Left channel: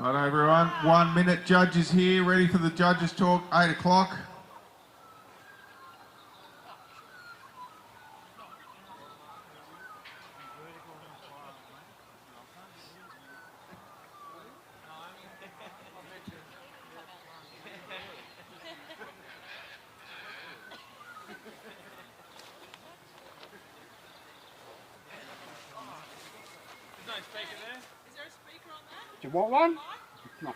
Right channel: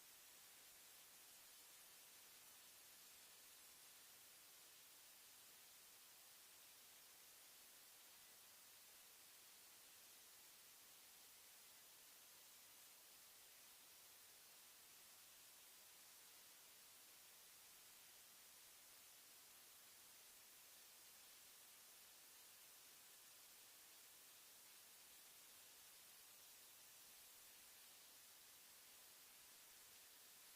Right, everyone. 1 minute. Judges here, ready for the judges talk. 8 o'clock. Do you want one? No.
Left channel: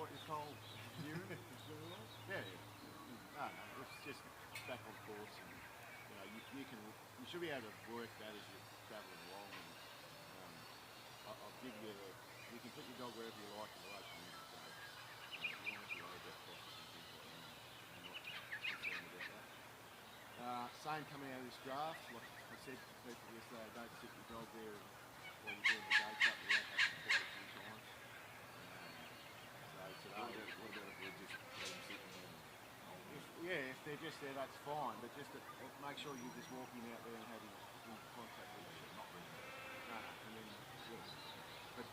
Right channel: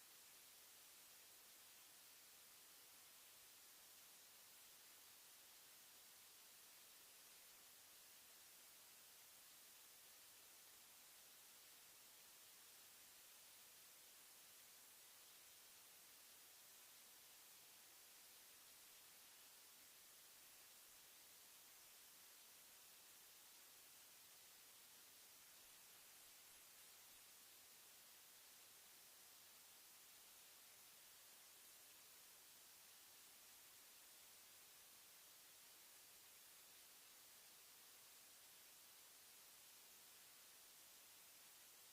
what you call urine? Yeah. No, it's just back on course, and you should be able to work that as you're travelling along. And I'll give you you can put your dog wherever you like in relation to this, so you don't have to worry about crosses and things like that. I'm not concerned about that. Same coming out of this draft, like I said to people yesterday, don't sit your dog there while you're doing the day cut. We have happened quite a few times. So today, what about if we just let them sit in there? if they're just there, that's fine. But just make sure you're just walking out there and having contact with them. Not really. No. And then, but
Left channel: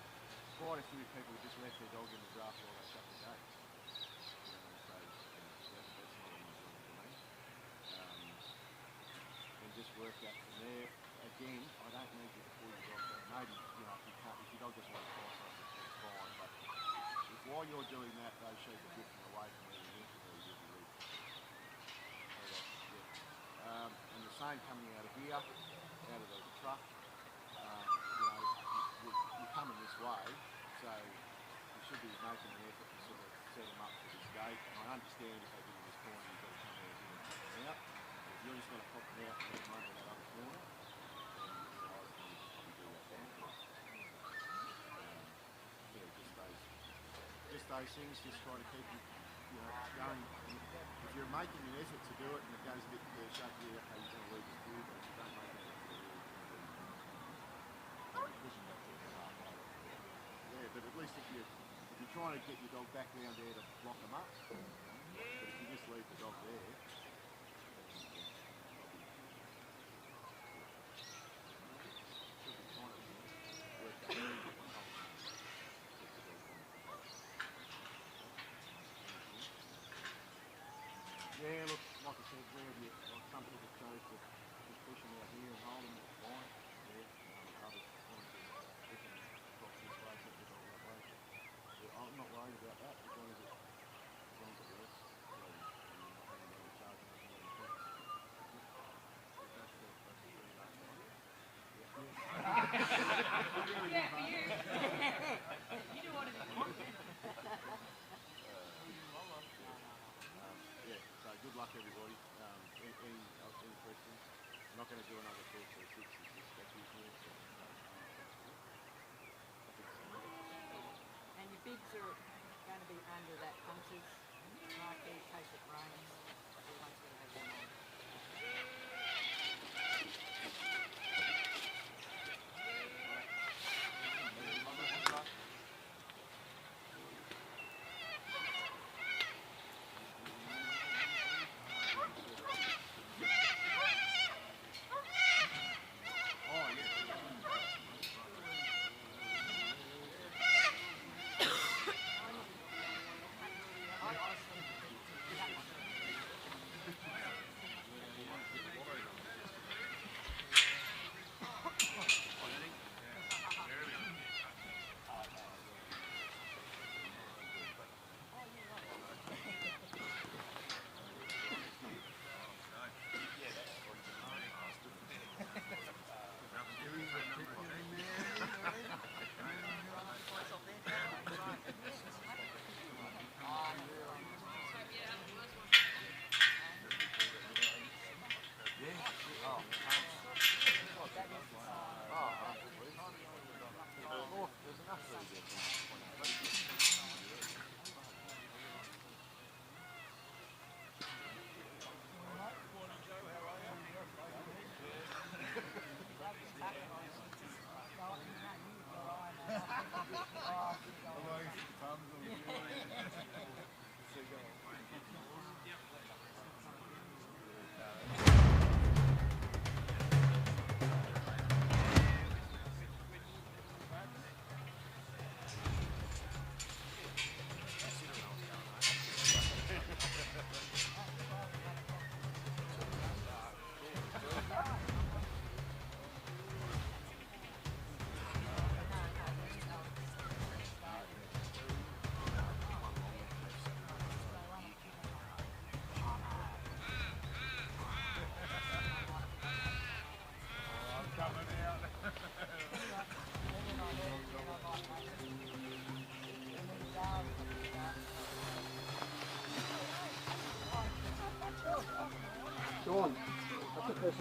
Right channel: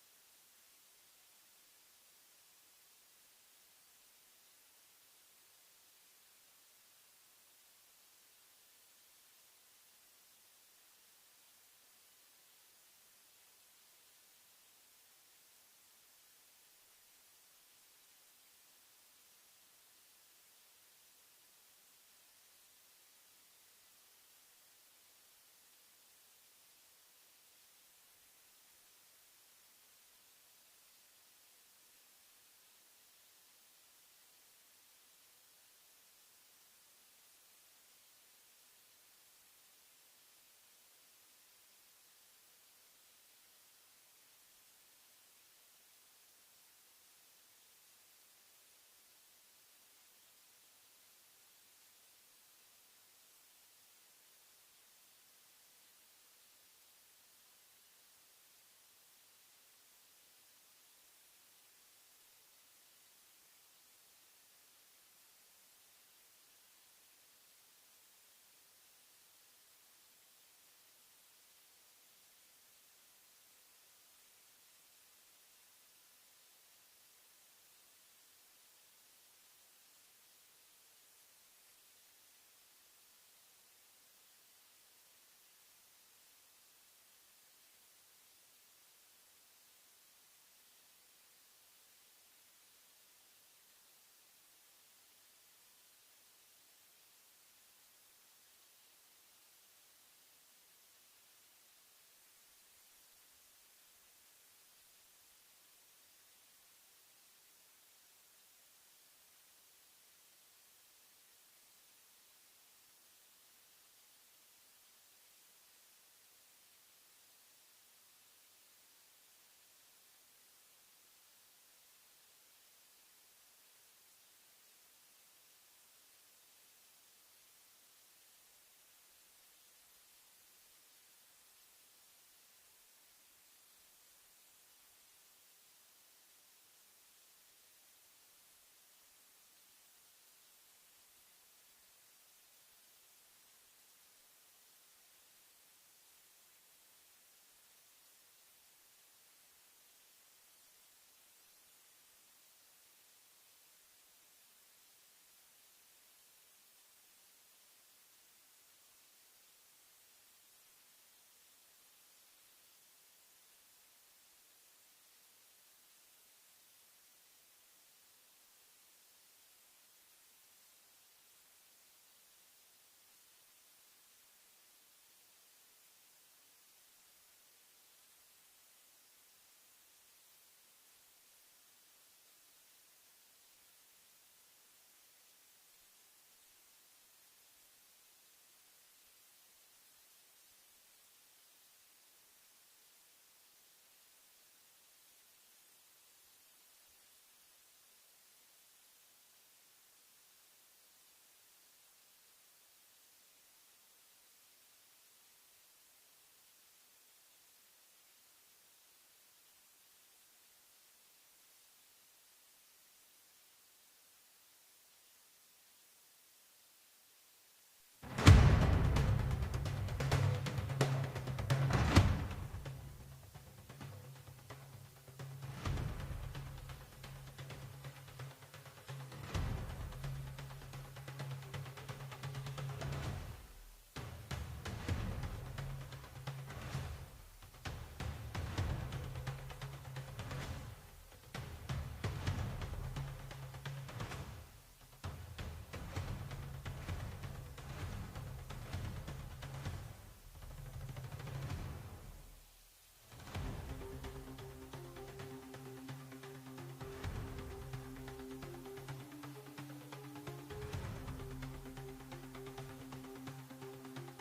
quite a few people just left their dog in the draft while they shut the gates. So that's not an problem for me. And just work that from there. Again, I don't need you to pull your dog back. Maybe, if your dog doesn't want to try something, that's fine. But if while you're doing that, those sheep are drifting away from where you're meant to be, you'll be leaving. And the same coming out of here, out of the truck, you're coming this way, so you should be making an effort to sort of set them up for this gate. And I understand if they get in this corner, you've got to come out here and pop them out. If you're just going to pop them out and let them over that other corner, then I reckon you can probably do that down here. Just those things, just try to keep you going. If you're making an effort to do it and it goes a bit pear-shaped, okay, you're going to lose it through, but you don't make an effort to do it. Yeah, but at least if you're trying to get your dog back round there to block them up, but if you just leave the dog there, yeah, look, like I said, some people chose to just push them out here and hold them, fine. Yeah, others want to pick them across this way, set the dog that way. I'm not worried about that as long as it works. And you're not having any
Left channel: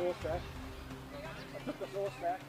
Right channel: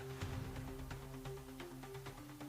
horse back. I took the horse back.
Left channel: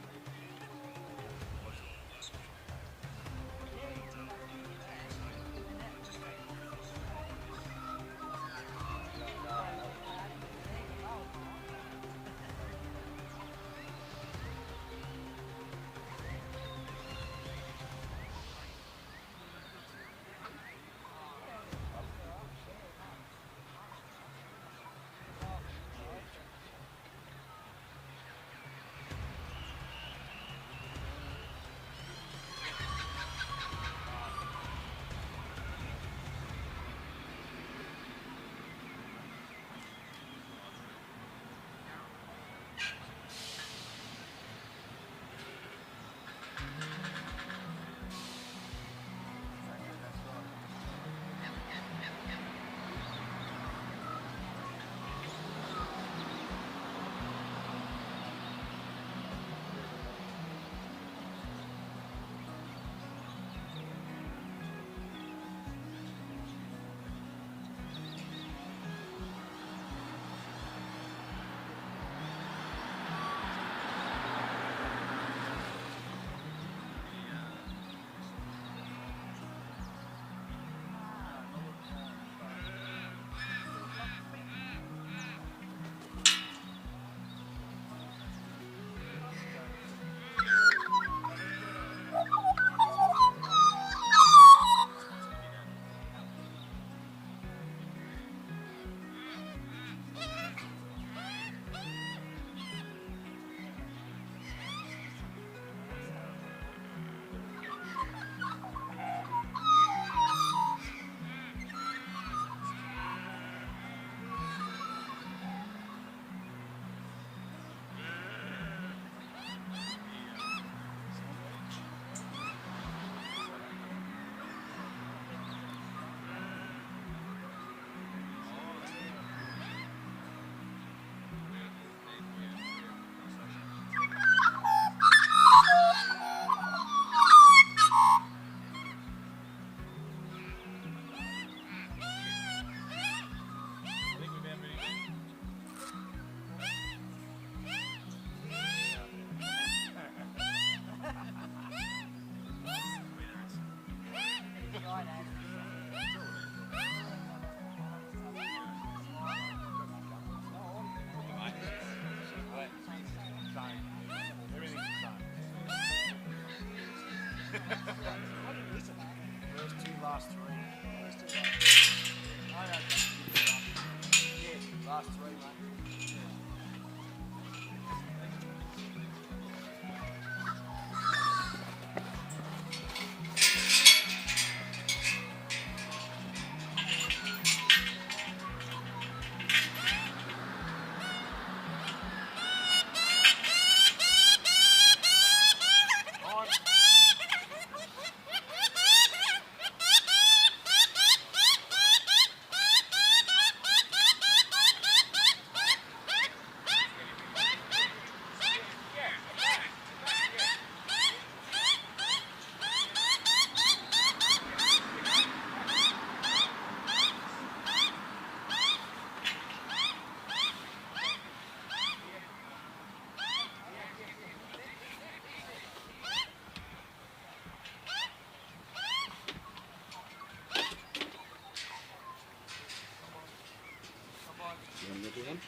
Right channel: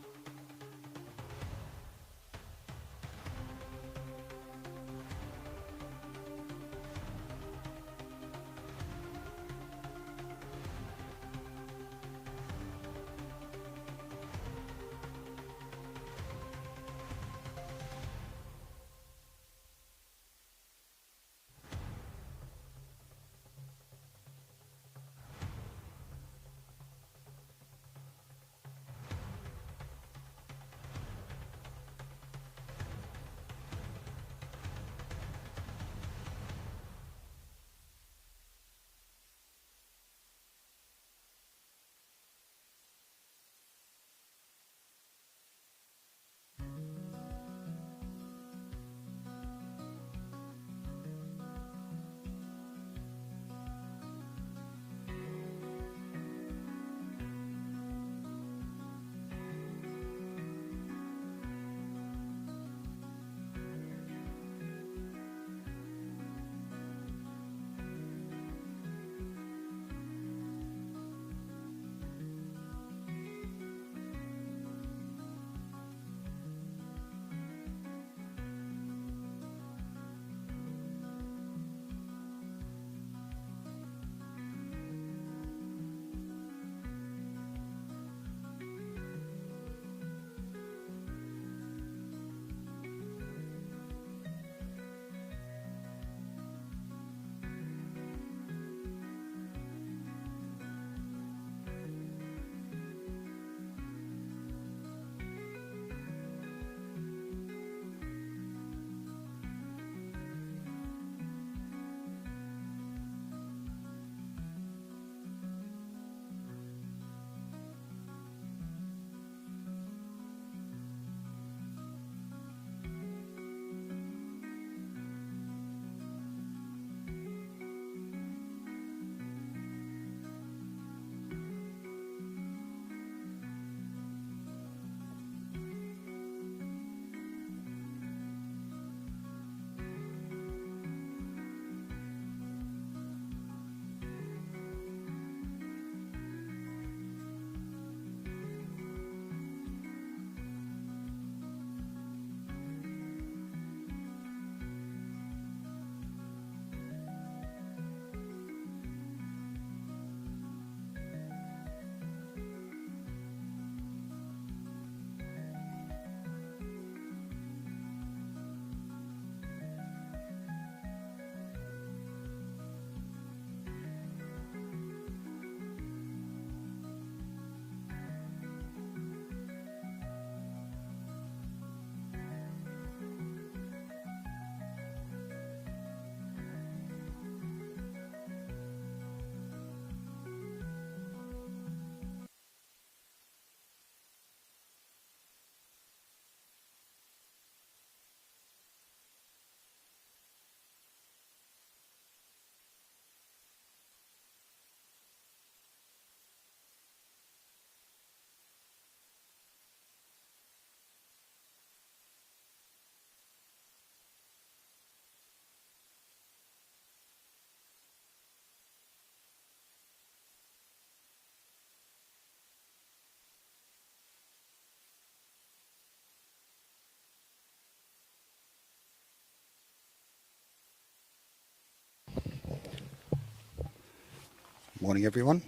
Morning everyone.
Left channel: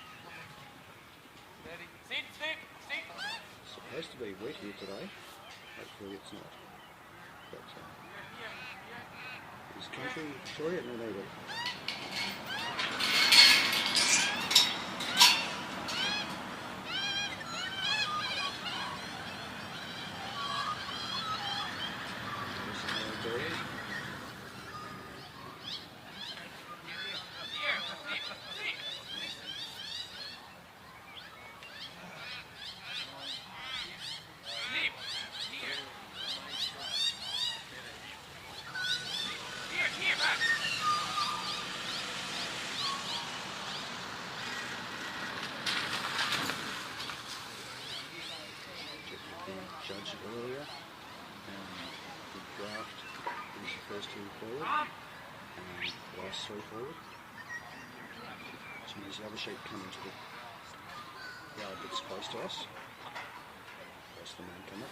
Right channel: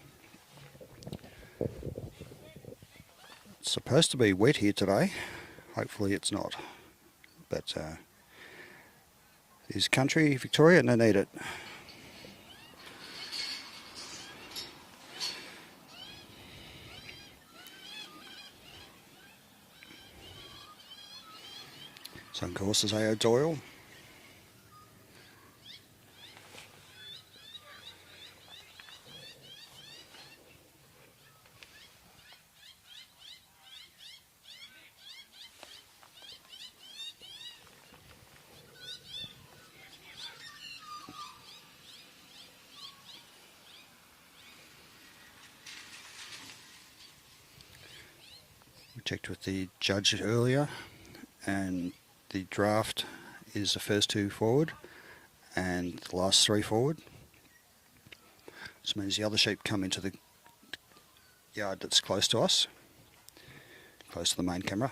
It's supposed to be wet here today. Hopefully it's not. But is country Victoria and they need it. So of course is Aoidh Doyle. Checked with the judge earlier, and the draft is the first two forward and the last three forward. This means the other sheep come into the yard that's close to us, close to the main camera.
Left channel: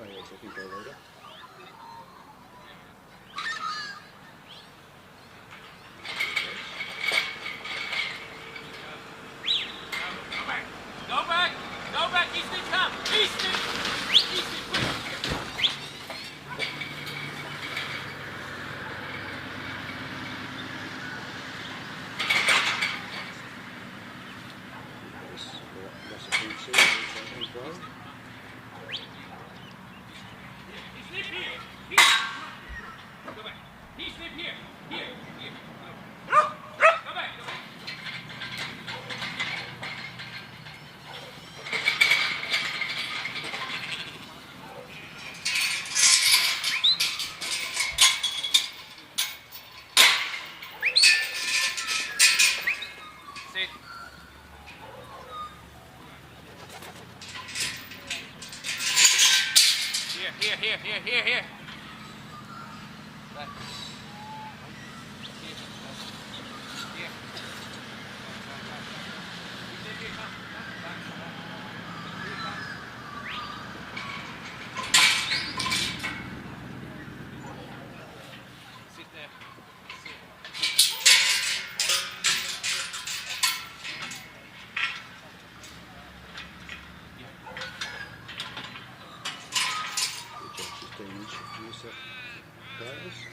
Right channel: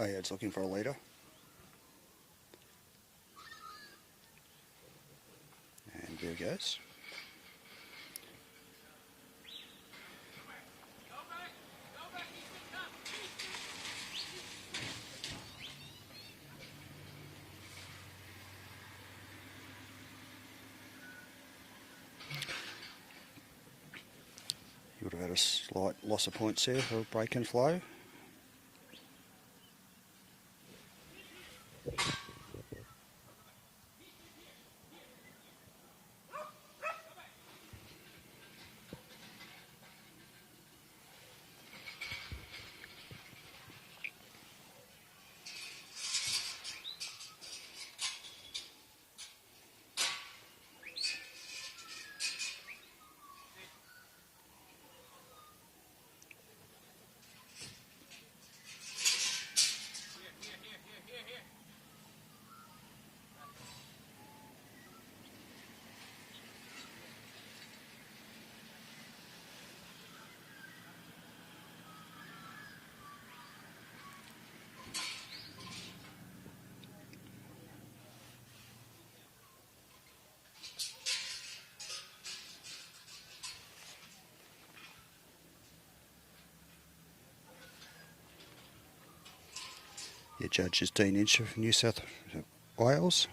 Aoidh's looking for a leader. There it goes. Go back! Go back! Easton, come! Easton! Easton, quick! Would have had a slight loss of points here for Flake and Flow. Here. The judge is Dean Inch from New South Wales.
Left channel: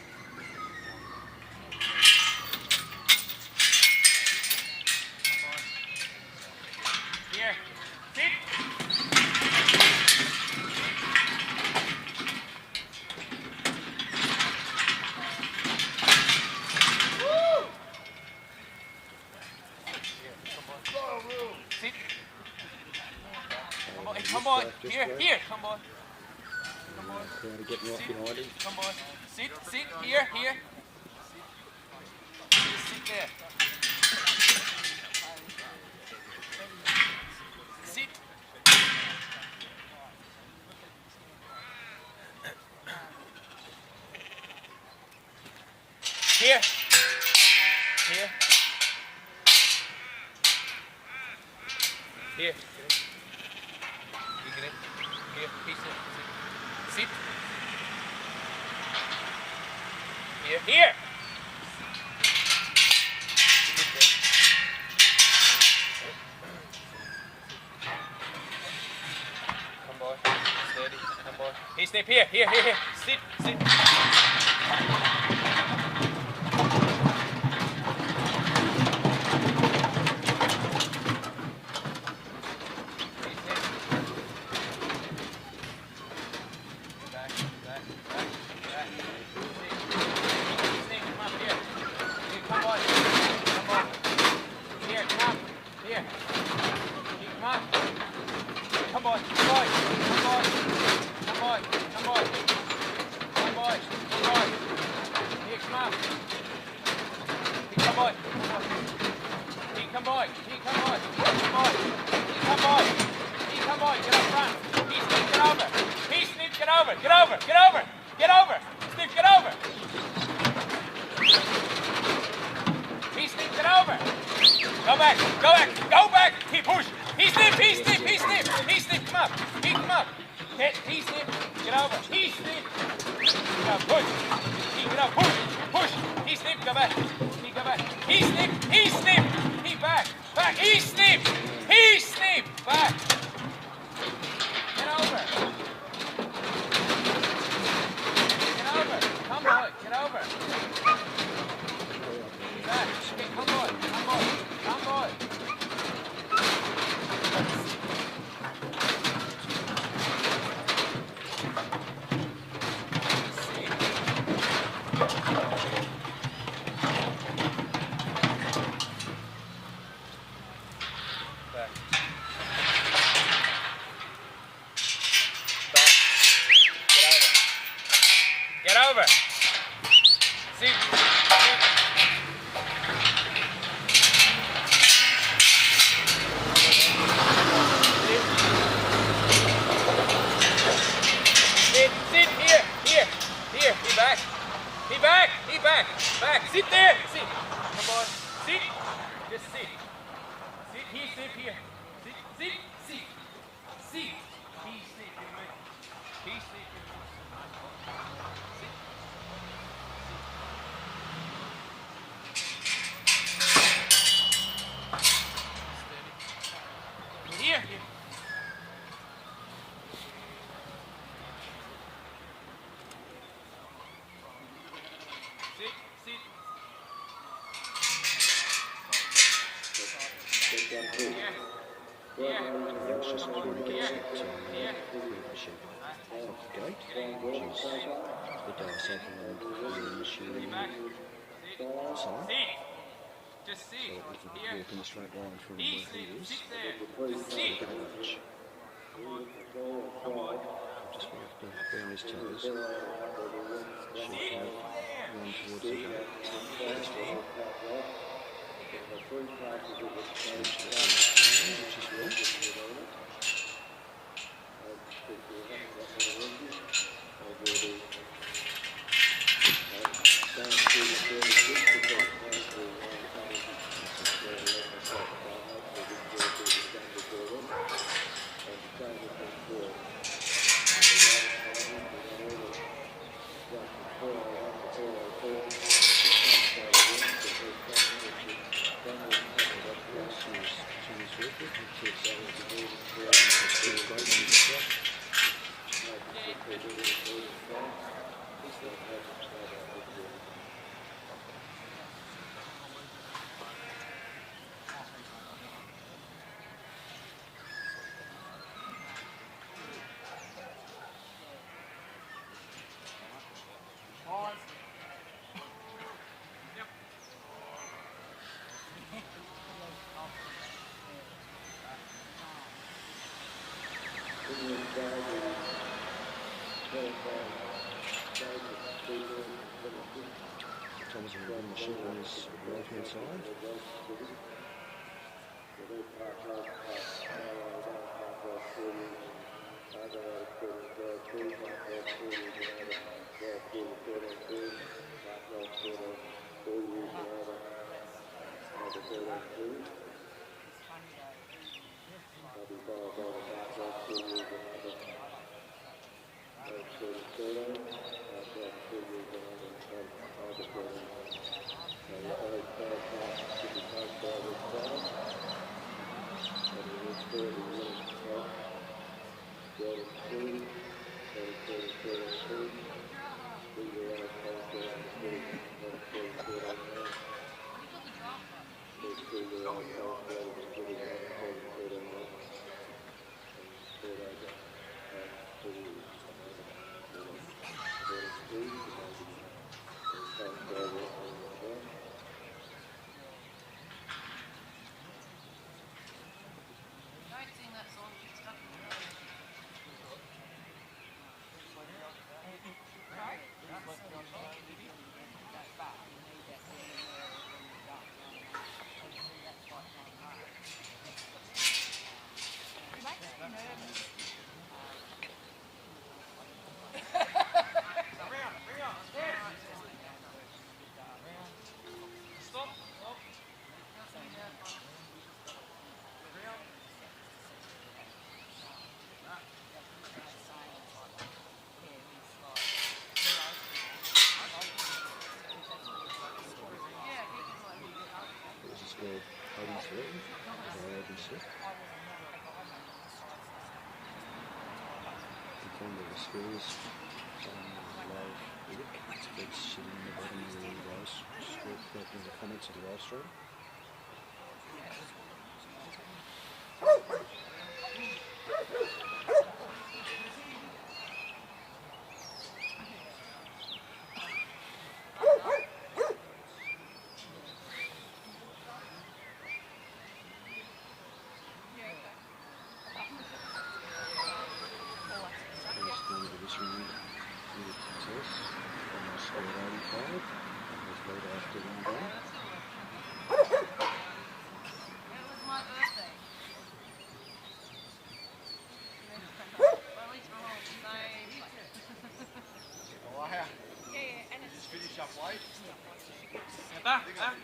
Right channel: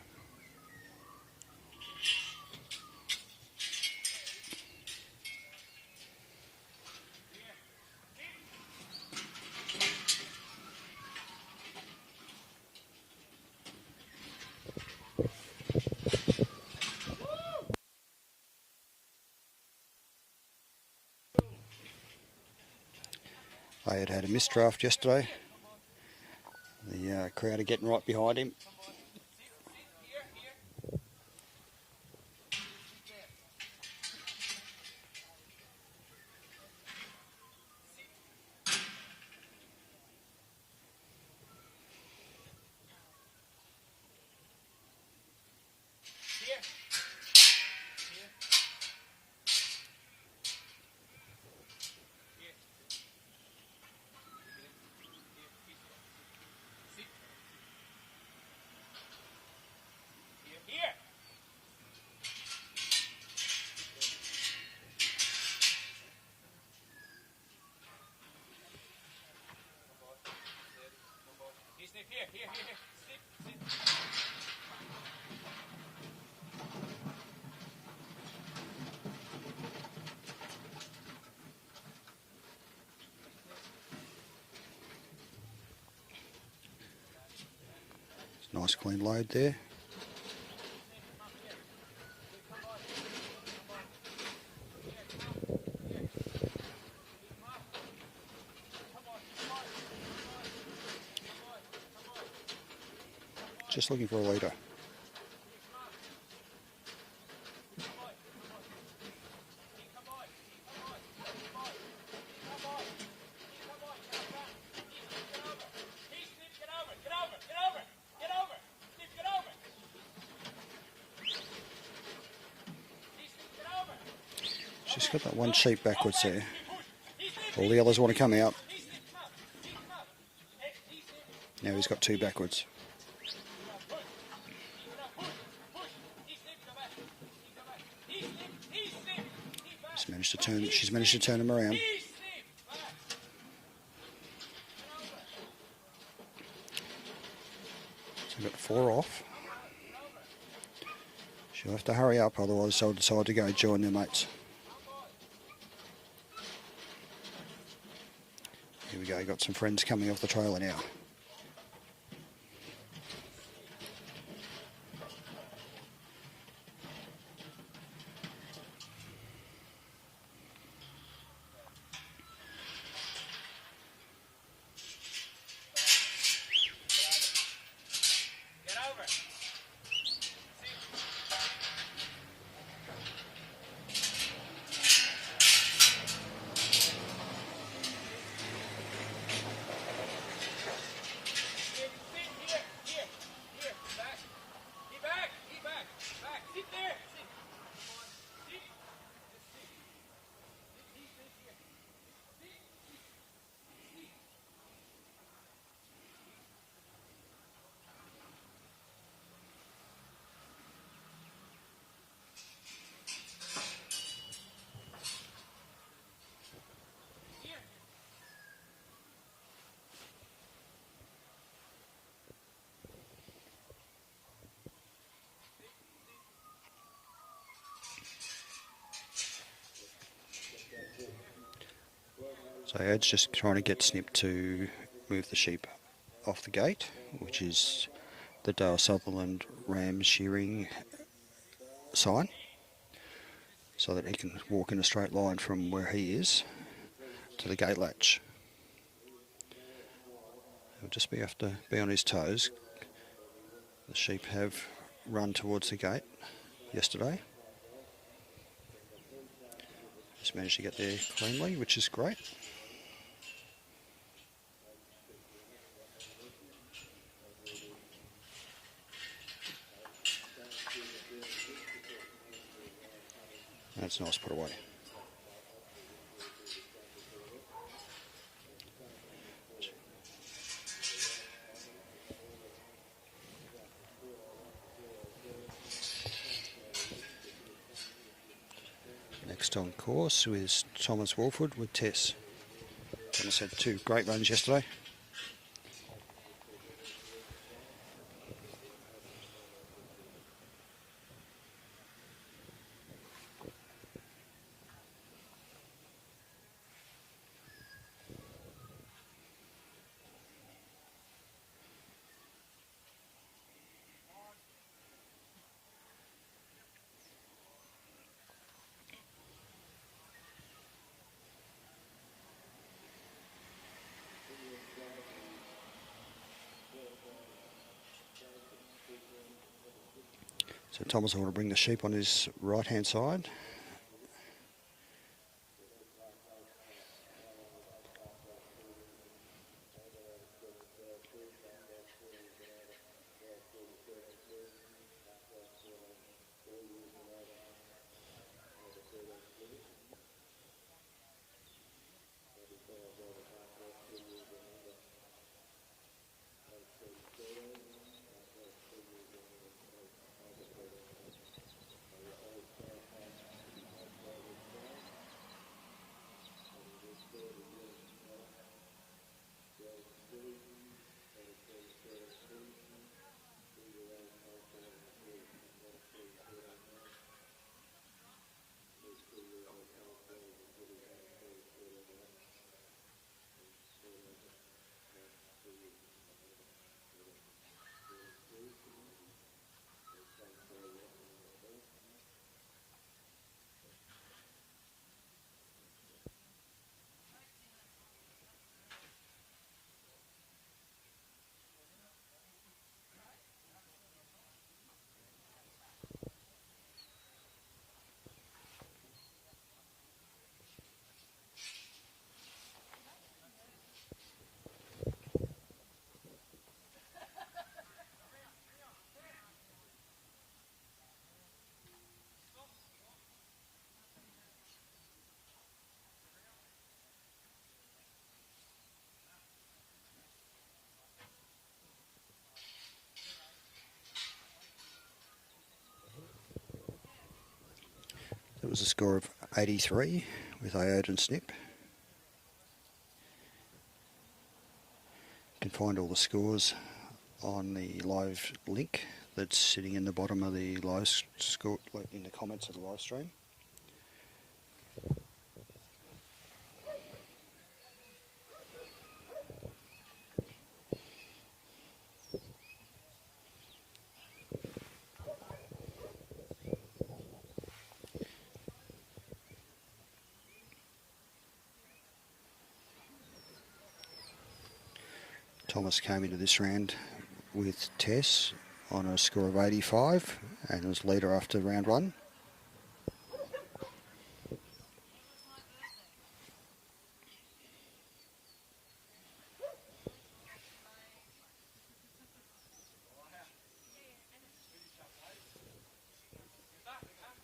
Here. Sit. Aoidh had a misdraft yesterday. Here, come on. The crowd are getting right behind him. Come on. Sit, here. Just sit there. Sit. Here. You get it? Here, piece it. Sit. Here. Sit there. Come boy. Steady. Come boy. Hey, Snip, here. Sit. Nice clean load there. Just looking for a leader. Get over! Snip, get over! Snip, get over! Go back! He push! He Snip! He Snip, come up! Come up! He Snip, get over! He's got two backwards. Get up, push! Get up, push! He Snip, go back! He Snip! He back! He Snip! Back! Get over! Come on, get over. She'll have to hurry up, otherwise they'll decide to go and join the next. Come on. They've got some friends coming off the trailer now. He back. He back. Back. Sit there. Sit. Come on. Sit. Just sit. Sit. He sit here. Sit. Sit. Sit. Sit. He sit in me. He sit in me. Sit. Steady. Here. Here. So Aoidh's just trying to get Snip to move the sheep off the gate, which is the Dale Sutherland Ram shearing sign, so that he can walk in a straight line from where he is to the gate latch. He'll just have to be on his toes. The sheep have run towards the gate yesterday. Just managed to get there finally, which is great. That's nice ball. Next on course was Thomas Woolford with Tess. Two great runs yesterday. So Thomas will bring the sheep on his right-hand side. It was a score of 83 with Aoidh and Snip. You can find all the scores on the live link that's sitting in the bottom of the live score, in the comments of the live stream. Thomas came into this round with Tess on a score of 85 and was leader after round one. Just finish up Back, back.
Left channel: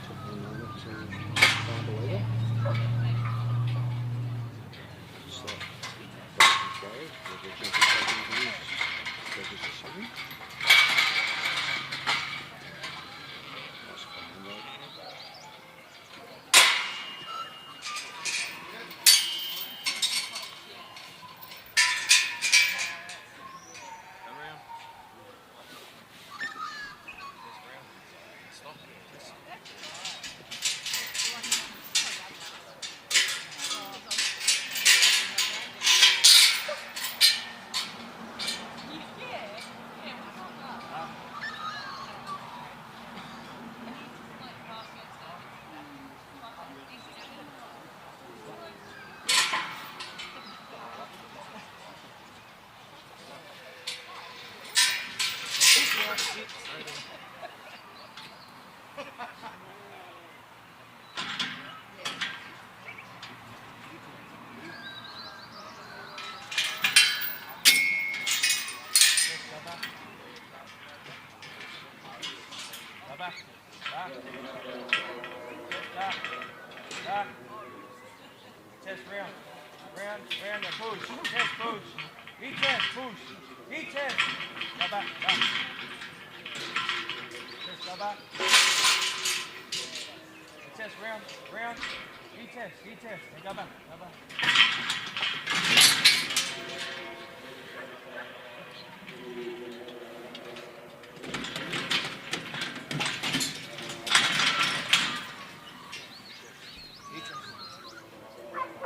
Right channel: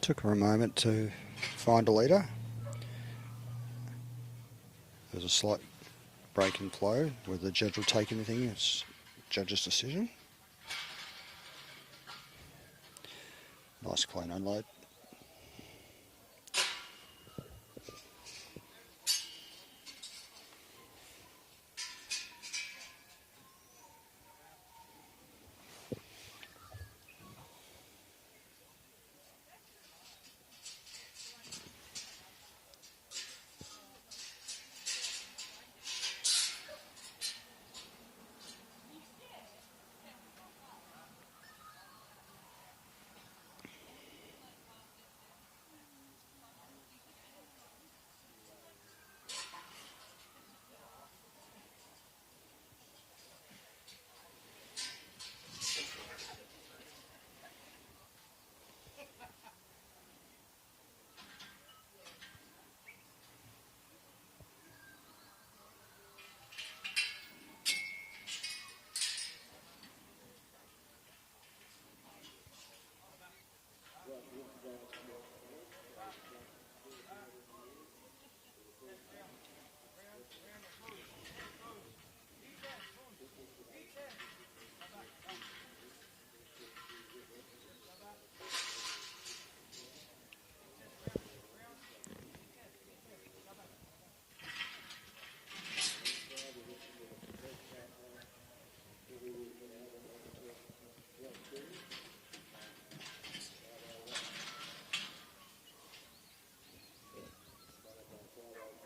Took her a moment to find a leader. There's a slight break in flow with the judges taking things, judges decision. Nice clean unload.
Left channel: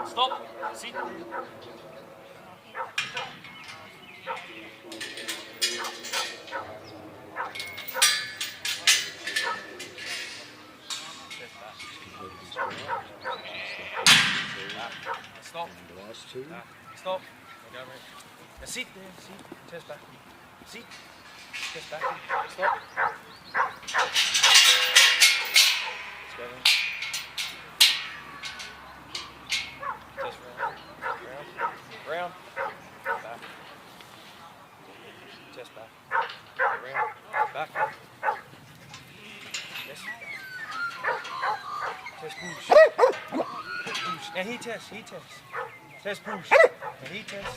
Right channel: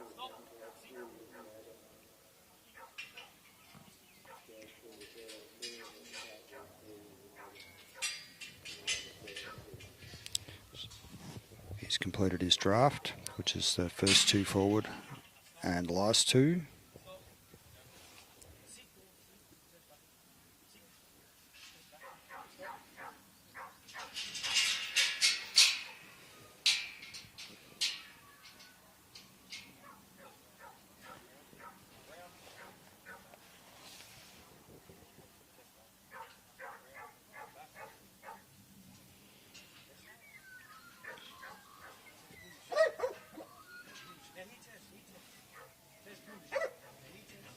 Stop. Sit. He's completed his draft, which is the first two forward and last two. Stop. Now sit there. Sit. Chest back. Sit. Chest back. Stop. Let's go then. Chest round. Round. Back. Chest back. Round. Back. Now he Tess. Tess push. Now he Tess.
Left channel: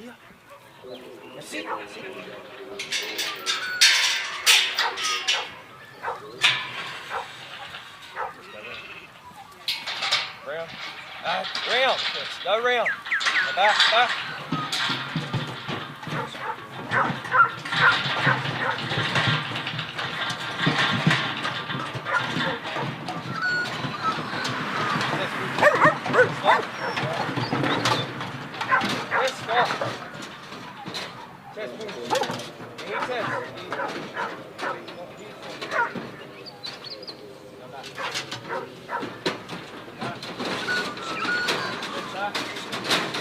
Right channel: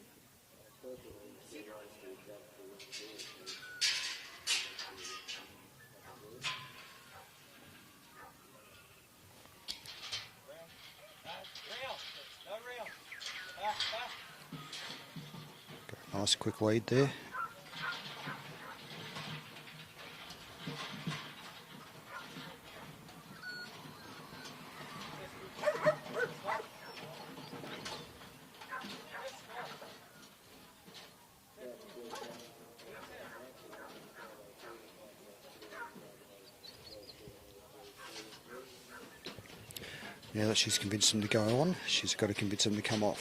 Here. Now sit. Round. Round. Tess. Go round. Now back. Nice quick lead there. Well, she's convinced him to go on. She's got to convince him to come off.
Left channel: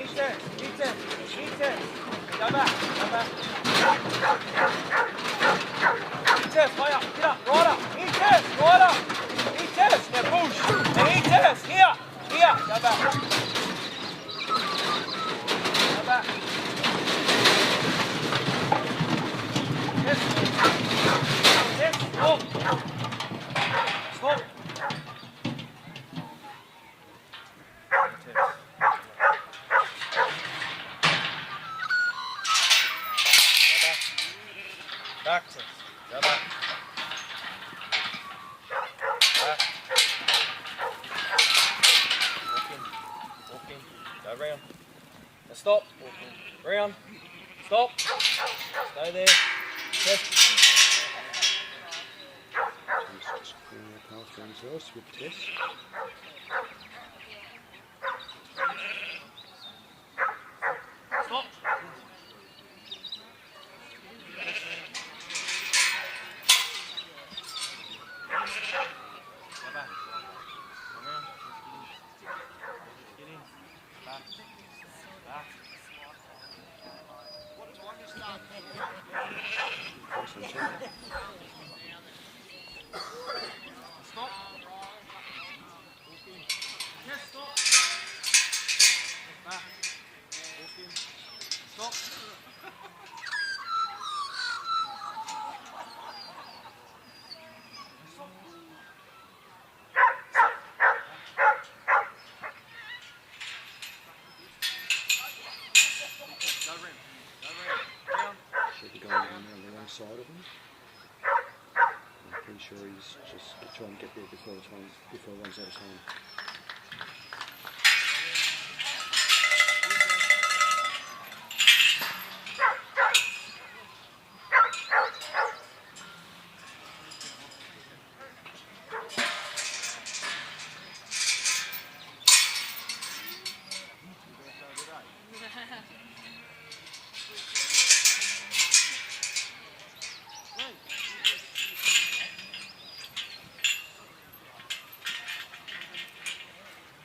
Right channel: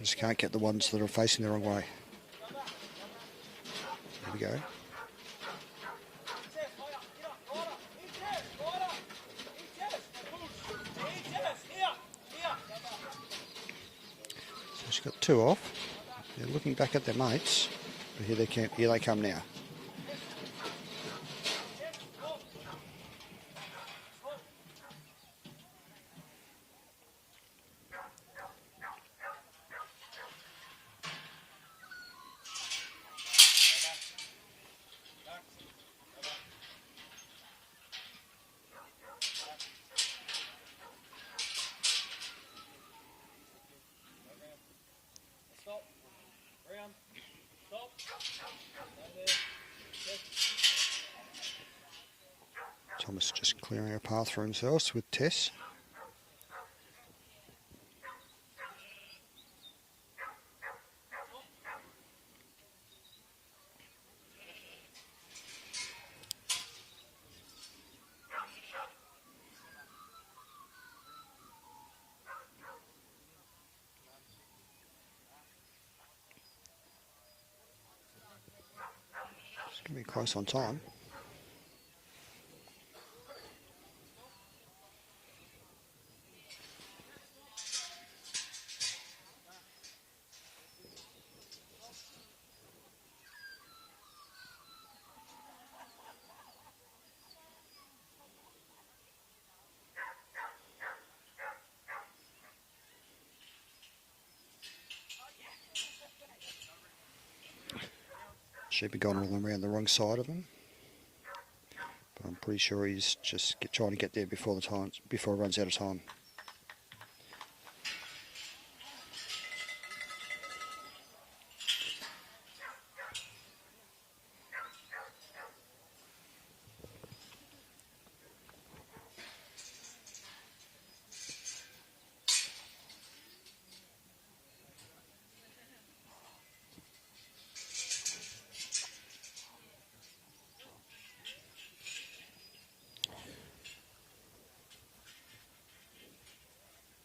Just can't get the ones that are facing the wrong way. Go back. Tess, way up, get up, right up. Tess, right up. Tess, now push. And Tess, here, go back. Two off. Go back. Looking back at the hands. Yeah, come now. Tess, stop. Back, Tess. Go back. Walk in. Go round. Now stop. Round. Stop. Stay there. Tess. Thomas just clearing a path for themselves with Tess. Stop. Close on time. Should be going around the wrong side of him. But I'm pretty sure he's just trying to get there before it runs out of time.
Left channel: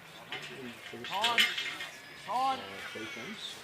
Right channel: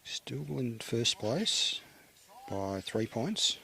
Still in first place by 3 points.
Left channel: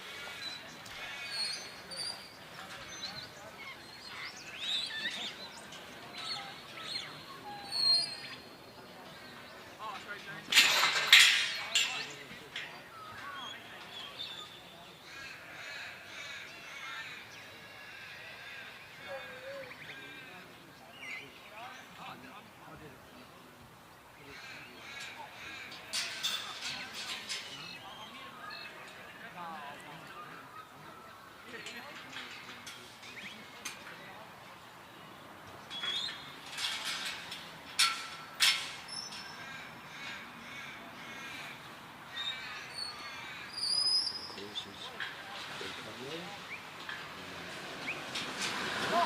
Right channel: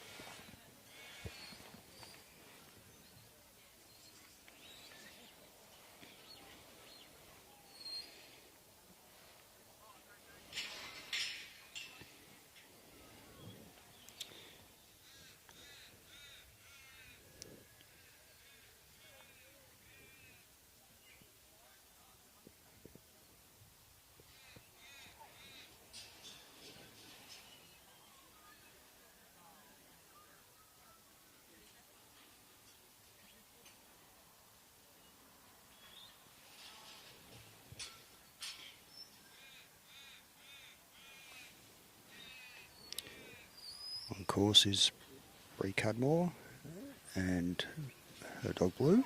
Of course is Bree Cudmore and Bree.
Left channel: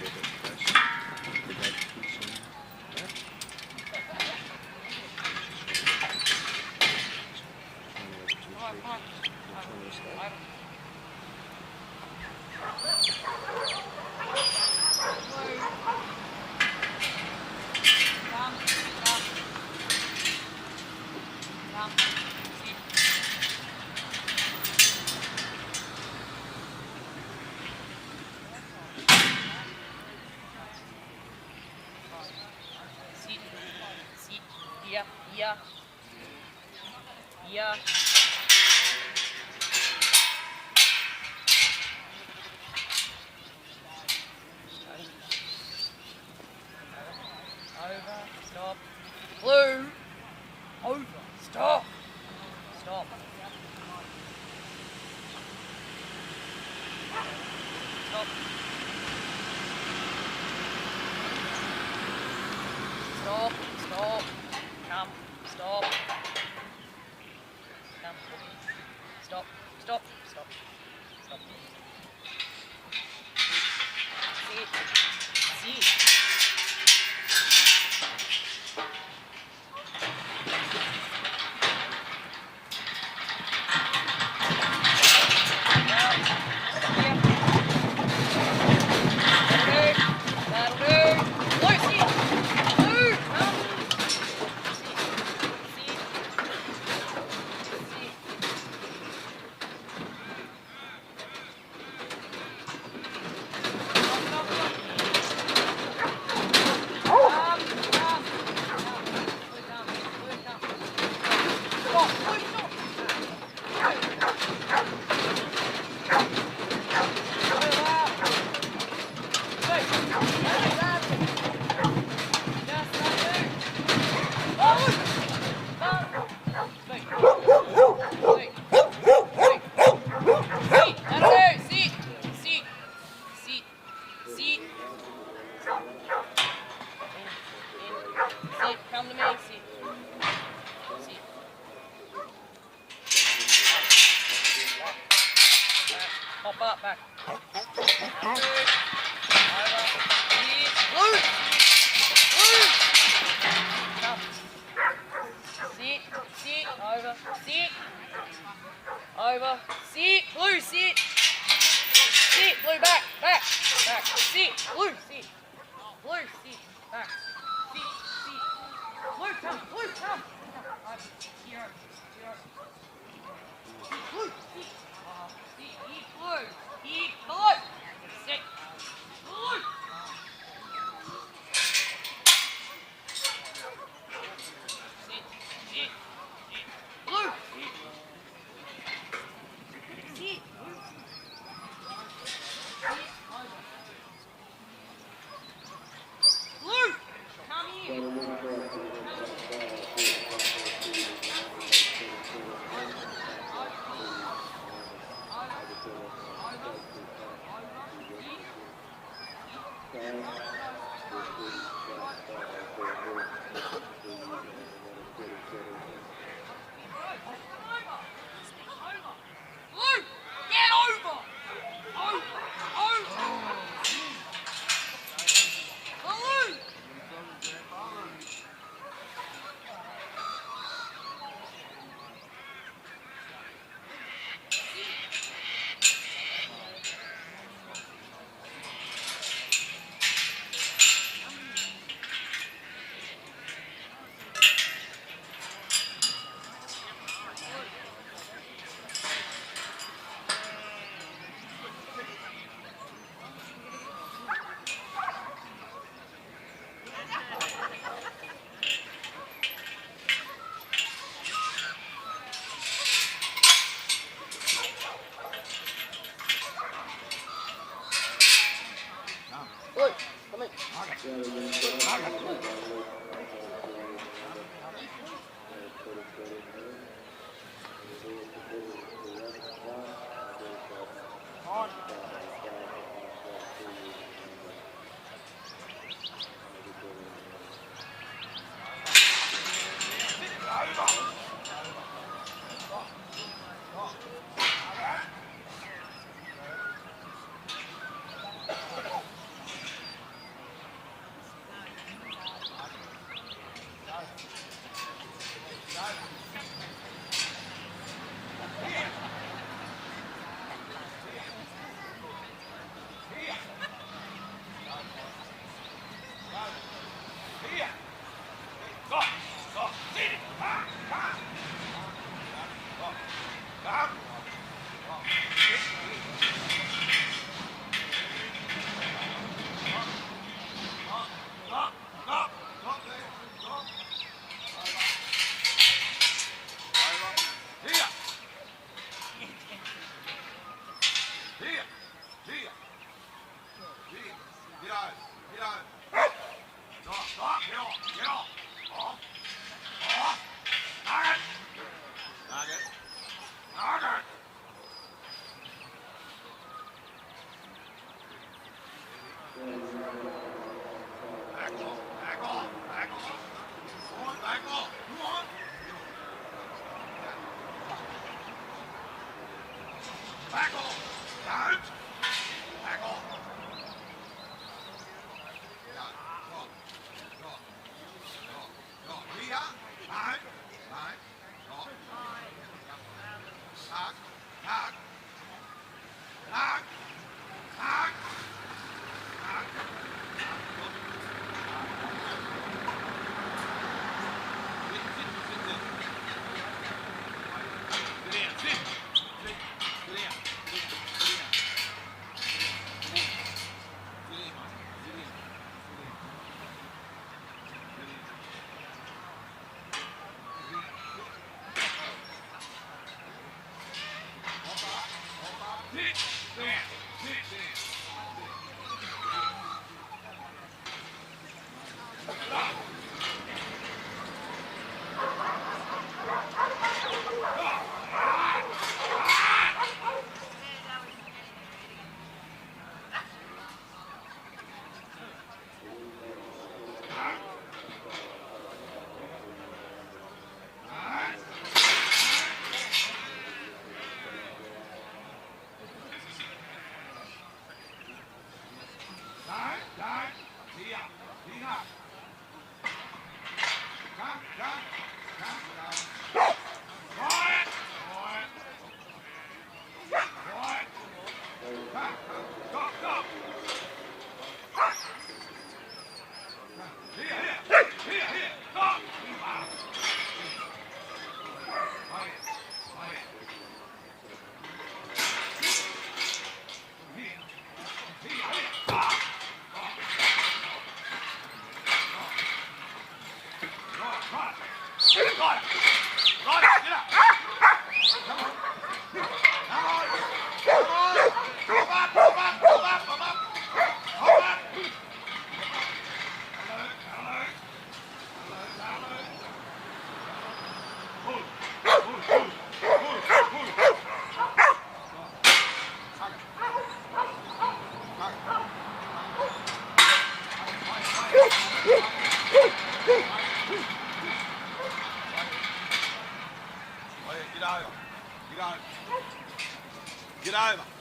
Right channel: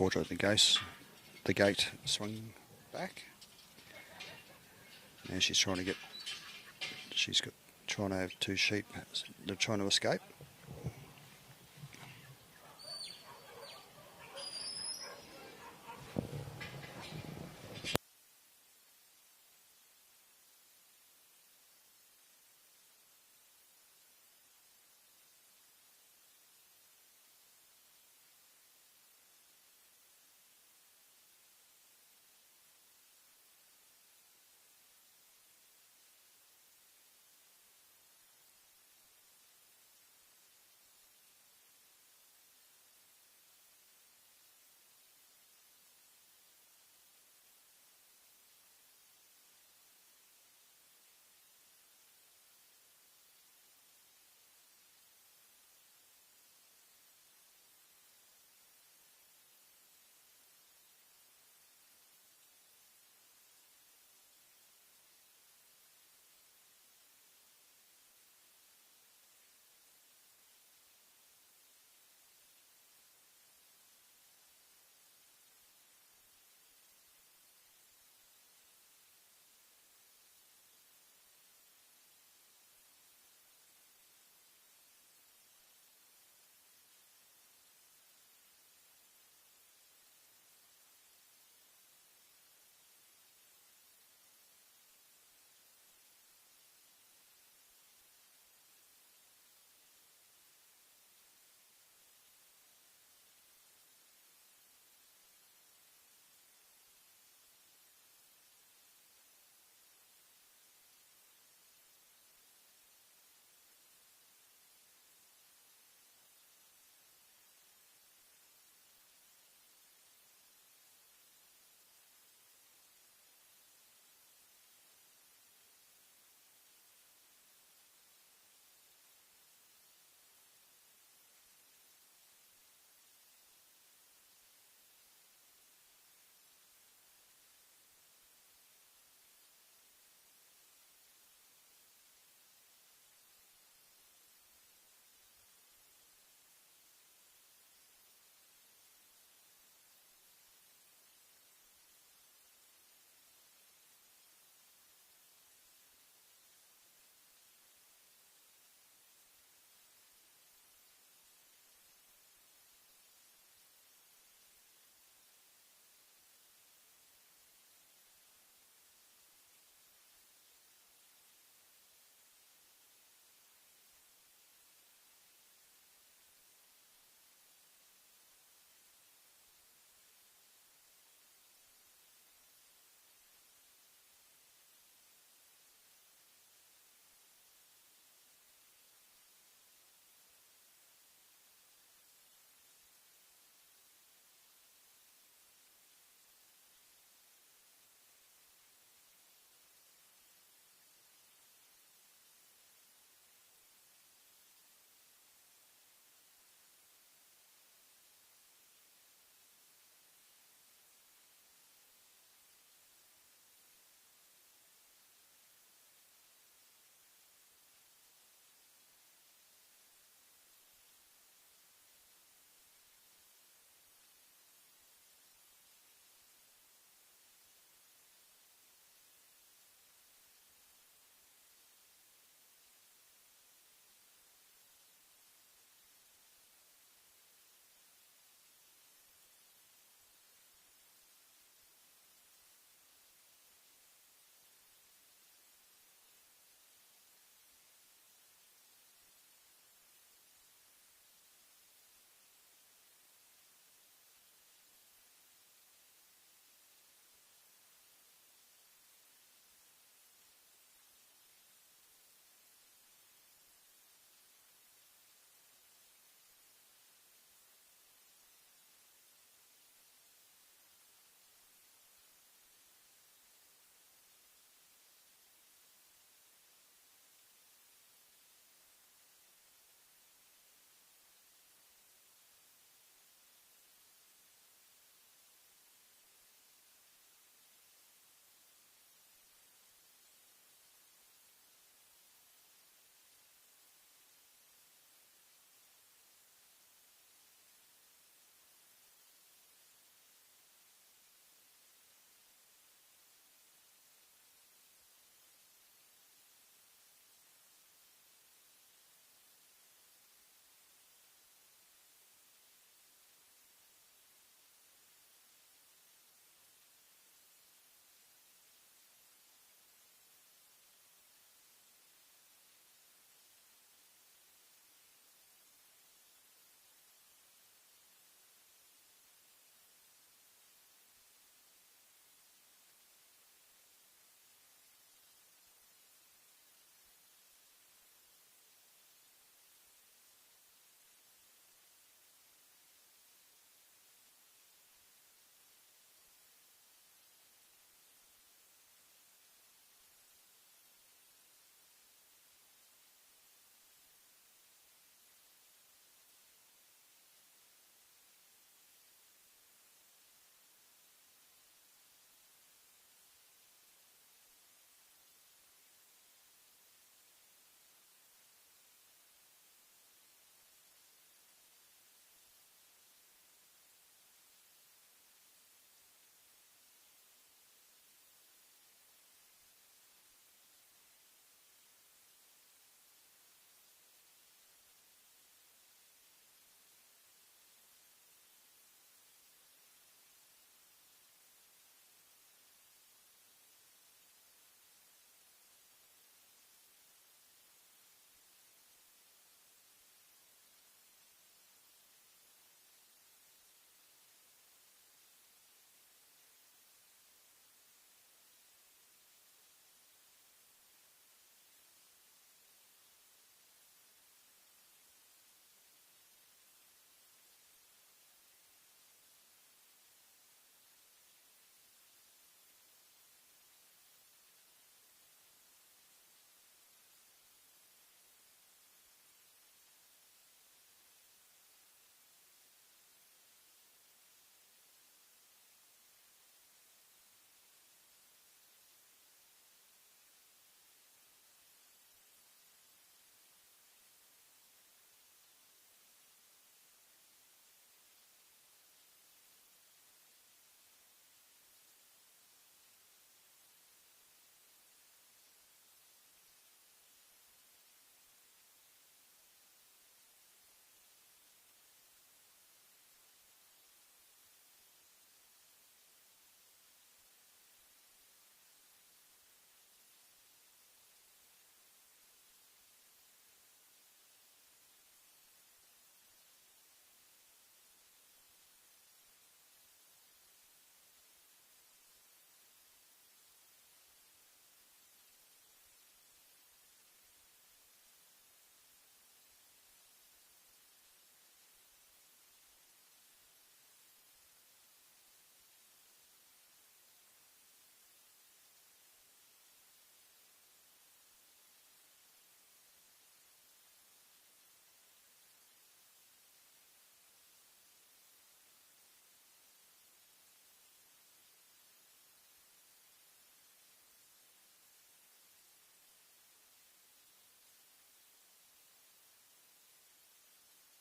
before the gate, sorry, back. And she's trying to get, trying to have two sheep, they're trying to escape. Yeah. Over. Stop. Blue. Over. Stop. Stop. Stop. Stop. Stop. Come. Stop. Come. Stop. Stop. Stop. Stop. Sit. Sit.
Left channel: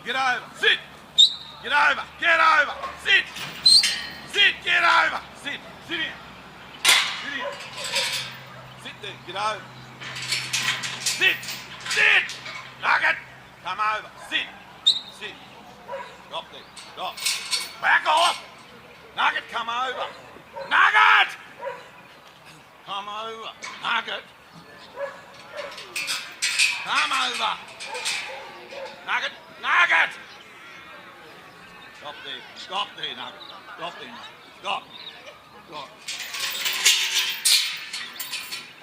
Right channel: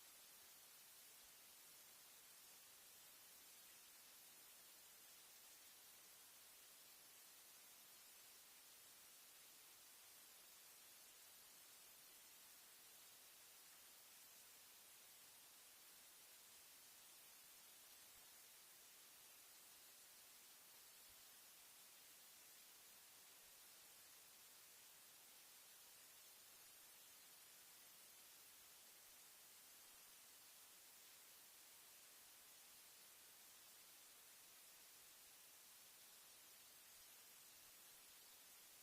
Get over. Sit. Get over. Get over. Sit. Sit. Get over. Sit. Sit in. Sit in. Sit there. Get over. Sit. Sit. Nugget. Come over. Sit. Sit. Stop there. Stop. Back off. Nugget, come over. Nugget! Come over. Nugget. Come over. Nugget. Nugget! Stop there. Stop there, Nugget. Stop there, Nugget. Stop. Stop.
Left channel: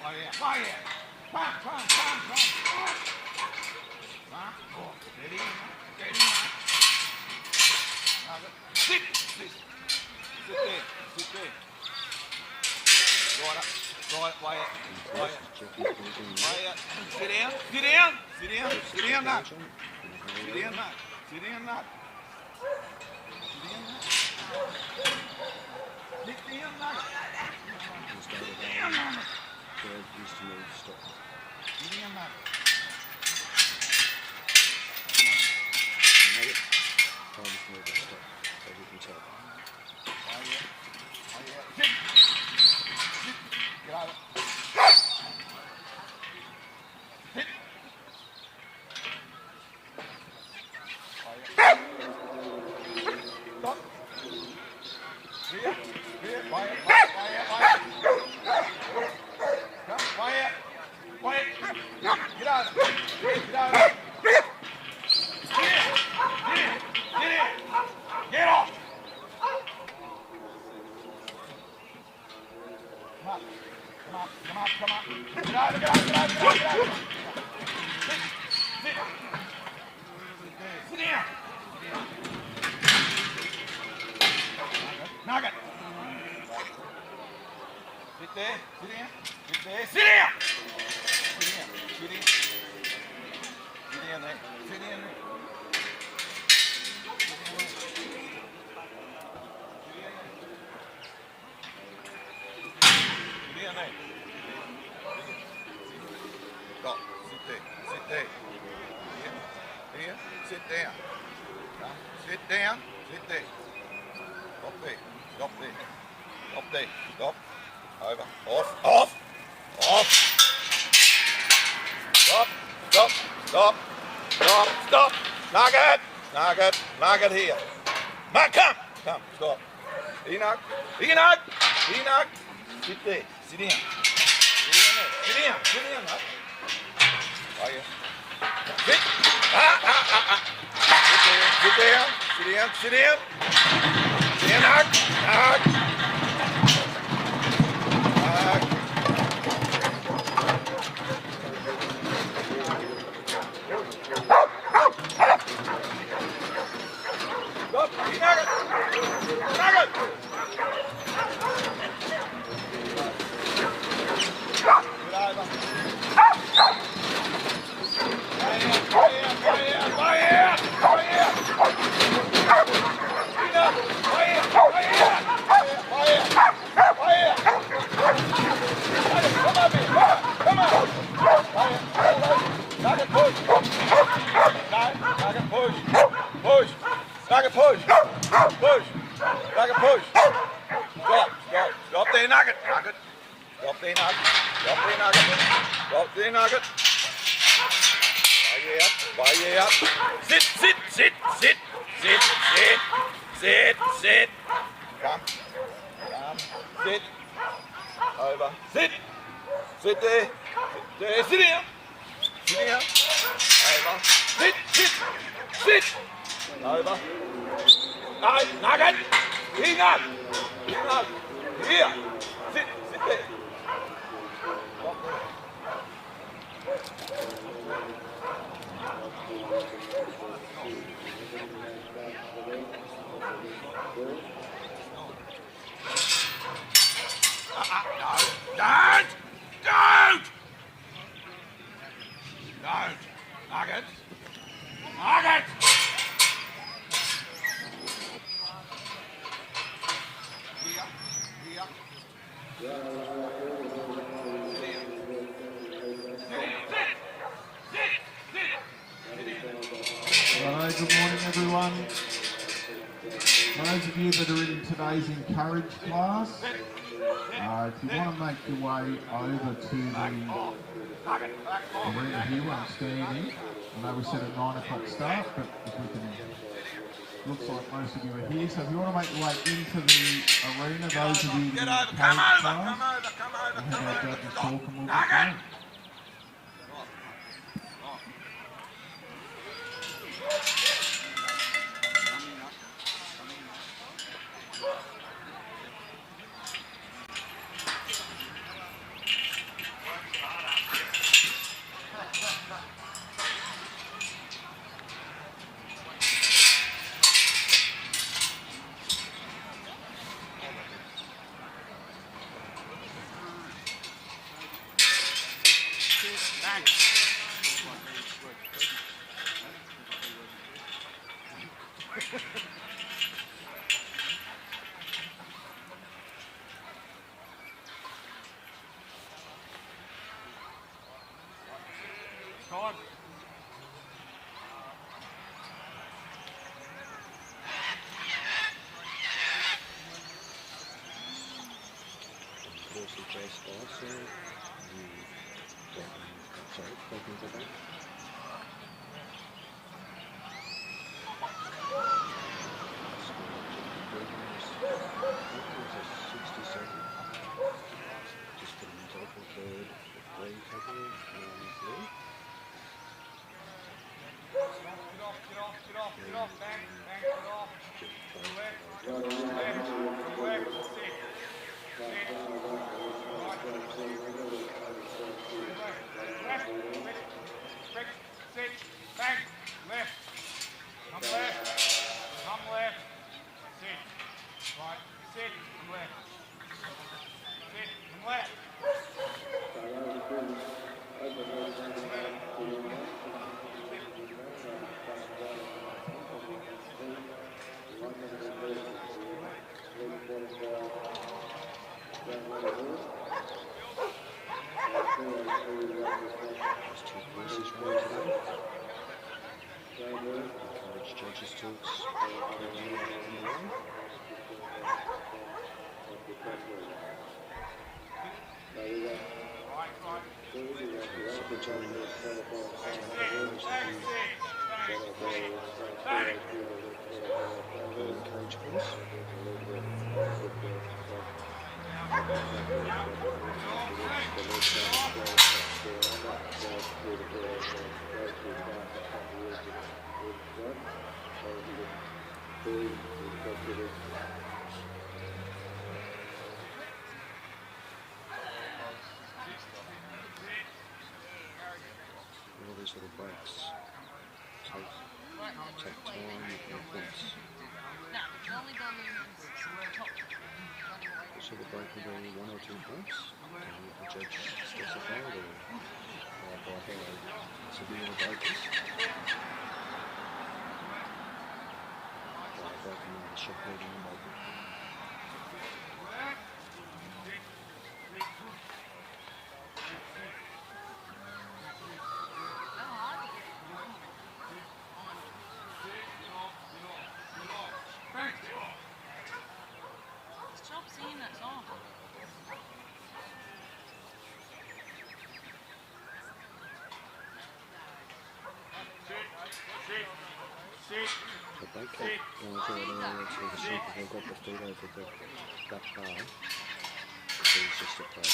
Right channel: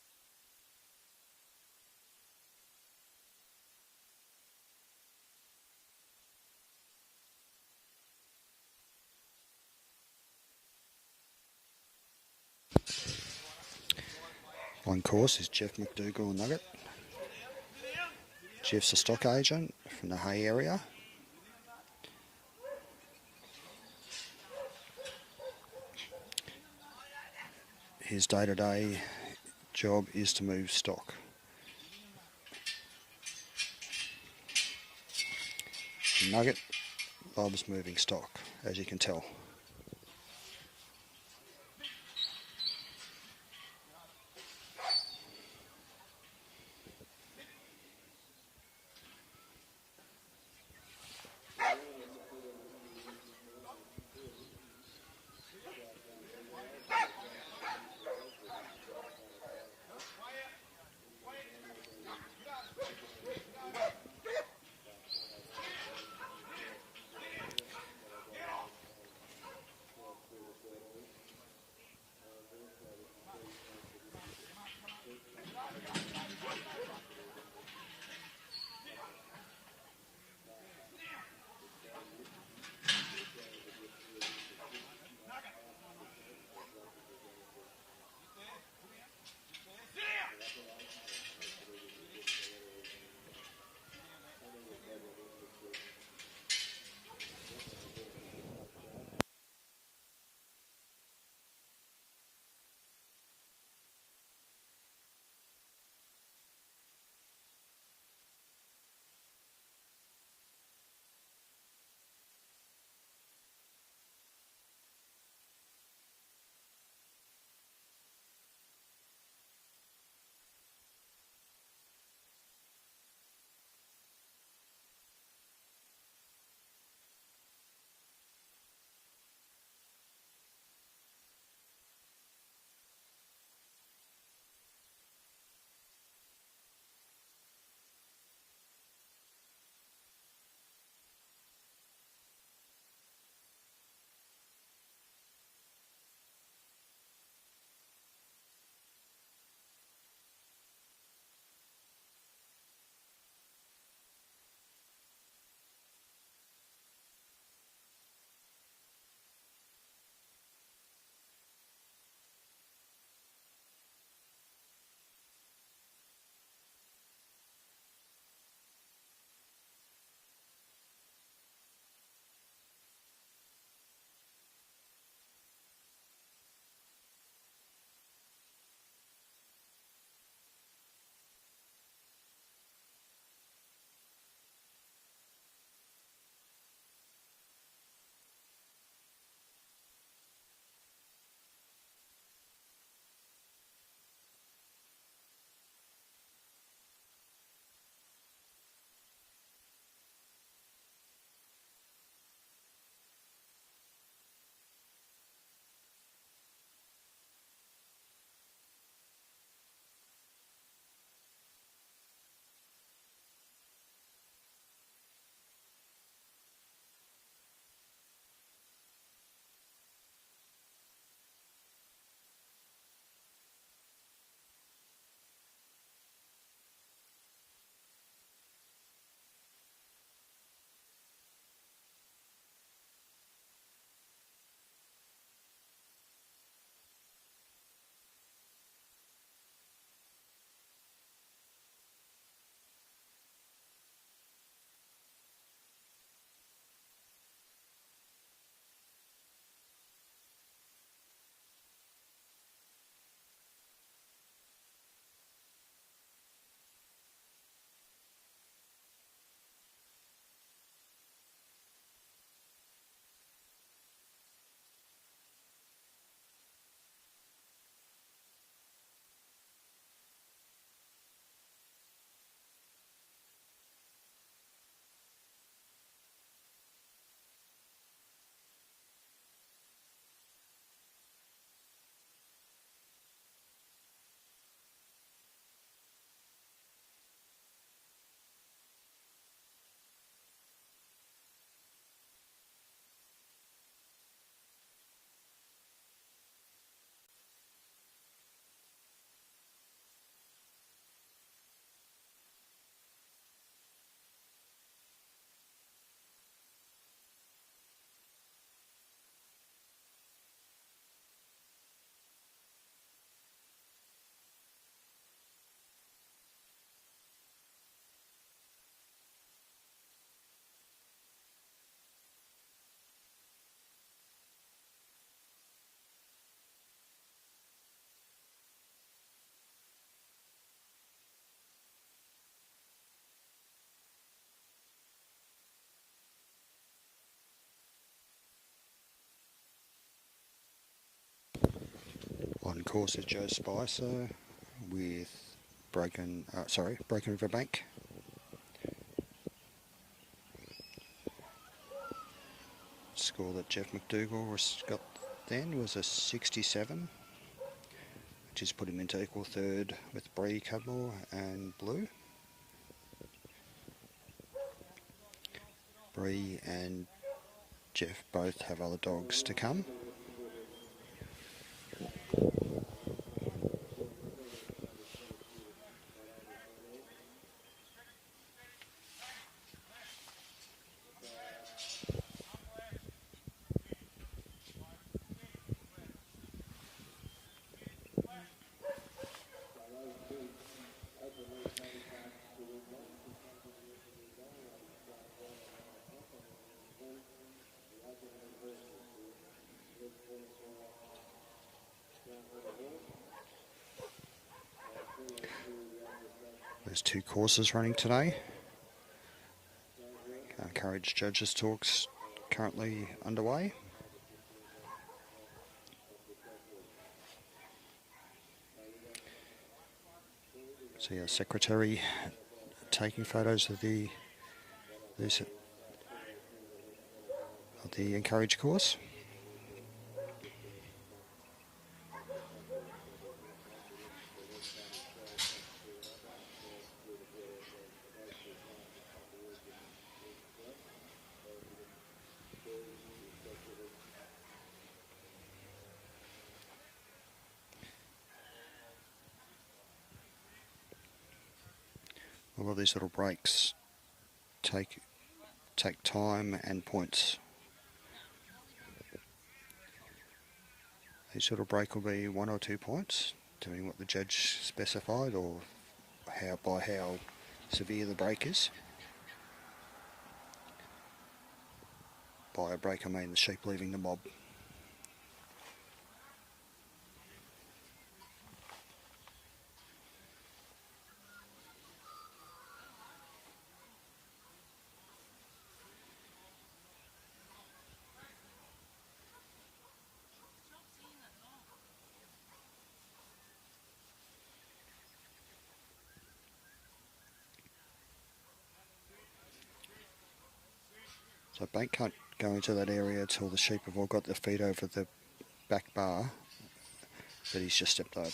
Oh, yeah. Oh, yeah. Come. Oh, steady. Steady, Nugget. Sit. Sit. Sit there. Sit there. Right up. Right way up. On course is Geoff McDougall and Nugget. Sit down. Sit down. Sit down. Geoff's a Sit down, stock Nugget. agent from the Hay Sit area. down, Nugget. Sit down, Nugget. Sit down, Nugget. His day-to-day job is to move stock. Sit down, Nugget. Nugget loves moving stock, as you can tell. Nugget. Sit there. Sit down. Sit there. Sit down. Sit down. Sit down. Sit down there. Sit down there. Sit down there. Stop. Sit there. Sit there. Here. Sit down. Come. Sit down. Sit there. Stop there. Stop there. Stop there. Stop. Over. Off. Off. Off. Stop. Stop. Stop. Stop. Stop. Nugget. Nugget. Nugget here. Mark, come. Come. Stop. Enoch. Enoch. Enoch. Sit there. Sit down. Sit down there. Sit down. Sit down. Nugget. Are you? Sit. Sit down. Sit down. Sit down. Sit down. Sit down, Nug. Nug. Nug. Stop. Nugget. Nugget. morning, everyone. Those of you that are in today's encourage class, if you want to make your way over to the arena here where I'm standing, I know we said a 9 o'clock start, but if we can, looks like most of you are here. So if you want to make your way into the arena, those of you in the encourage class, we'll have our judges talk and we'll get going. On course of Joe Spicer with Brokenriver Bank. Score that Geoff McDougall got there was a 67. Just put him into equal third with Bree, Cudmore and Blue. Bree and Geoff both have other dogs to come. There's 2 courses running today. Encourage judges talks currently underway. So the secretary taking photos of the encourage course. All of these little breaks take time and points. Each little break will be 1 or 2 points, depending what the judge specified or by how severe the break is. By a break I mean the sheep leading the mob. So they can't go into that area until the sheep have all got their feet over the back bar. So he's just stepped over.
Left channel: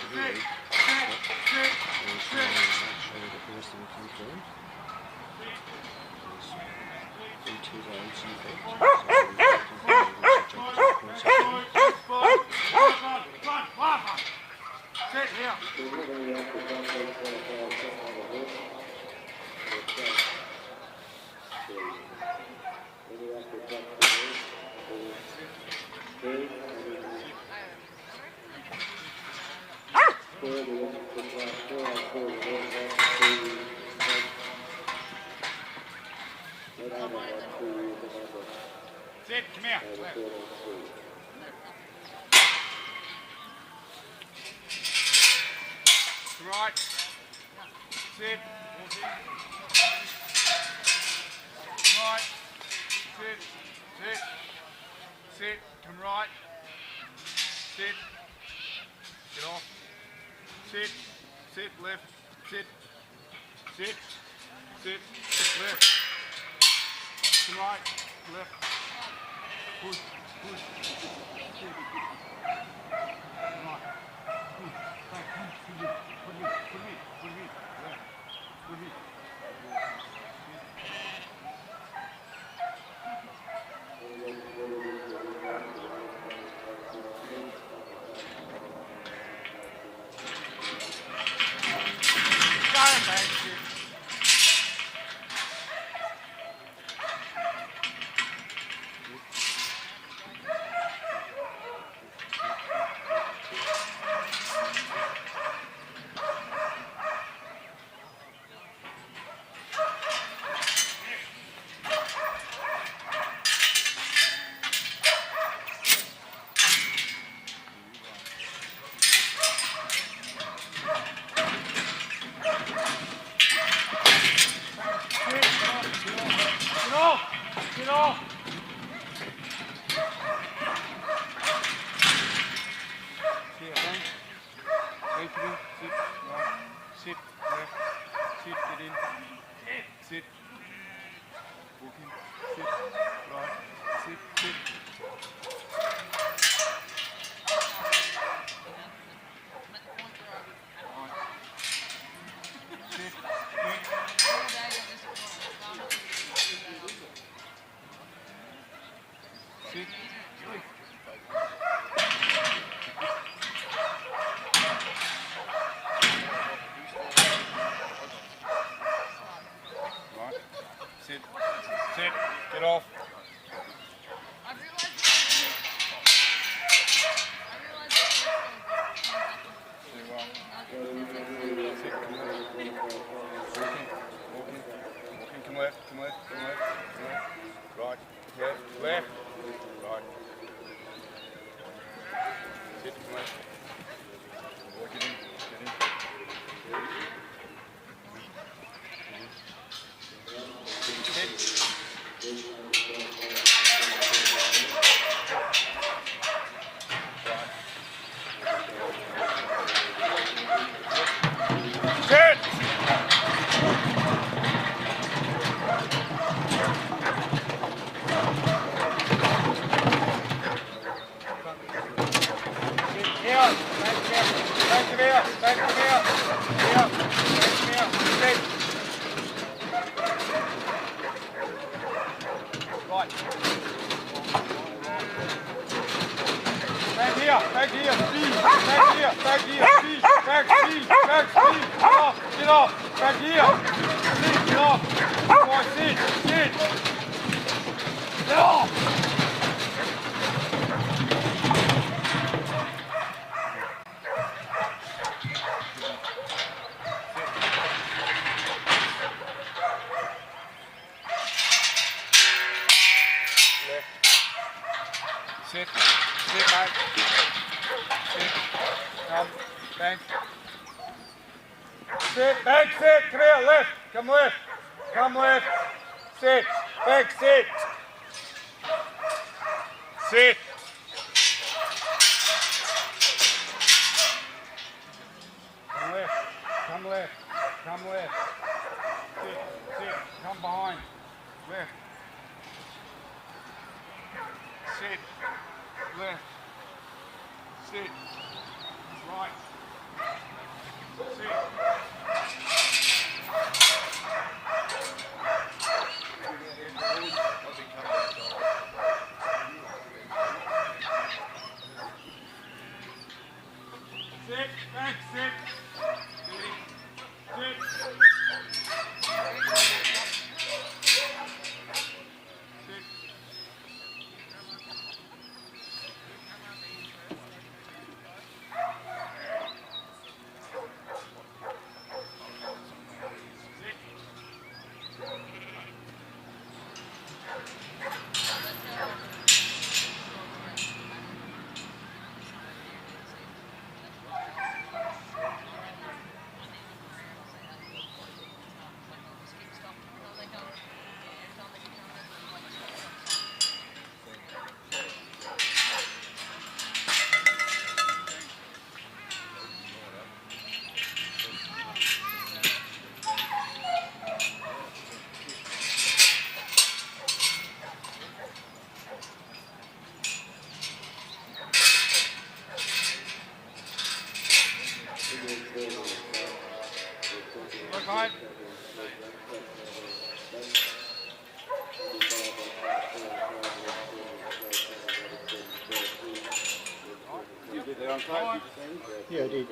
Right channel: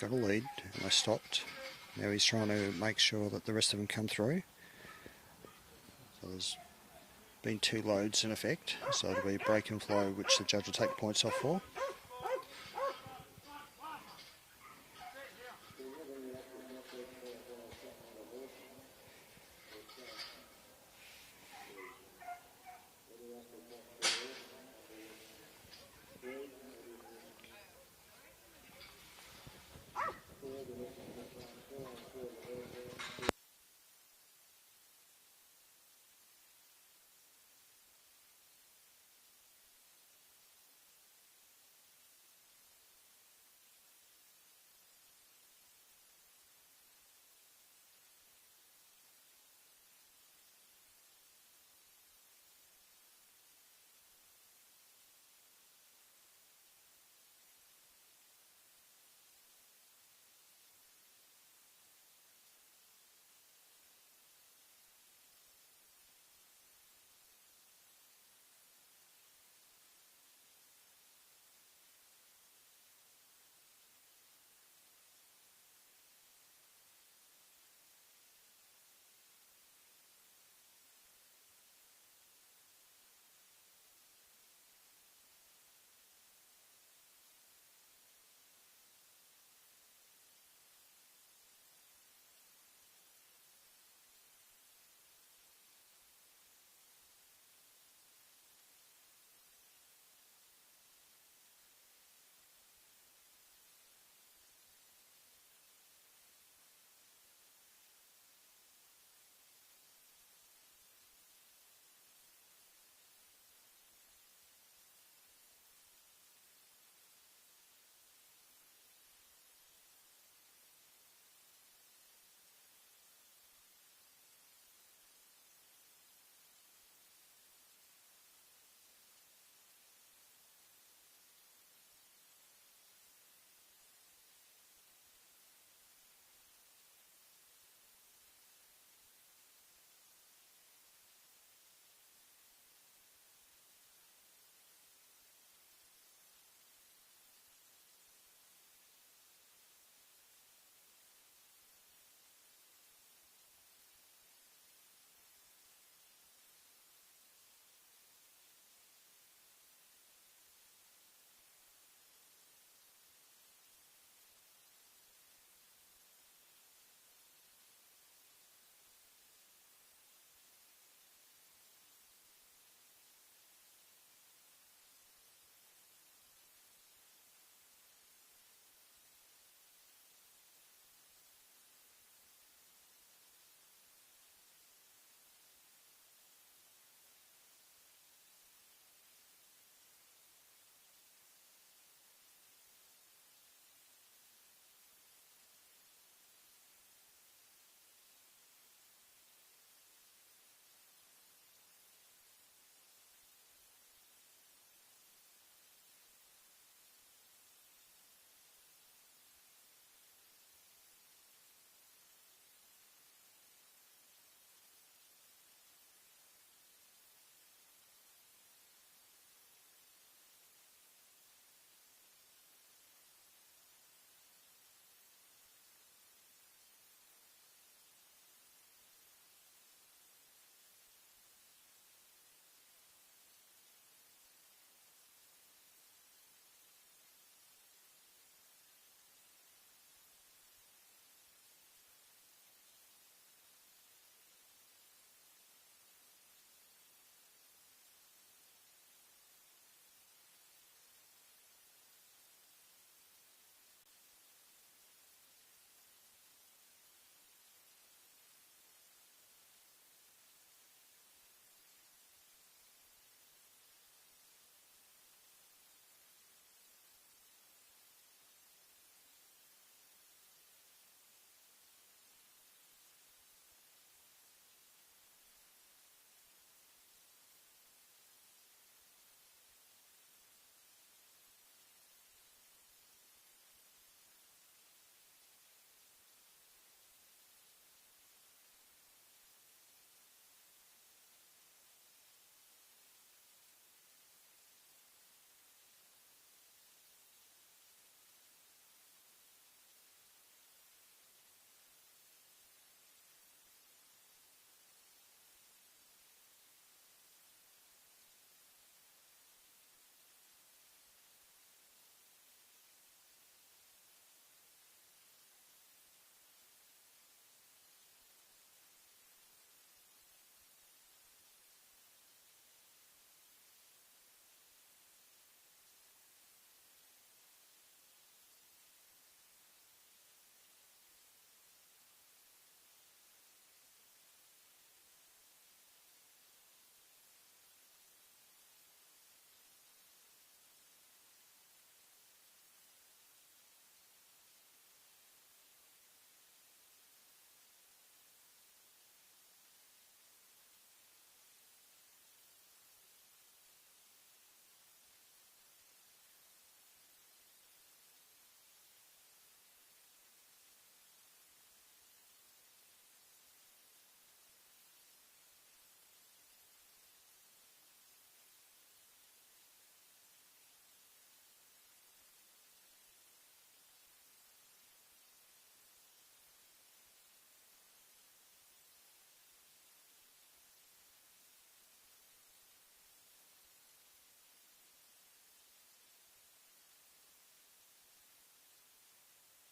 Got a lead, he stopped. He's trying to make sure that the rest of them come through. There's been 2 loads in effect, so we're breaking through, which the judge will take points off for. Sit, come here. Left. Right. Sit. Right. Sit. Sit. Sit. Come right. Sit. Get off. Sit. Sit. Left. Sit. Sit. Sit. Left. Come right. Left. Push. Push. Sit. Right. Push. Back. Push. Put me. Put me. Put me. Left. Put me. Sit. Get off. Yeah, I did.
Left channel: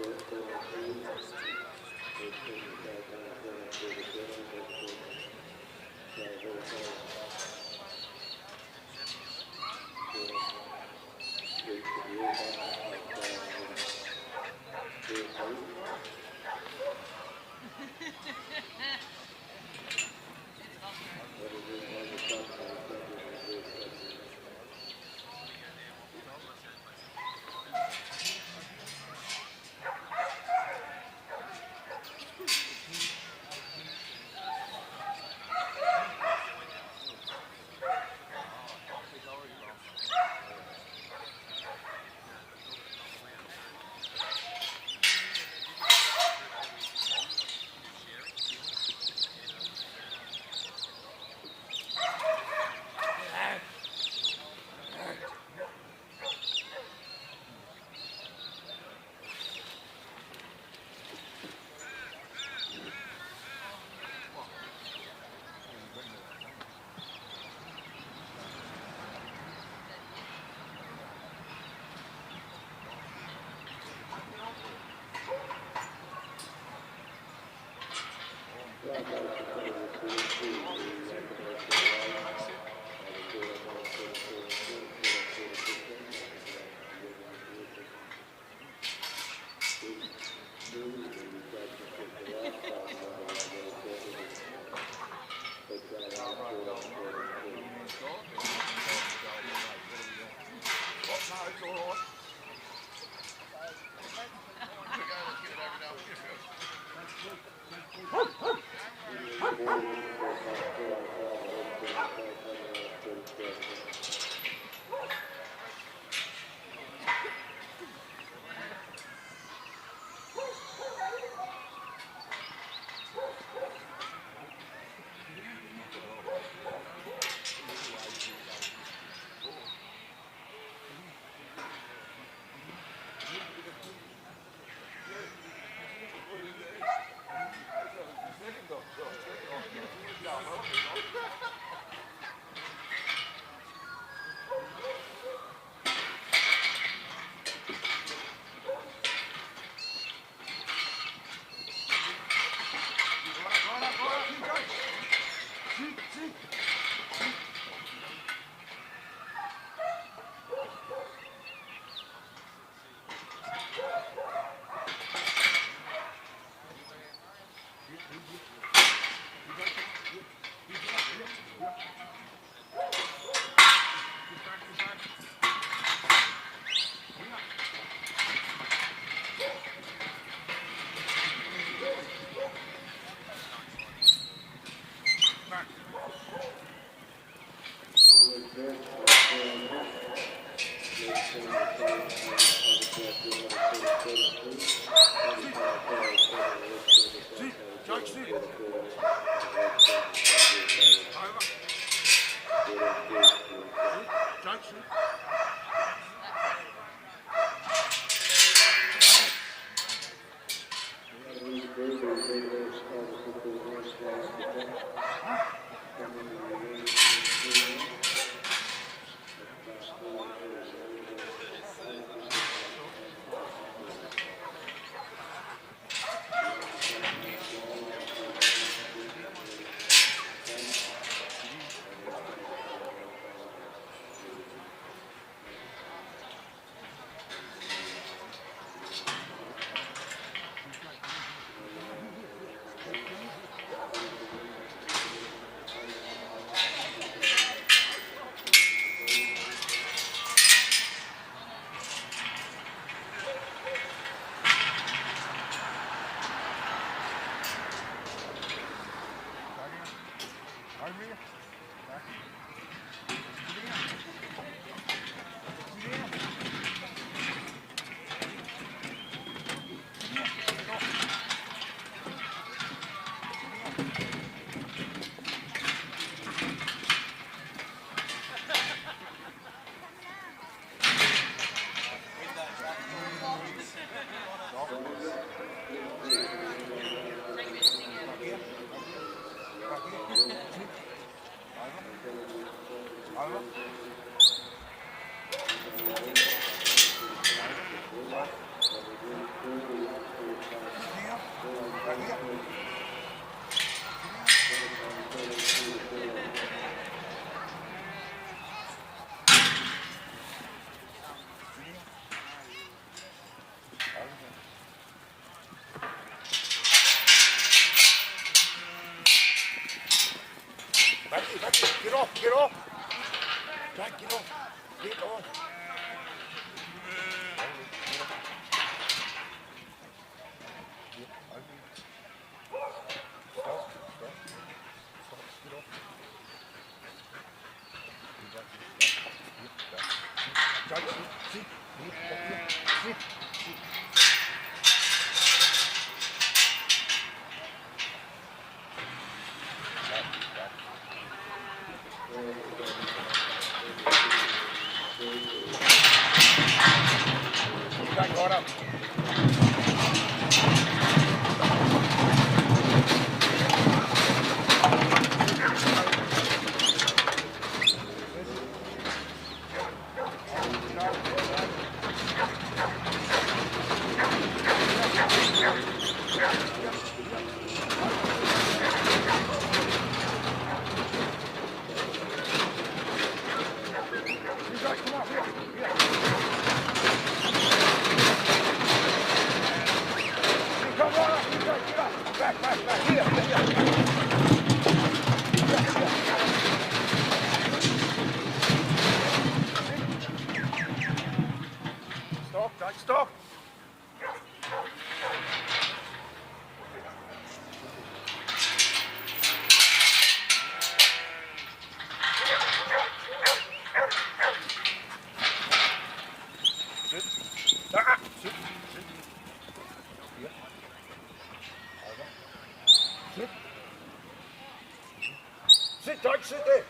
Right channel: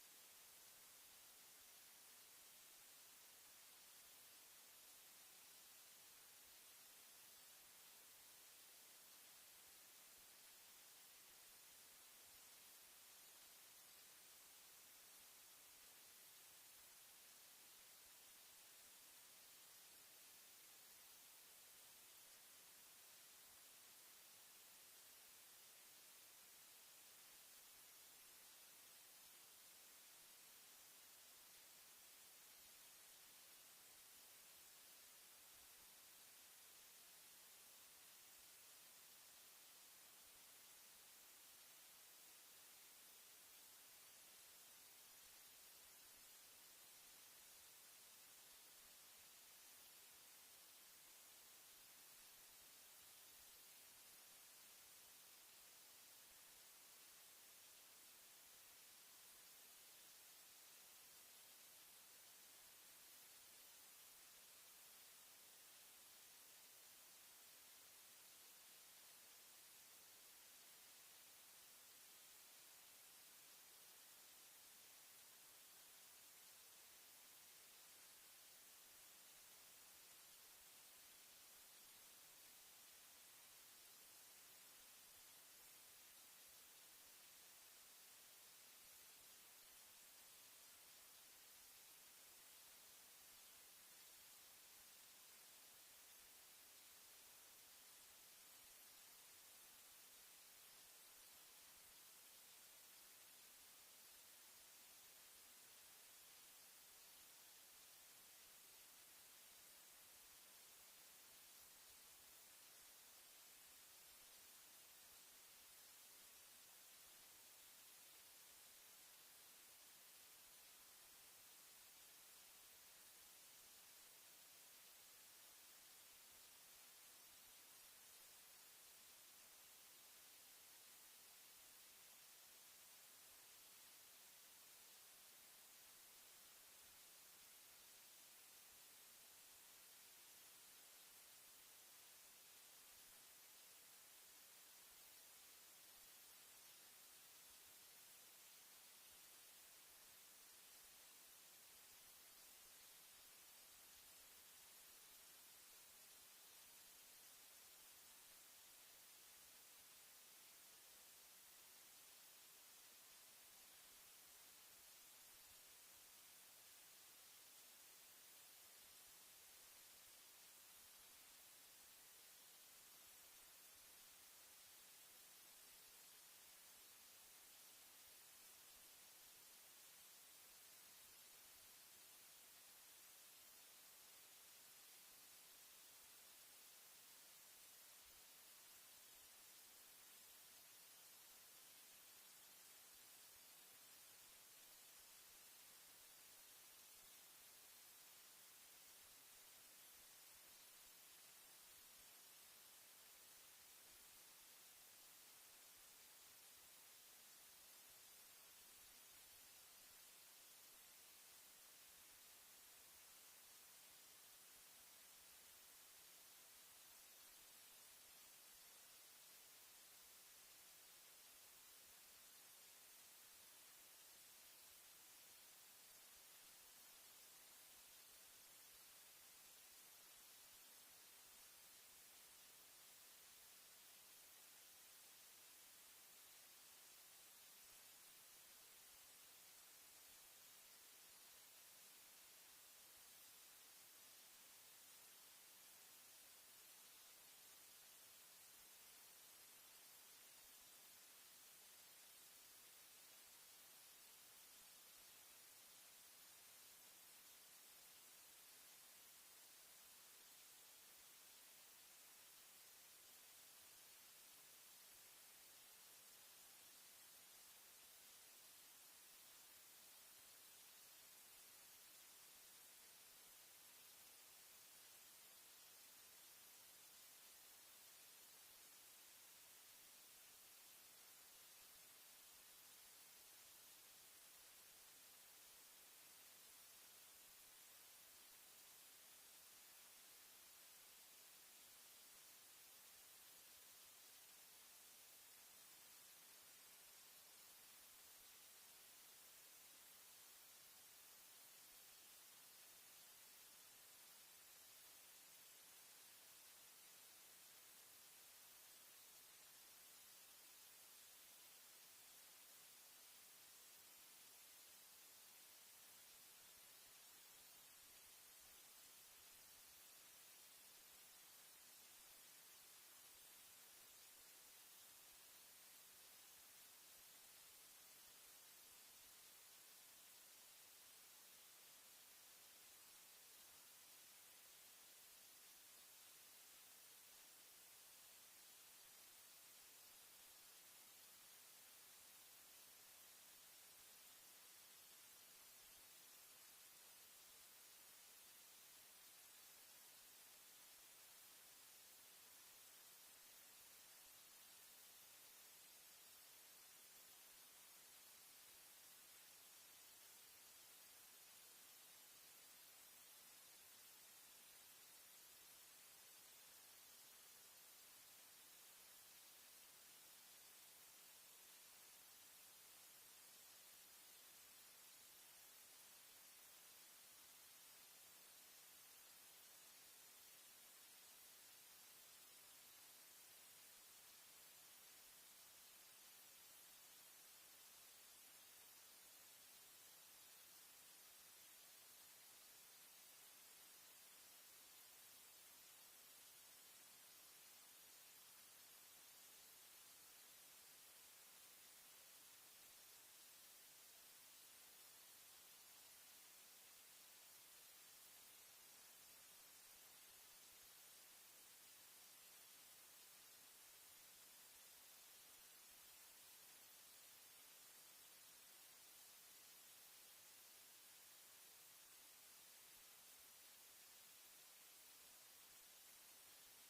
Get off, get off. Don't get off. Get off. Stop. Sit, Doug, sit there.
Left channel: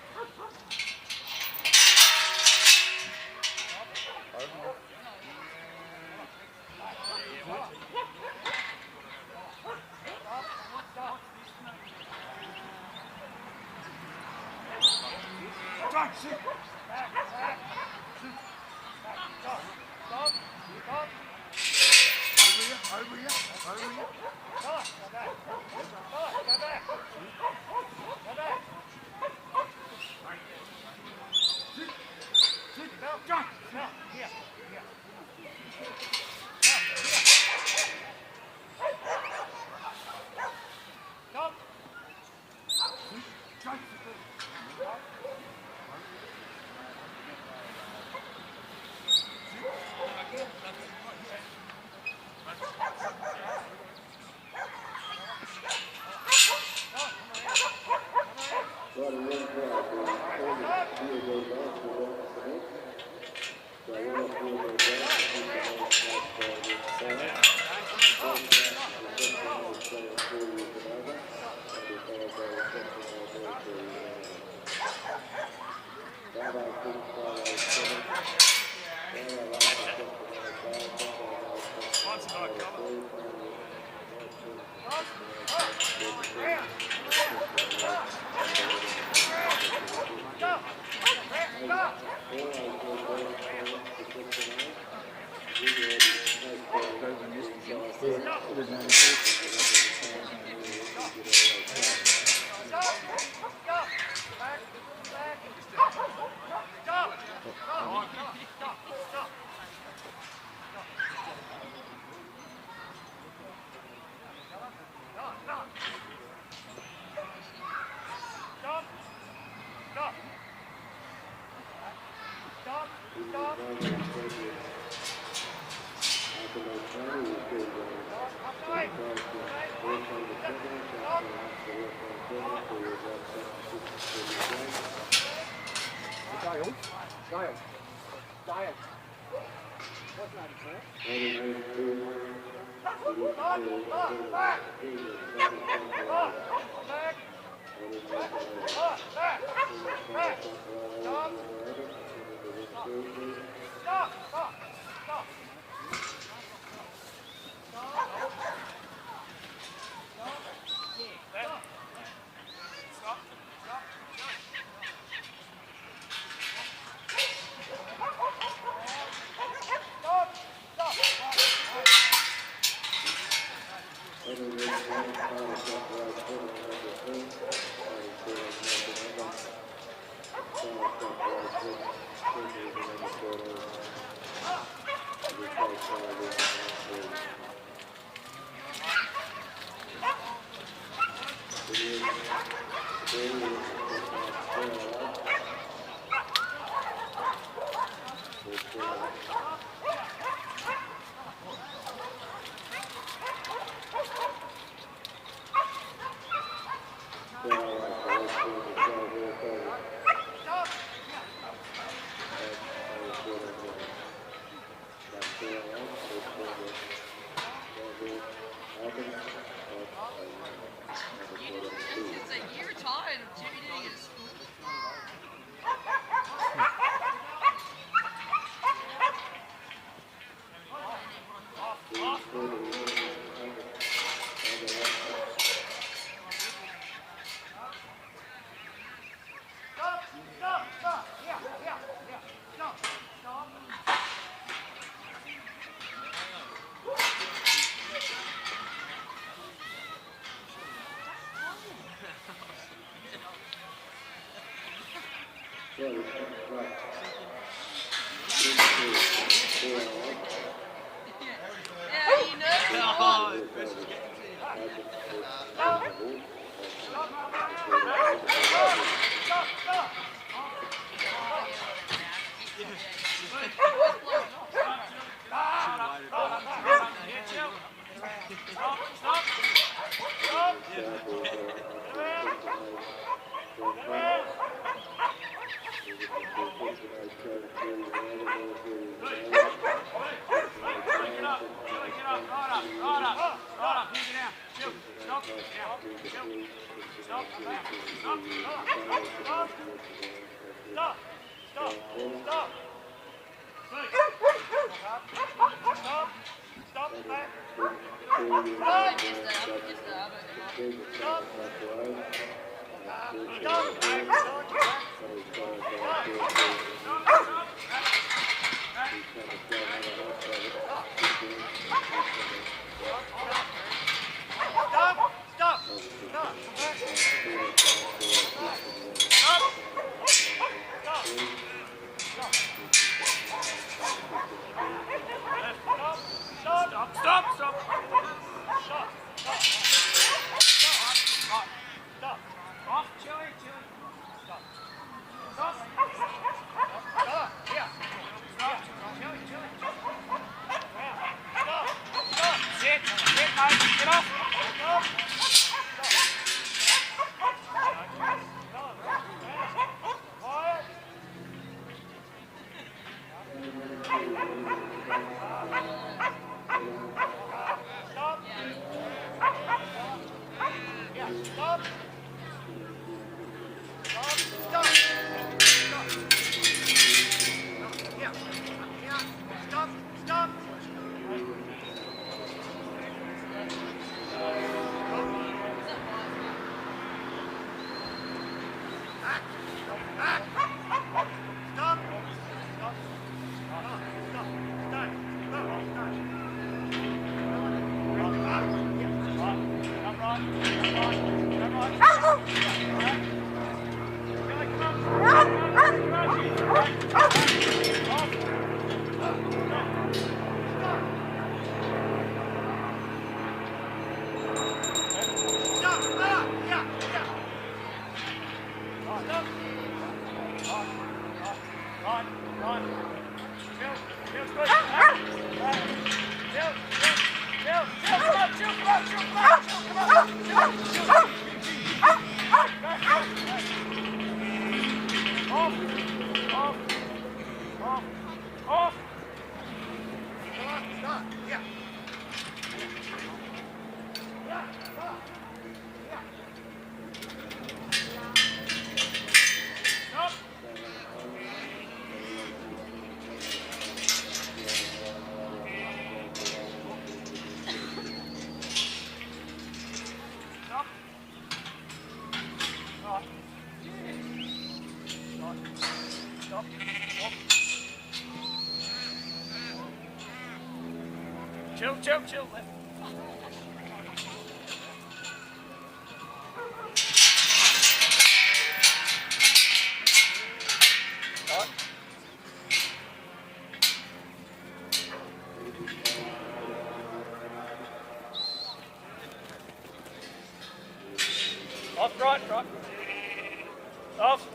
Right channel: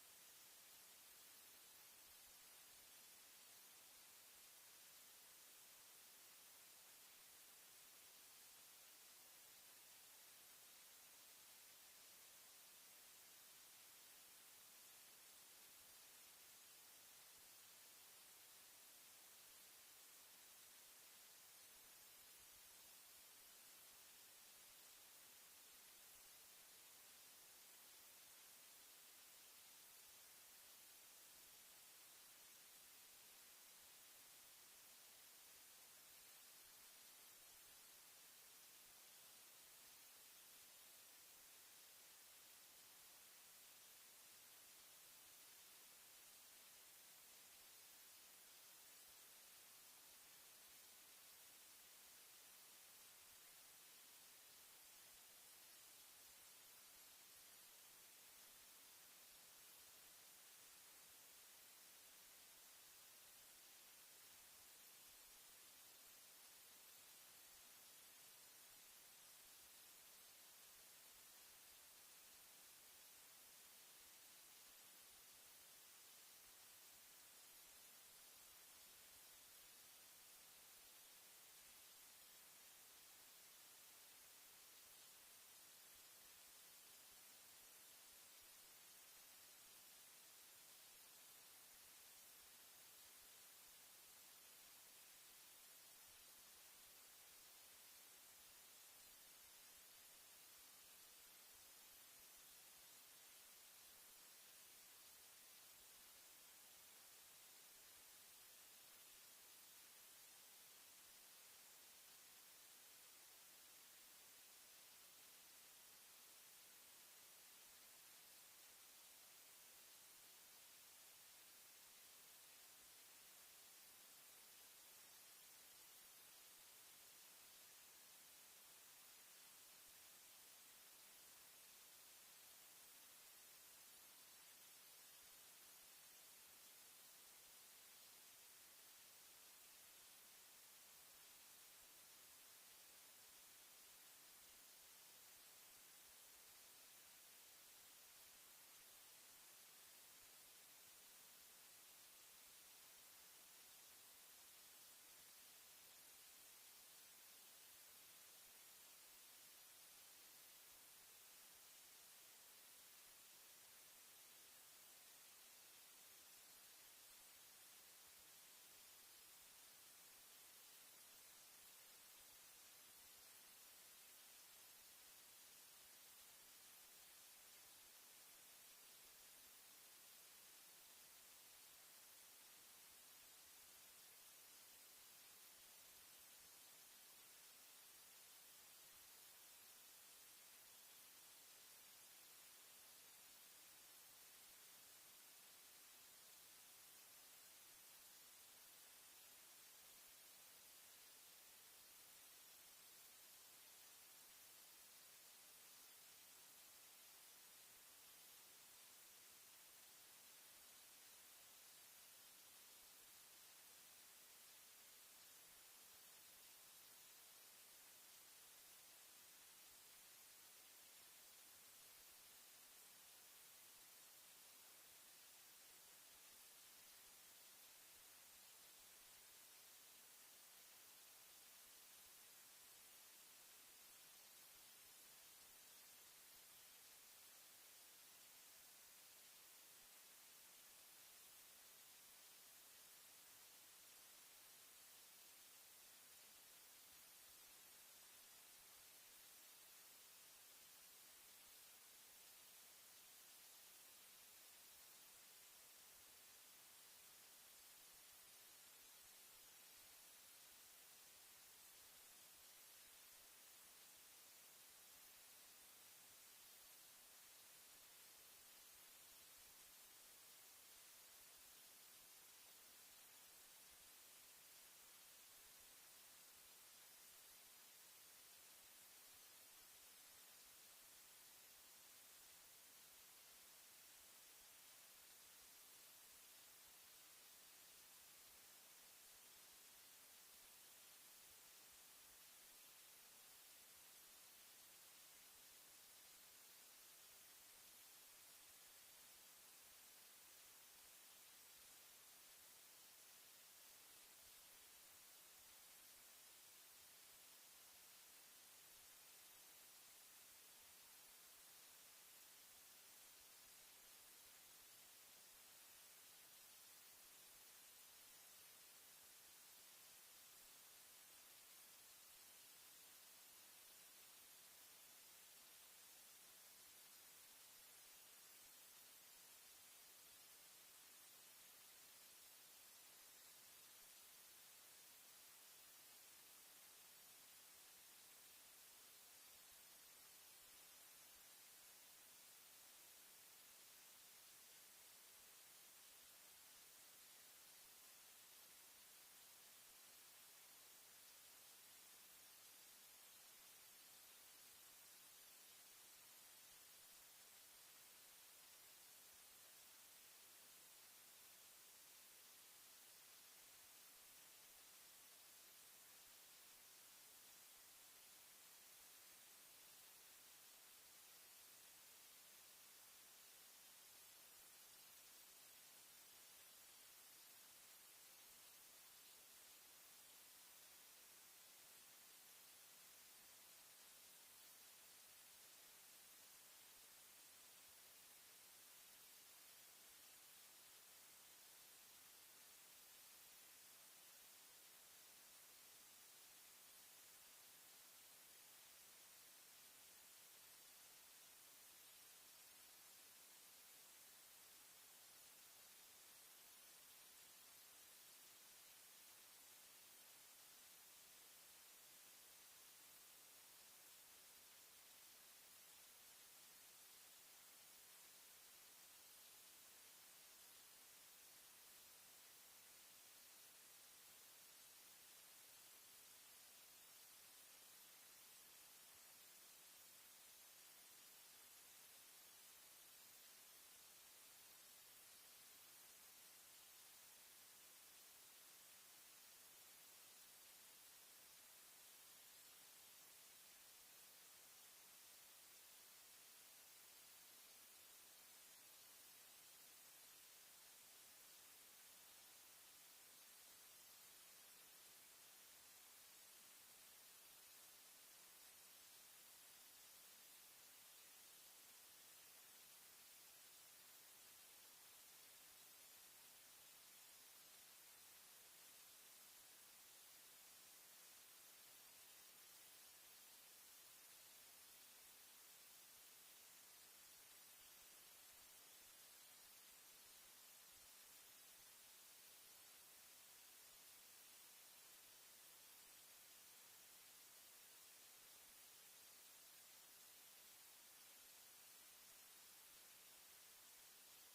Chill. Off, right. Off.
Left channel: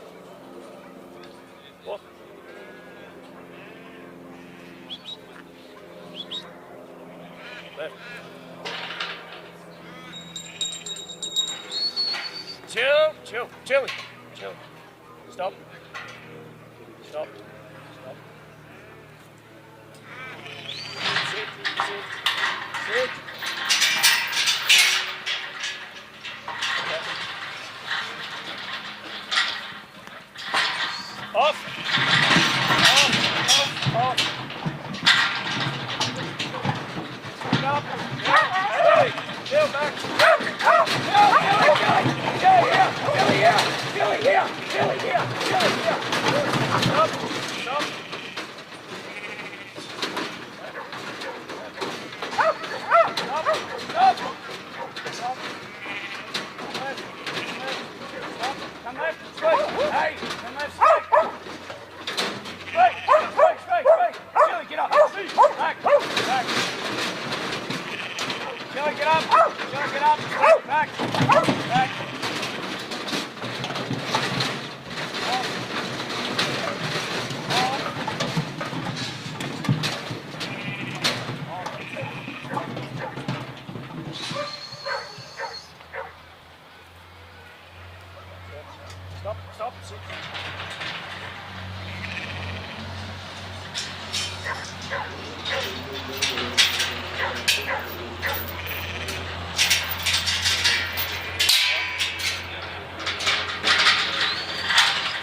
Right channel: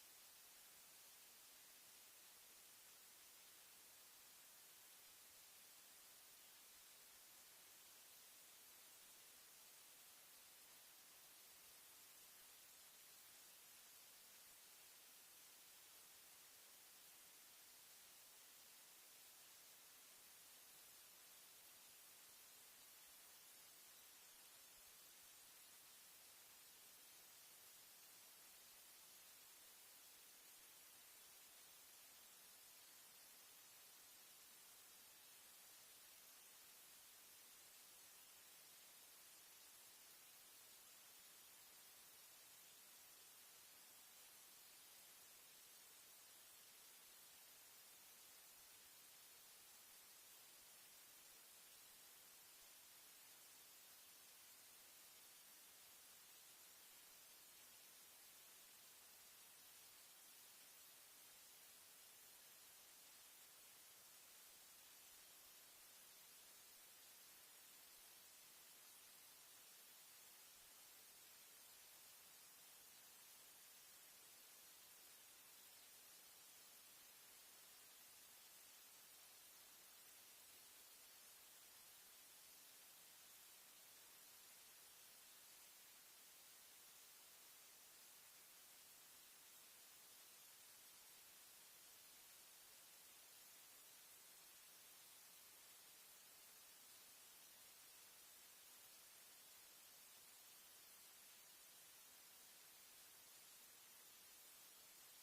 Off. Left. Chill. Stop. Sit. Off. Stop. Chill back. Chili here. Stop. Come left. Hey, come left. Stop, stop, sit.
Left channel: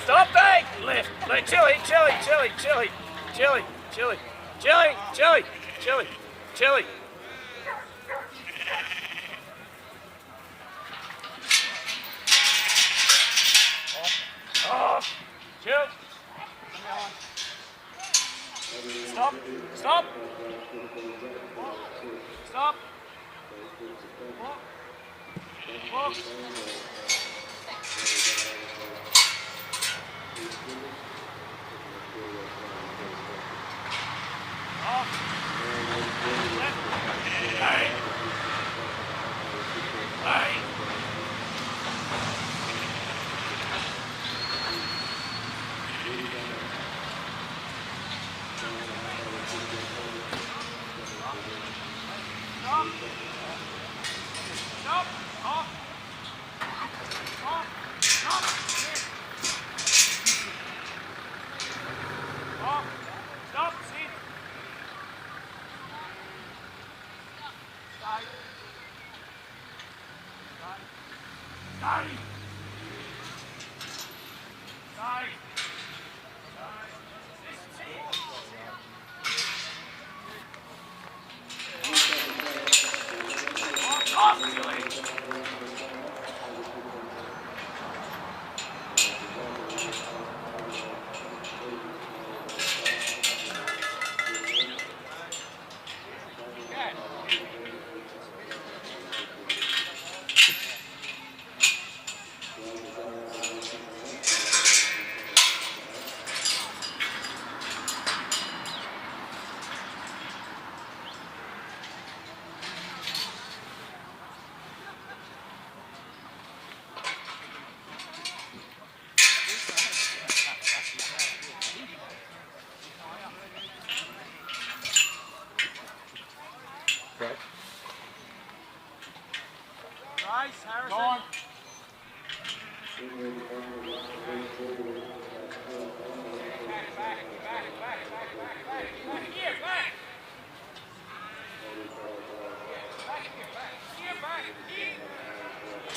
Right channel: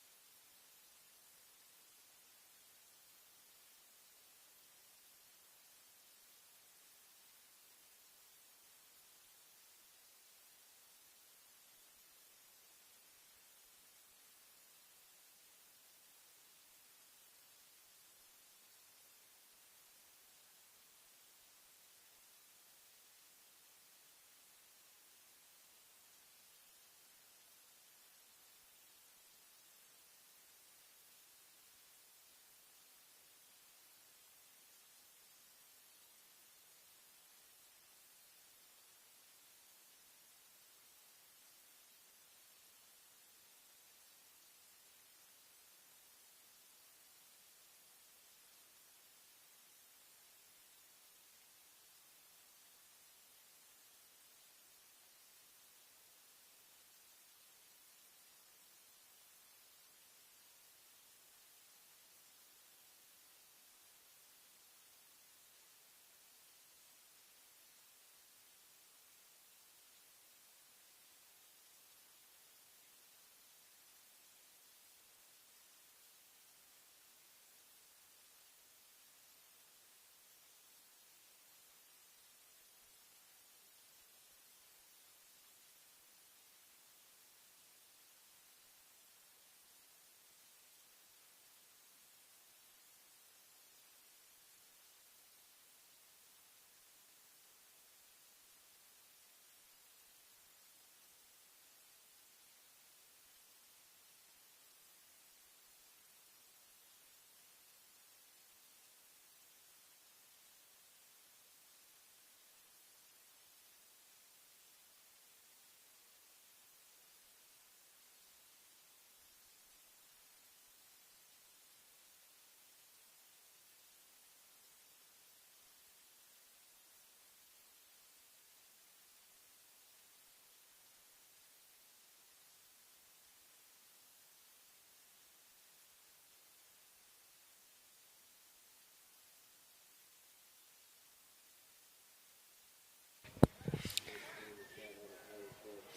Stop, bang! Left, chili, chili, chili, chili, chili, chili, chili, chili, chili, chili. Off, chill. Stop, stop. Stop. Walk. Walk. Off. Left. Hey. Hey. Stop. Stop. Off. Off. Stop. Sit. Off. Stop. Sit. Stay. Stay. Stay. Off, silly. Nice, Harrison. Go on.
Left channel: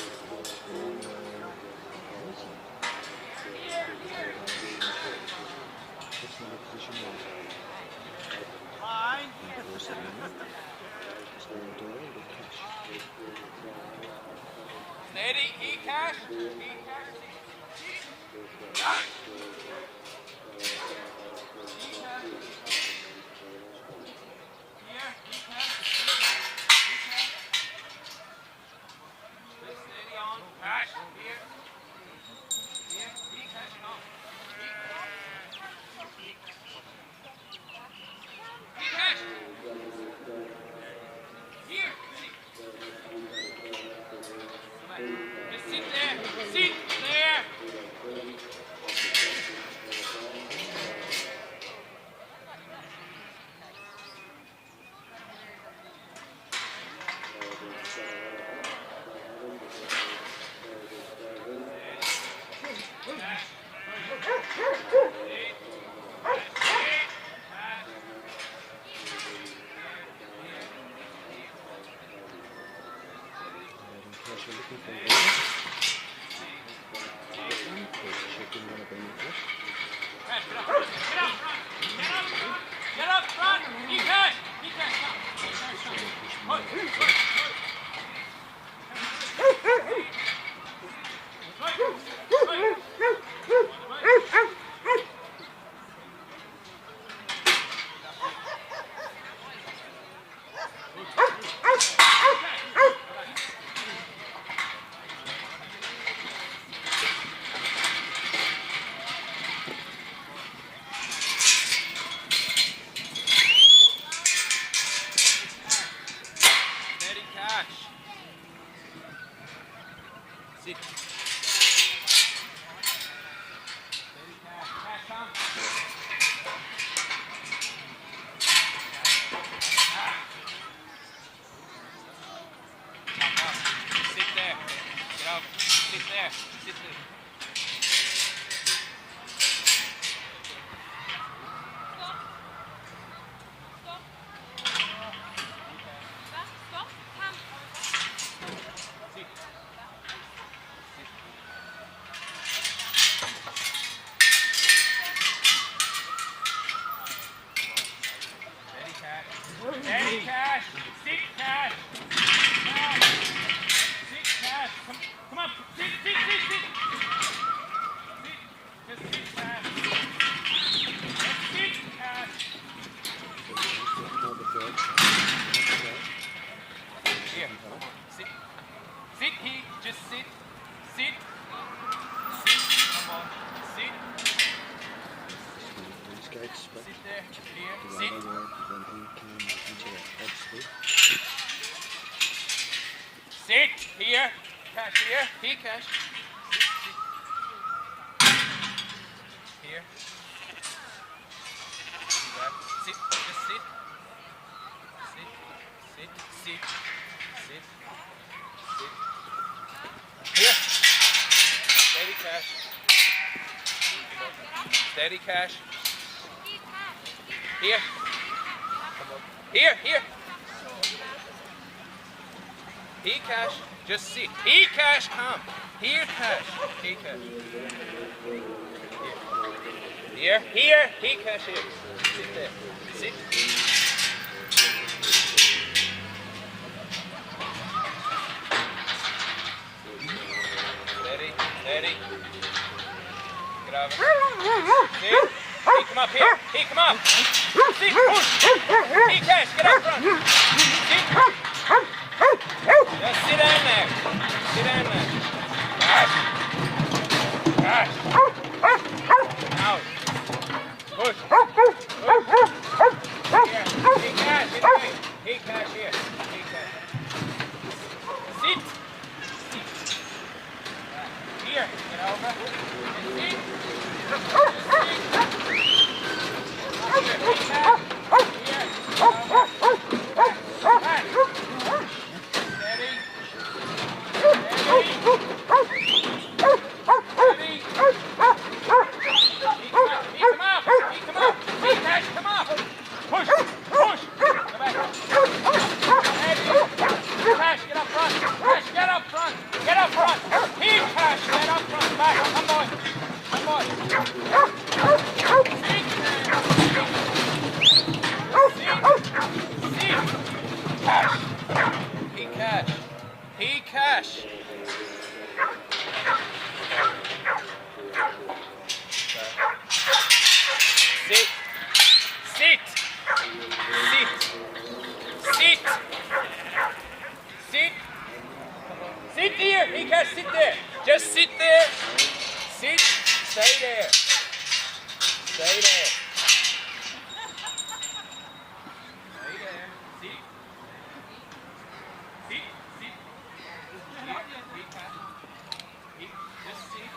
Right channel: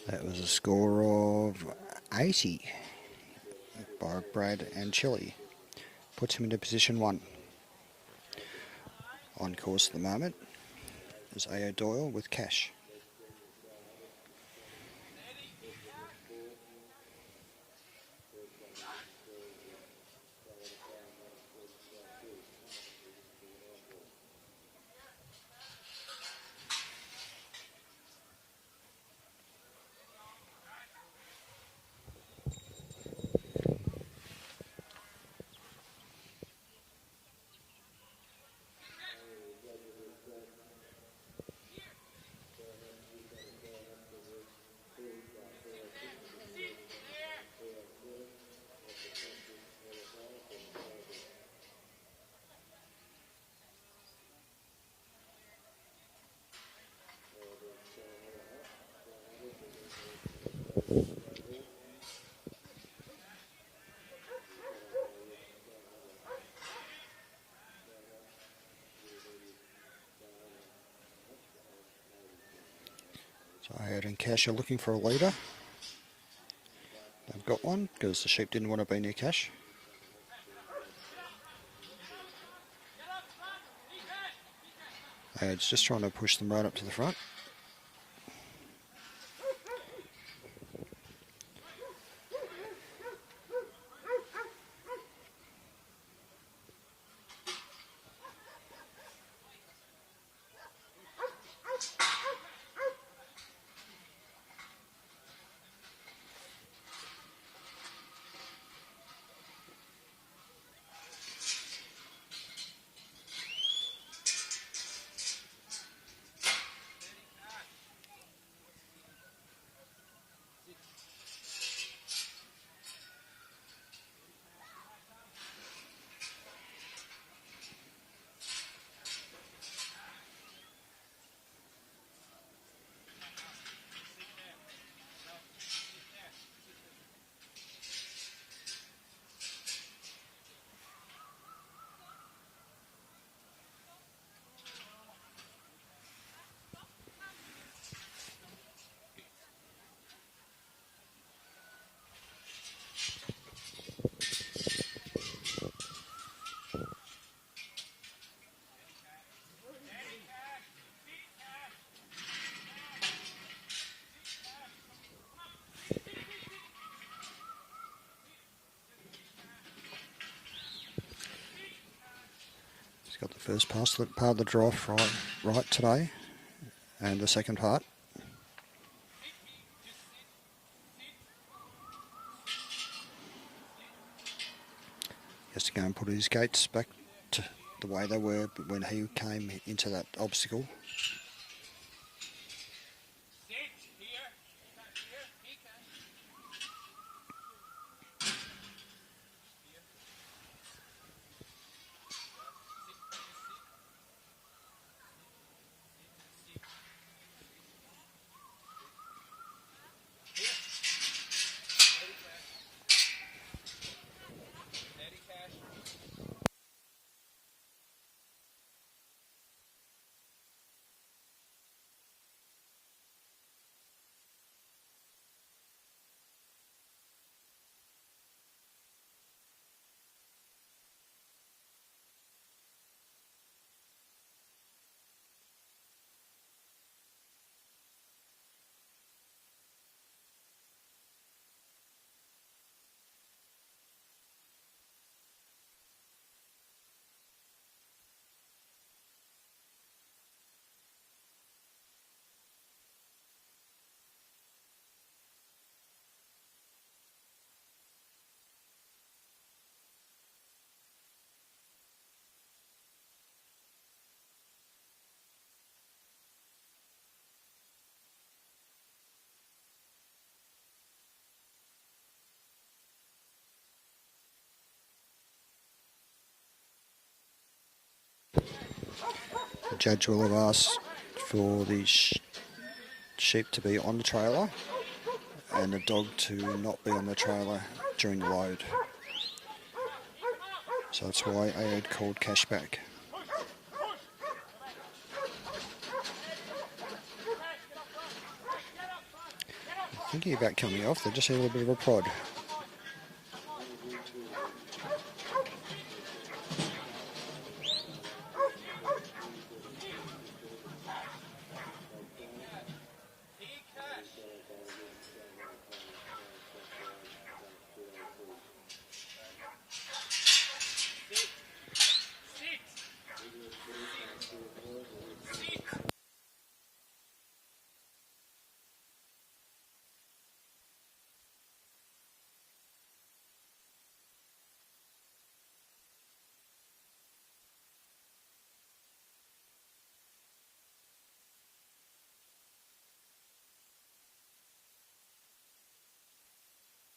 That was a score of 80 by Brad and Chili. Puts him into position 1. On course at the moment is Aoidh Doyle with Cash. Steady, E-Cash. E-Cash. Aoidh and Cash are looking for a leader. They've got one because the sheep didn't want to be near Cash. Aoidh's just trying to push them right up to the front. First pass, the part of the drive right today, and the second part. Sit. Sit here. Just sit. Sit. Sit. Come on. Sit. Just to go and put his gates back to the way they were when he came into that obstacle. Sit. Here. Cash here. Here, Cash. Here. Sit. Just sit. Sit. Sit. Sit. Sit. Sit. Here. Steady, Cash. Steady, Cash. Here. Here. Here. Here, Cash. Just sit. Here, Cash. Come. Here, Cash. Here, Cash. Here. Here. Here, Cash. Here. Sit there. Sit. Steady. Steady. Get over. Sit. Hey, come up here. Hey, come up. Sit. Push. Hey, Cash. Get up front. Sit. Just sit down there. Sit down there. Cash. Cash. Out. Push. Push. Here. Hey, Cash. Get away. Hey, Cash. Here. Hey, Cash. Sit. Sit. Here. Get over. Sit. The judge will ask for the sheep to be on the trailer and the dog to not be on the trailer during the load. So it's going to wait for cash back. Push! Push! Go back. Cash, get up front! Cash, get up front! Get up front! Back to the Keep left, Cash! just Get having a up little front! bit Back! Come on! Come on! Sit! Cash! He Cash! He Cash! Sit! Sit! Sit! Sit! Sit! Sit here! He Cash, sit there! Just sit there! Sit! Stay there! Stay there! Stay there! Sit! Sit! Sit! Here! He Cash! He, just sit!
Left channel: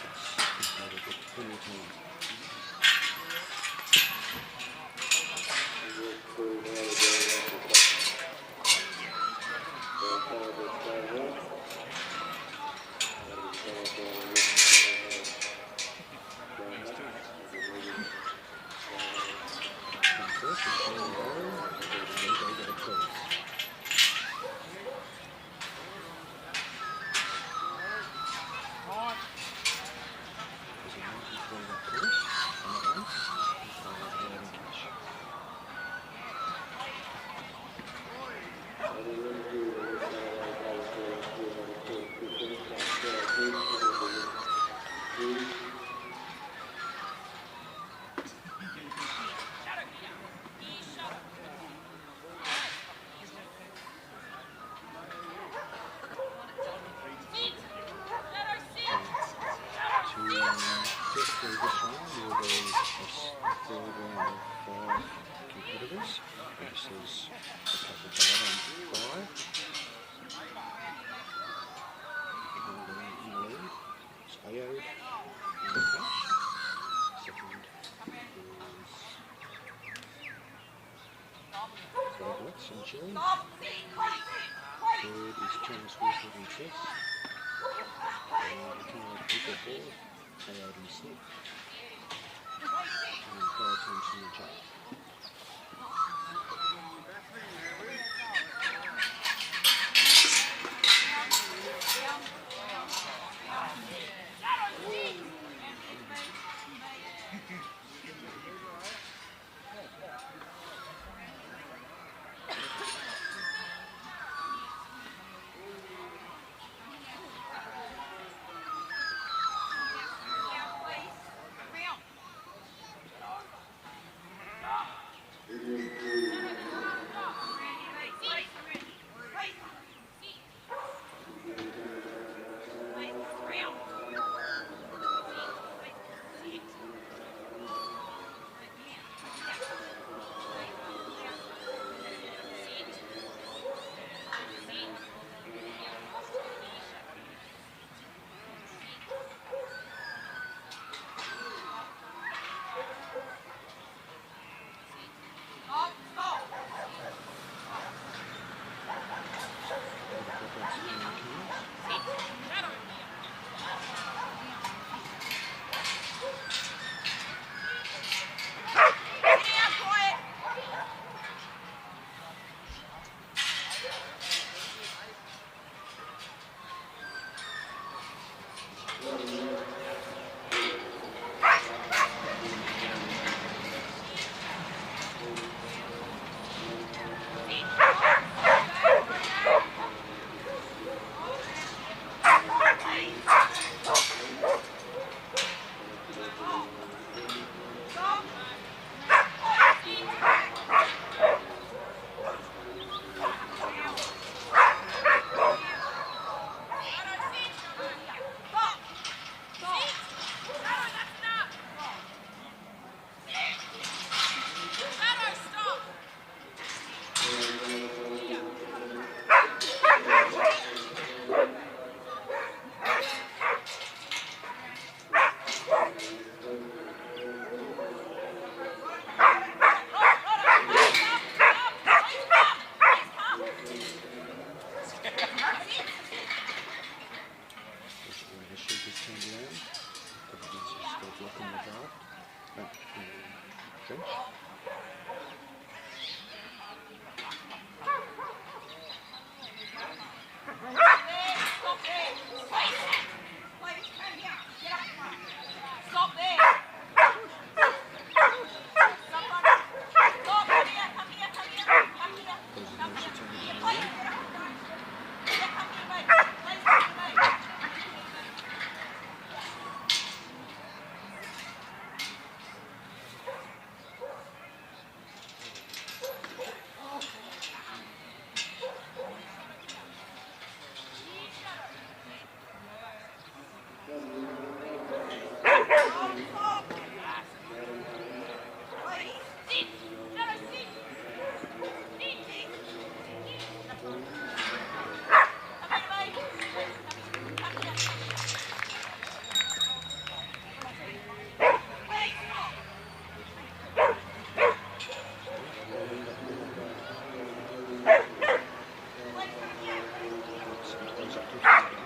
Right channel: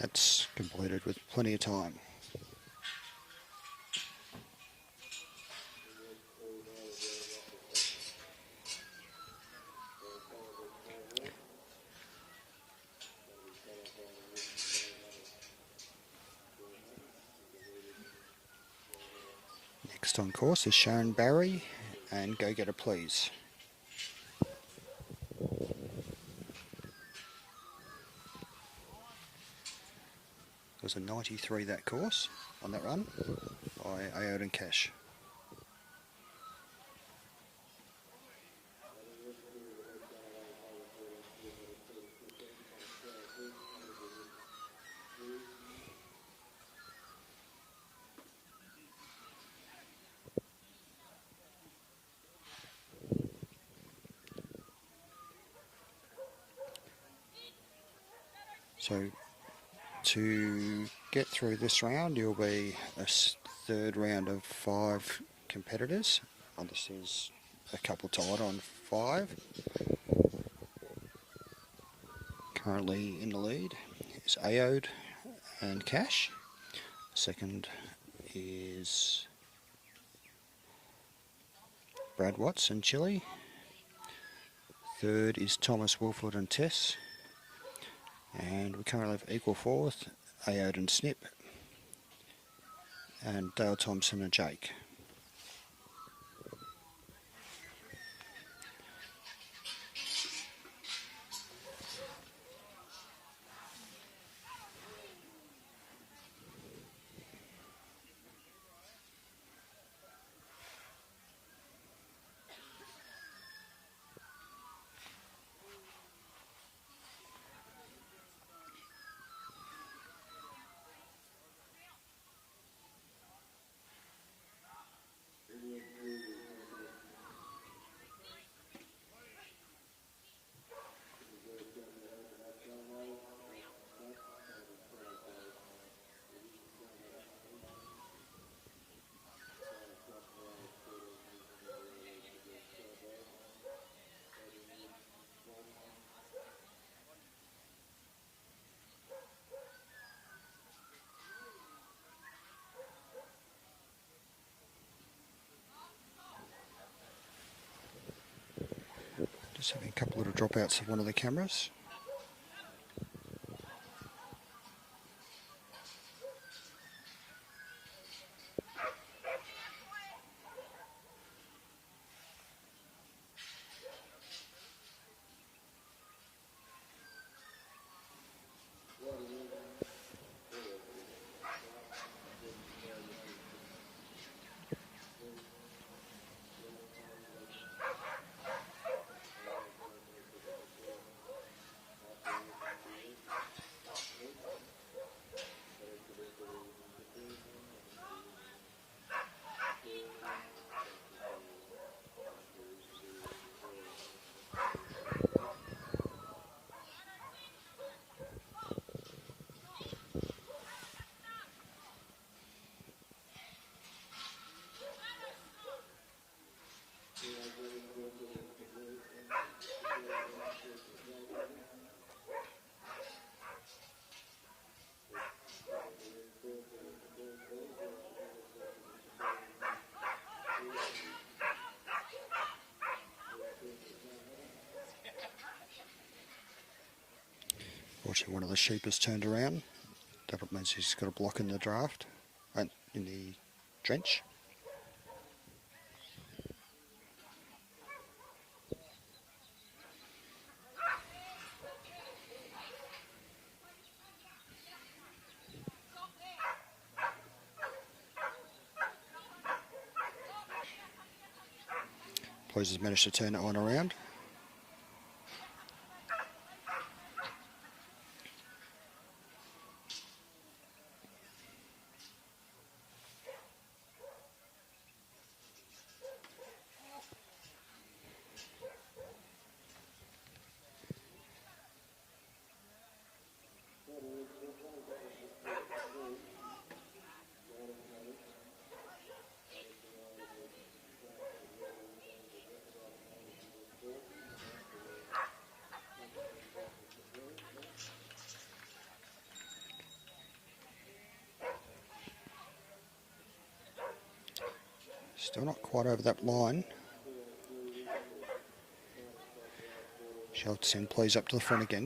That's completed with plenty of time. Next on course is Sharon Barry and Gogetta, please. There's a 93 that course on that one by Aoidh and Cash. So to get through this round, there will be a third round of 5 competitors. And this is a couple tied on 5. Currently in the lead is Aoidh and Cash. Second is Brad Watts and Chile. Third is Thomas, Woolford and Tess. And we currently have equal fourth, Aoidh and Snip. And Dale Thompson and Jake. Just have a couple of little dropouts of one of the cameras. One of the sheep has turned around. That means he's got a block in the draft, in the drench. Blues has managed to turn that one around. Not quite over that line. Shots and plays up to the front again.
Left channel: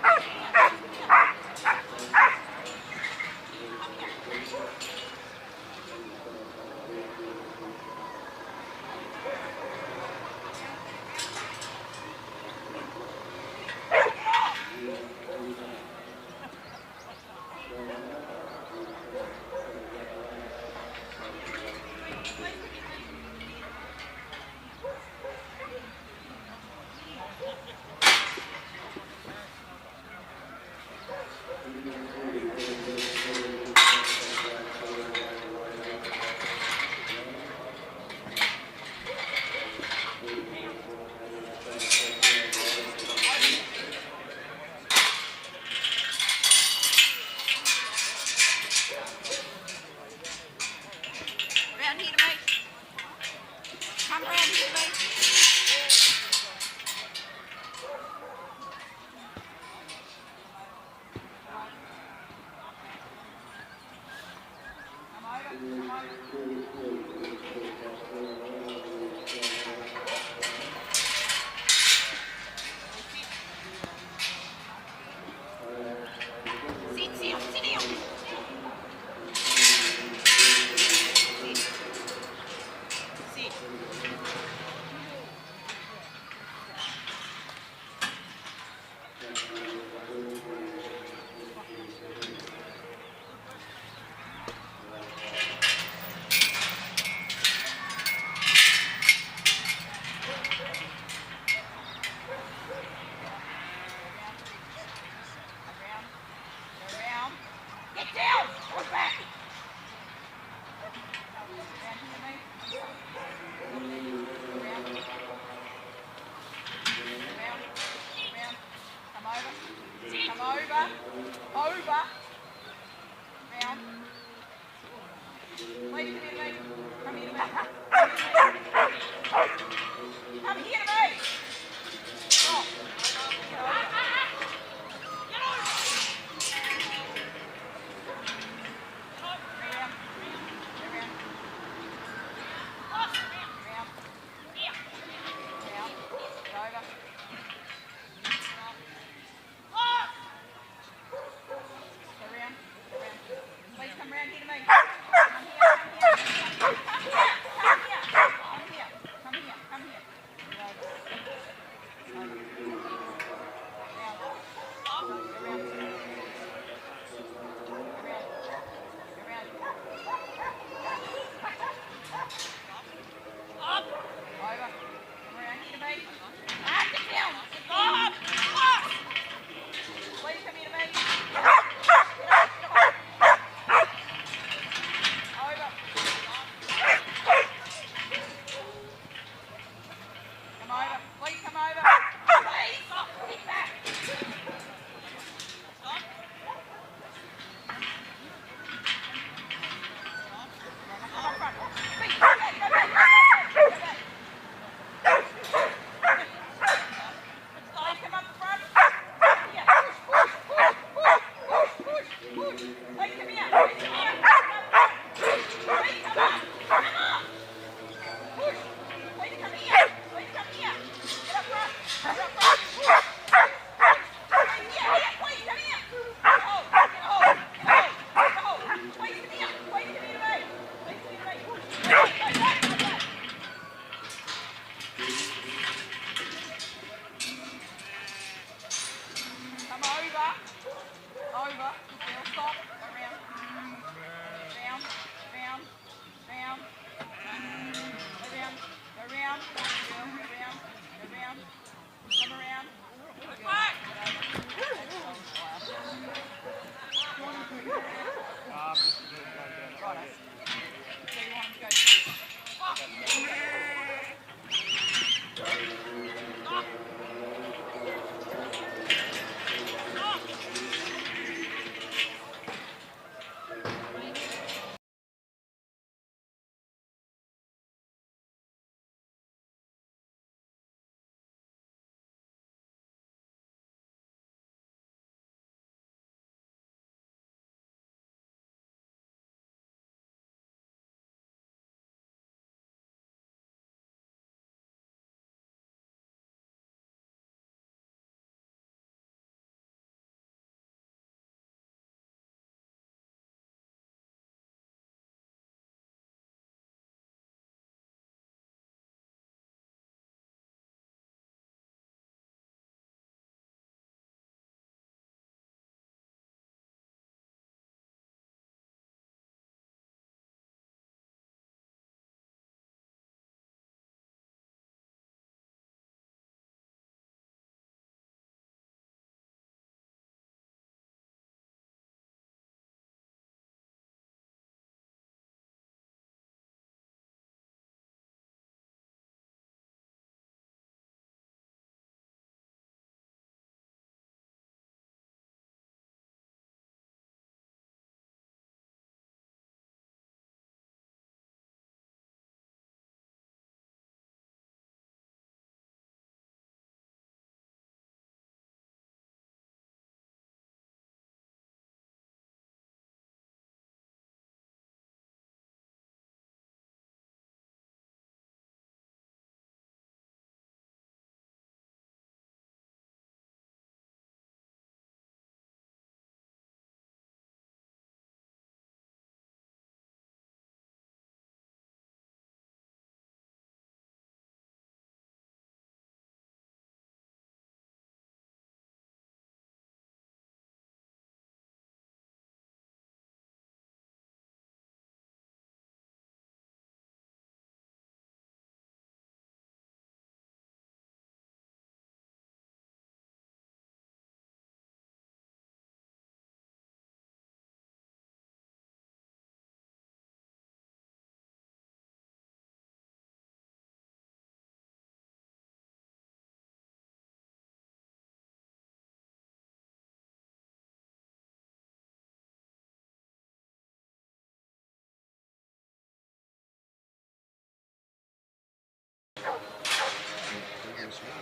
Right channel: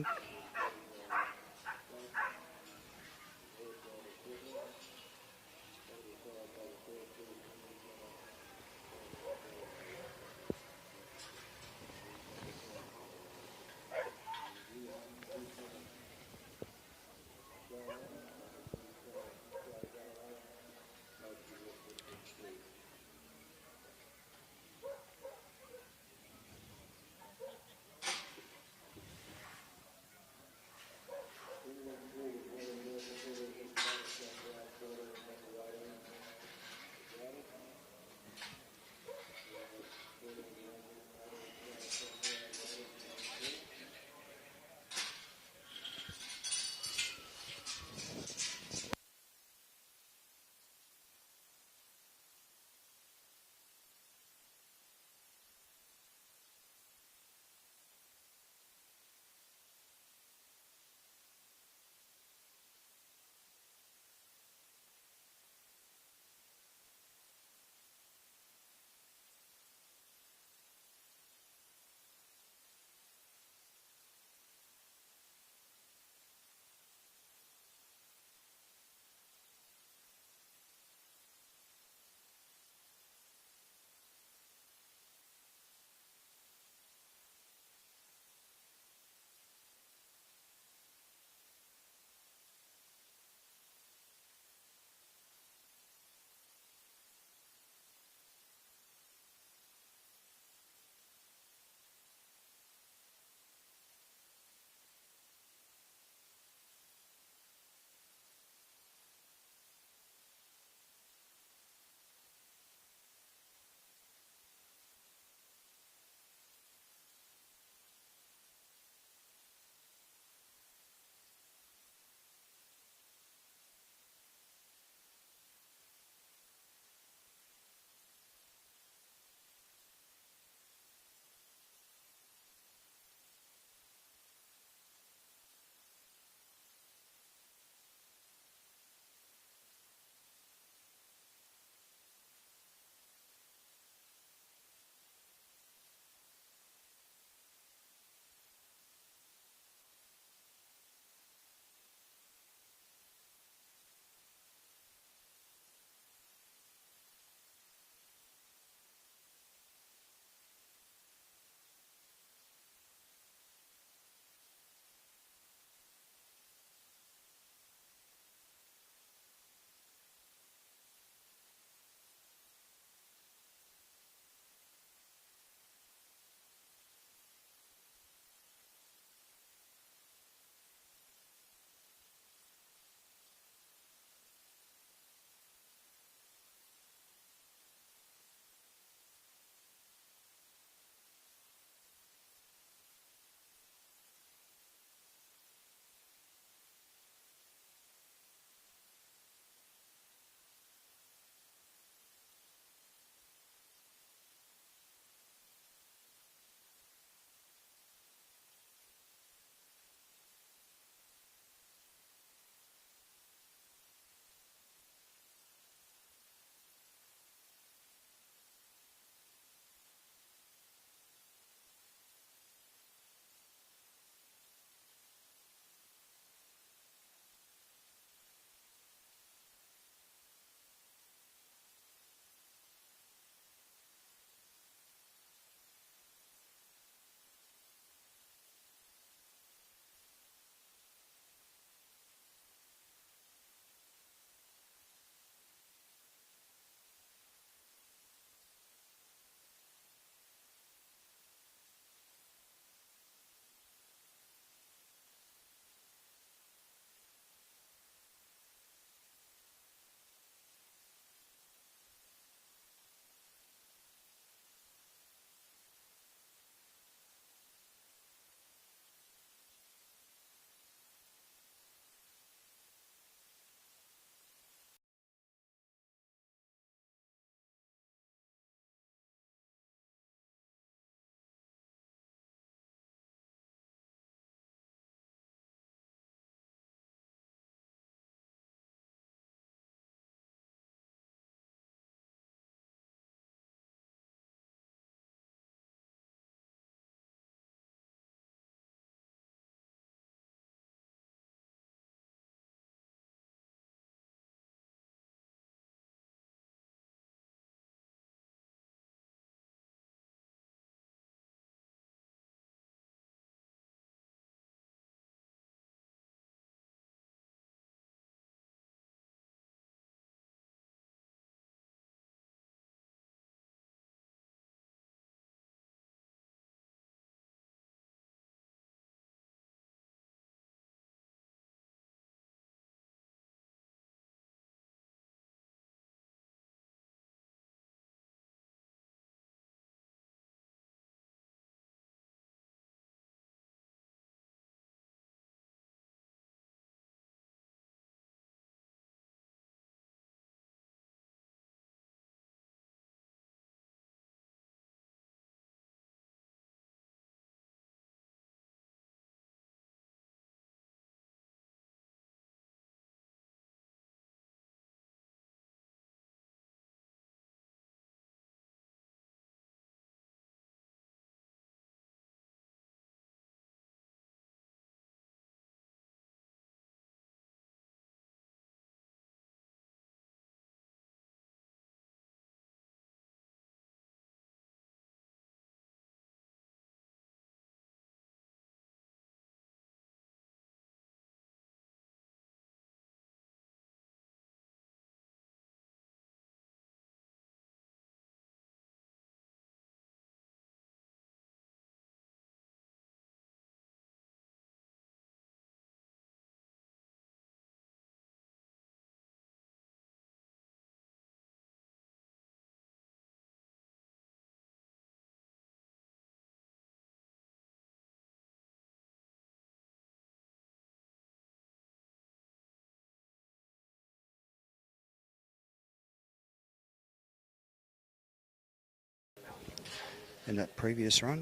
that previous run.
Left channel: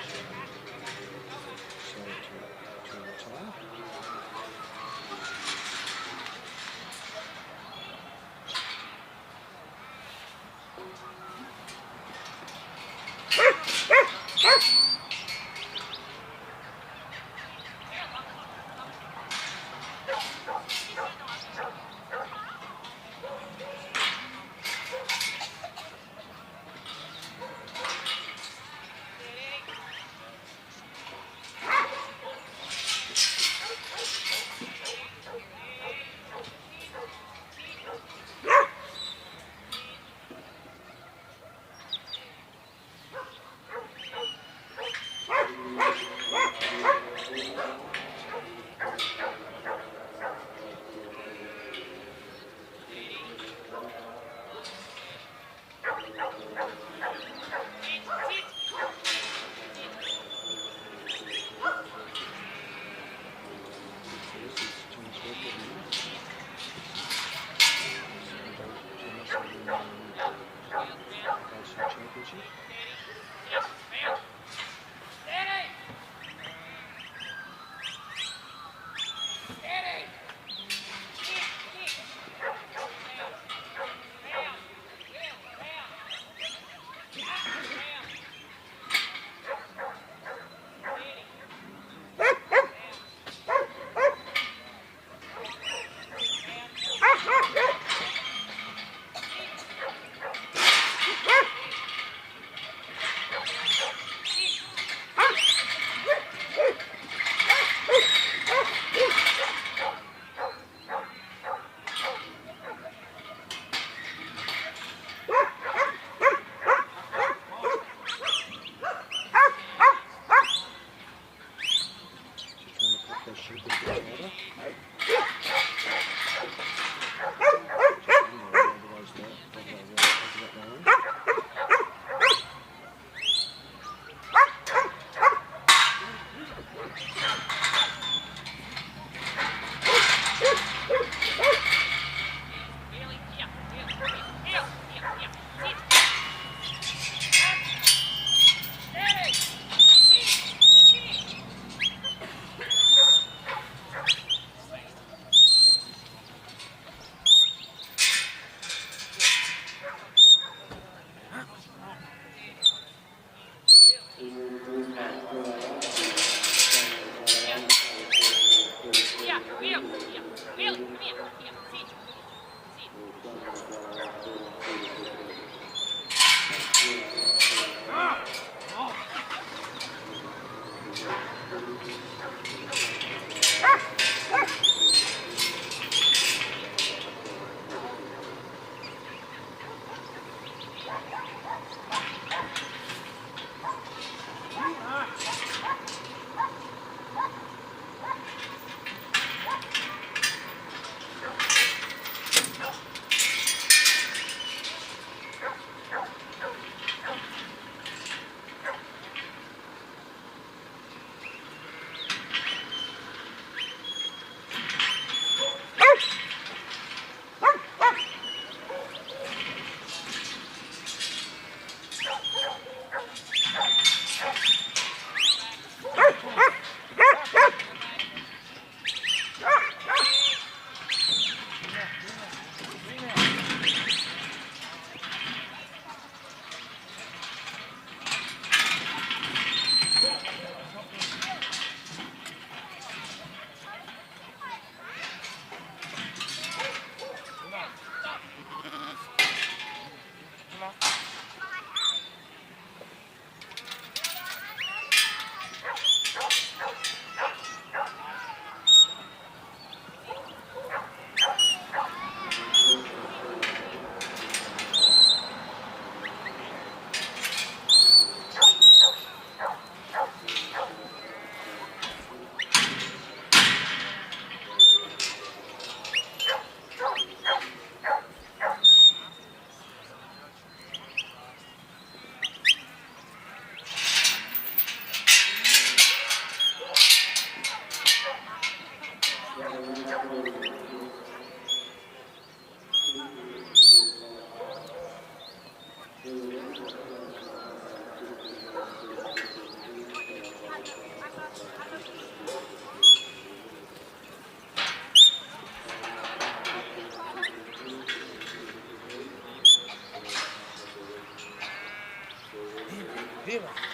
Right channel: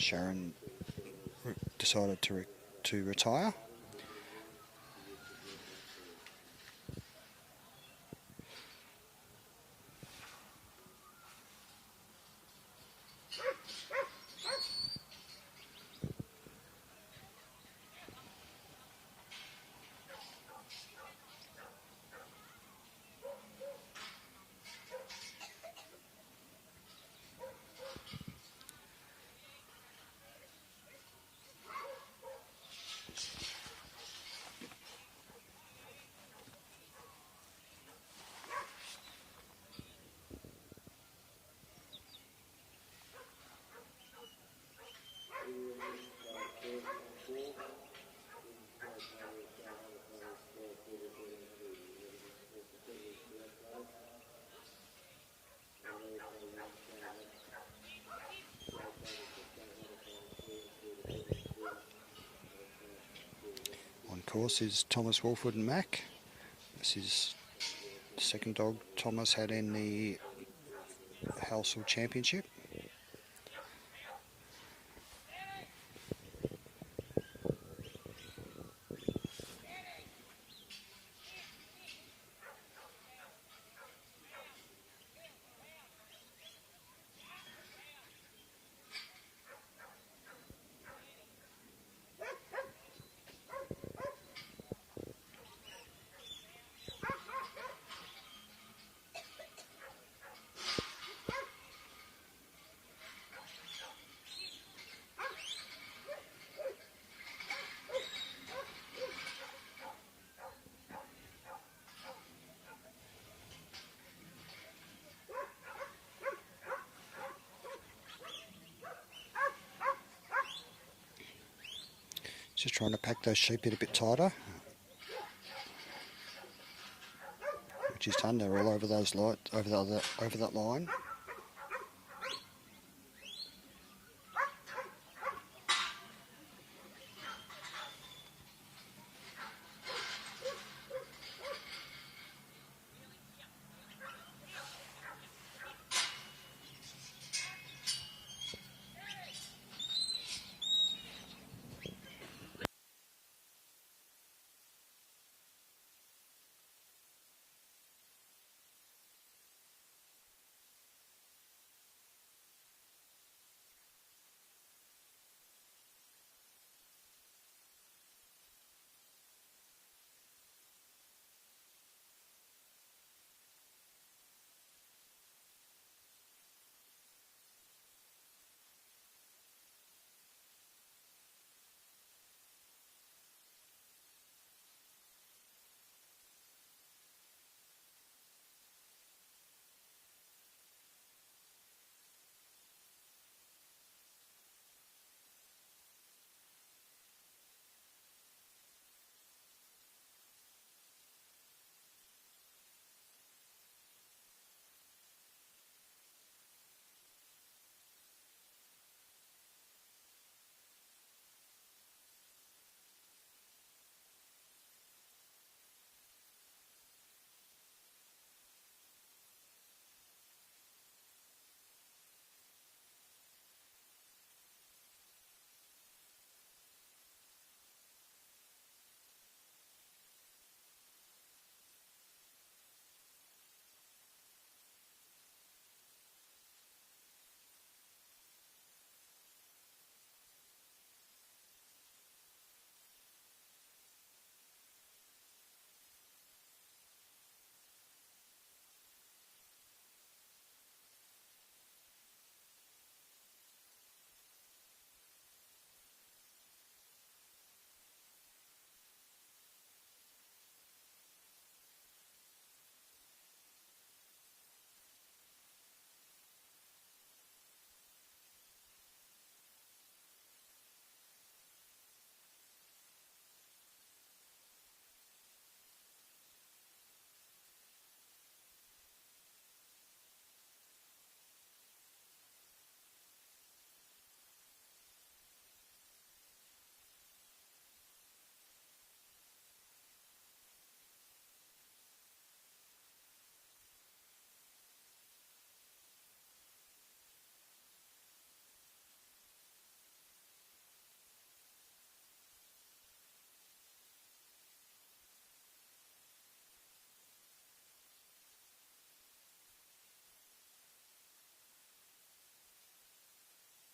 Sharon decided to retire. This is Thomas, Woolford and Mac. This is the second dog Thomas had in the Halsall Championship. Trying to pack those sheep in a bit tighter. Just done, they're all over those over that line. Vera.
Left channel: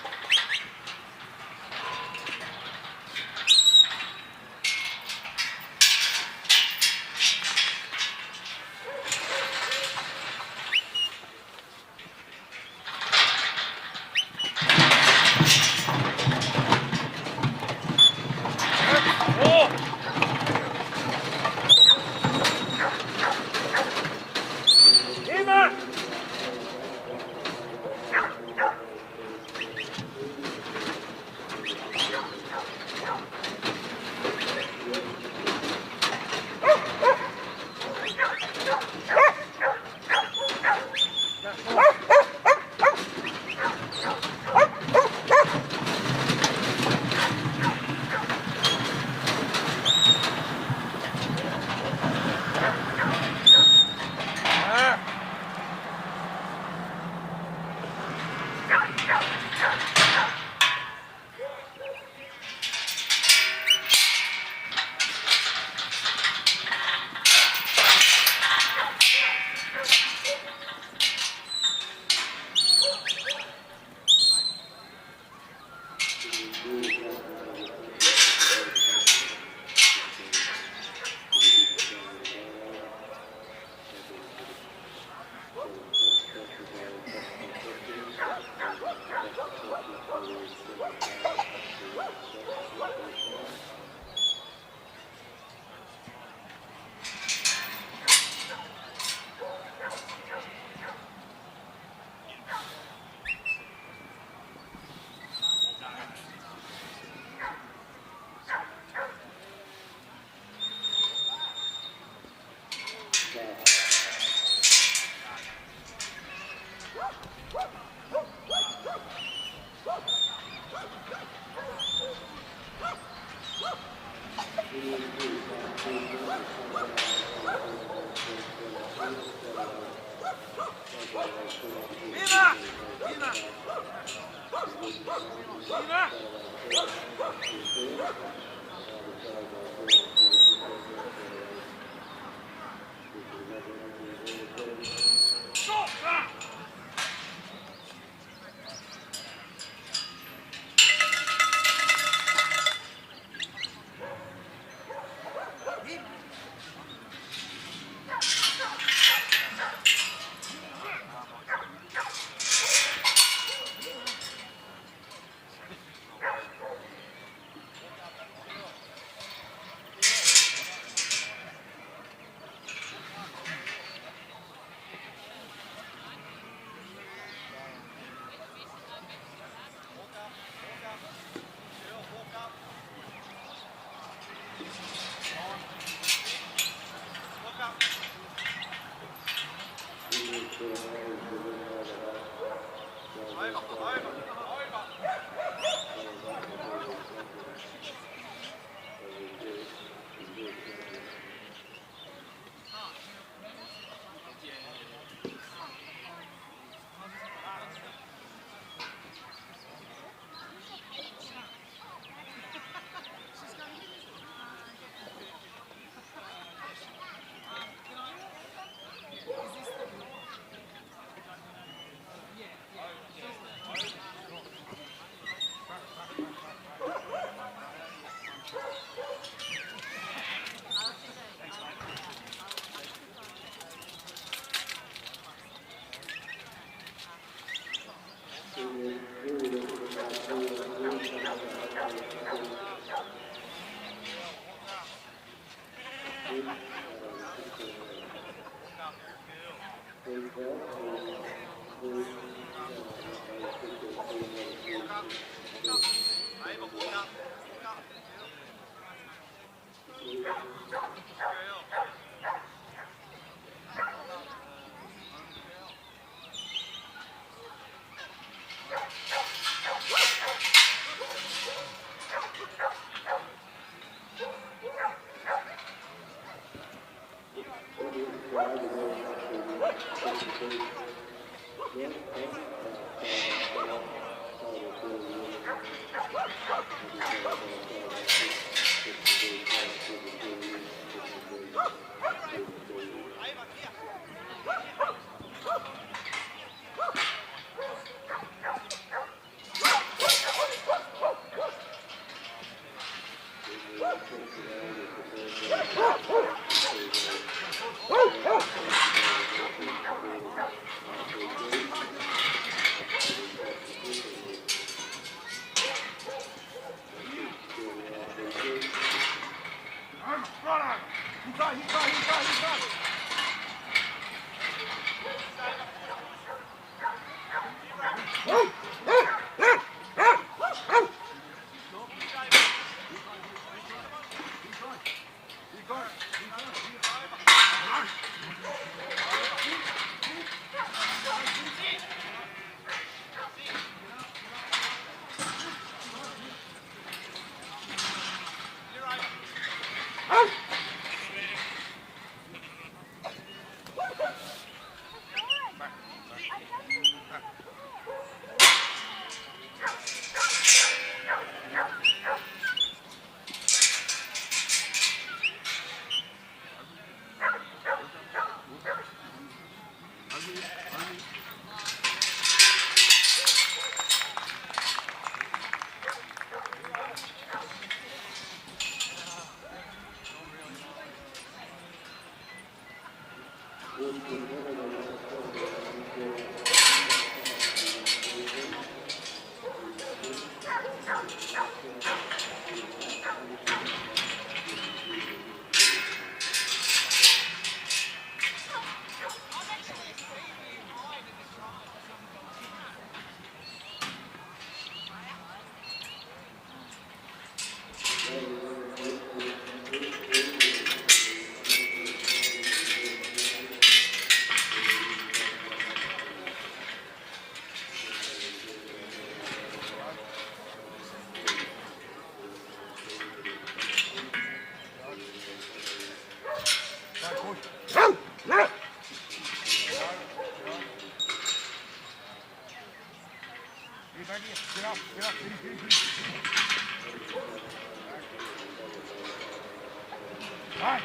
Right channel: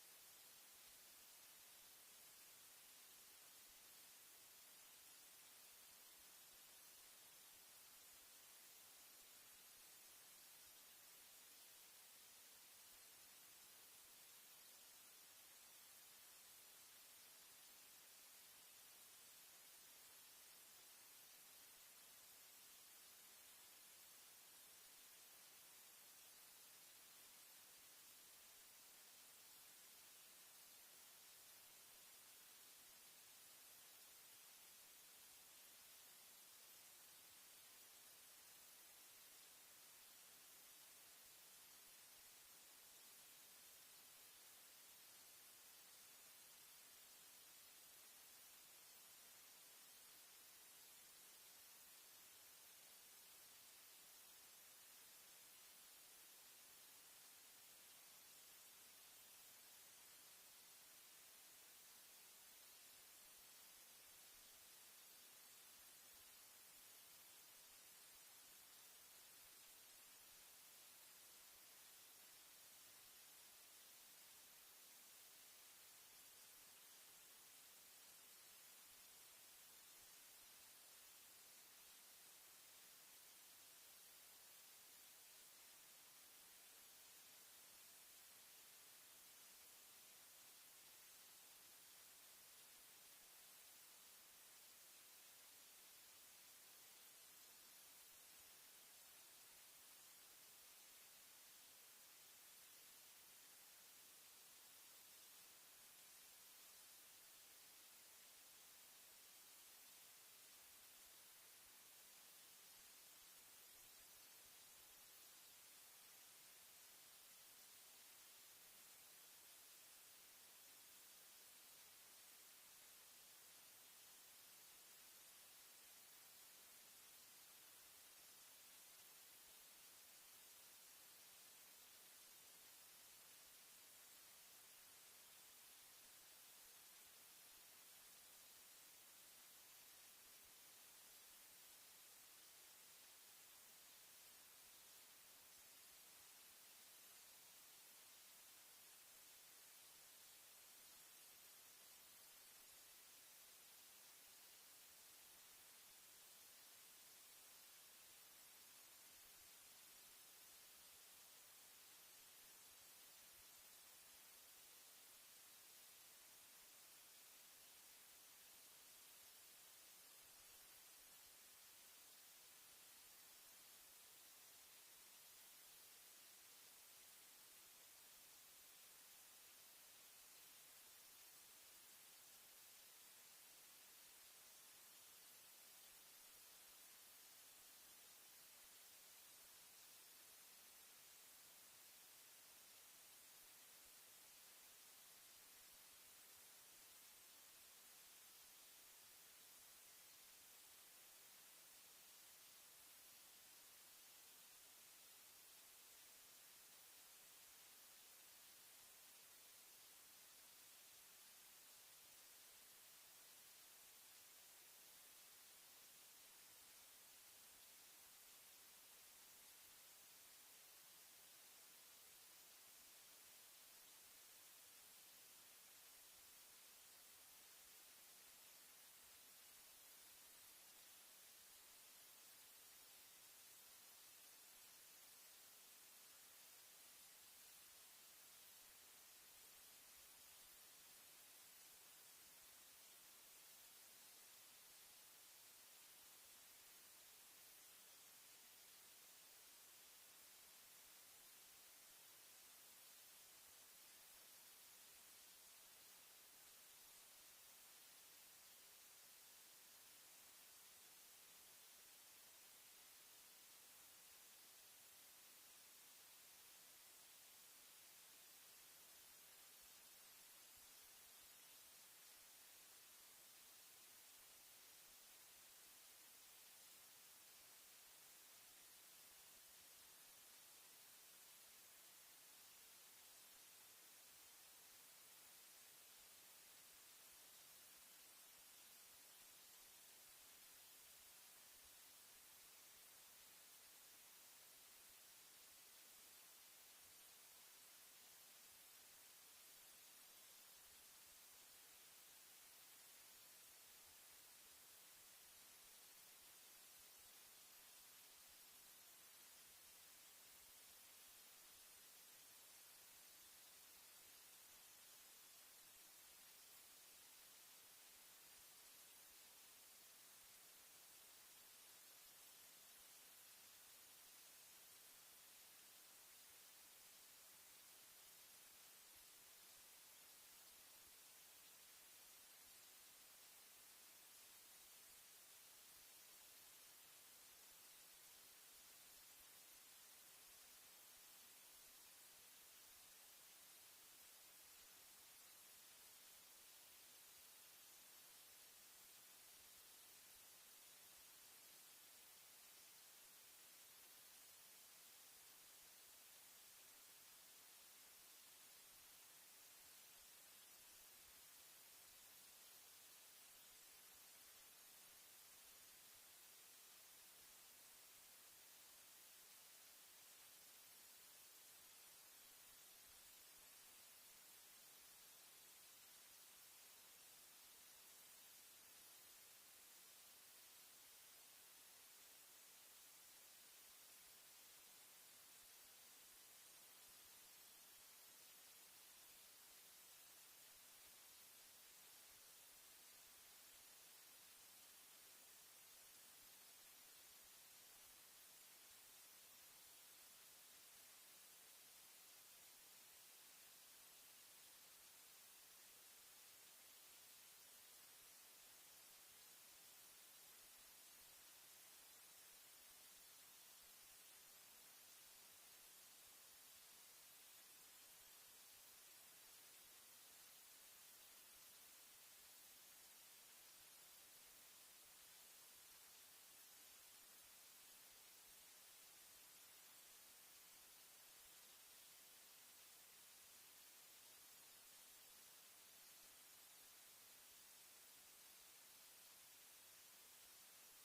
Stop,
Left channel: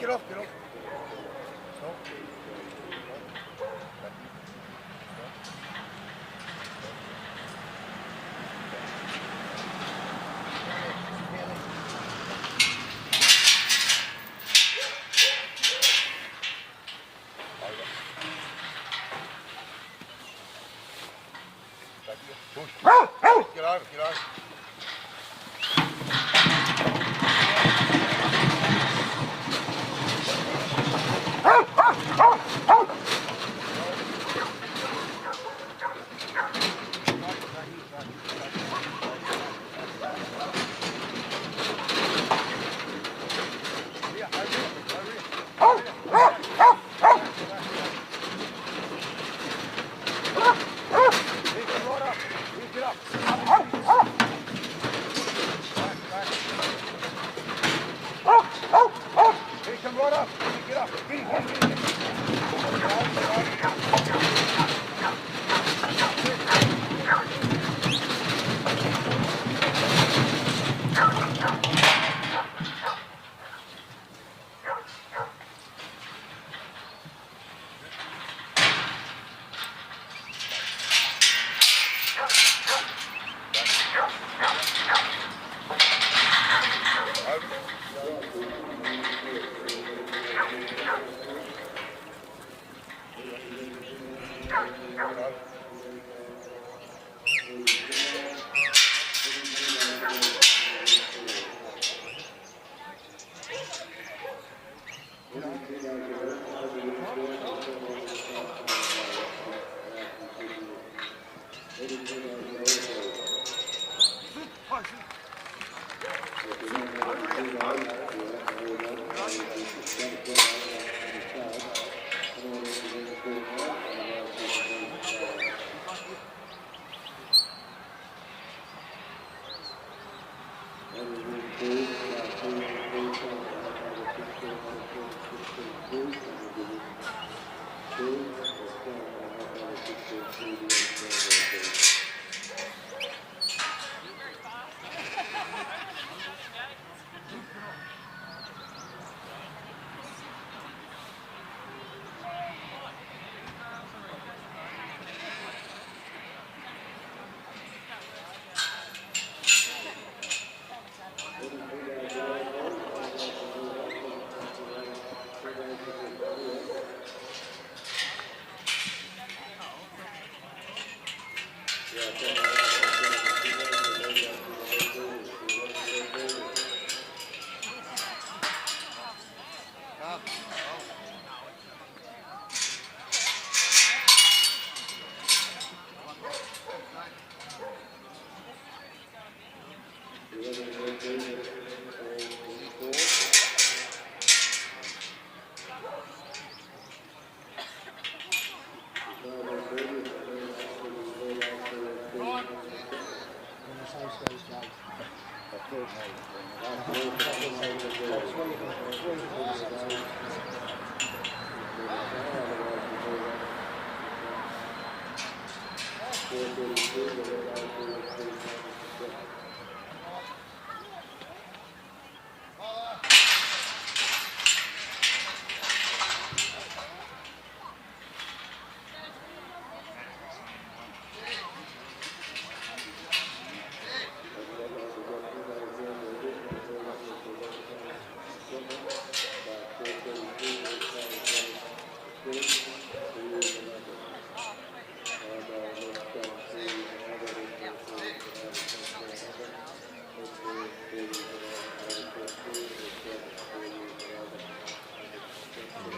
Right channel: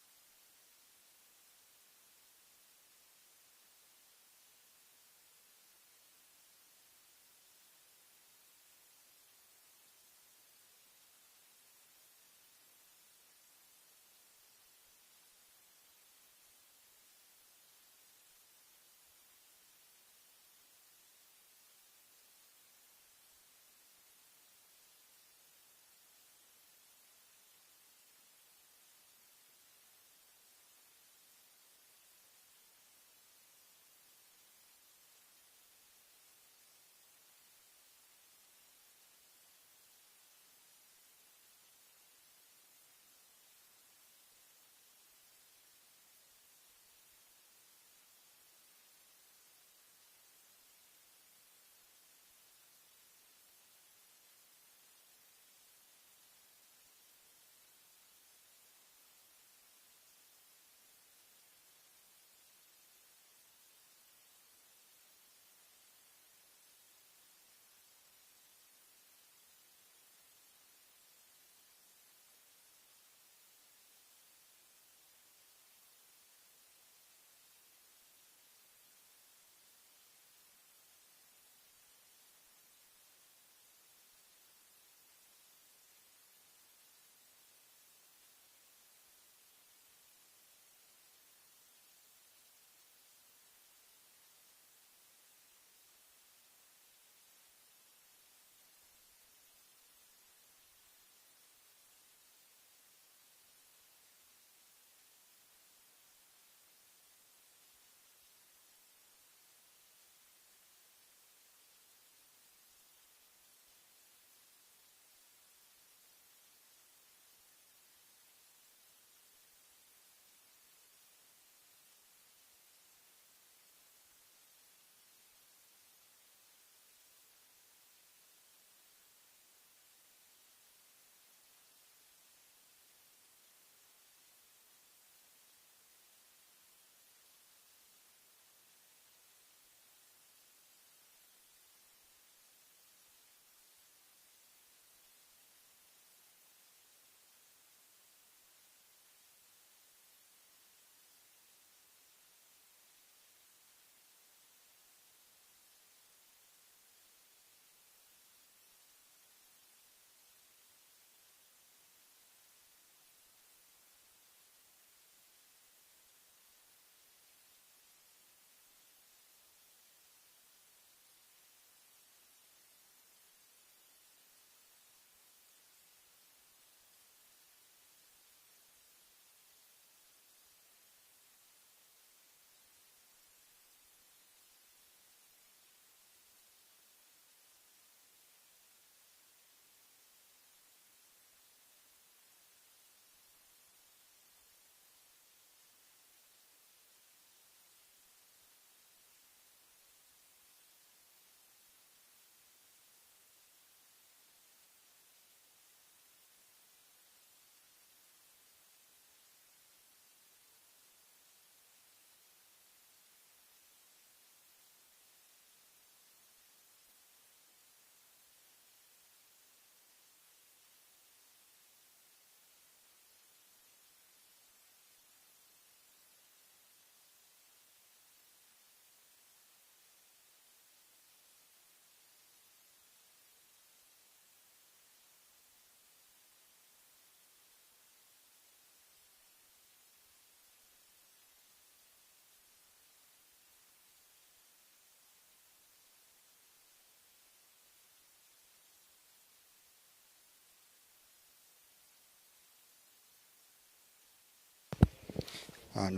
get off, get off. Stop. Push. Get over, get over.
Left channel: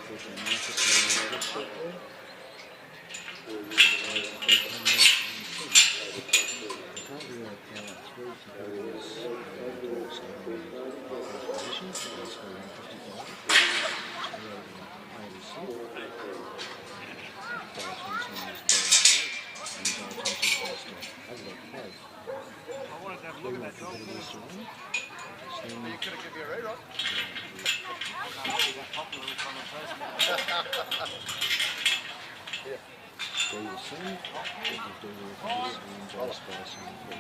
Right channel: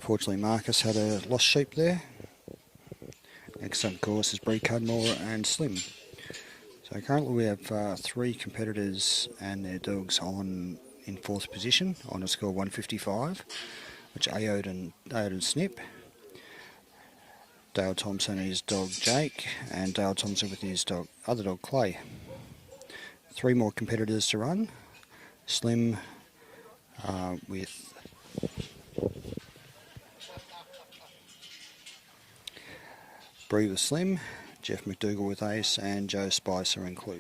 Unfortunately, Marcus had a lost sheep there. Next up, of course, is Bree, Cudmore and Slim. So currently we have 3 competitors and their dogs on in 4th position on the score 155, which Aoidh and Snip. Dale Thompson and his dog Jake, and Dale Thompson with his other dog Clay. 3 more competitors to run. Slim with Bree with Slim, Geoff McDougall with Ace, and Joe Spicer and Clue.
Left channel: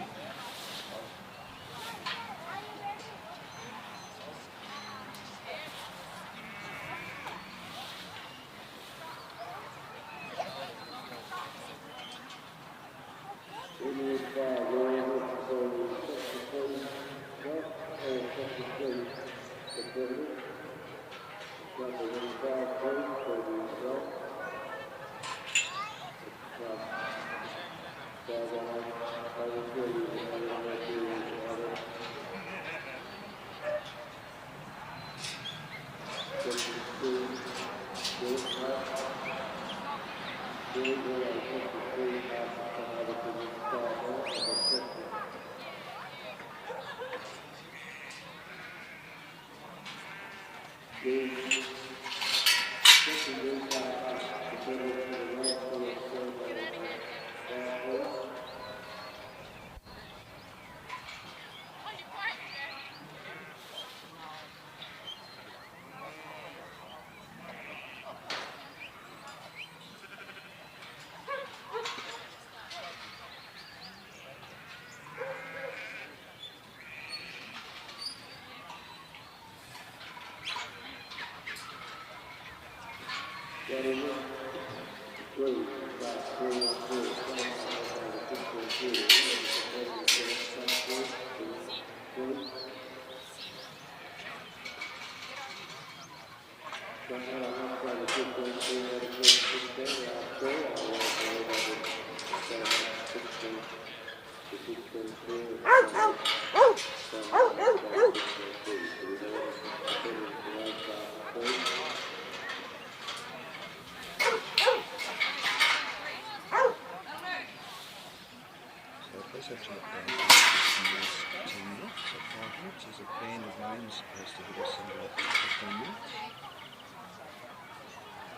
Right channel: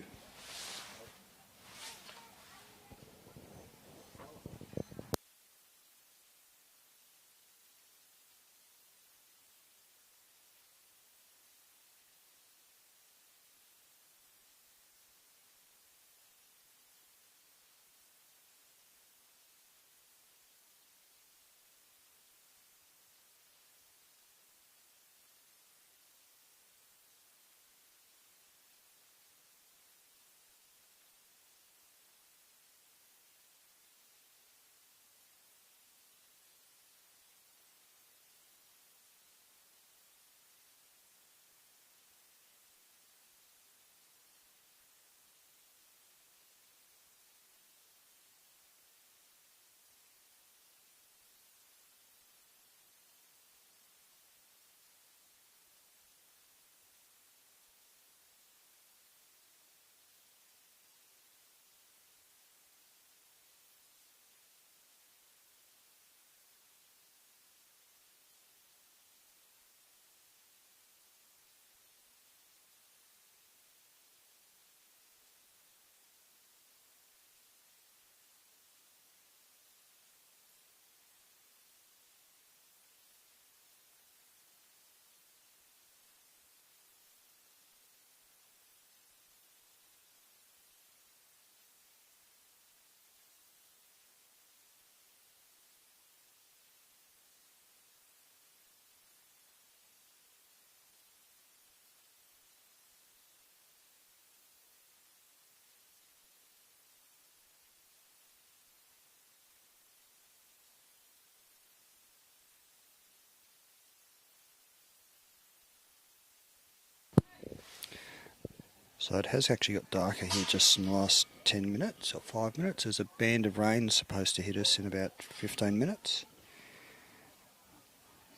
So it has actually got darker here just in the last 10 minutes, or 5 minutes. There's a band of rain supposed to hit us in about 15 minutes.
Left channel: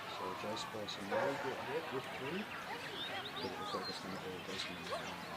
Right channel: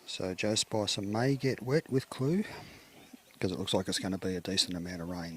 So Joe Spicer may get wet with Clue, because it looks like it's going to be a decent amount of rain.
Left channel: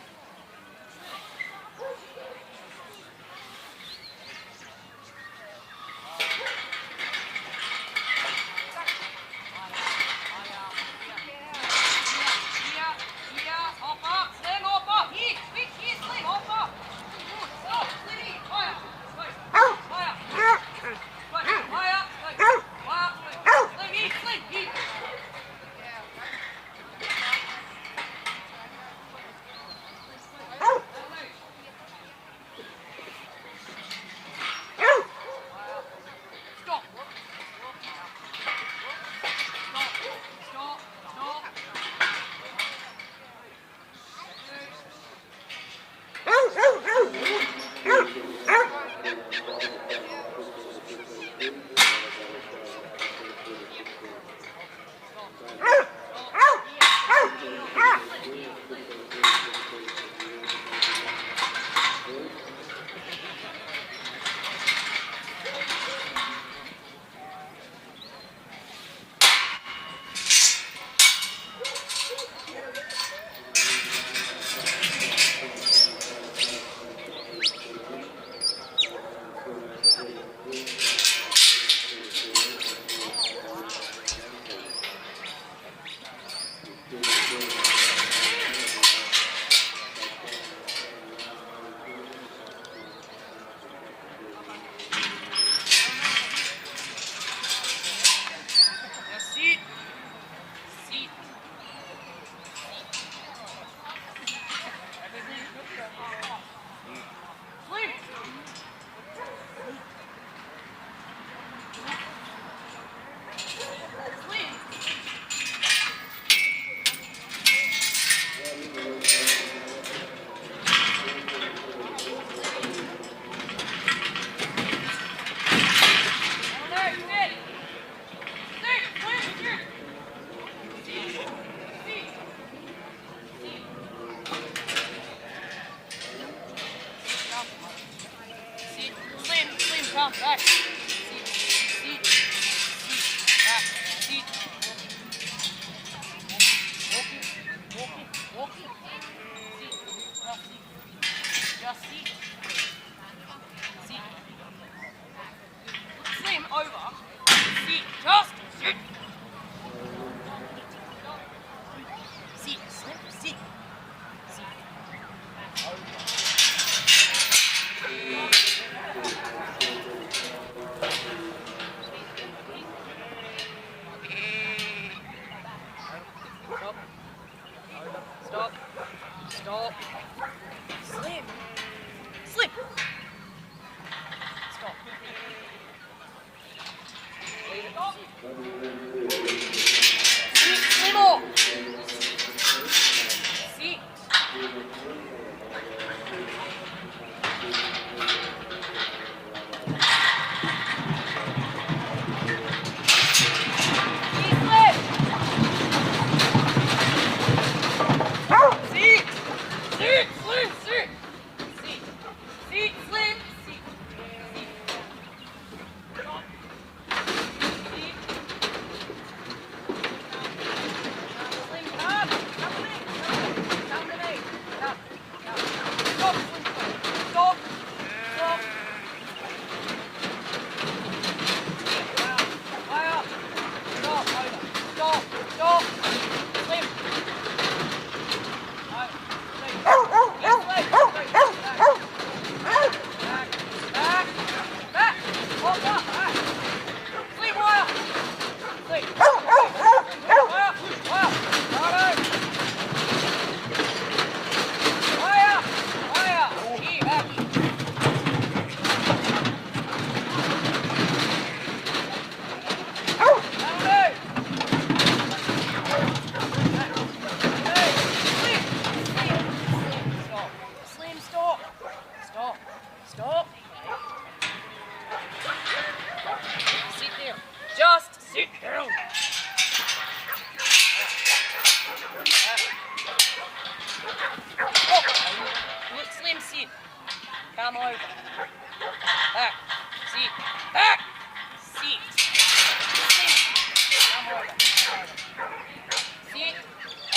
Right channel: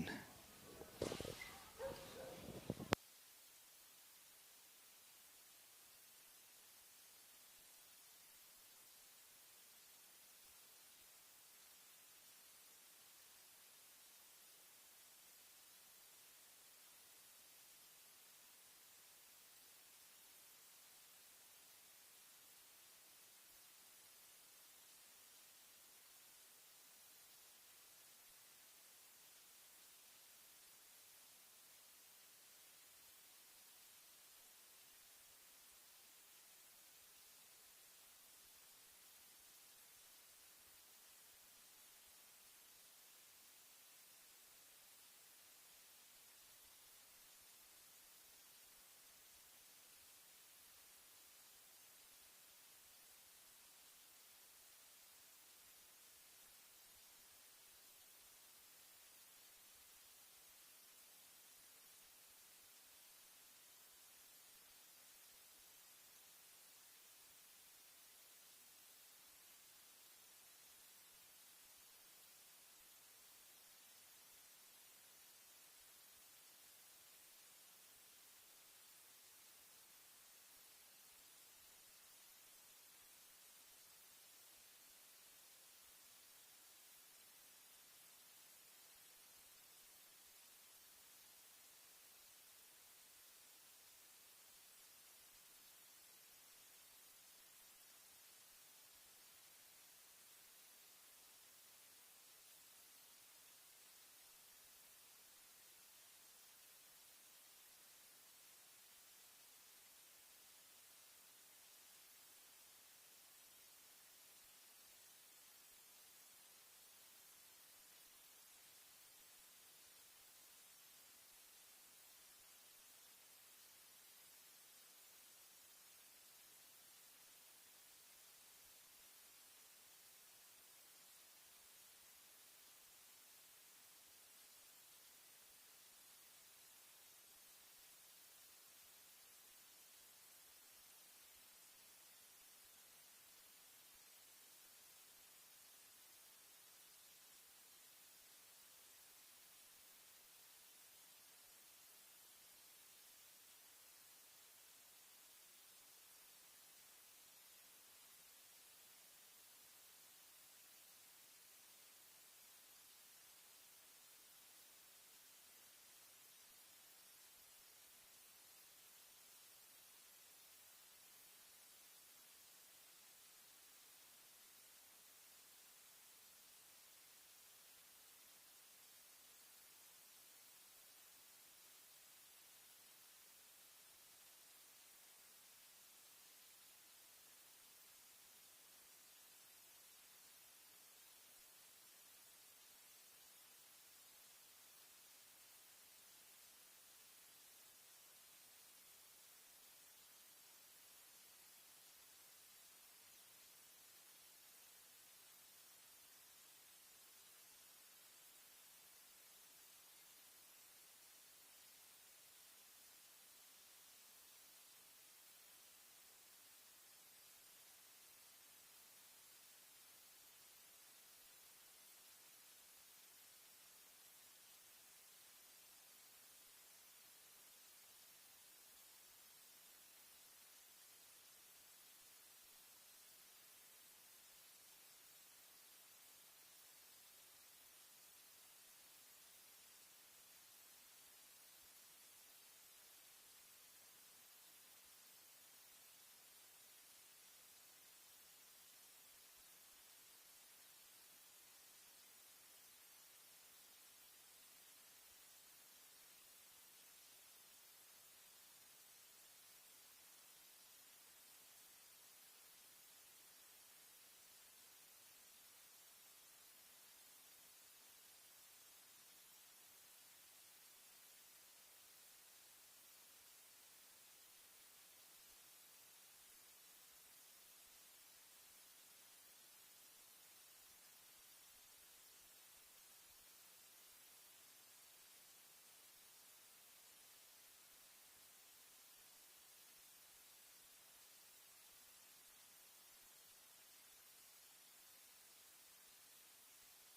Sit.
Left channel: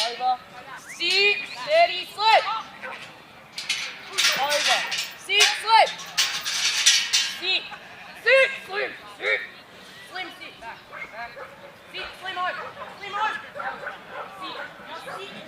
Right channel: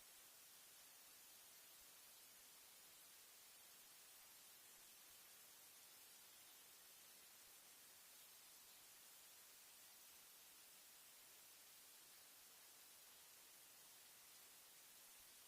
Over. Sit. Steady. Slip. Over. Sit. Slip. Sit. Sit. Slim. Sit. Slim. Sit. Back. Back. Sit. Slim over. Slim over. Sit. Sit.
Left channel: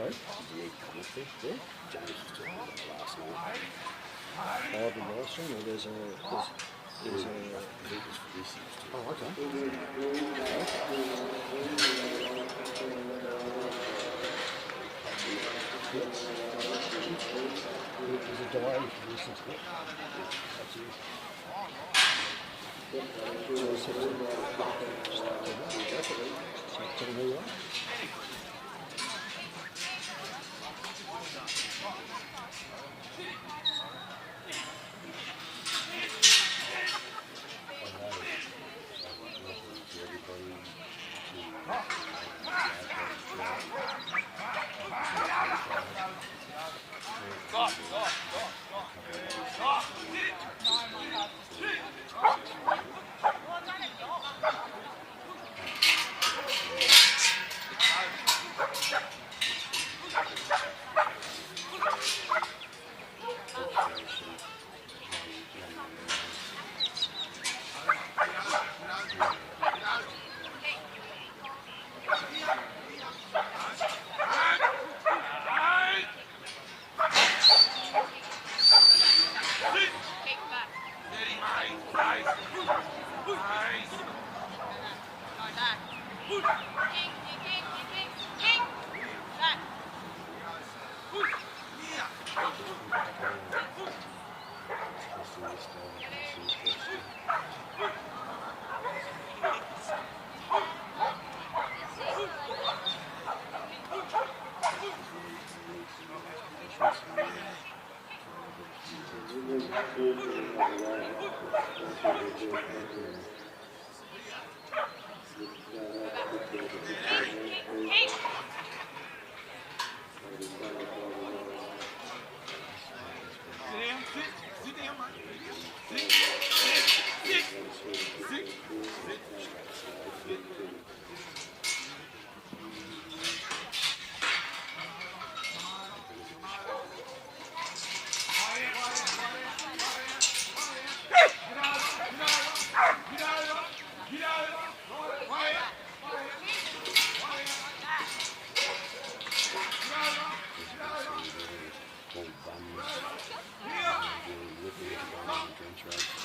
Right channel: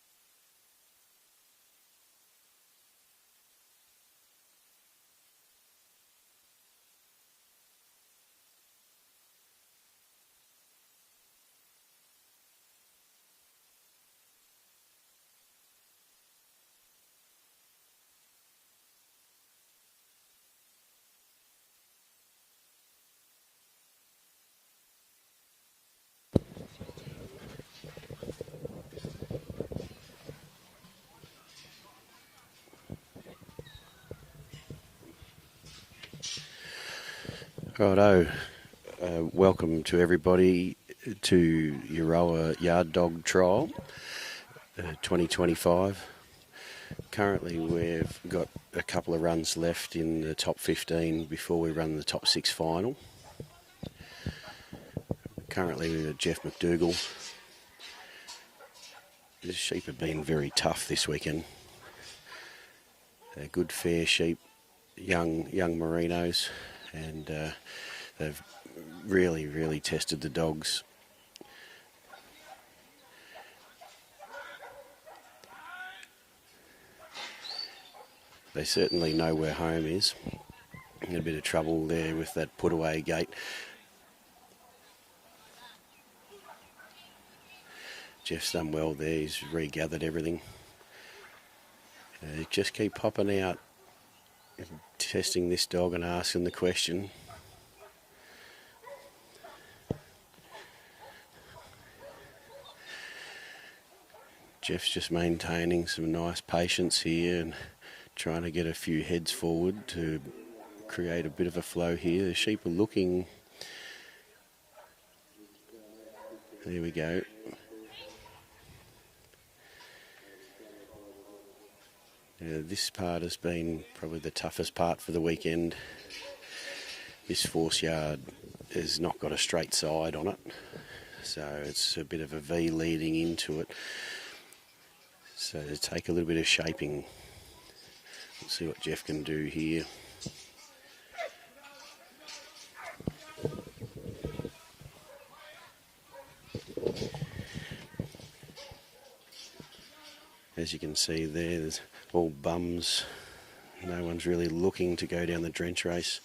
Sorry? James was talking about last night. Oh, the last one, or there's a... Oh, okay. There's a diary for this and stuff. That's it. Righto, welcome to everybody to Euroa Yard Dog Trial 2025. Currently we've got a couple of runs left in the top 15 before we run the top 6 final. Currently Geoff McDougall. The sheep have been very tough this weekend. Good fair sheep, young merinos, and they've really tested the dogs. They certainly know where home is. A bit of trouble there with that put away gate. Jeff's done well there, he's regathered everything. Just keep popping out, testing this dog and asking the question. Jeff's just maintaining some nice patience here and trying to get a few heads forward to create a bit of a flow here. The sheep are looking... Here we go. This part has been probably the toughest part for the weekend. This force yard has not got a straight side on it, so it's a bit of a V leading into it. So it'll take a little bit of shaping. See what Jeff can do here. As you can see there, there's all bums. No one's really looking to go down the drench race.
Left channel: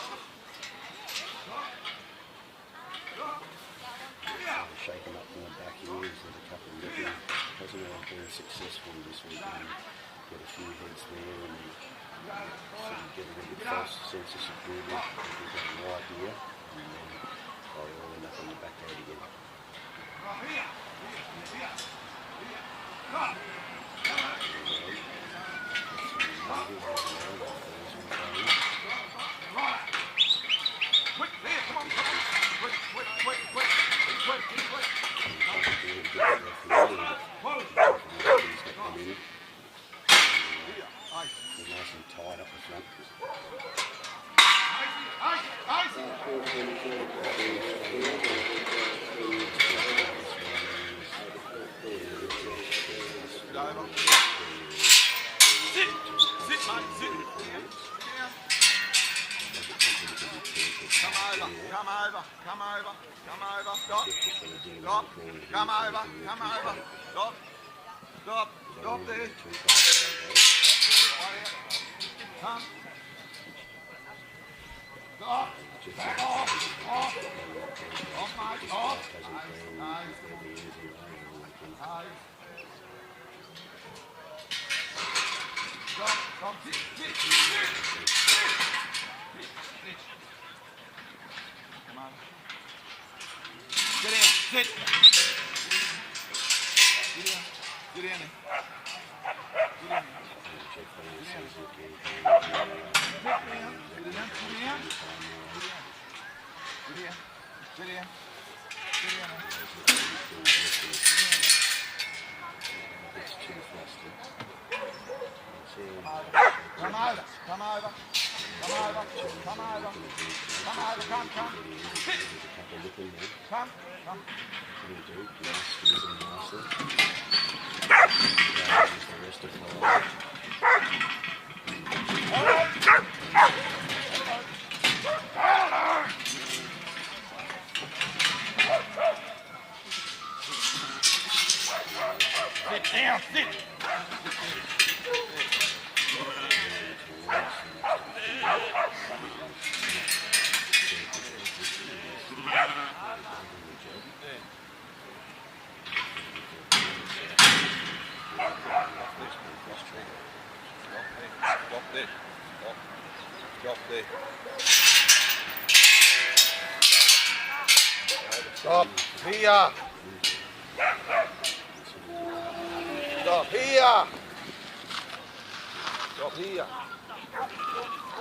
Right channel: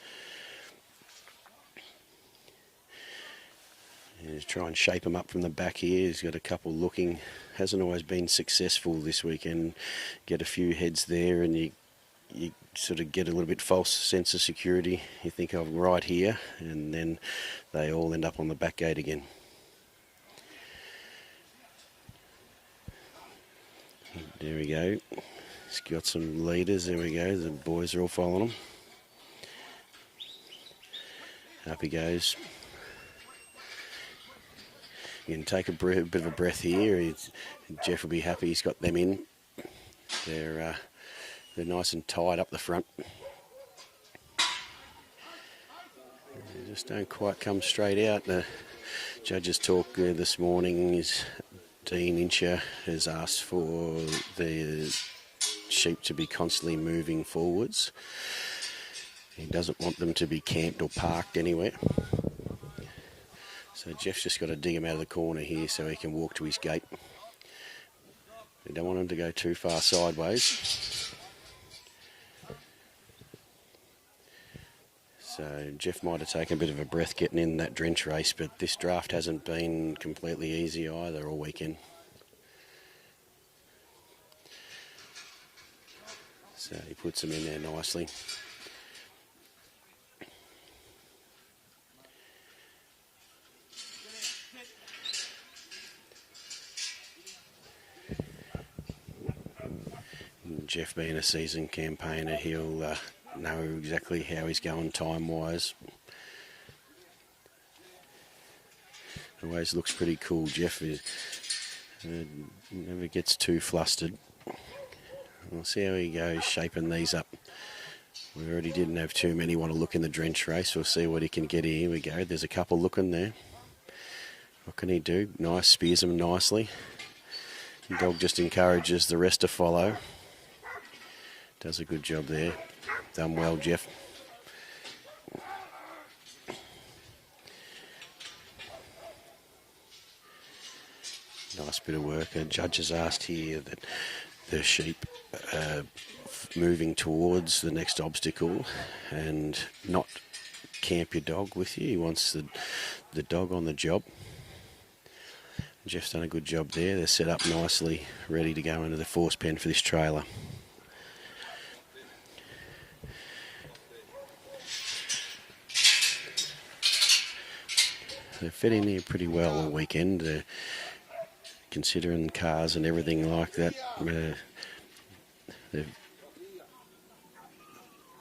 We'll try and shape him up from the back here. He's got a couple looking. Hasn't always been successful this weekend. Get a few heads there and you sort of get a little bit false sense of security. You think I'm right here, and then they all end up on the back gate again. There we go. He's got some leaders. There we go. The boys are all following him. Up he goes. He'll take a bit of a breath here. Geoff will be happy he's got them in. They're nice and tight up the front. Just don't quite come straight out. The judges talked well this morning. Dean Incher has asked for the sheep to be constantly moving forwards. He doesn't want them to be camped or parked anywhere. So Geoff's just got to dig him out of the corner here so he can walk to his gate. We don't want him to go too far sideways. So Geoff might have taken a bit of a breath getting in that drench race, but this draft hasn't been completely easy either all weekend. So he puts him in there nicely. Sit. Geoff being a seasoned campaigner, he'll know exactly how he's going time-wise. Those looks pretty cool, Geoff. When he gets too flustered, we'll see how he goes shaping these up. He already didn't have too many want to look in the drench race. We'll see what he can get here. Here we go. There's a couple looking there. What can he do? Nice, spears them nicely. The dog just encourages the rest to follow. Does a good job there. Done well, Geoff. Nice bit of work. The judges asked here that the sheep moving towards the next obstacle and not camp your dog with you. He wants the dog on the job. Geoff's done a good job there. They're set up nicely, ready to go into the force pen for this trailer. They're fitting in pretty well on the weekend, considering cars and everything like that.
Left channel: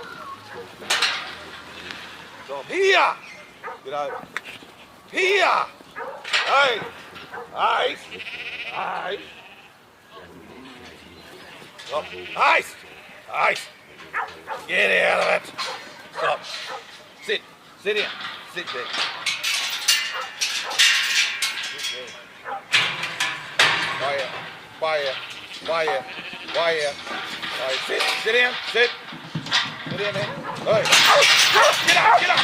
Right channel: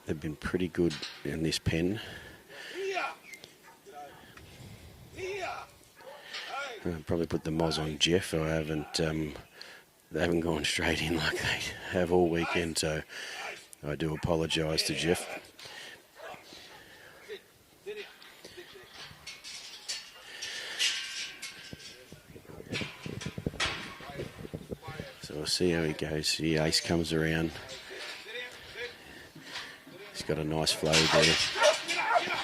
They've been pretty good in this pen. I'll probably put the mods on Geoff, so they haven't gone straight in like they have all weekend, so I do apologise to Geoff. Stop. Sit in. Sit there. So we'll see how he goes. He comes around. Sit down. Sit. He's got a nice raise there. Get up.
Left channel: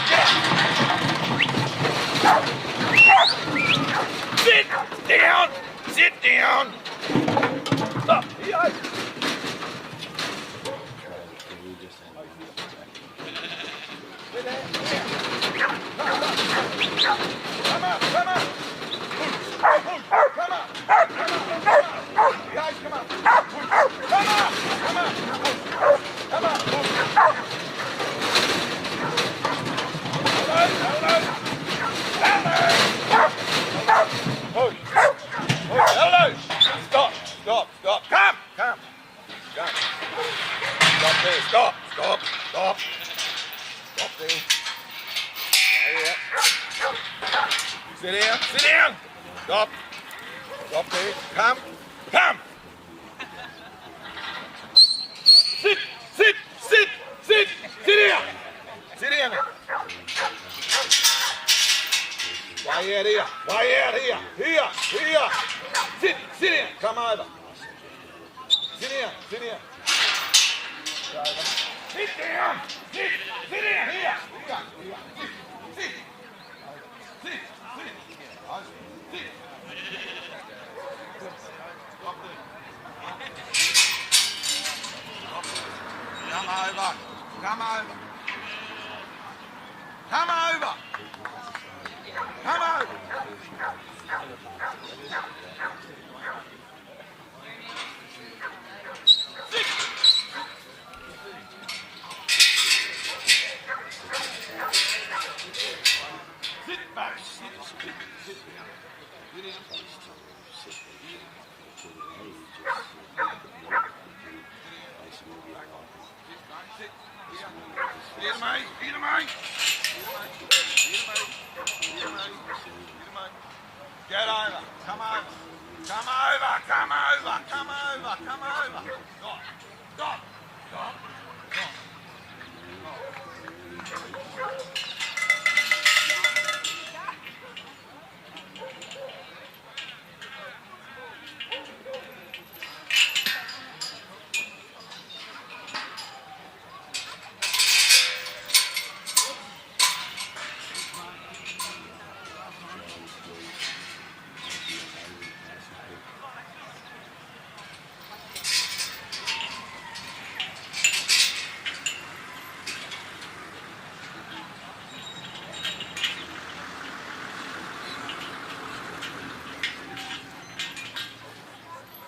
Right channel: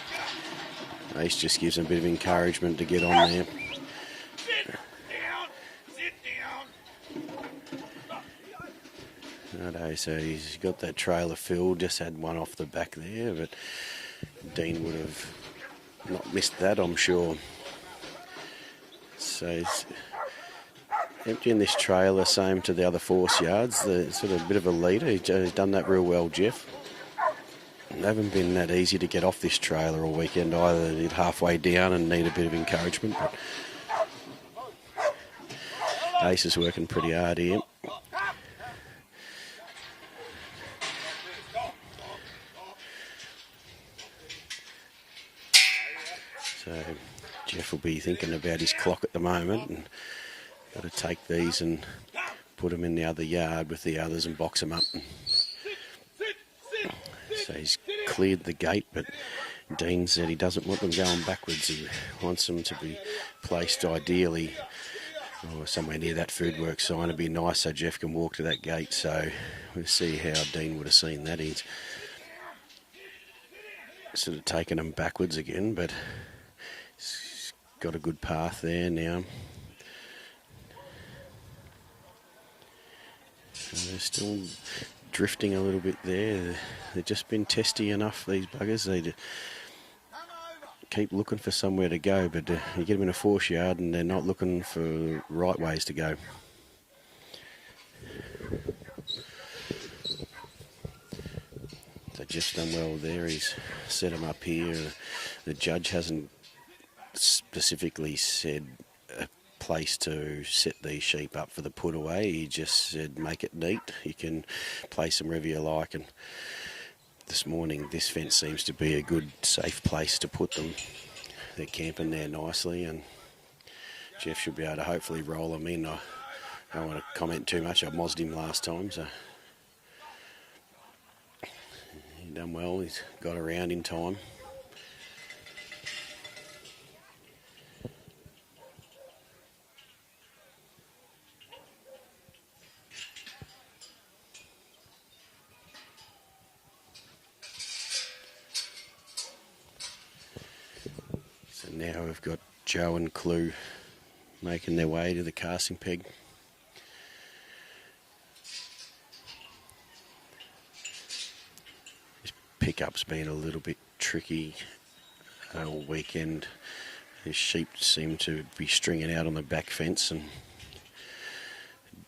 This just gives a bit of encouragement to get on there. Sit down. Stop. Okay, so he's got that trailer filled, just had one off the back there, but Dean's just about on short. So he's in this trailer, same to the other force yards. It's got a bit of a lead. He's done that real well, Geoff. It hasn't been that easy to get off this trailer all weekend. They're halfway down and need a bit of encouragement. Pace is working pretty hard here. Stop. Come. Stop there. Stop there. Geoff will be thinking about his clock at the moment. He'll take these and put them in the other yard with the others and box them up. Sit. So he's cleared the gate, but Dean said he doesn't want them going backwards. He wants them to be placed ideally somewhere near that footwork sign. It'd be nice so Geoff can walk to that gate. So we'll see how Dean would have seen that. He's sort of taking them backwards again, but he's got a good path there now. Still drifting a little bit there. They've just been testy enough. I guess they keep looking for somewhere to go, but they get them in a force yard and they're not looking for the right ways to go. Just on there, he's set them up here. The judge hasn't specifically said a place to set these sheep up for the put away. He just said make it neat. You can place them wherever you like, and this morning this fence seems to be a good safe place to put them. They're camping there nicely, and Geoff should be able to hopefully roll them in. I won't comment too much. I mozzed him last time, so done well. He's got around in time. Now we've got Joe and Clue making their way to the casting peg. Pickup's been a little bit tricky all weekend. The sheep seem to be stringing out on the back fence, and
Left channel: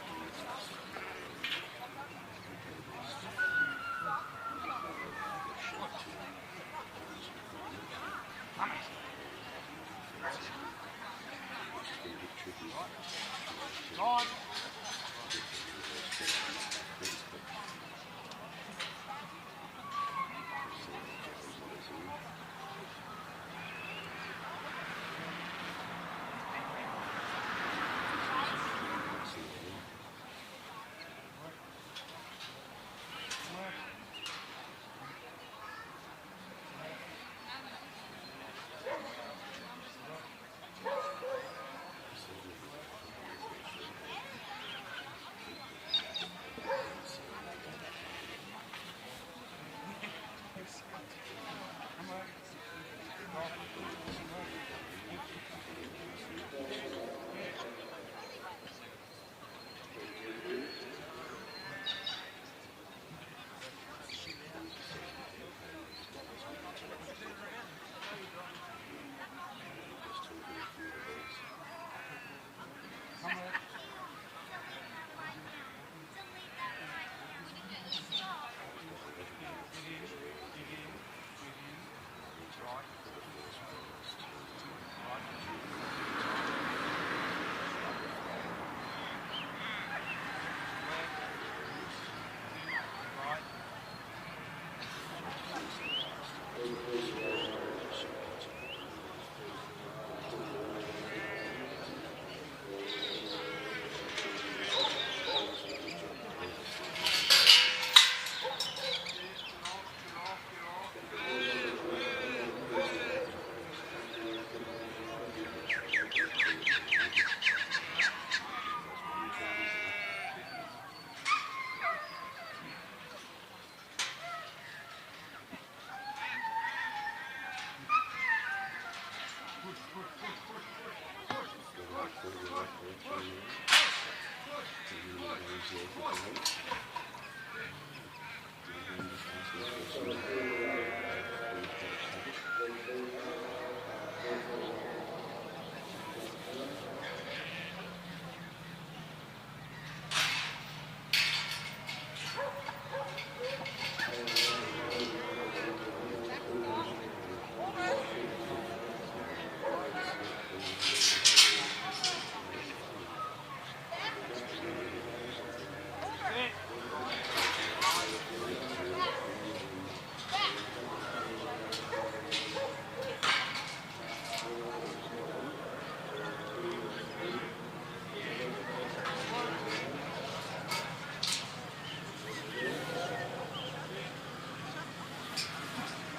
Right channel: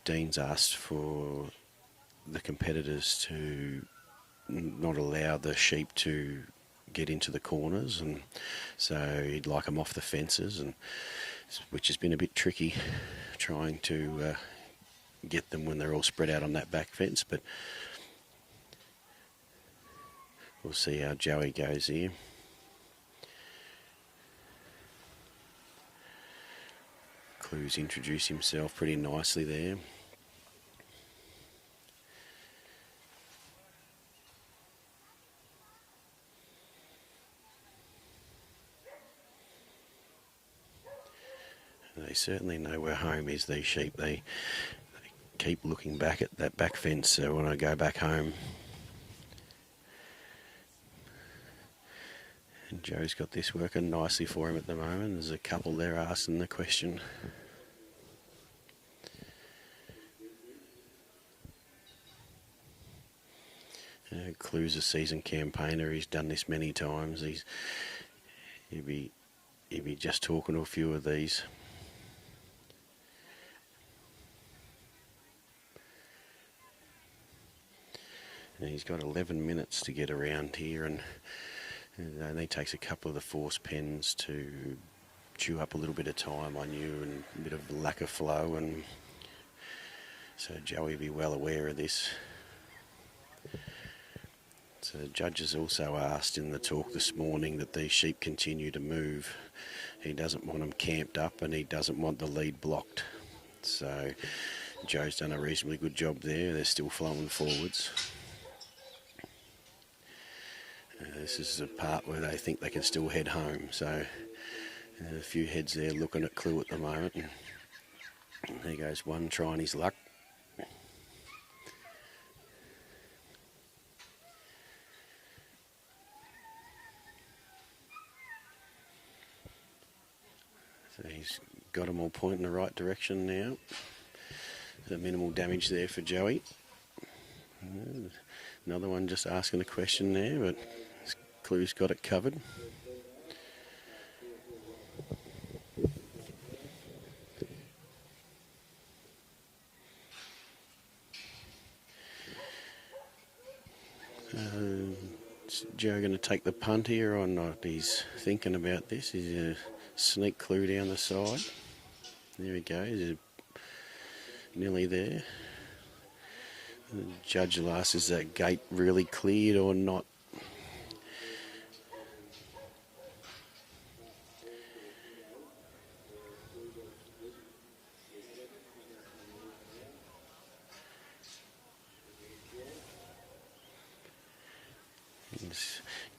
Dean's asked for the competitors to not allow the sheep to get into the corners, and so he'd like them off the fences, and which has been a bit tricky trying to get them when they're all spread out on that back fence, but we'll see how Joey goes here. He's introduced himself pretty nicely there. They certainly know where home is, these sheep. They keep looking back at that back fence, so when I go back home. Joe's got this working nicely for him at the moment. There's a couple there asking the question. You know, Clue's a seasoned campaigner. He's done this many times. He'd be just talking to a few of these. And he's got 11 minutes to get around here, and it only takes a couple of the force pens to chew up a little bit of time on a bit of lack of flow, and so Joey will be well aware of this. So the judges also asked in the talk this morning that these sheep continue to move. He doesn't want them camped up, and he doesn't want the lead blocked. So Joe's done a reasonably good job there. They're still flying forwards. This is the part where they think they can still head home, so there's a few heads there looking at Clue at the moment. And there goes one trying his luck. He's got him on point in the right direction now. The minimal damage there for Joey. Another one just asking a question there, but Clue's got it covered. Is Joe going to take the punt here or not? He's thinking about this. He's going to sneak Clue down the side. There he goes. Nearly there. The judge asks, is that gate really cleared or not?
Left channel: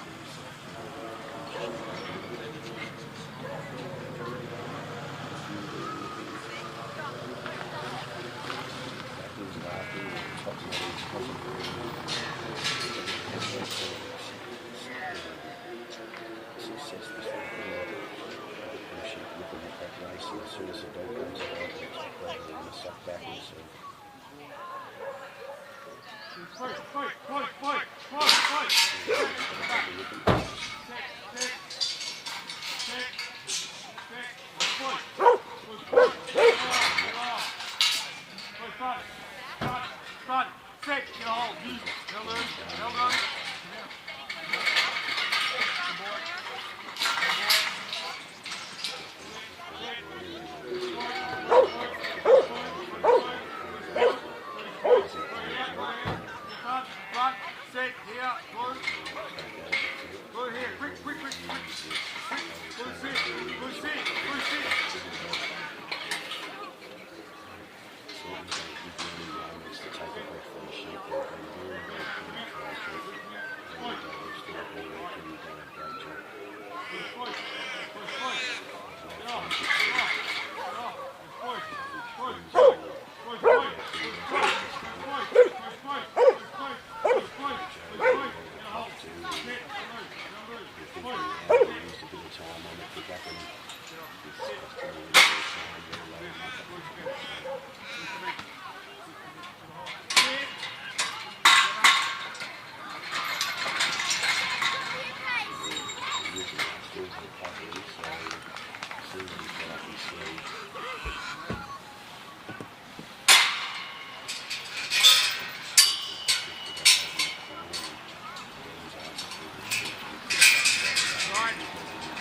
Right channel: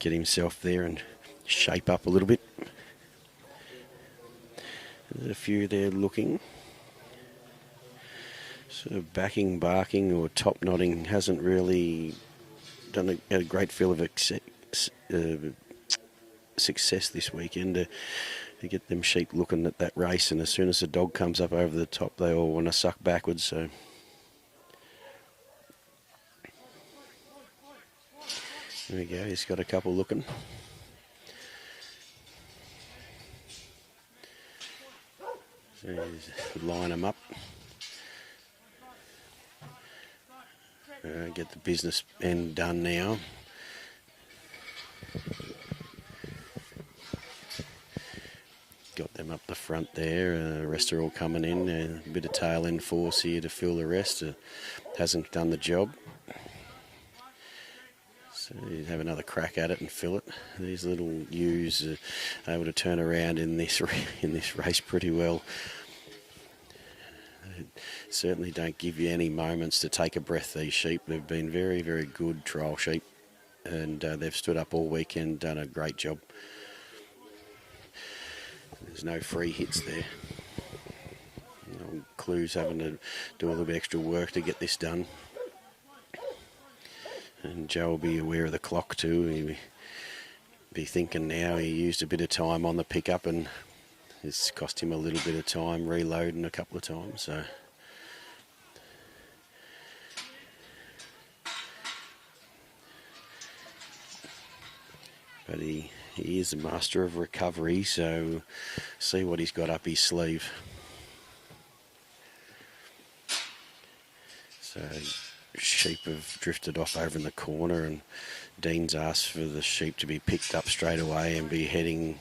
Get himself there and shape up a little bit. A few there looking. Sort of backing, barking or top knotting hasn't really done a great feel of success this weekend to get them sheep looking at that race, and as soon as the dog comes up over the top they all want to suck backwards, so there you go, he's got a couple looking. Line them up. Get the business end done now. Got them up the front there. The rest are all coming in. A bit of tail end force here to fill the rest. Hasn't done the job. So we have another crack at it and fill it. These little ewes are able to turn around in this race pretty well. Certainly don't give you any moments to take a breath, these sheep. They've been very, very good trial sheep, and they've stood up all weekend and done a great job. There's no free hits there. And Clue's having to do a little bit extra work to get this done. And Joe will be aware of the clock too. He'll be thinking now he used a bit of time on the pickup, and it's cost him a little bit of time reloading a couple of times. So. He is a master of recovery, so see what he's got up his sleeve. So sheep have drifted off over in the corner, and Dean's asked for the sheep to be picked up straight away and be heading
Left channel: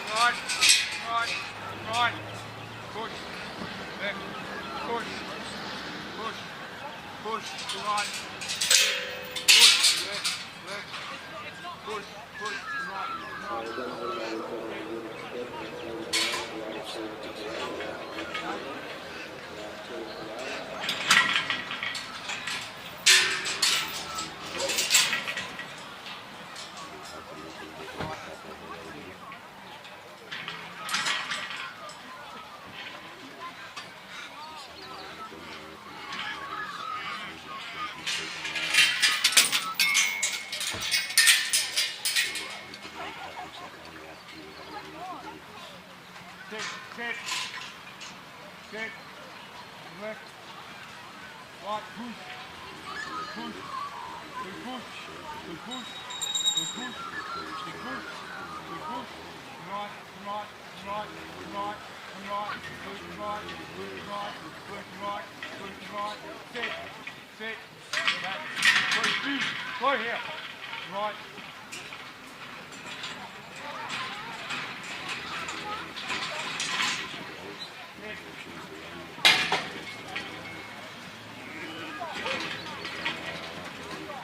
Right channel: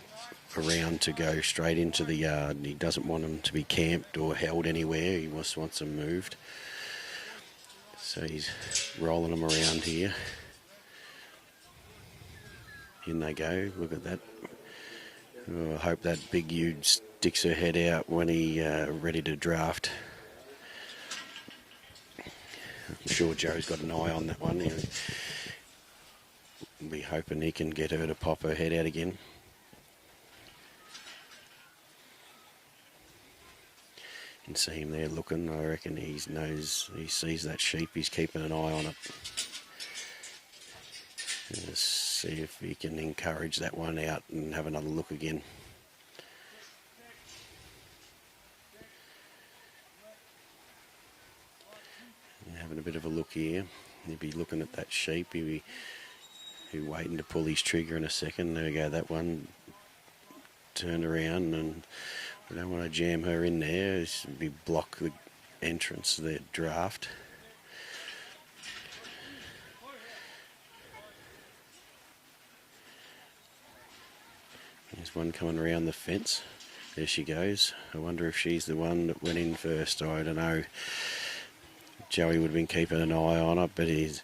around to go straight into the yard. He doesn't want them to be camped or held anywhere, he just wants them moved. So he's rolling them around here. In they go, look at that. We'll hope that big ewe sticks her head out when he's ready to draft. I'm sure Joe's got an eye on that one. We'll be hoping he can get her to pop her head out again. You see him there looking, I reckon he sees that sheep, he's keeping an eye on it. See if we can encourage that one out and have another look again. Having a bit of a look here. He'll be looking at that sheep. He'll be waiting to pull his trigger in a second. There we go, that one. Turn around, and I don't want to jam her in there. He'll be blocked with entrance to the draft. One coming around the fence. There she goes. I wonder if she's the one that went in first. I don't know. Joey had been keeping an eye on it, but he's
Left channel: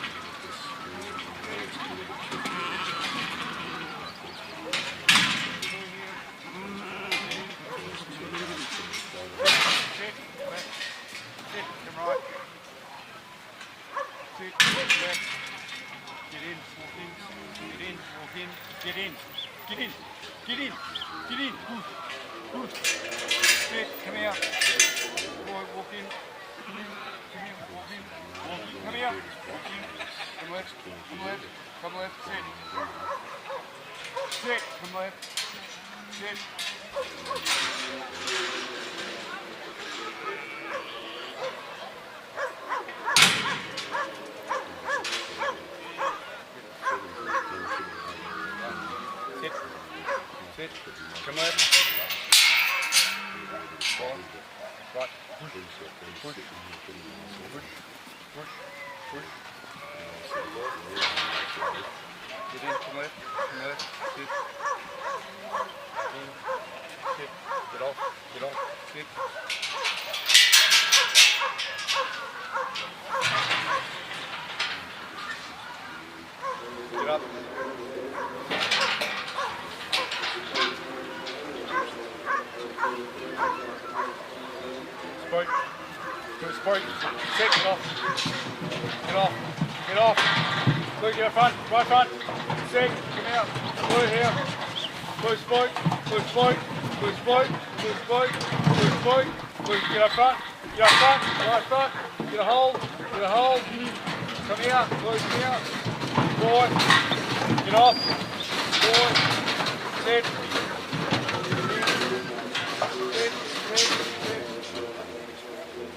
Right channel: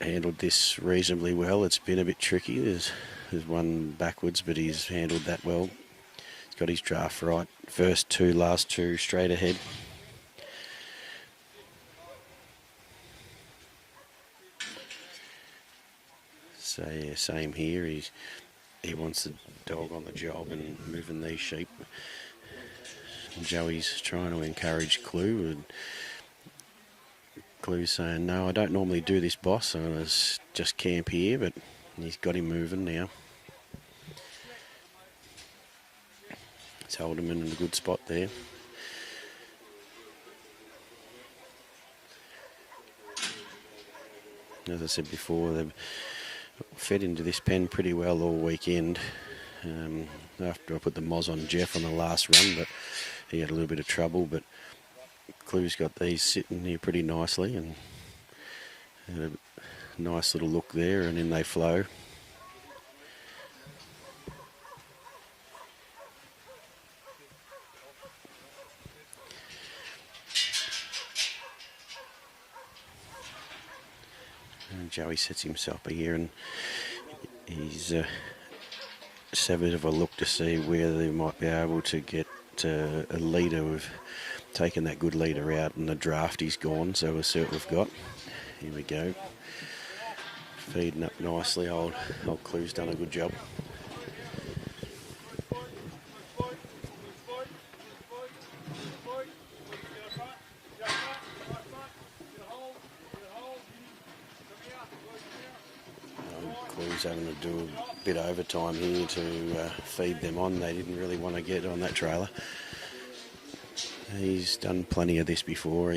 handled this reasonably well. It's been a bit tricky. He's run backwards, but he's handled that well. He's got his draft right. First two, last two, straight ahead. So yeah, same here. He wants the dog on the job and moving these sheep. Joe's trying to encourage Clue. Clue's saying, no, I don't normally do this, boss. I just camp here, but he's got him moving now. Told him in a good spot there. As I said before, they've fed into this pen pretty well all weekend. After I put the moz on Geoff in the last one, but he had a little bit of trouble. But Clue's got these sitting here pretty nicely, and a nice little look there, and then they flow. And Joey sets himself here, and he's a bit of a look to see where they might be able to get a leader of taking that good leader out, and the draft is gone, so we'll see what we've got. Get off. Get off. Look your front. Right front. Stick. Blue here. Blue spook. Blue spook. Blue spook. Blue spook. Blue spook. Blue. Get up front. Get up front. Right front. Get a hold. Get a hold. Come here. Blue, come here. Forward. Get off. Forward. Sit. He's done plenty of this before.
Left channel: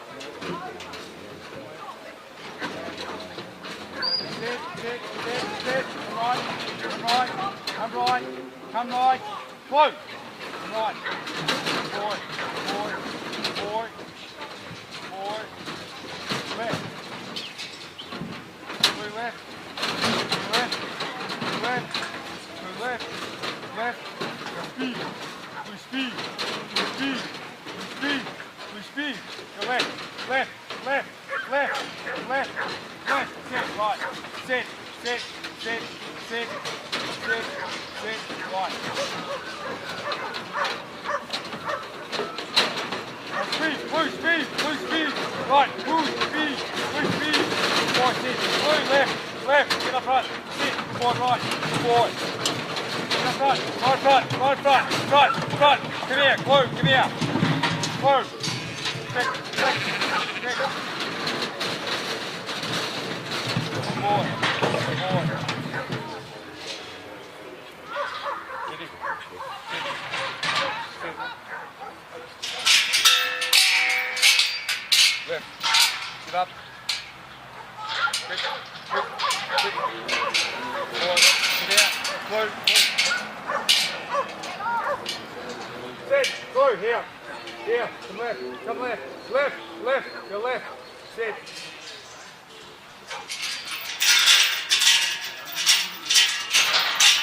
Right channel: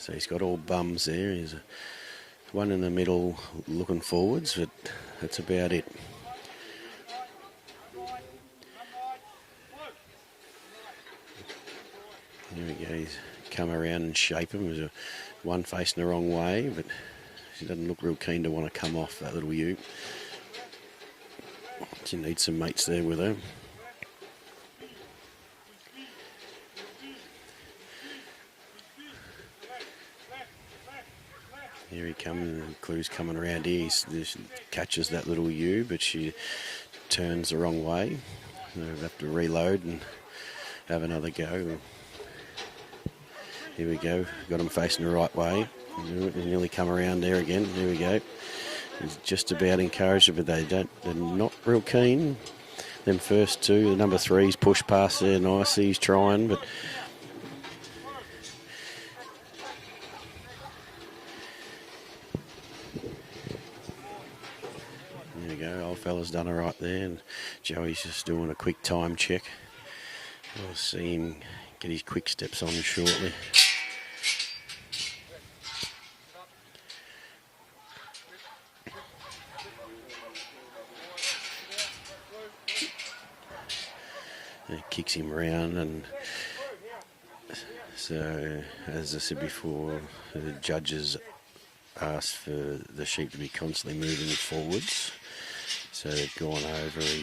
So he's got all bums there. He's run in the middle, looking forwards, but that's about it. Right. Come right. Come right. Float. Right. Coming around and shaping. There's one facing the wrong way. He doesn't look real keen to want to come off that little ewe. So need some mates there with him. Left. Speed. Speed. Speed. Speed. Speed. Go left. Left. Left. Left. Yeah, Crew's coming around here. He catches that little ewe, but she turns the wrong way. Have to reload and have another go. There we go. Let him face me the right way. We're coming around here again. Just about encouraged it, but they don't. Not their keen. Then first two, number three's pushed past there nicely. He's trying. Fella's done it right there. Joey's just doing a quick time check. I'll see him get his quick steps on shortly. Left. Sit up. Quick. Quick. Quick. Forward. Sit out. He kicks him round and Go here. Here. so as I said before, the judges ask for the sheep to be constantly moving forward. So Glenlocky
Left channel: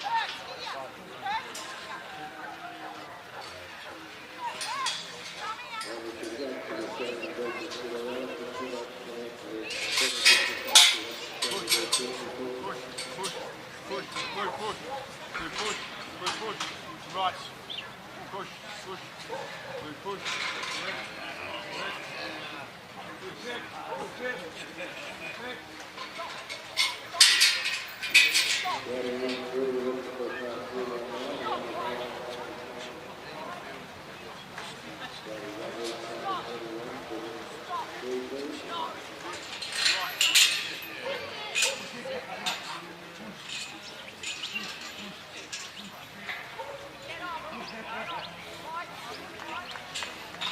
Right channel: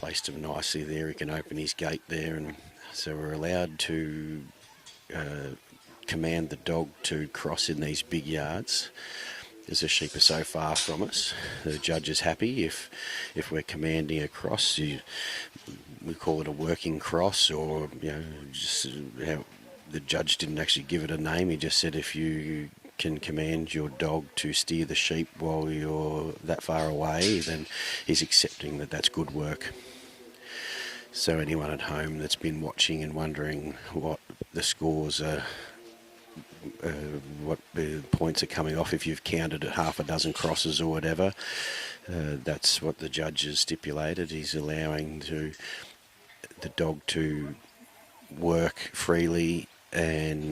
placed him nicely there. He can open his gate there, and so we're allowed to command the dog to cross in these big yards. As the sheep are so far from us, the judge is happy if we're commanding a cross. We call it a working cross, or just, the judge didn't actually give it a name. He just said if you can command your dog to steer the sheep while you're that far away, then he's accepting that that's good work. So anyone at home that's been watching and wondering what the scores are, what the points are coming off if you've counted half a dozen crosses or whatever, that's what the judge has stipulated. He's allowing the dog to work freely and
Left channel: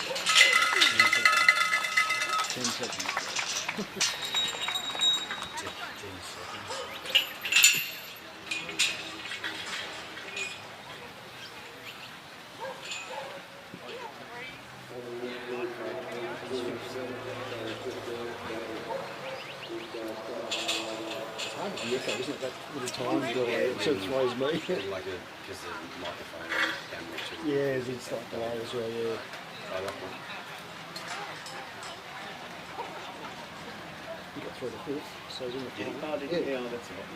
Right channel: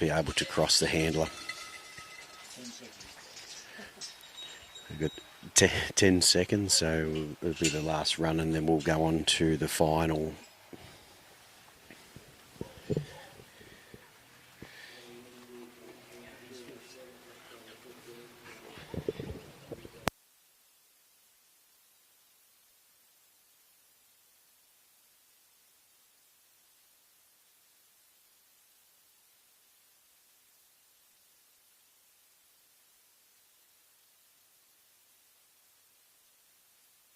be able to cross the handler. 10 seconds. We've got 10 seconds, so it'll be the last run and then we'll go on to the final. Isn't it that little time delay? It sort of throws me. Like because the microphone and the camera too. Yeah, it's like delay as well, yeah. I like one. You got through the fifth, so isn't it? Yeah, that's a lot.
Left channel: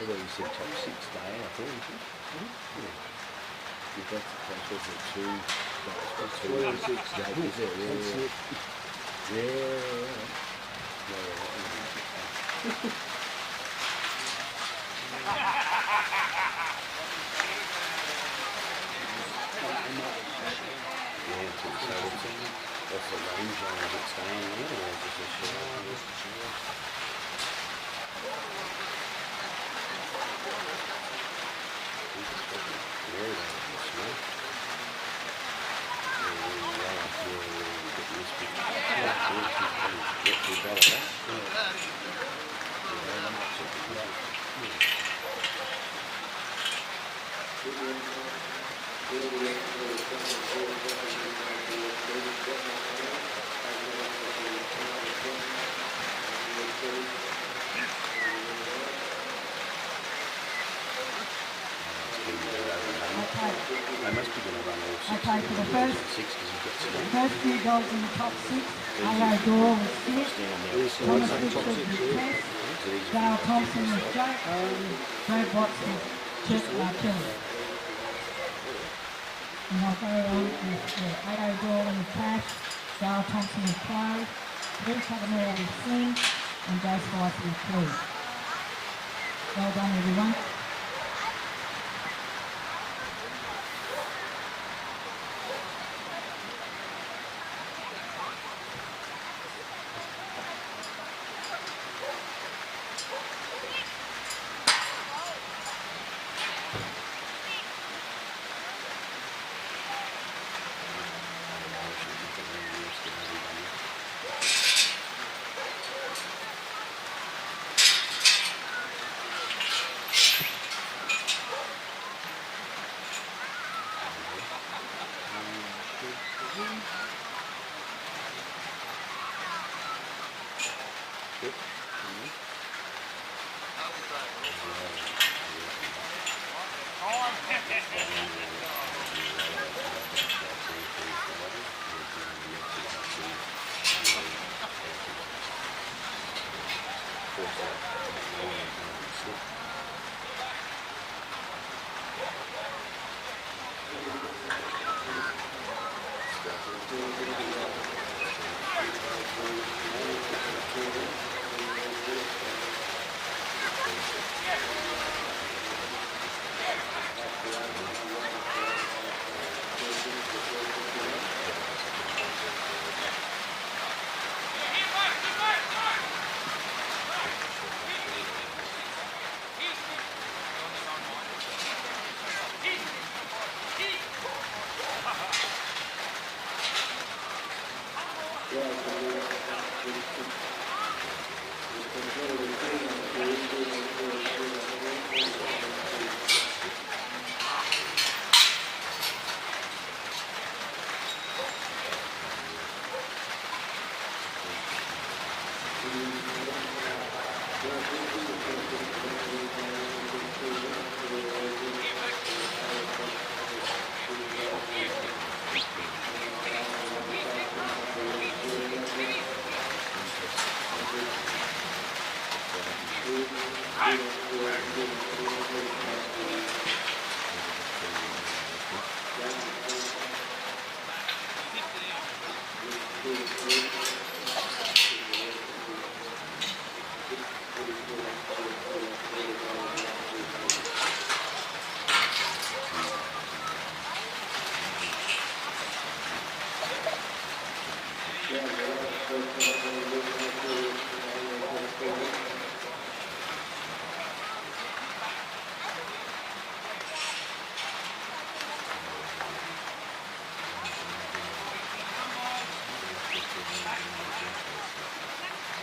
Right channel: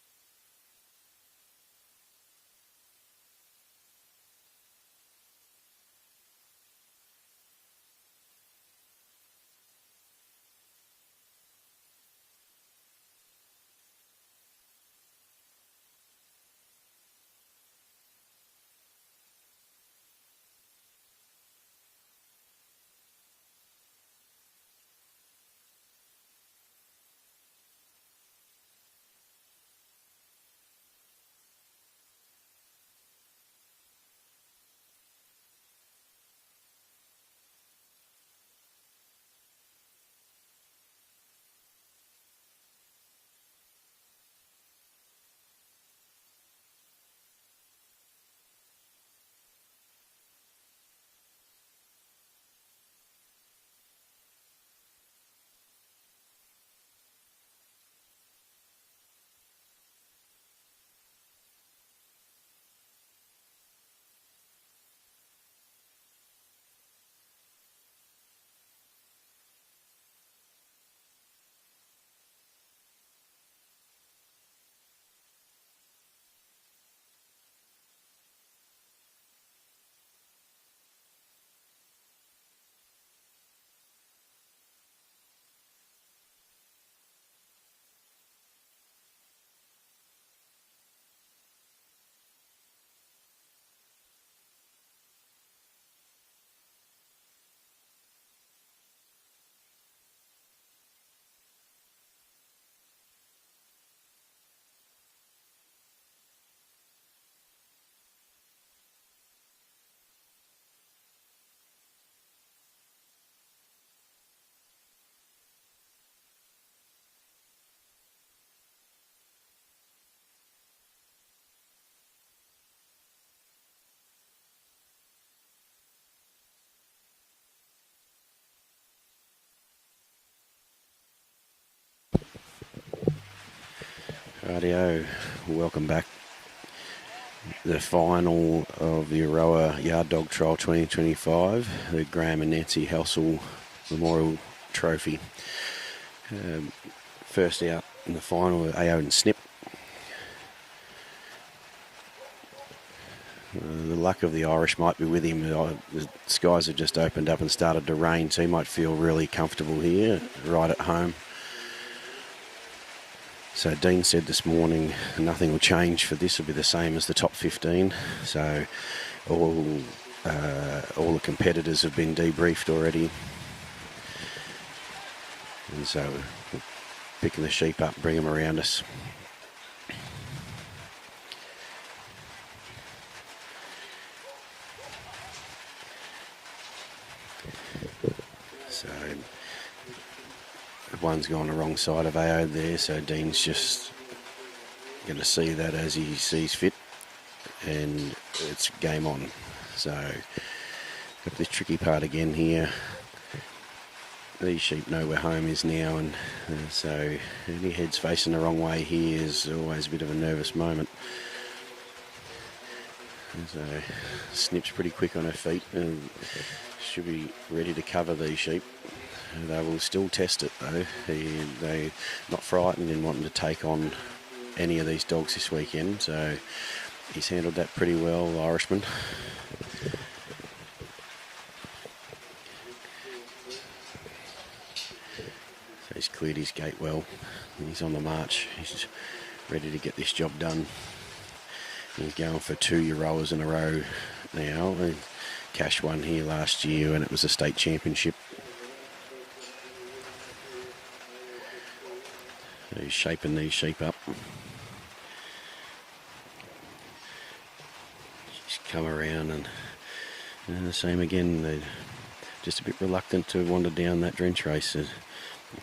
Although you said top 6 day, I thought you said. If that's the case, was it 2? That's 2 6 days, is it? Yeah. What's the range on? Is it staying there or is it just Okay, for the first few dogs in the top 6, Doyle with Snip, Thomas Richard with Tess, Thompson with Jack, Brad Watts with Kelly. And I'll go on with Aoidh Doyle with cash, Sarah Thompson with clove, Bree Cudmore with sling, and Joe Spice with clue. Well done, everyone. Rightio, welcome back. The final of the Euroa Yard Dog Trial 2025, the Graham and Nancy Halsall Memorial Trophy. First out in the final, Aoidh and Snip. The luck of the Irish might be with him. The skies have just opened up and started to rain, so he might feel really comfortable here, right at home. So Dean said this morning nothing will change for this, will be the same as the top 15. So all the competitors have been debriefed already. And so picking the sheep up, bringing them around us. One's gone the wrong side of Aoidh there, so Dean's just going to see that as he sees fit, and it's game on. So, but the tricky part again here, these sheep know where home is now, and so if your head's facing the wrong way here is always a bit of a nervous moment. Snip's pretty quick on her feet, and should be ready to cover these sheep. They will still test it though. They're not frightened and wanting to take on any of these dogs this weekend. So he's handled that pretty well, the Irishman. He's cleared his gate well. He's on the march. He's ready to get this job done. He's going for 2 Euroas in a row now. He cashed one here last year and it was a state championship. He's shaping these sheep up. Just come around and the same again. They're just a bit reluctant to wander down that drench race. A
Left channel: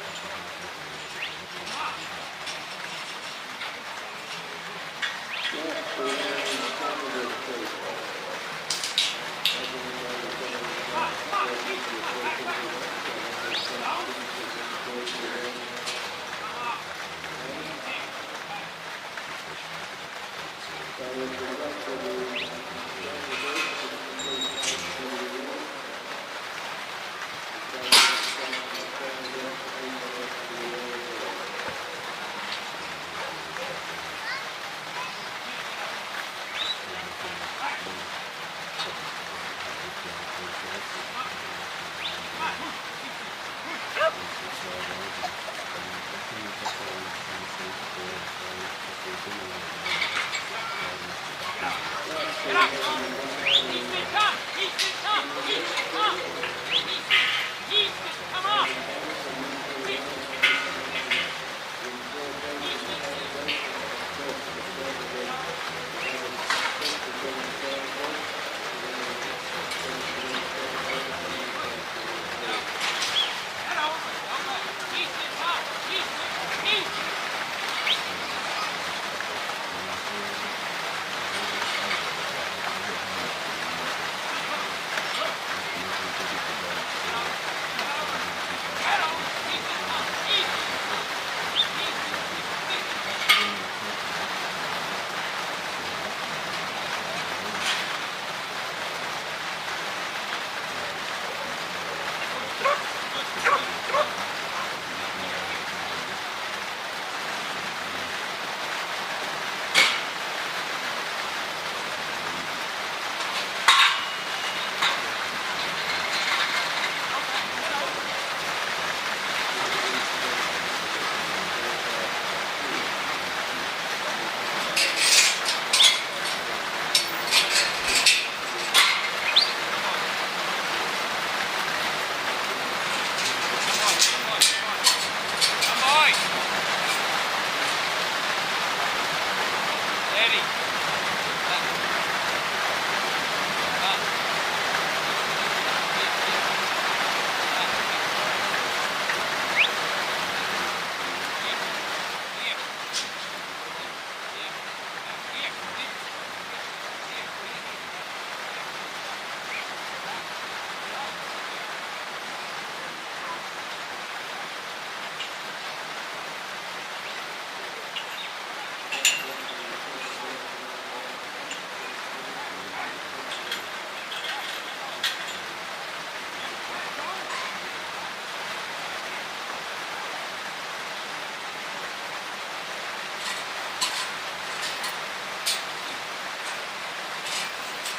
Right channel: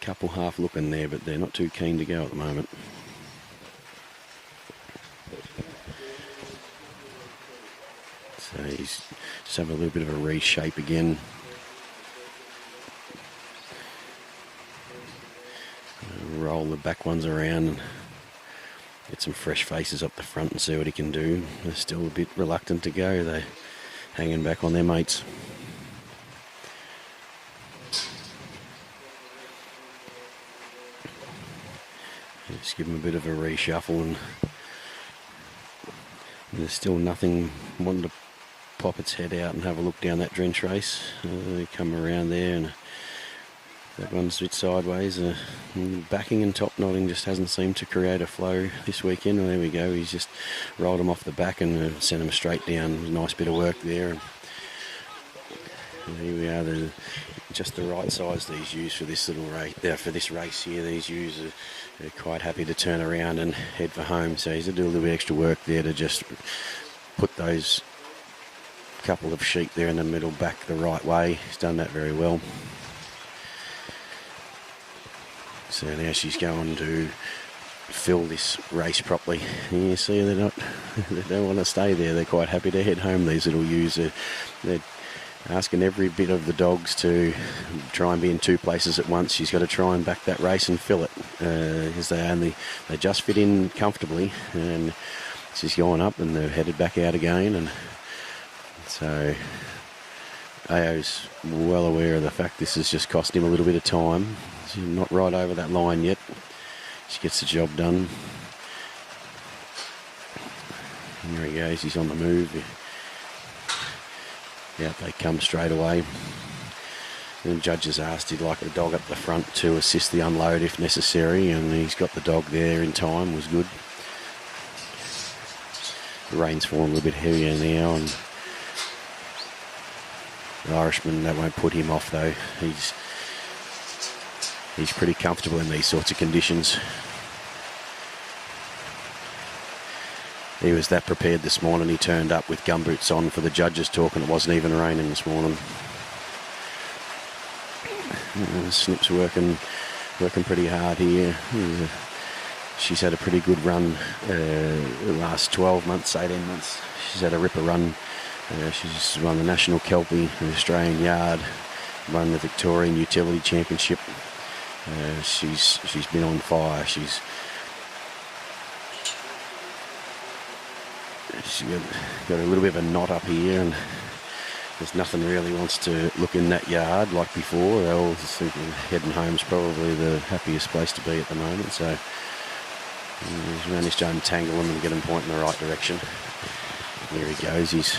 couple half looking there, but they're not too keen to go at the moment. So he's having a little bit of a reshape again. Roll the back ones around, get some fresh faces up the front and see what he can do. They're still a bit reluctant to go. They're hanging back on their mates. Just give him a bit of a reshuffle, and there's still nothing. Wanting to pop its head out and have a look down that drench race. Come around there, and that one's a bit sideways. Backing and top knotting just hasn't seemed to create a flow this weekend. Oh, there we go. He's just rolled him off the back and we'll see him straight down. A nice bit of work there. And there we are. Then just the right size that he's used for this little race. For this race here, he's usually quite happy to turn around and head for home. So he's doing a little bit of extra work there to just put those couple of sheep there in the middle back the right way. He's done that very well. So now she's going to fill this race properly. And you'll see they don't want to stay there. They're quite happy to head home, these little ewes. They're asking every bit of the dogs to try and be in 2 places at once. She's got to try and back that race and fill it. As they just fit in comfortably. And she's going up and they're headed back out again. And so Ao's well aware of the fact this is just costing a little bit of time. Not right over that line yet. Just gets the job done. And there he goes, he's on the move. They come straight away. The judges asked he'd like a dog at the front to assist the unload if necessary, and he's got the dog there in time. It was good. The rain's falling a bit heavier now, and the Irishman, that won't put him off though. He's pretty comfortable in these sorts of conditions. He was that prepared this morning. He turned up with gumboots on for the judges talk, and it wasn't even raining this morning. Snip's working pretty hard here. She's had a pretty good run the last 12 months, 18 months. She's had a ripper run. She's run the National Kelpie, the Australian Yard, run the Victorian Utility Championship. She's been on fire. She's got a little bit of a knot up here, and there's nothing really wants to look in that yard like before. I was thinking heading home's probably the happiest place to be at the moment. So he's managed to untangle him and get him pointing in the right direction. There he goes. He's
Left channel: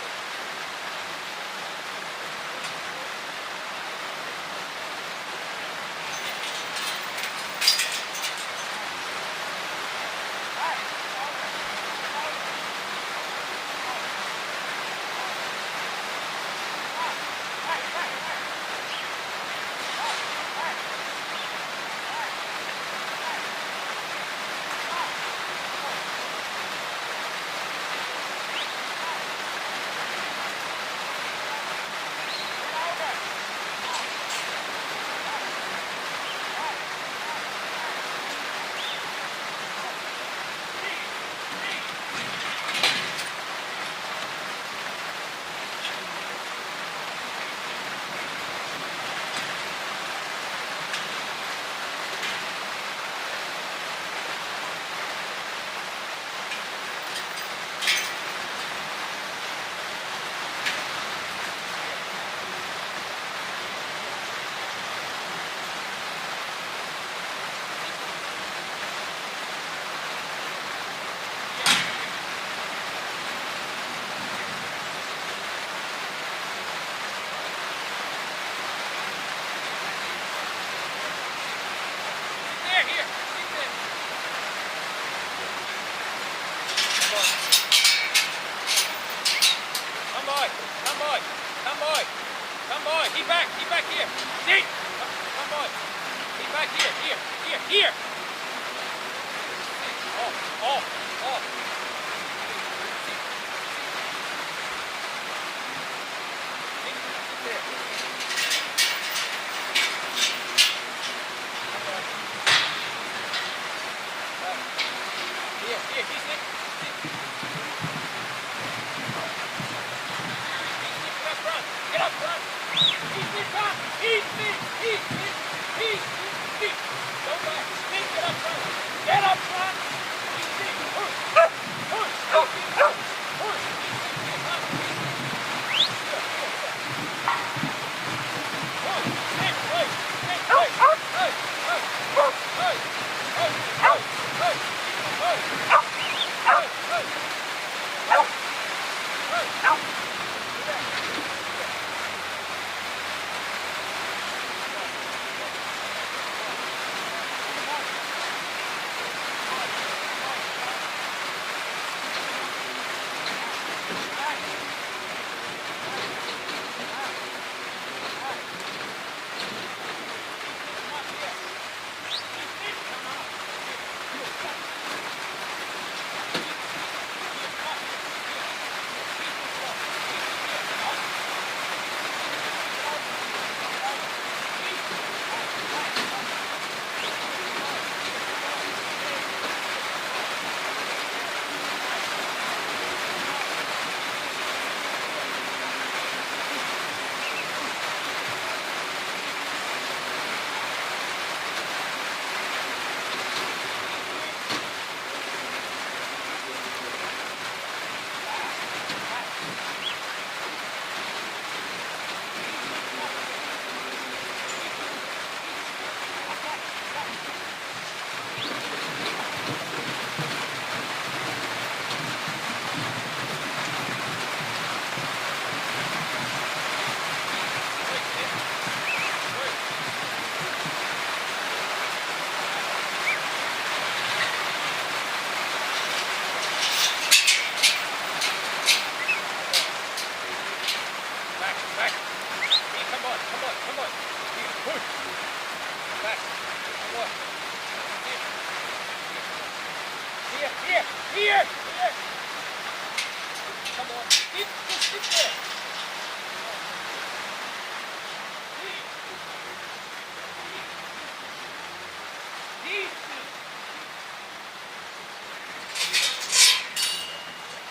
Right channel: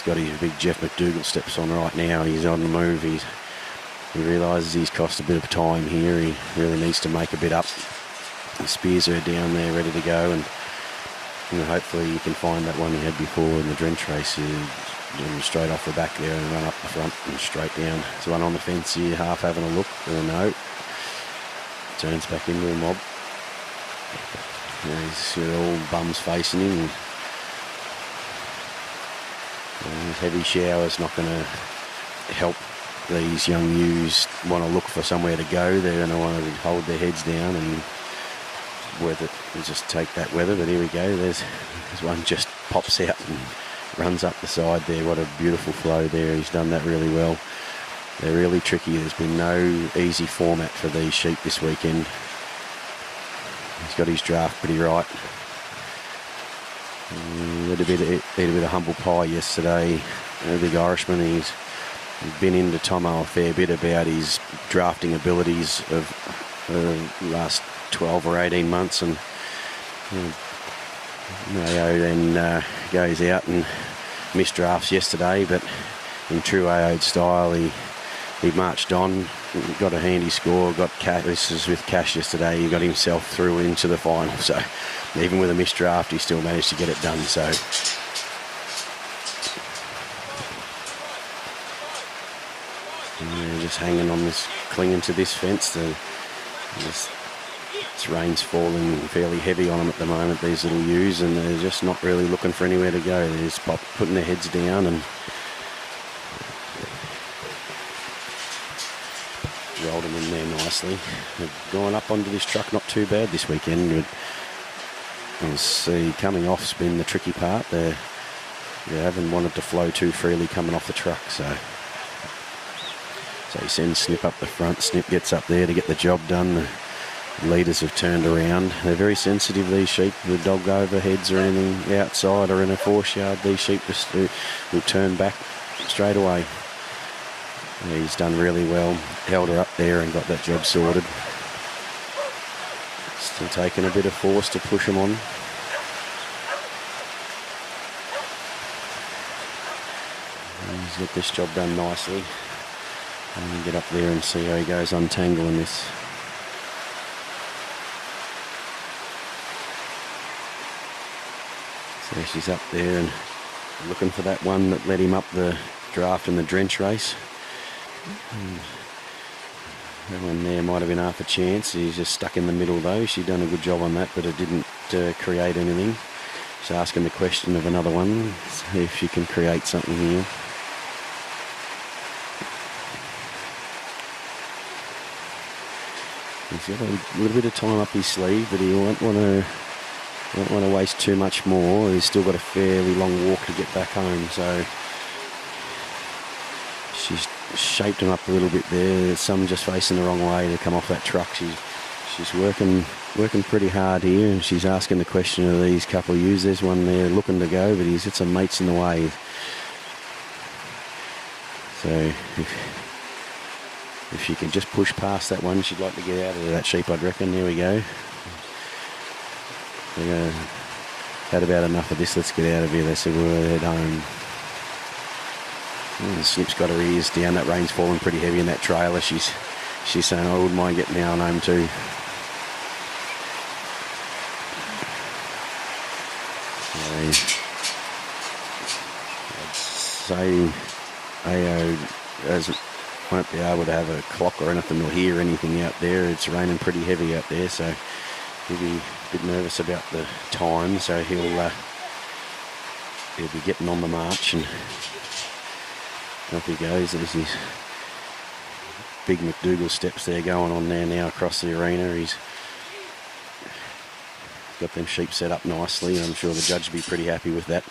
got his big Geoff McDougall steps on right now. He's on the move. He realises he's cost a bit of time here. He really needs to make a bit up. The spears are down there ready to go, and hopefully you can find that one he had before in the drench race. He straight off the back there and run up the front and straight down. He's run on the fence here, half having a look, or no. Turns back into a mob. There's all bums facing him. And heavy shower's not going to help these young ewes want to look for somewhere to go. They're going to want to hold their heads down and work it and just take that weather. But here we go. There's one just pops out and runs up the side there. What a beautiful flow there. He's done that really well. They're really tricky. There's been no easy format for these sheep this weekend. He's got his draft pretty right. A little bit of humble pie yesterday. The big Irishman, he's been into Tomo a fair bit about his drafting abilities of the last 12 or 18 months, and then goes out and missed drafts yesterday, but in true Aoidh style, he marched on, got a handy score, got cash. This is with cash yesterday. He got himself through into the final. So even with a missed draft, he still managed to get it done. So just hanging on this, clinging to this fence. This rain's falling fairly heavy on them at the moment, these little ewes, and they're just not really looking for anywhere to go. They're just putting their heads down and rolled them in there nicely. They're going up onto this track, not too bad this weekend. Coming off's been the tricky part. They haven't wanted to flow too freely coming off the truck, so he sends Snip up the front. Snip gets up there to get the job done. The leaders have turned around. They're very sensitive, these sheep. The dog overheads or anything outside or in a force yard, these sheep just will turn back straight away. He's done really well. Held her up there and got that job sorted. Still taking a bit of force to push him on. He's got this job done nicely. And get up there and see where he goes untangling this. So she's up there and looking for that one that led him up the draft in the drench race. And there might have been half a chance. He's just stuck in the middle though. She's done a good job on that, but it didn't create anything. So asking the question of another one, see if she can create something here. He's got a little bit of time up his sleeve, but he won't want to waste too much more. He's still got a fairly long walk to get back home, so she's shaped him up a little bit there. Some just facing the wrong way to come off that truck. She's working pretty hard here, and she's asking the question of these couple of ewes. There's one there looking to go, but he's hit some mates in the way. So if she can just push past that one, she'd like to get out of that sheep, I'd reckon. There we go. Had about enough of this. Let's get out of here. They said we'll head home. Snip's got her ears down. That rain's falling pretty heavy in that trailer. She's saying, I wouldn't mind getting down home too. So Aoidh won't be able to have a clock or anything or hear anything out there. It's raining pretty heavy out there, so he'll be a bit nervous about the time. So he'll be getting on the march, and off he goes. There's his big McDougall steps there going on there now across the arena. He's got them sheep set up nicely. I'm sure the judge will be pretty happy with that.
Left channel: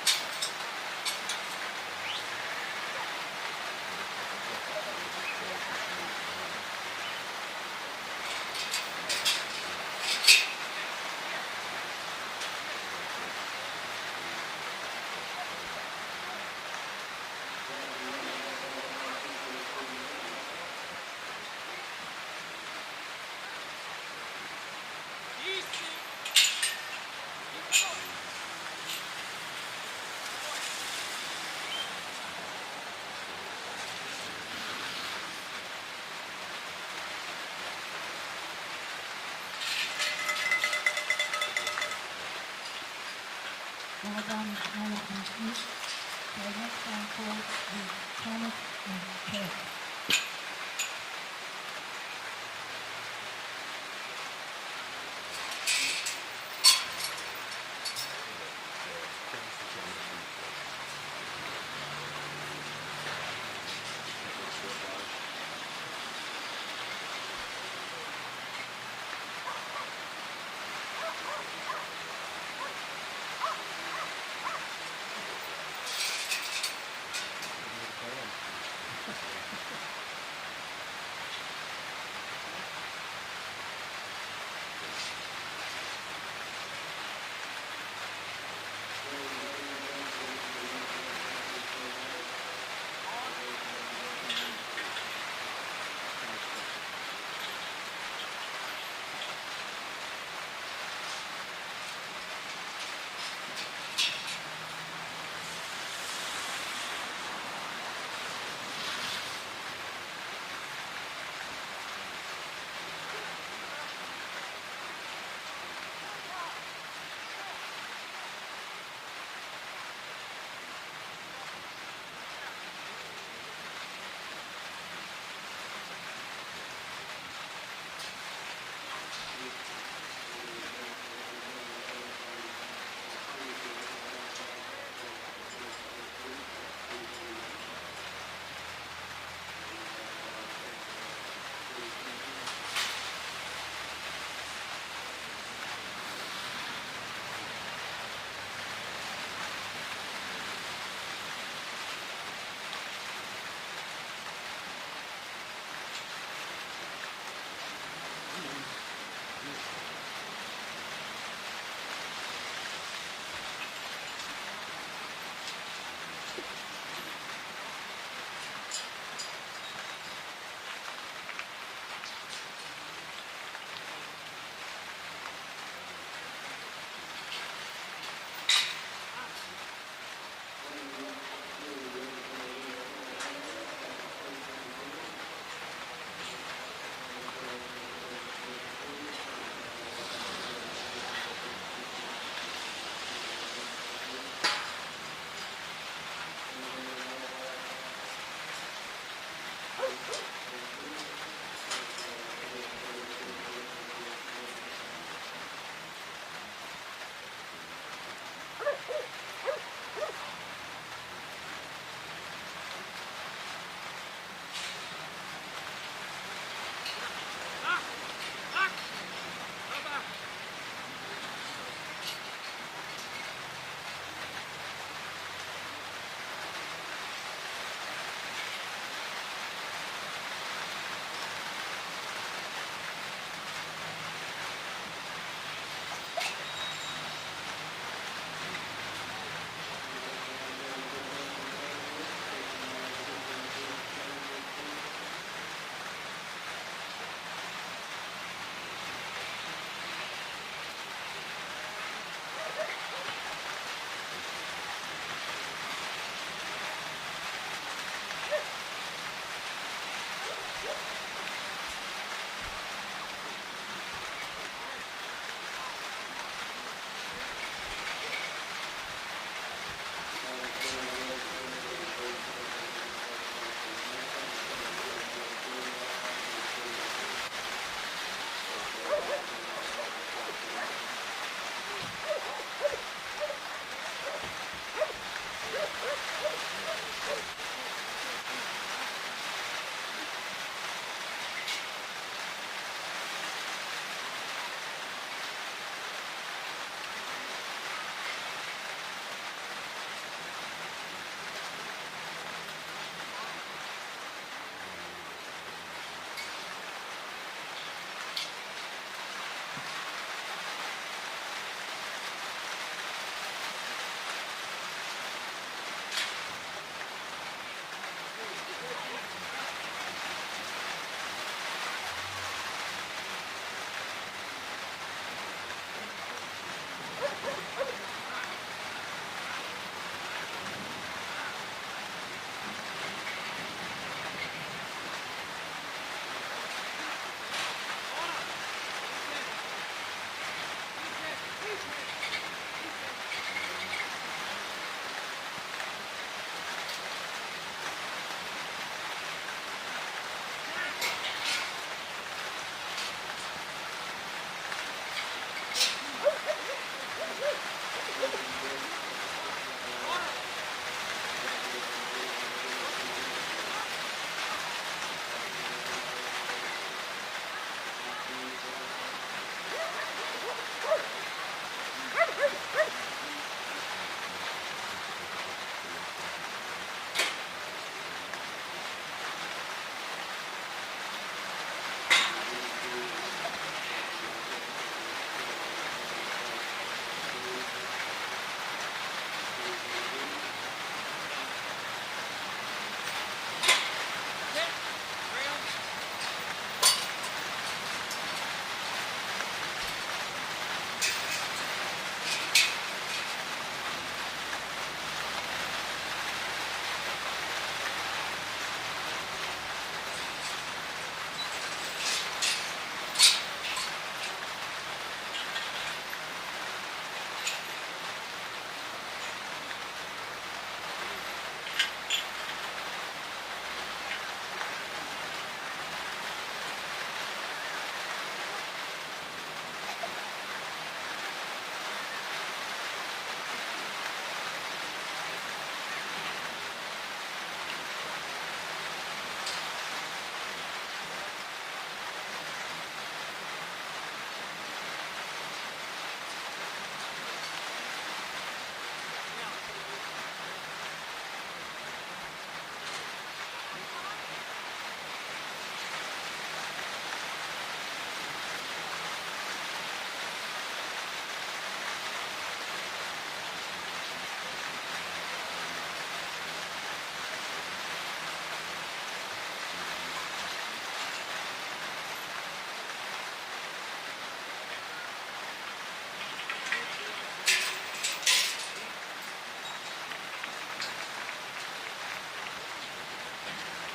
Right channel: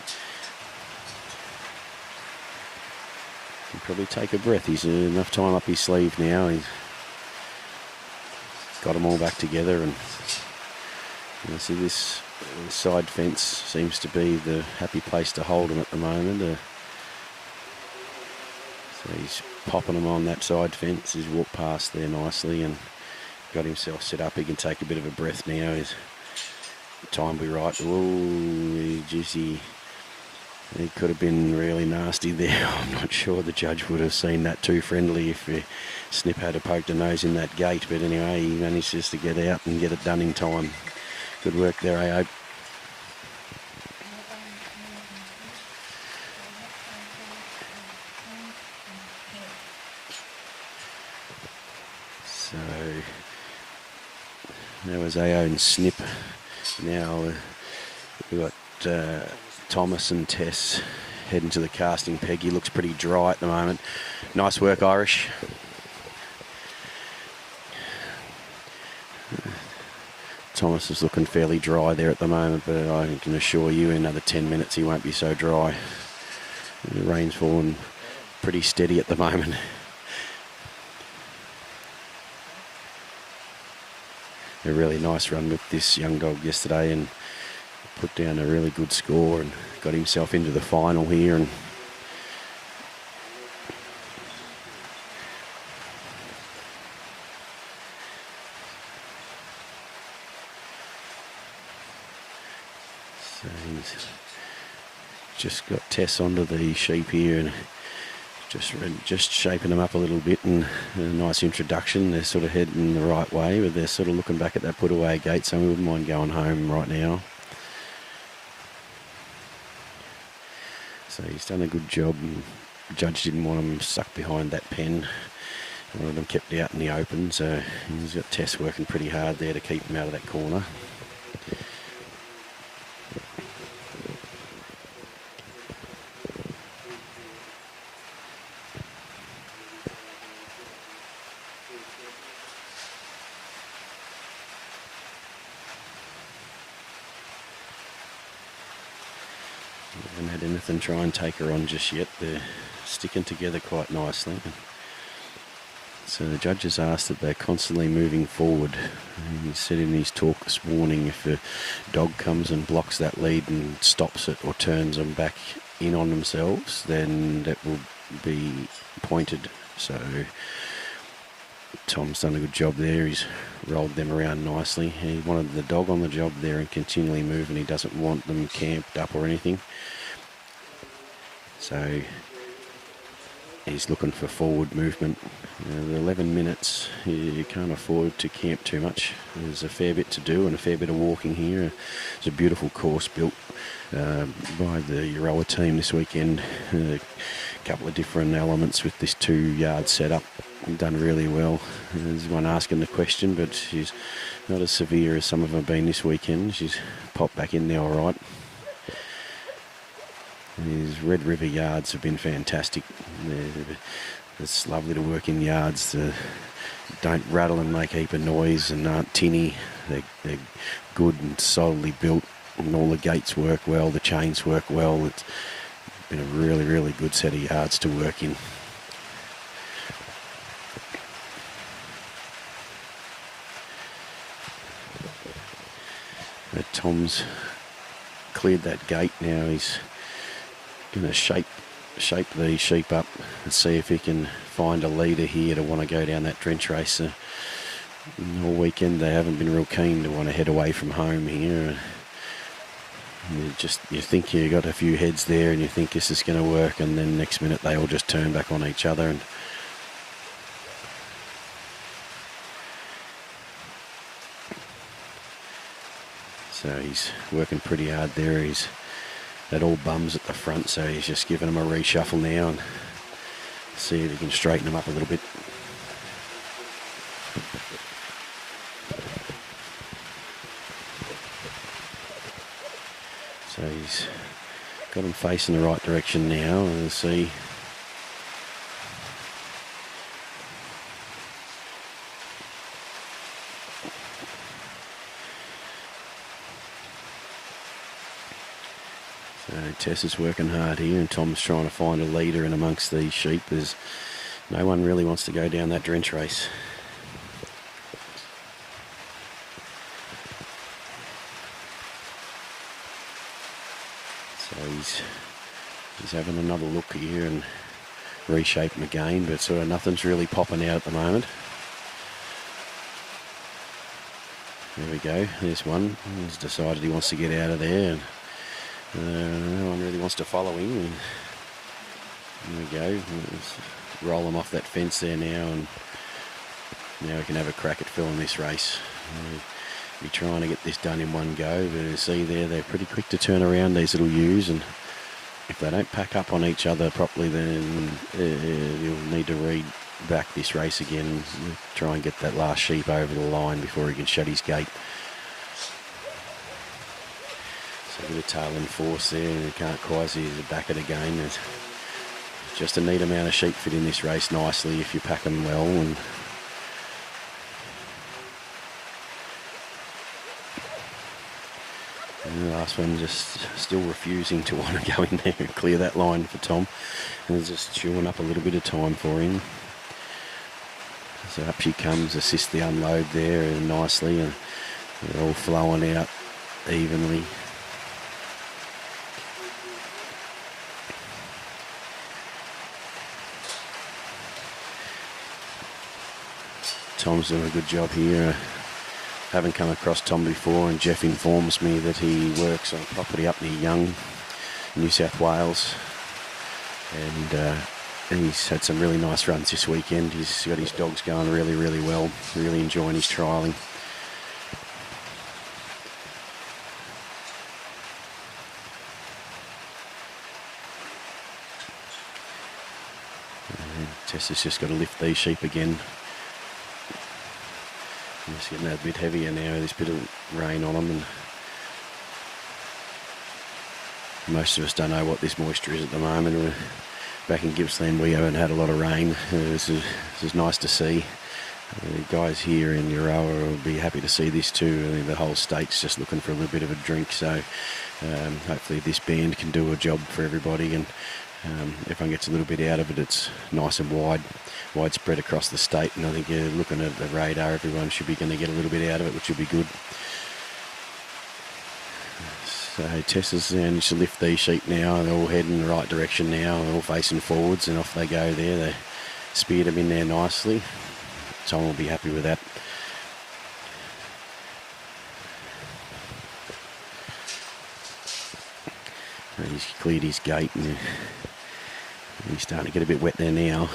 He'll probably take a breath. He's enough time up his sleeve now. He's got them all back together, and you see this side fence seems to be the happy place to hold him at the moment. So he's popping them on that side fence. He's walked past there nicely and got himself set up. He can take a bit of a breath now. His time will be right. Oh, juicy. It could have been really nasty there. I'm not sure the judge would have seen that too friendly if Snip had poked a nose in that gate. But anyway, he manages to get out and get it done in time. Good work there, Aoidh. So there was Aoidh and Snip. Now we've got Thomas and Tess heading to the casting peg. He looks pretty dry at the moment. Nice work, Irish. Thomas is looking fairly dry there at the moment, but I can assure you in another 10 minutes he won't be so dry. The rain's falling pretty steady at the moment. A really nice run with this young dog yesterday and put down a really good score and got himself into the final here. And so he's just got Tess onto the sheep here and just shaping them up a little bit, and a nice introduction. They're sort of heading the right way, but they're sort of looking back at that put away gate, so I wouldn't mind going home right now. So he's done a good job, and the judge didn't want him stuck behind that pen. One of them kept out in the open, so he's got Tess working pretty hard there to keep him out of that corner. And try and take her on just yet. They're sticking together quite nicely. So the judge has asked that they're constantly moving forward. And he said in his talk this morning, if a dog comes and blocks that lead and stops it or turns them back in on themselves, then that will be pointed. So Tom's done a good job there. He's rolled them around nicely. He wanted the dog on the job there and continually moving. He doesn't want them camped up or anything. So he's looking for forward movement. 11 minutes, you can't afford to camp too much. There's a fair bit to do and a fair bit of walking here. It's a beautiful course built by the Euroa team this weekend. A couple of different elements with this 2-yard setup. Done really well. There's one asking the question, but she's not as severe as some of them have been this weekend. She's popped back in there all right. These Red River yards have been fantastic. It's lovely to work in yards. Don't rattle and make a heap of noise and aren't tinny. They're good and solidly built, and all the gates work well, the chains work well. It's been a really, really good set of yards to work in. But Tom's cleared that gate now. He's going to shape the sheep up and see if he can find a leader here to want to go down that drench race. All weekend they haven't been real keen to want to head away from home here. And you think you got a few heads there and you think this is going to work, and then next minute they all just turn back on each other. And so he's working pretty hard there. He's had all bums at the front, so he's just giving them a reshuffle now and see if we can straighten them up a little bit. So he's got him facing the right direction now, and we'll see. So Tess is working hard here, and Tom's trying to find a leader in amongst these sheep. There's no one really wants to go down that drench race. He's having another look here and reshaping again, but sort of nothing's really popping out at the moment. There we go. There's one. He's decided he wants to get out of there, and no one really wants to follow him. And there we go. Just roll him off that fence there now, and now we can have a crack at filling this race. We're trying to get this done in one go, but you see there, they're pretty quick to turn around, these little ewes, and if they don't pack up on each other properly, then you'll need to read back this race again and try and get that last sheep over the line before he can shut his gate. So a little tailing force there, and you can't quite see the back of the game. There's just a neat amount of sheep fit in this race nicely if you pack them well. And the last one just still refusing to want to go in there and clear that line for Tom. And he's just chewing up a little bit of time for him. So up she comes, assist the unload there nicely, and they're all flowing out evenly. Tom's doing a good job here. Haven't come across Tom before, and Geoff informs me that he works on property up near Young, New South Wales, and he's had some really nice runs this weekend. He's got his dogs going really, really well. Really enjoying his trialling. Tess has just got to lift these sheep again. It's getting a bit heavier now. There's a bit of rain on them, and most of us don't know what this moisture is at the moment. Back in Gippsland we haven't had a lot of rain. This is nice to see. The guys here in Euroa will be happy to see this too. I mean, the whole state's just looking for a little bit of a drink, so hopefully this band can do a job for everybody, and everyone gets a little bit out of it. It's nice and widespread across the state, and I think looking at the radar, everyone should be going to get a little bit out of it, which would be good. So Tess is managed to lift these sheep now, and they're all heading in the right direction now, and all facing forwards, and off they go there. They speared them in there nicely. Tom will be happy with that. And he's cleared his gate, and he's starting to get a bit wet there now.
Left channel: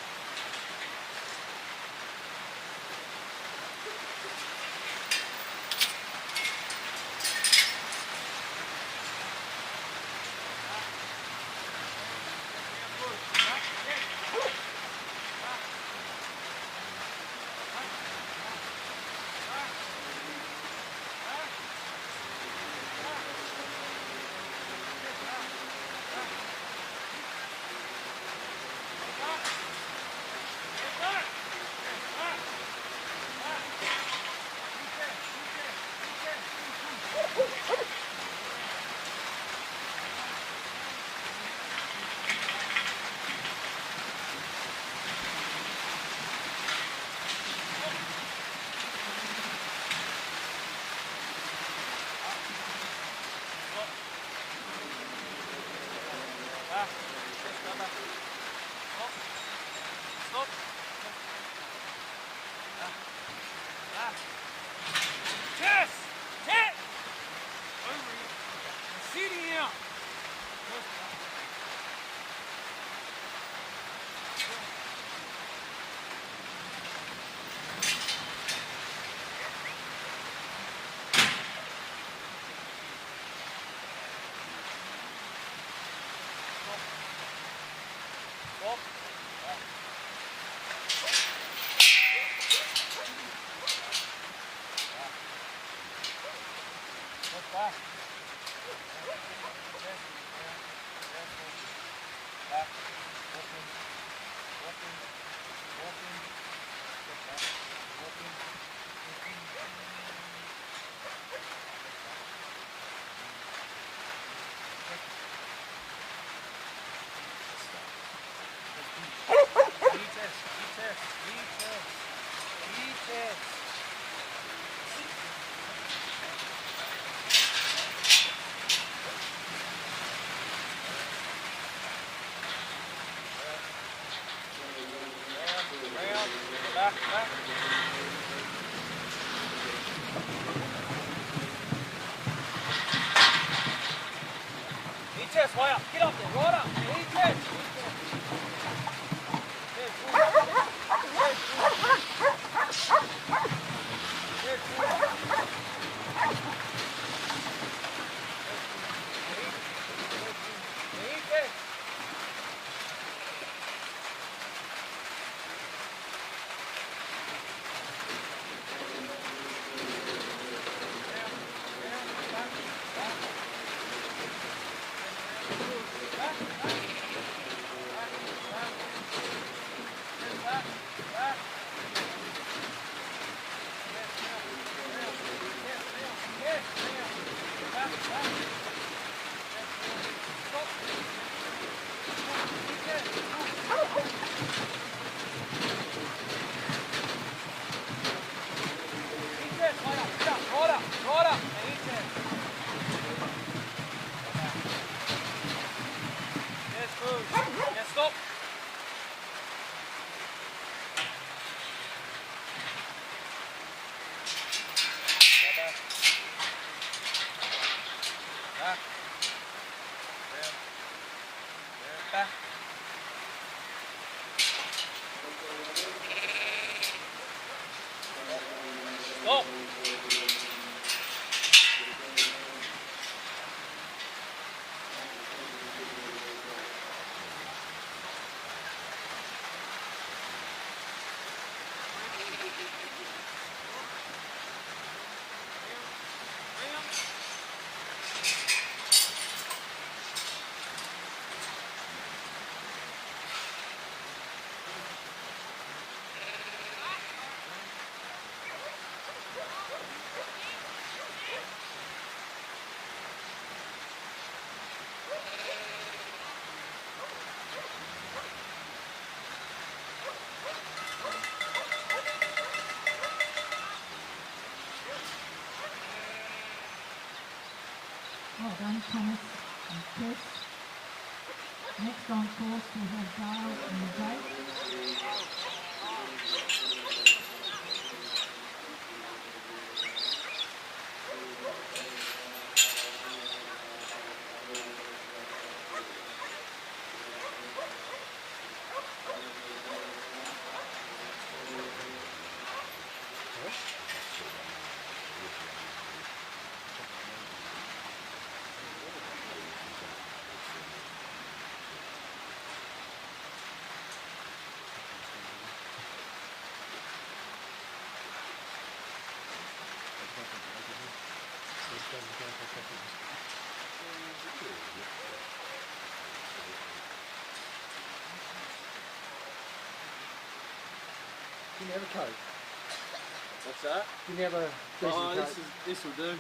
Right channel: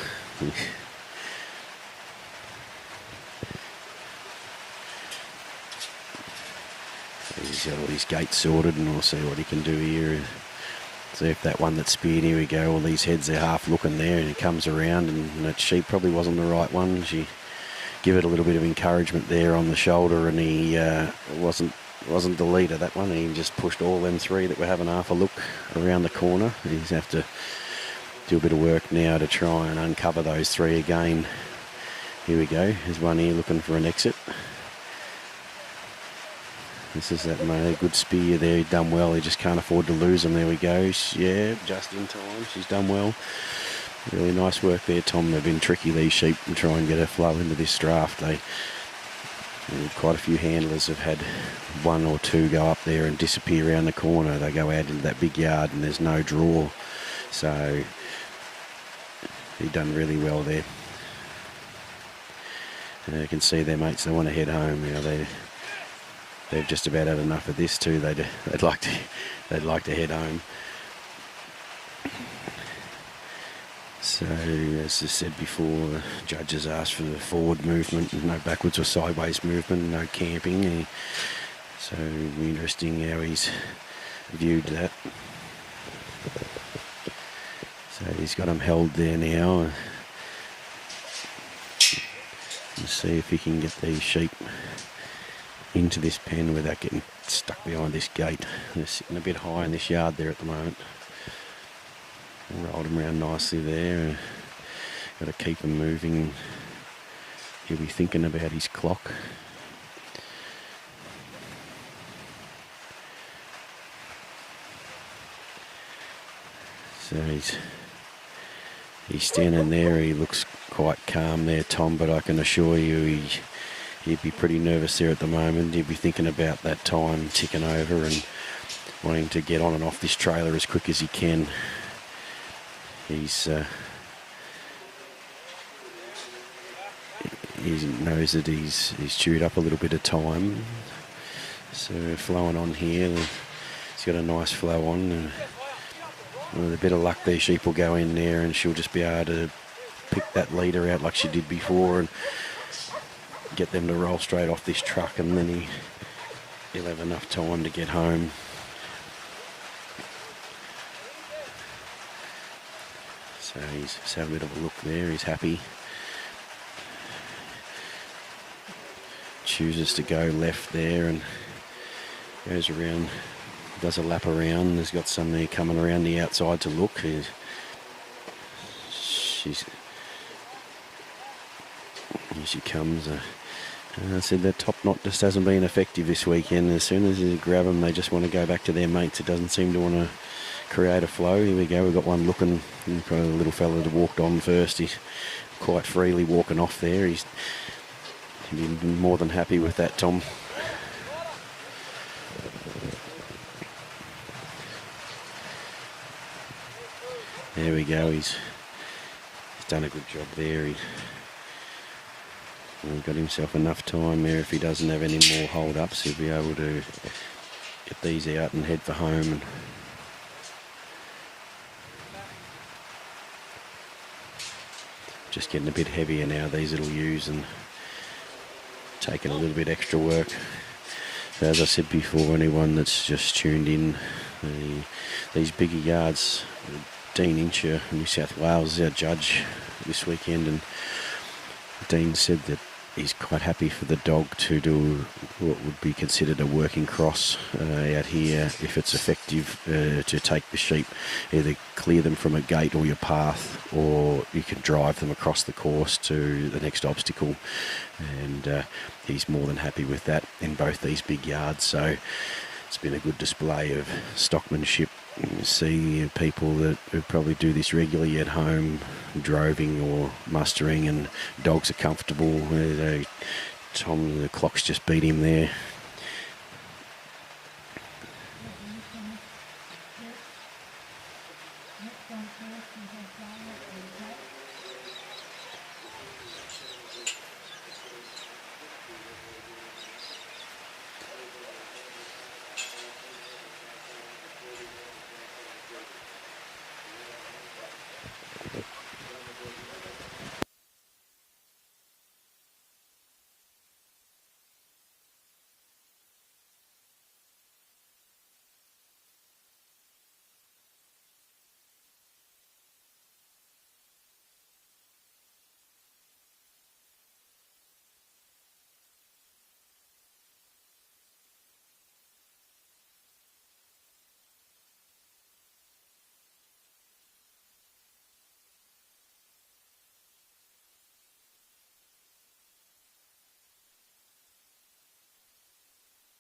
He's got all his gates sorted, and we'll see what he can do here. See if that one that speared, here we go, all these heads, they're half looking there, and he comes around, and that sheep probably wasn't the right one. She give it a little bit of encouragement there on the shoulder, and he wasn't the leader, that one, and he just pushed all them three that were having half a look around the corner. He's have to do a bit of work now to try and uncover those three again. Here we go, there's one here looking for an exit. This is that good spear there, done well. He just can't afford to lose him. There we go. Yeah, just in time. She's done well. Really nice work there, Tom. They've been tricky, these sheep, to try and get a flow into this draft. Quite a few handlers have had one or two go up there and disappear around the corner. They go out into that big yard and there's no draw. So we've done really well there. You can see their mates, they want to head home. They've just about had enough of this too. They'd like to they'd like to head home. So, as I said before, judges asked for the forward movement, no backwards or sideways movement, no camping. And so, interesting how he's viewed that. So, he's got them held there now. Let's see if he can get these sheep into this pen without getting stuck behind this gate. They're sitting a bit high in this yard there at the moment. Rolled him around nicely there. Got to keep him moving. He'll be thinking about his clock. So he's standing there. He looks quite calm there, Tom, but I can assure you he'd be pretty nervous there at the moment. He'd be thinking about that time ticking over and wanting to get on and off this trailer as quick as he can. He knows that he's chewed up a little bit of time. So flowing on here. He's got a nice flow on. And with a bit of luck, these sheep will go in there and she'll just be able to pick that leader out like she did before and get them to roll straight off this truck, and then he'll have enough time to get home. So he's having a bit of a look there. He's happy. Chooses to go left there and goes around, does a lap around. There's got somebody coming around the outside to look. She comes. And I said that top knot just hasn't been effective this weekend. As soon as they grab them, they just want to go back to their mates. It doesn't seem to want to create a flow. Here we go. We've got one looking. A little fella that walked on first. He's quite freely walking off there. He's more than happy with that, Tom. There we go. He's done a good job there. He's got himself enough time there. If he doesn't have any more hold-ups, he'll be able to get these out and head for home. Just getting a bit heavier now, these little ewes, and taking a little bit extra work. So as I said before, anyone that's just tuned in, these bigger yards, Dean Incher, New South Wales, is our judge this weekend, and Dean said that he's quite happy for the dog to do what would be considered a working cross out here, if it's effective, to take the sheep, either clear them from a gate or your path, or you can drive them across the course to the next obstacle. And he's more than happy with that in both these big yards. So it's been a good display of stockmanship. You see people that probably do this regularly at home, droving or mustering, and dogs are comfortable. Tom, the clock's just beat him there. Well done, Thomas and Tess. Next on course we have Doyle and Jake. Can you have a Coke? What's that? Can you have a decent Coke? This will do.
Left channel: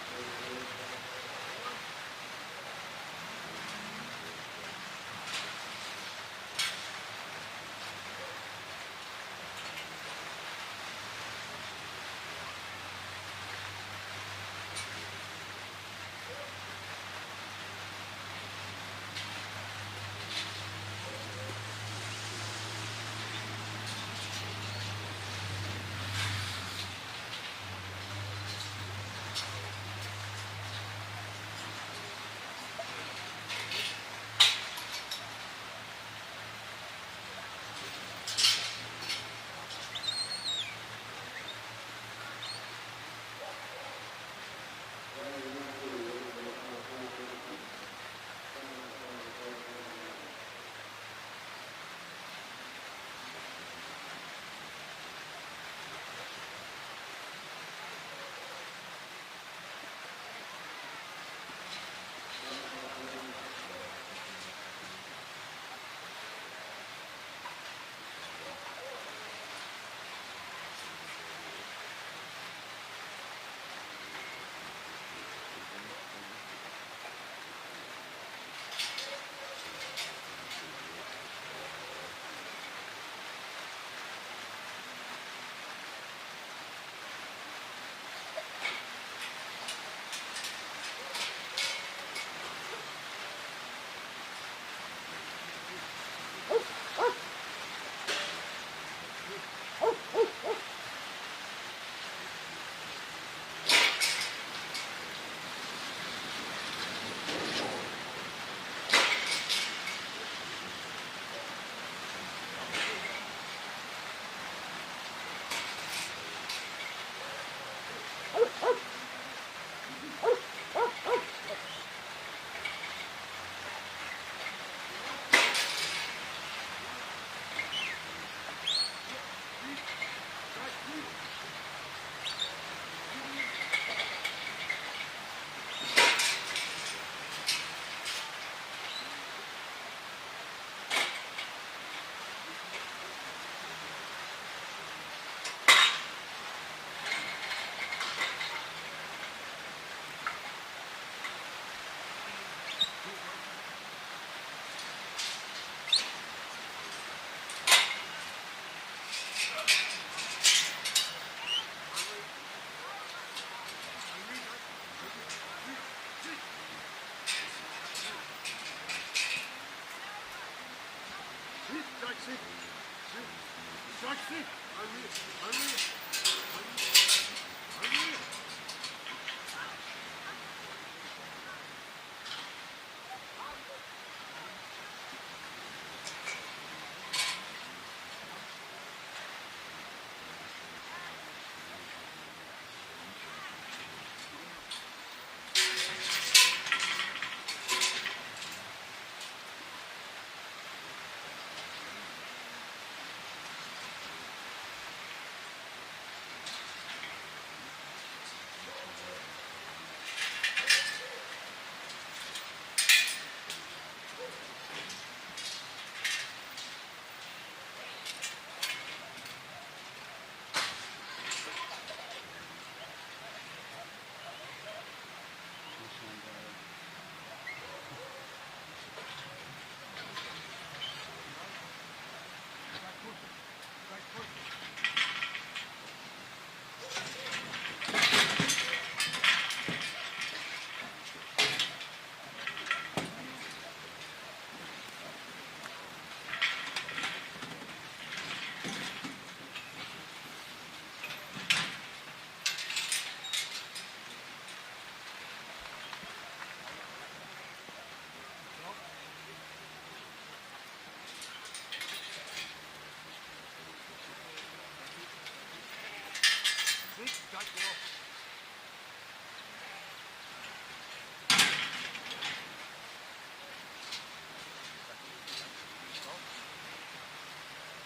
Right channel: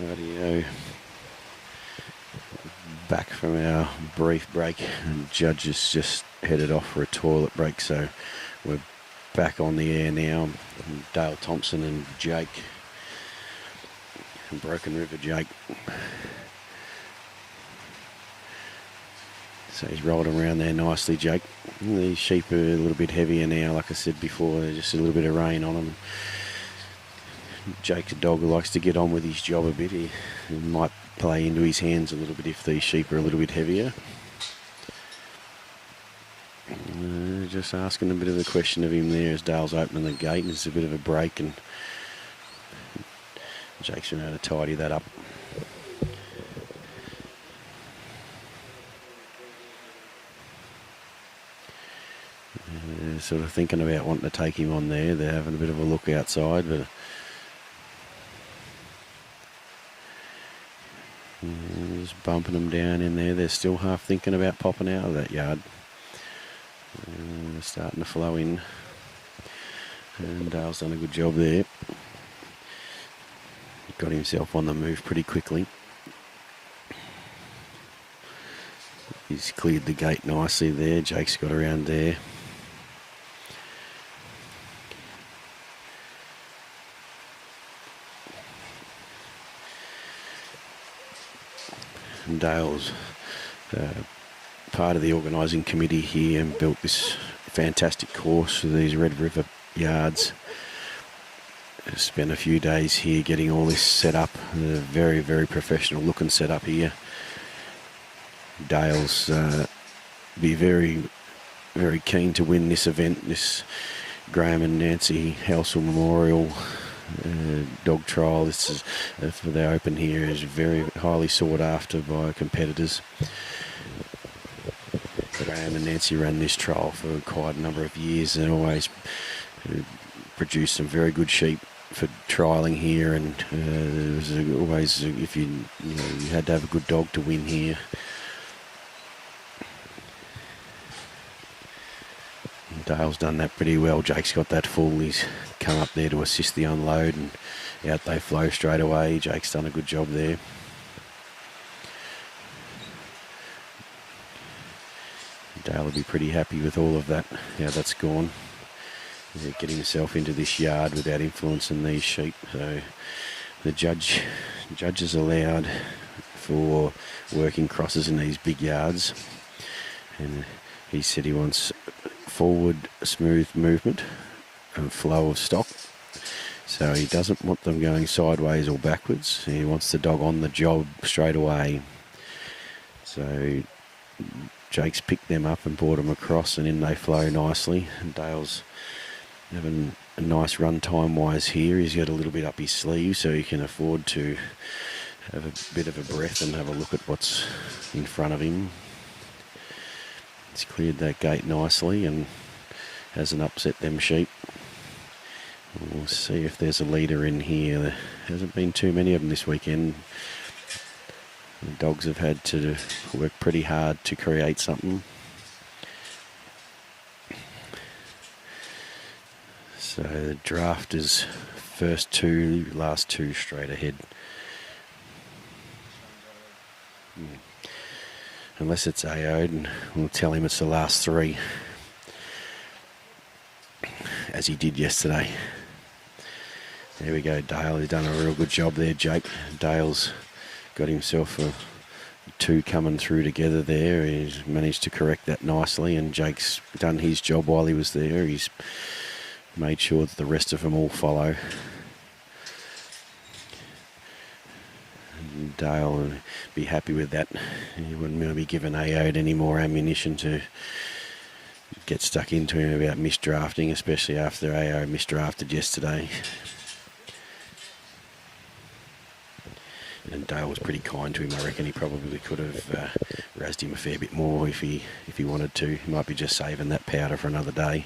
Radio. Back from our brief break, and Judges just headed off for a toilet break, so we're back on the air now. Dale Thompson and Jake, and Brokenriver Jake. So he's rolled them around there nicely, Jake. These sheep are a little bit heavier now, like I said before, there's just a little bit of rain on them. Jake, the dog, who likes to get on with his job a bit, he might play into his hands a little bit if these sheep are a little bit heavier. Just asking a bit of a question of him there as Dale's opening the gate, and it's a bit of a break, and Jake's been able to tidy that up. Sort of thinking about wanting to take him on there. They're having a bit of a look outside, but just bumping them down in there. They're still half thinking about popping out of that yard. They're starting to flow in. And Dale's done a good job there. Got himself on the move pretty quickly. He's cleared the gate nicely there. Jake's got around there. And Dale's part of the organising committee here and built this fantastic course for these Red River yards. Spent a few days here getting all this set up. A very, very professional looking setup here. Dale's be very, very keen to win this event, this Graham and Nancy Halsall Memorial dog trial. This is for the Open here, is very highly sought after by competitors. Graham and Nancy ran this trial for quite a number of years and always produced some very good sheep for trialling here, and it was always, if you had to have a good dog to win here. Dale's done that pretty well. Jake's got that full. He's come up there to assist the unload, and out they flow straight away. Jake's done a good job there. Dale will be pretty happy with all of that, how that's gone. He'll get himself into this yard without influencing these sheep. So the judge is allowed for working crosses in these big yards. And he said he wants forward smooth movement and flow of stock. So he doesn't want them going sideways or backwards. He wants the dog on the job straight away. So Jake's picked them up and brought them across, and in they flow nicely. And Dale's having a nice run time wise here. He's got a little bit up his sleeve so he can afford to have a bit of a breath and have a look at what's in front of him. He's cleared that gate nicely and hasn't upset them sheep. We'll see if there's a leader in here. There hasn't been too many of them this weekend. The dogs have had to work pretty hard to create something. So the draft is first two, last two straight ahead. Unless it's Aoidh, and we'll tell him it's the last three, as he did yesterday. There we go, Dale. He's done a real good job there, Jake. Dale's got himself two coming through together there. He's managed to correct that nicely, and Jake's done his job while he was there. He's made sure that the rest of them all follow. And Dale will be happy with that. He wouldn't going to be giving Aoidh any more ammunition to get stuck into him about misdrafting, especially after Aoidh misdrafted yesterday. And Dale was pretty kind to him. I reckon he probably could have razzed him a fair bit more if he wanted to. He might be just saving that powder for another day.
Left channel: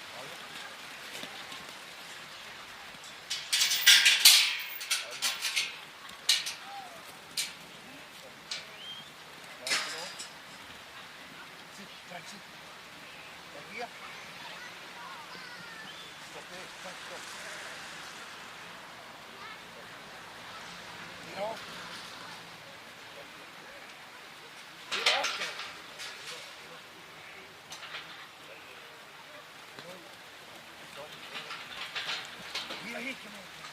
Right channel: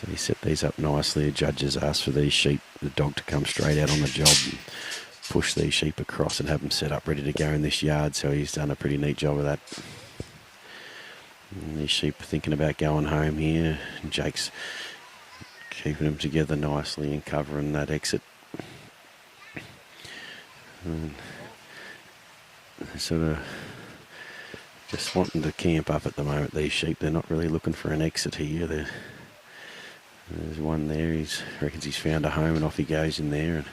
So he set these up nicely. The judges asked for these sheep, the dog, to come straight out on the job and push these sheep across and have them set up ready to go in this yard. So he's done a pretty neat job of that. And these sheep are thinking about going home here. And Jake's keeping them together nicely and covering that exit. They're sort of just wanting to camp up at the moment, these sheep. They're not really looking for an exit here. There's one there. He reckons he's found a home and off he goes in there.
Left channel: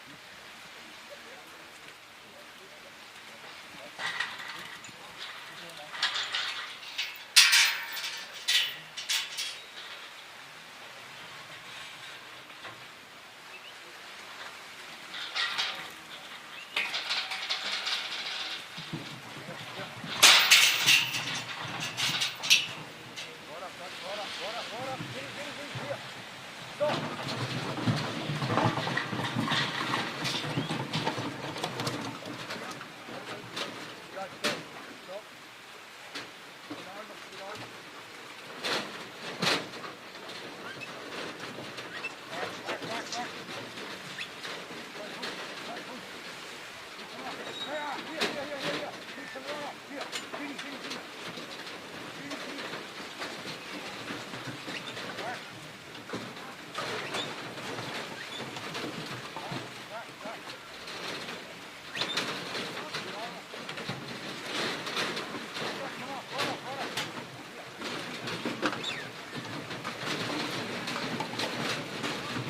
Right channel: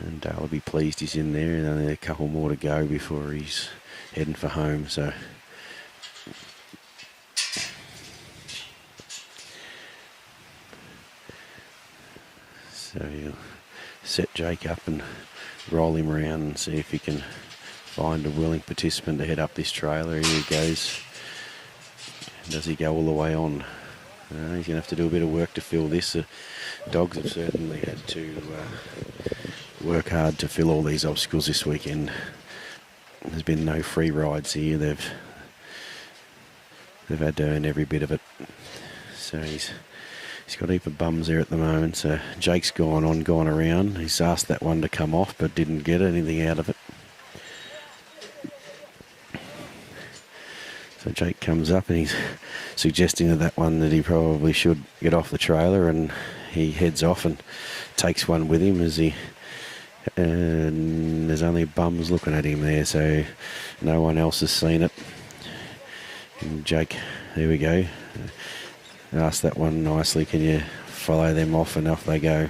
And Dale will be pleased he's in there. And only a couple more to go before he's heading for home. So he'll set Jake up and roll him around and see if he can find a willing participant to head up this trailer. Here he goes. Does he go all the way on? He's going to have to do a bit of work to fill this. The dogs have certainly had to work hard to fill all these obstacles this weekend. There's been no free rides here. They've had to earn every bit of it. So he's got a heap of bums there at the moment. So Jake's gone around. He's asked that one to come off, but didn't get anything out of it. So Jake comes up and he's suggesting to that one that he probably should get off the trailer, and he heads off and takes one with him as he, and there's only bums looking at him there, so no one else has seen it. And Jake, there we go. Asked that one nicely, can you follow them off, and off they go.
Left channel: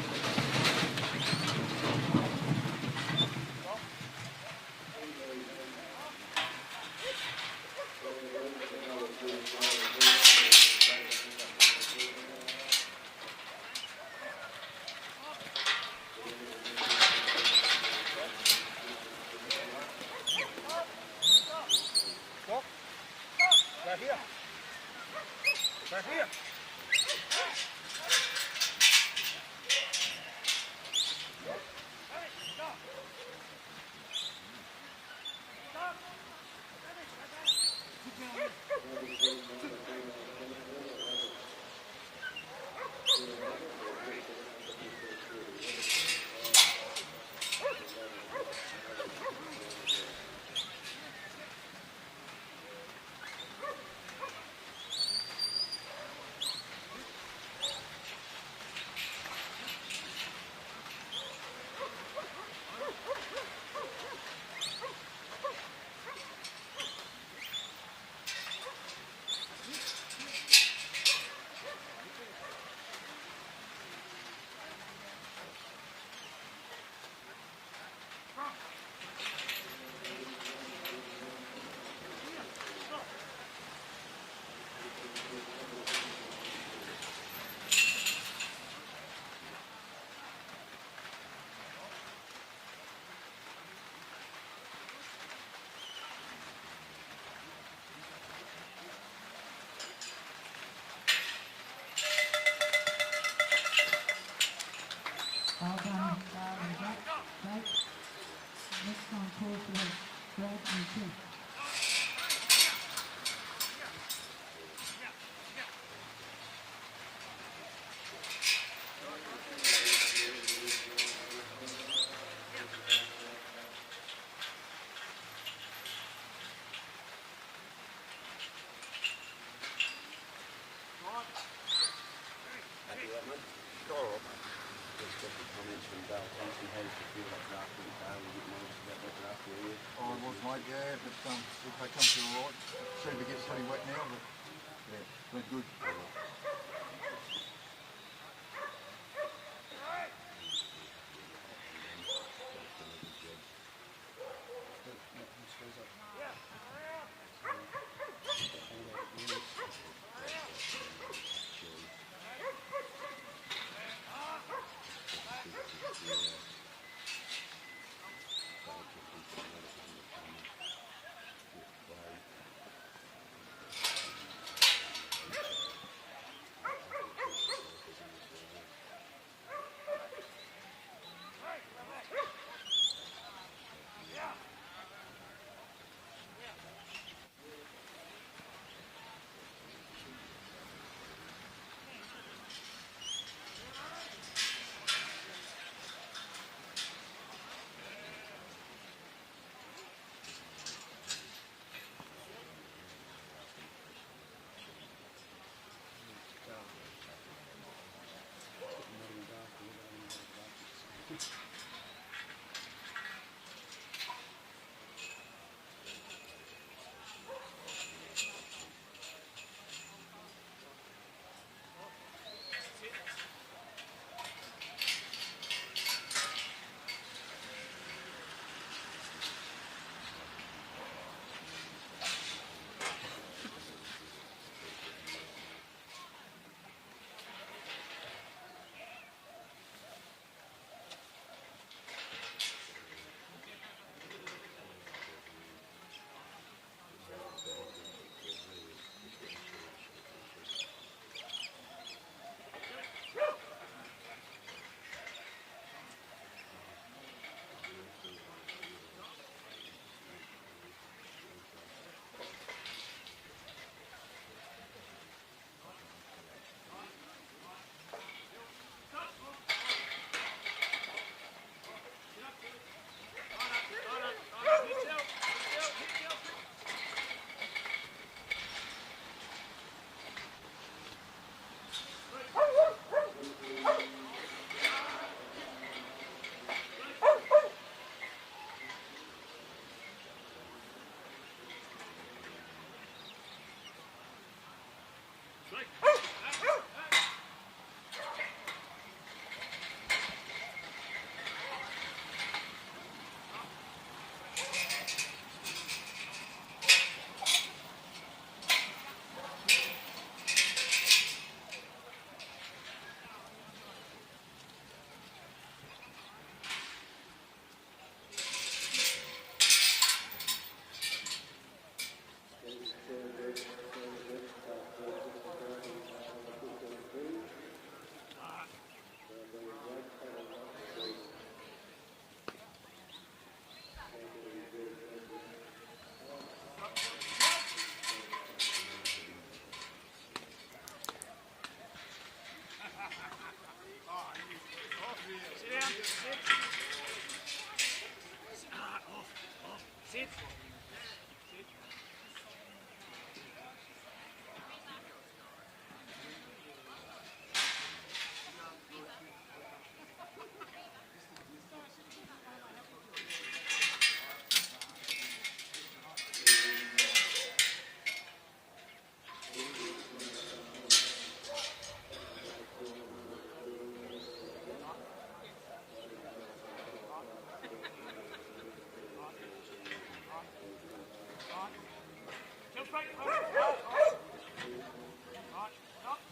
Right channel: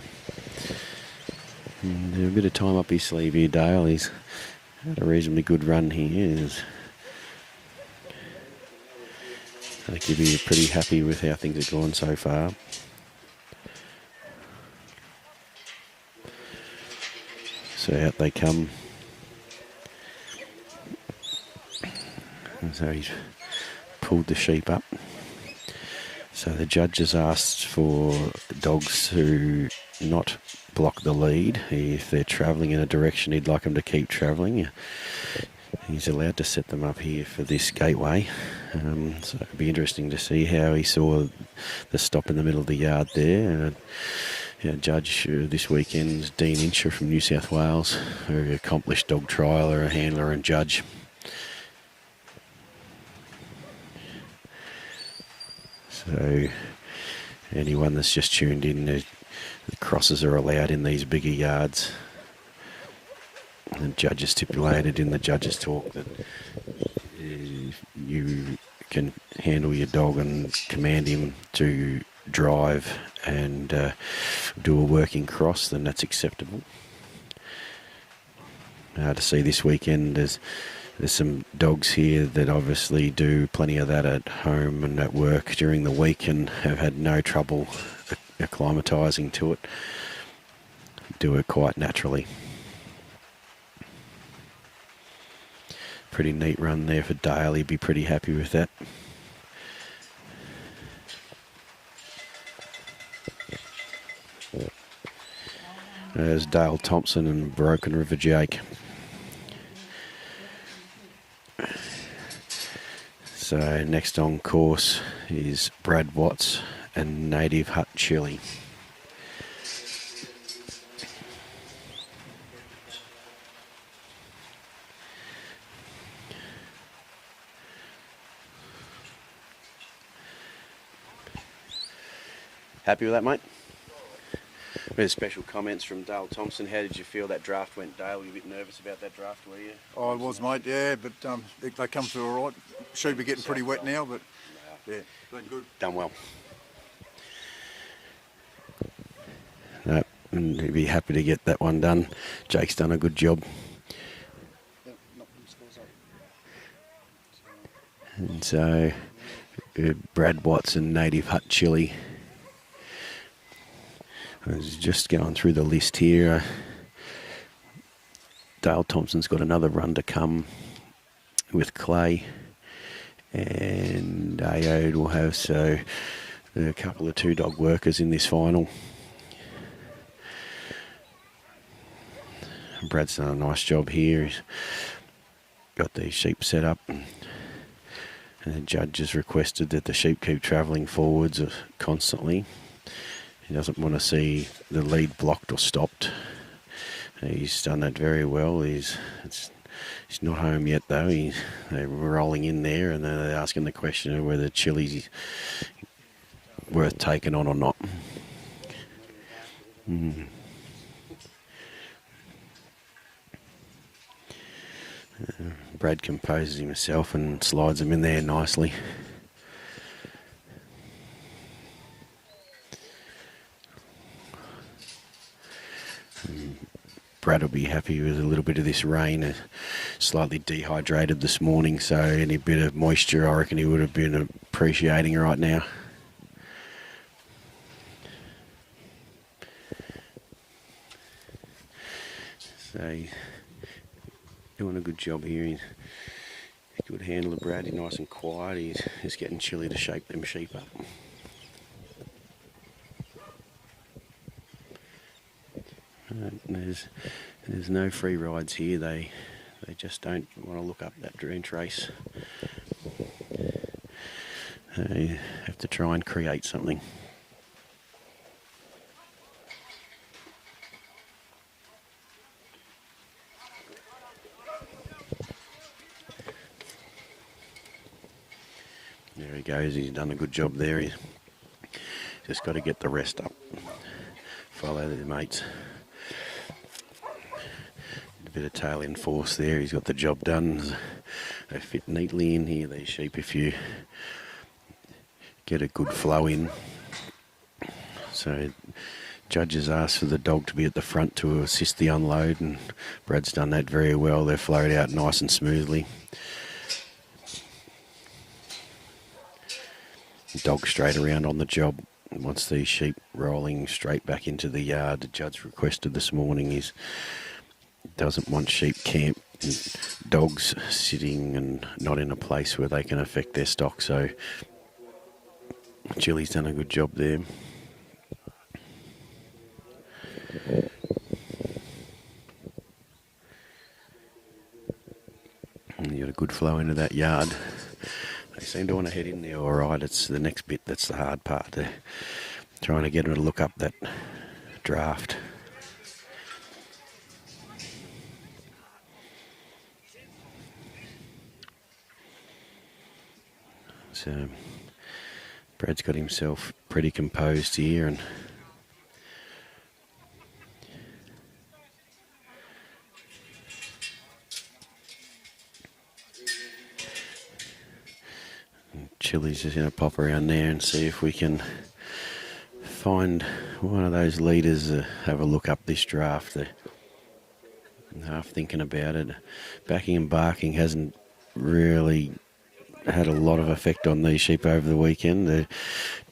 And a bit of time up his sleeve here, Dale. He's had a reasonably good run here. I think he's pretty happy with how things have gone so far. So out they come. And so he's pulled the sheep up. So the judge has asked for dogs who not block the lead. If they're travelling in a direction he'd like them to keep travelling, he's allowed to set them up here for this gateway. So it'll be interesting to see how he saw the stop in the middle of the yard there. Judge this weekend is Dean Incher from New South Wales, a very accomplished dog trialer, a handler and judge. So anyone that's just tuned in, the crosses are allowed in these bigger yards. The judge has stipulated in the judge's talk that you can handle your dog and command him to drive and do a working cross, then that's acceptable. To see this weekend, there's some dogs here that obviously do plenty of that at home and at work during the week and have had no trouble acclimatising to it. Do it quite naturally. Pretty neat run there for Dale. He'd be pretty happy with that. There's Dale Thompson and Brokenriver Jake. So next on course is Brad Watts and Nativehut Chili. Happy with that, mate? We had special comments from Dale Thompson. How did you feel that draft went, Dale? Were you a bit nervous about that draft, were you? I was, mate, yeah, but they come through all right. Should be getting pretty wet now, but yeah, been good. Done well. No, and he'd be happy to get that one done. Jake's done a good job. And so, Brad Watts and Nativehut Chili. I was just going through the list here. Dale Thompson's got another run to come with Clay, and Aoidh will have a couple of two-dog workers in this final. Brad's done a nice job here. He's got these sheep set up, and the judge has requested that the sheep keep travelling forwards constantly. He doesn't want to see the lead blocked or stopped. He's done that very well. He's not home yet though. They're rolling in there, and they're asking the question of whether Chili's worth taking on or not. Brad composes himself and slides them in there nicely. Brad will be happy with a little bit of this rain. Slightly dehydrated this morning, so any bit of moisture I reckon he would have been appreciating right now. So doing a good job here. He's a good handler, Brad. He's nice and quiet. He's just getting Chilli to shape them sheep up. There's no free rides here. They just don't want to look up that dream trace. They have to try and create something. There he goes. He's done a good job there. He's just got to get the rest up. Follow the mates. A bit of tail in force there. He's got the job done. They fit neatly in here, these sheep, if you get a good flow in. So judges asked for the dog to be at the front to assist the unload, and Brad's done that very well. They've flowed out nice and smoothly. The dog straight around on the job. Wants these sheep rolling straight back into the yard. The judge requested this morning is doesn't want sheep camped with dogs sitting and not in a place where they can affect their stock. So Chilli's done a good job there. And you got a good flow into that yard. They seem to want to head in there all right. It's the next bit that's the hard part. They're trying to get them to look up that draft. So Brad's got himself pretty composed here, and Chilli's just going to pop around there and see if we can find one of those leaders have a look up this draft. They're half thinking about it. Backing and barking hasn't really had a lot of effect on these sheep over the weekend. They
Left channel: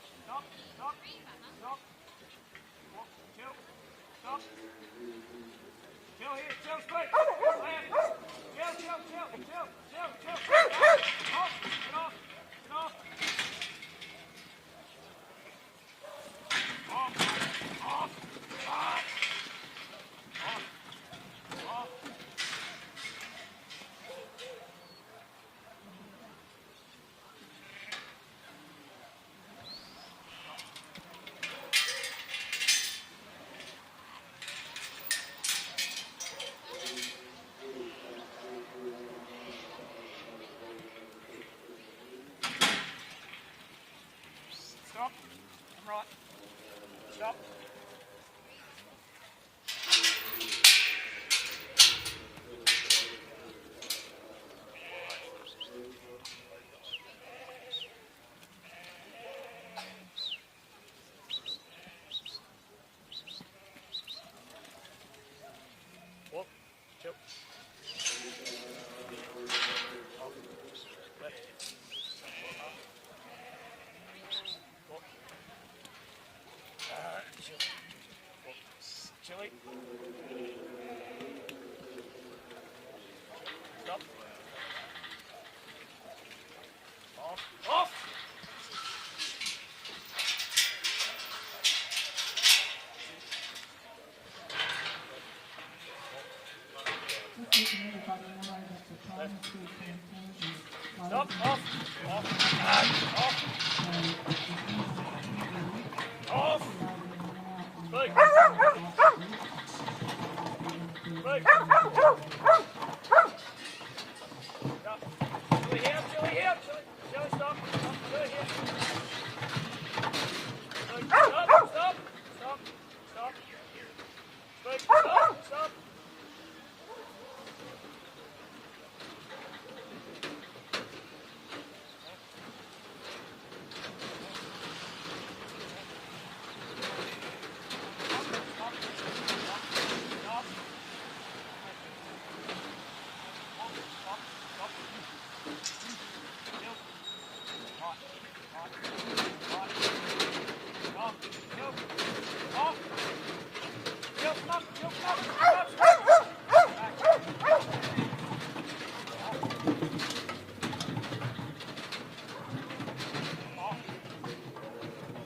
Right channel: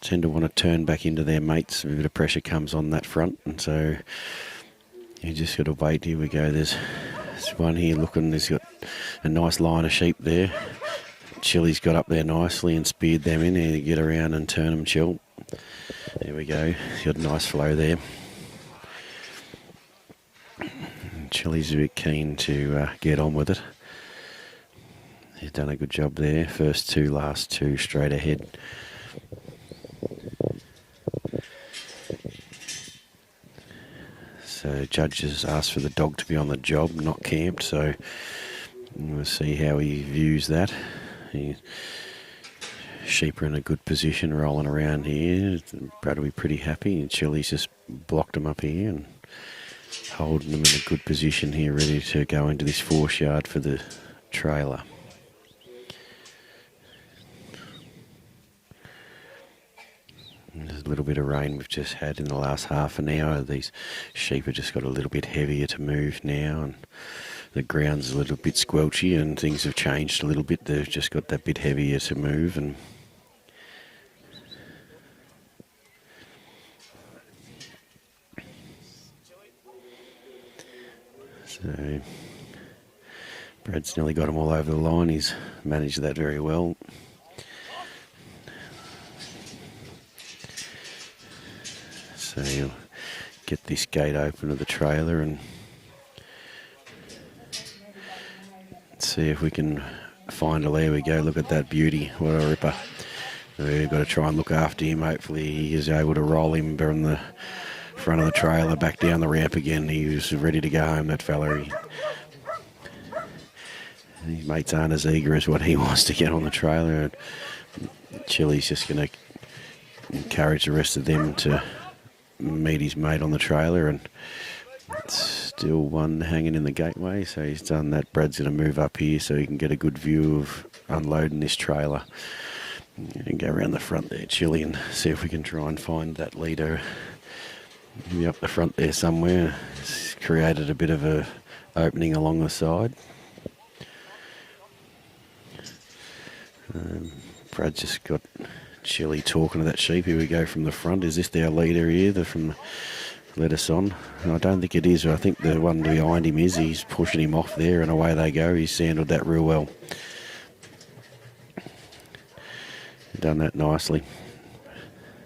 tend to want to turn back into their mates. A bit of pressure comes on that front, and so you just got to wait. Here we go. There's one here looking. There's got a nice line of sheep there. Chilli's got up there nicely and speared them in. Here, get around and turn them, Chill. There we go. Got a nice flow there. Chilli's a bit keen to get on with it. He's done a good job there. First two, last two, straight ahead. So judges asked for the dog to be on the job, not camped. So we'll see how he views that. Sheep are in a good position, rolling around here. Brad will be pretty happy. And Chilli's just blocked them up here and holding them in a good position here, ready to go into this 4 yard for the trailer. There's a little bit of rain we've just had in the last half an hour. These sheep have just got a little bit heavier to move now, and the ground's a little bit squelchy and things have changed a little bit. They've just got that bit heavier to move, and so Brad's nearly got them all over the line. He's managed that very well. So get this gate open to the trailer and see if we can find a. There we go. Look at that beauty. What a ripper. We've got to try and look after him. Hopefully he is able to roll him from the front of the trailer back down the ramp again. He was ready to go home, that fella. His mates aren't as eager as what he wants to get on the trailer. Chilli's just going to encourage the rest of them to meet his mate on the trailer, and it's still one hanging in the gateway, so he's done that. Brad's going to move up here so he can get a good view of unloading this trailer. And go around the front there, Chili, and see if we can try and find that leader up the front there somewhere. It's created a bit of a opening along the side. Brad just got Chili talking to that sheep. Here we go from the front. Is this our leader here? From let us on. I don't think it is. I think the one behind him is. He's pushing him off there, and away they go. He's handled that real well. Done that nicely.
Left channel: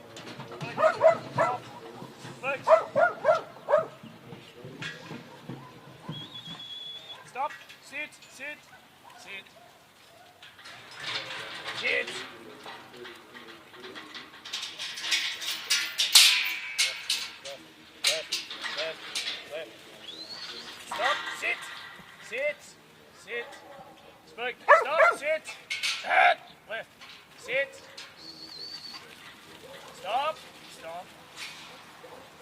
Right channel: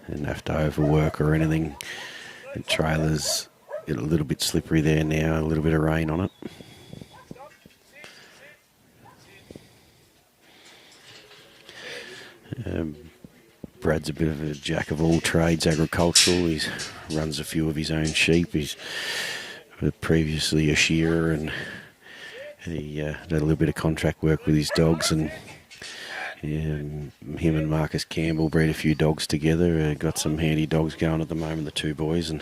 Didn't have to overwork or anything. The trailer's a little bit slippery there now. A little bit of rain on it. Stop. Sit. Brad's a bit of a jack of all trades, agricultural. He runs a few of his own sheep. He's previously a shearer, and he did a little bit of contract work with his dogs. And him and Marcus Campbell bred a few dogs together. Got some handy dogs going at the moment, the two boys. And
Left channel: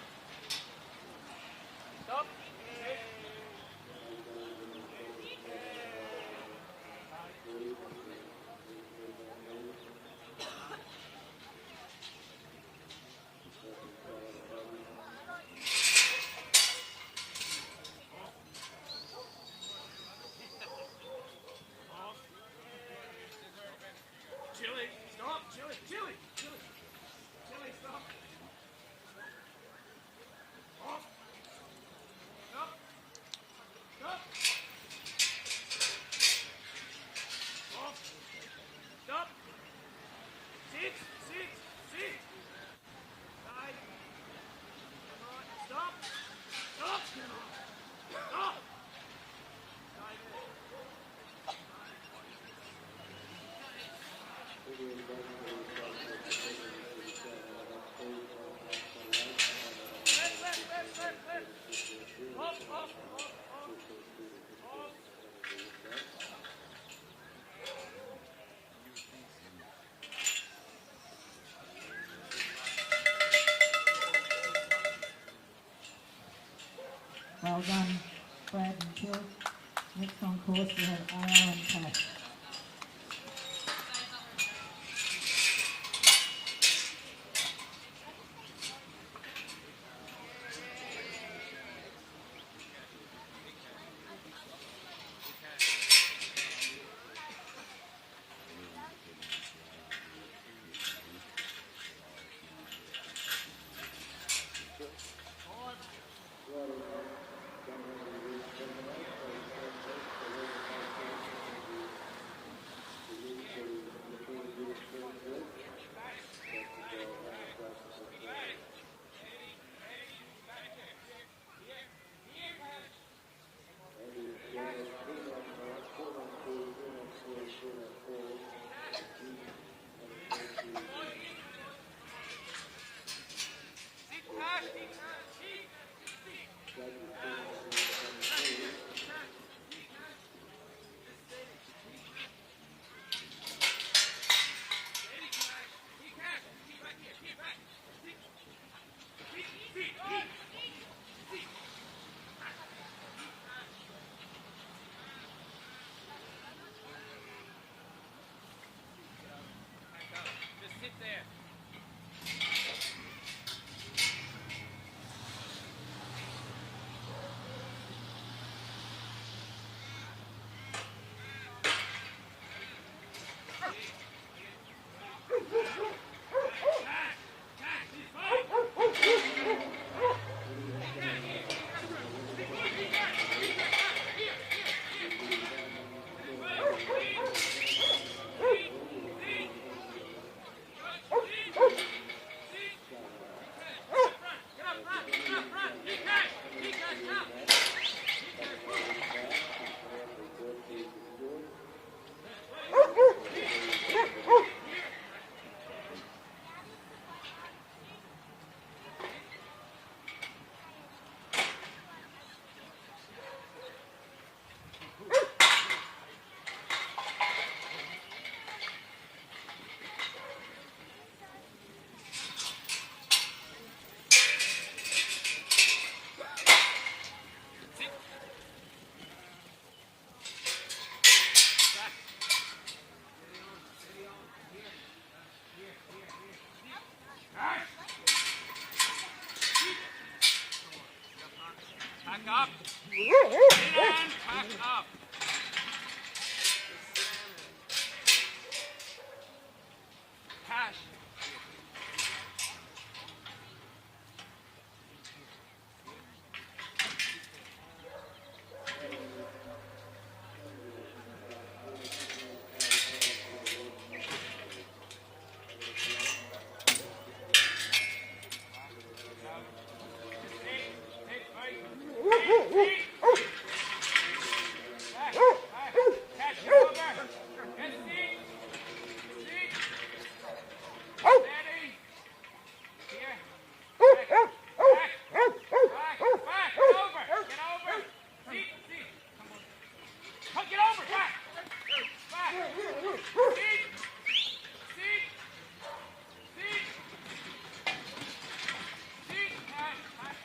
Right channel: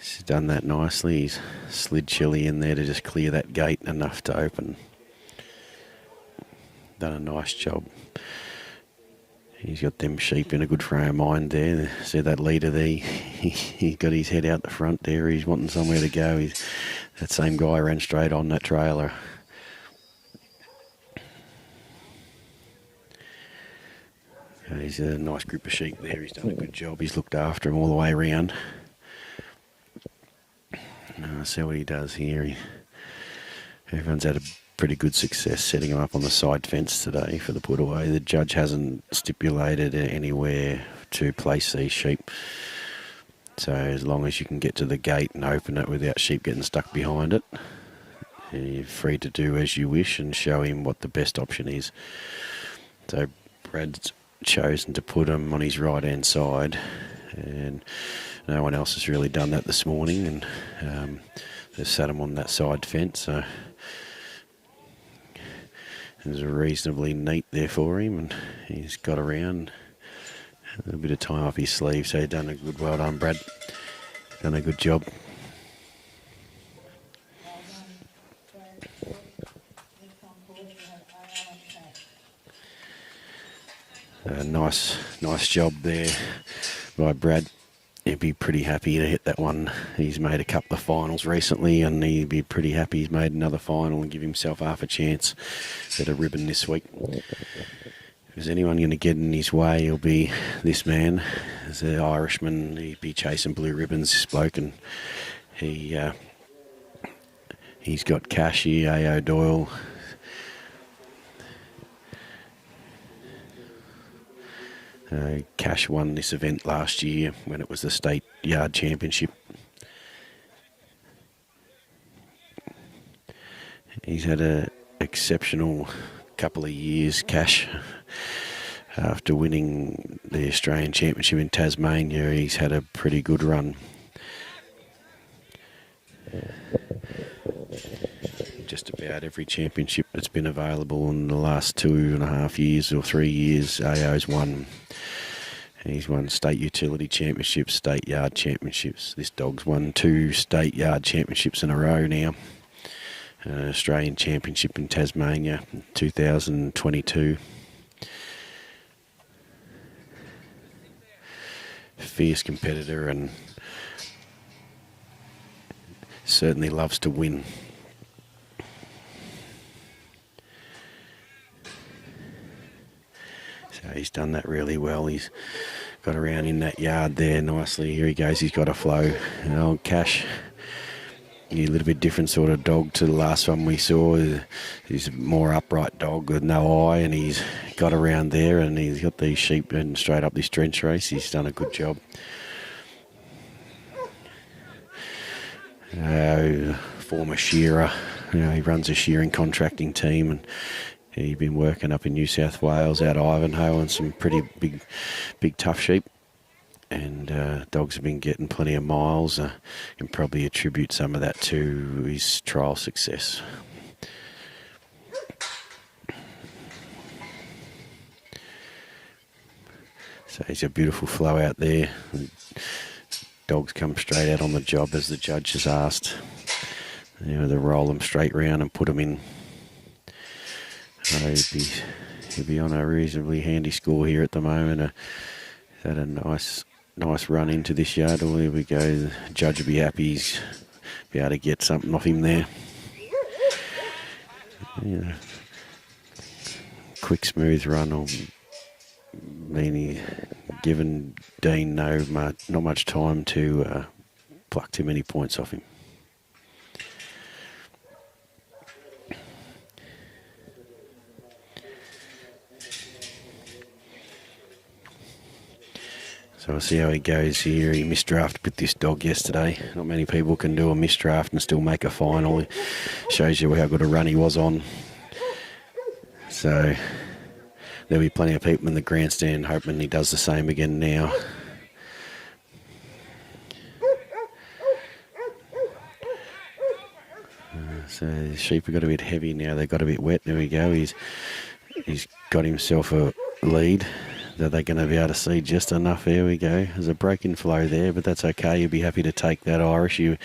he's done that nicely. He's slid Chili in there to just clear that gate enough to open. Done a nice job. He's got them sheep in a good frame of mind there. See that leader there? He got his head out the front there. He's wanting somewhere to go. That same guy ran straight on that trailer. He's a nice group of sheep there. He's done a good job. He's looked after him all the way around. See what he does here. Everyone's had a pretty good success setting him up on the side fence today for the put away. The judge hasn't stipulated anywhere to place these sheep. So as long as you can get to the gate and open it without sheep getting stuck behind it, you're free to do as you wish and show him what the best option is. So Brad's chosen to put him on his right hand side, and no one else has really done that this morning, and just sat him on that side fence. So it was reasonably neat there for him, and he's got around a bit of time up his sleeve, so he's done a good, well done, Brad. Done a good job. Well done, Brad and Geoff. Next on course we have Aoidh and Tess. Nice job there by Brad. He'd be pretty happy to hit that one. He's made a couple of finals recently, and he'd be pretty happy he's made another final and give himself half a chance at a ribbon this week. If there's anyone going to get in his way, it'll be this man. As an Irishman, he'd be chasing blue ribbons, this bloke, and he's got cash here, Aoidh, Doyle. Cash won this event last year when it was the State Yard Championship. He's had an exceptional couple of years, Cash. After winning the Australian Championship in Tasmania, he's had a pretty good run. Just about every championship that's been available in the last 2.5 years or 3 years, Aoidh's won. He's won State Utility Championships, State Yard Championships. This dog's won 2 State Yard Championships in a row now. Australian Championship in Tasmania in 2022. Fierce competitor and certainly loves to win. So he's done that really well. He's got around in that yard there nicely. Here he goes, he's got a flow. And old Cash, a little bit different sort of dog to the last one we saw. He's a more upright dog with no eye, and he's got around there, and he's got these sheep and straight up this trench race. He's done a good job. Former shearer, he runs a shearing contracting team, and he's been working up in New South Wales out of Ivanhoe and some pretty big tough sheep. And dogs have been getting plenty of miles, and probably attribute some of that to his trial success. So it's a beautiful flow out there. And dogs come straight out on the job as the judge has asked. You know, they roll them straight round and put them in. He'll be on a reasonably handy score here at the moment. Had a nice run into this yard. Here we go. The judge will be happy. He's be able to get something off him there. Yeah. Quick, smooth run will mean he given Dean not much time to pluck too many points off him. So we'll see how he goes here. He misdrafted with this dog yesterday. Not many people can do a misdraft and still make a final. It shows you how good a run he was on. So there'll be plenty of people in the grandstand hoping he does the same again now. So the sheep have got a bit heavy now. They got a bit wet. There we go. He's got himself a lead. Are they going to be able to see just enough? There we go. There's a break in flow there, but that's okay. You'll be happy to take that, Irish. You'll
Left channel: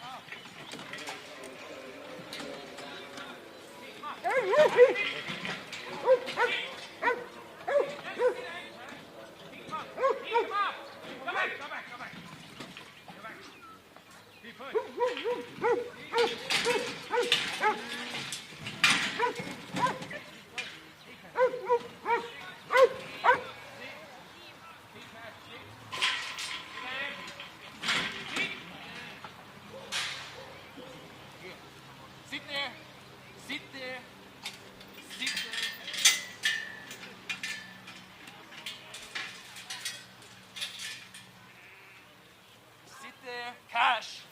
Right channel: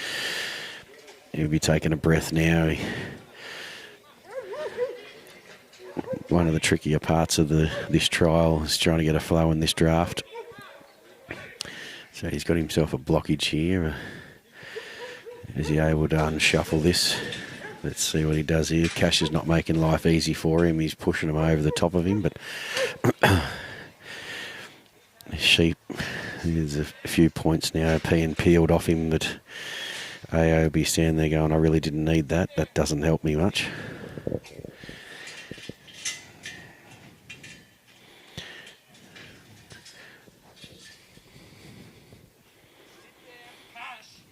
be taking a breath now. One of the trickier parts of this trial is trying to get a flow in this draft. So he's got himself a blockage here. Is he able to unshuffle this? Let's see what he does here. Cash is not making life easy for him. He's pushing him over the top of him, but sheep, there's a few points now being peeled off him, but Aoidh will be standing there going, I really didn't need that. That doesn't help me much. Sit there, Cash.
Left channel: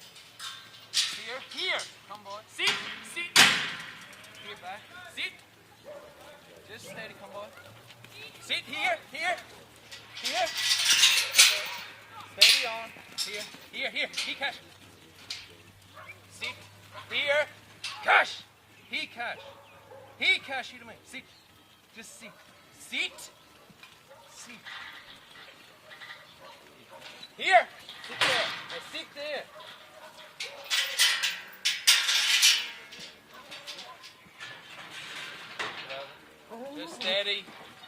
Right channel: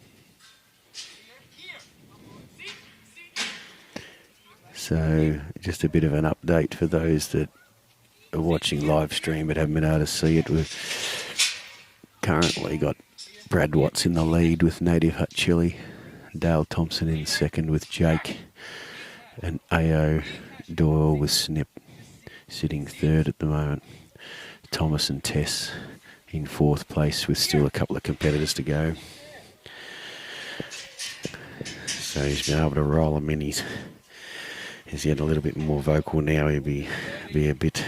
Here. Come on. Sit. So just a bit of an update for those that are watching live stream but haven't been able to see it. We've currently got Brad Watts in the lead with Nativehut Chili, Dale Thompson in second with Jake, and Aoidh Doyle with Snip sitting third at the moment. Thomas and Tess in fourth place with still a couple of competitors to go. So he's been able to roll them in. He's getting a little bit more vocal now. He'll be a bit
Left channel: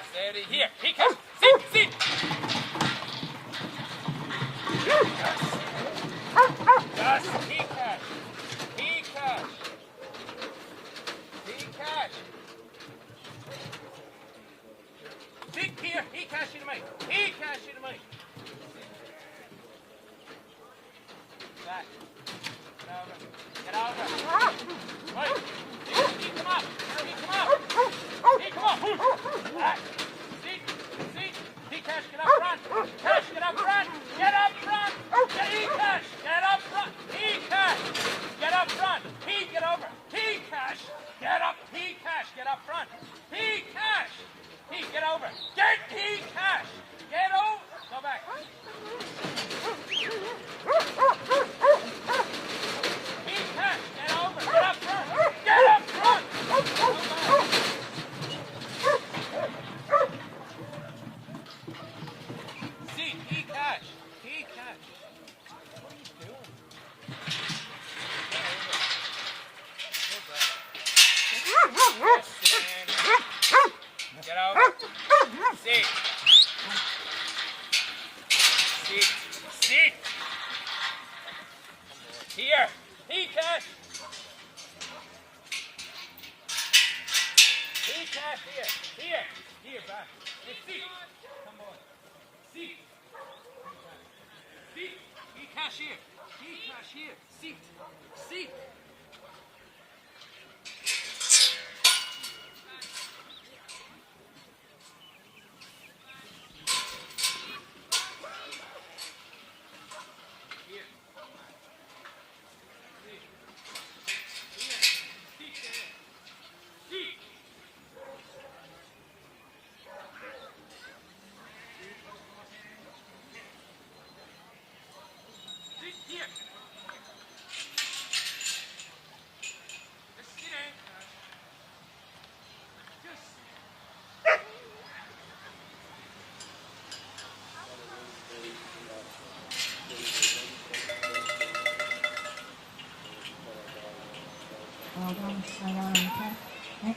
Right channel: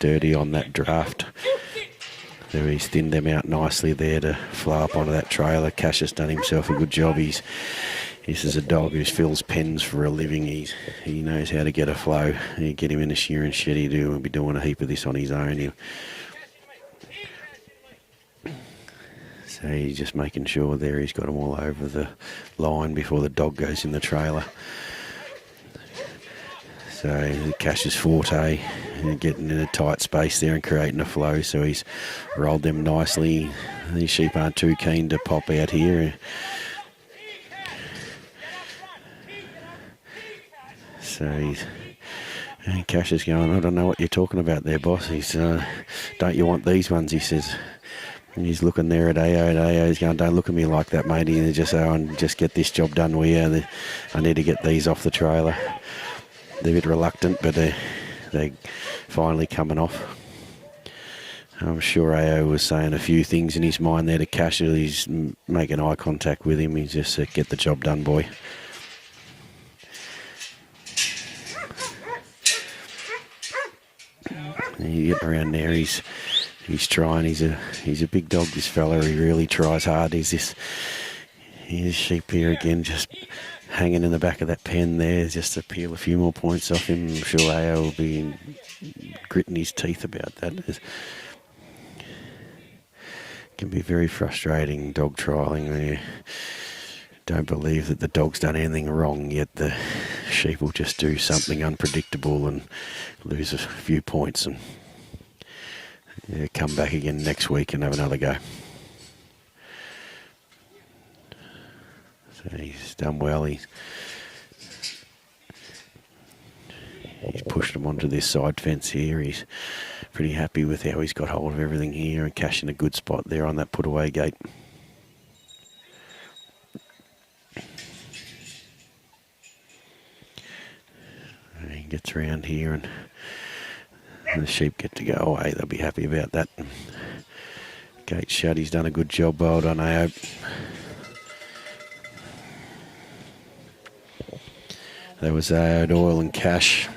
dirty on that draft. So he's thinned them out nicely there to fly up over that trailer. Cash has done himself a good job. This is a dog who fills pens for a living. He knows how to get a flow. You get him in a shearing shed, he'll be doing a heap of this on his own. So he's just making sure there he's got them all over the line before the dog goes in the trailer. So Cash's forte, getting in a tight space there and creating a flow. So he's rolled them nicely. These sheep aren't too keen to pop out here. So Cash is going, I don't know what you're talking about there, boss. He's, don't you want these ones, he says. And he's looking there at Aoidh. He's going, don't look at me like that, matey. And just, just get this job done with you. I need to get these off the trailer. They're a bit reluctant, but they're finally coming off. I'm sure Aoidh was saying a few things in his mind there to Cash. He's making eye contact with him. He's just said, get the job done, boy. You get around there, he's trying. He's a big dog, this fella. He really tries hard. Here's sheep here again, just hanging in the back of that pen there, just to peel a few more points off him. I'm sure Aoidh will be gritting his teeth about that. It can be very frustrating dog trialling where you don't believe that the dog's done anything wrong, yet the sheep will just do something unpredictable and lose a few points and come back again next week and have another go. So he's done well. He's pushed him onto this side fence here. He's pretty happy with how he's got hold of everything here and cashing a good spot there on that put away gate. And he gets around here and the sheep get to go away. They'll be happy about that. Gate shut, he's done a good job. Well done, Aoidh. That was Doyle and Cash.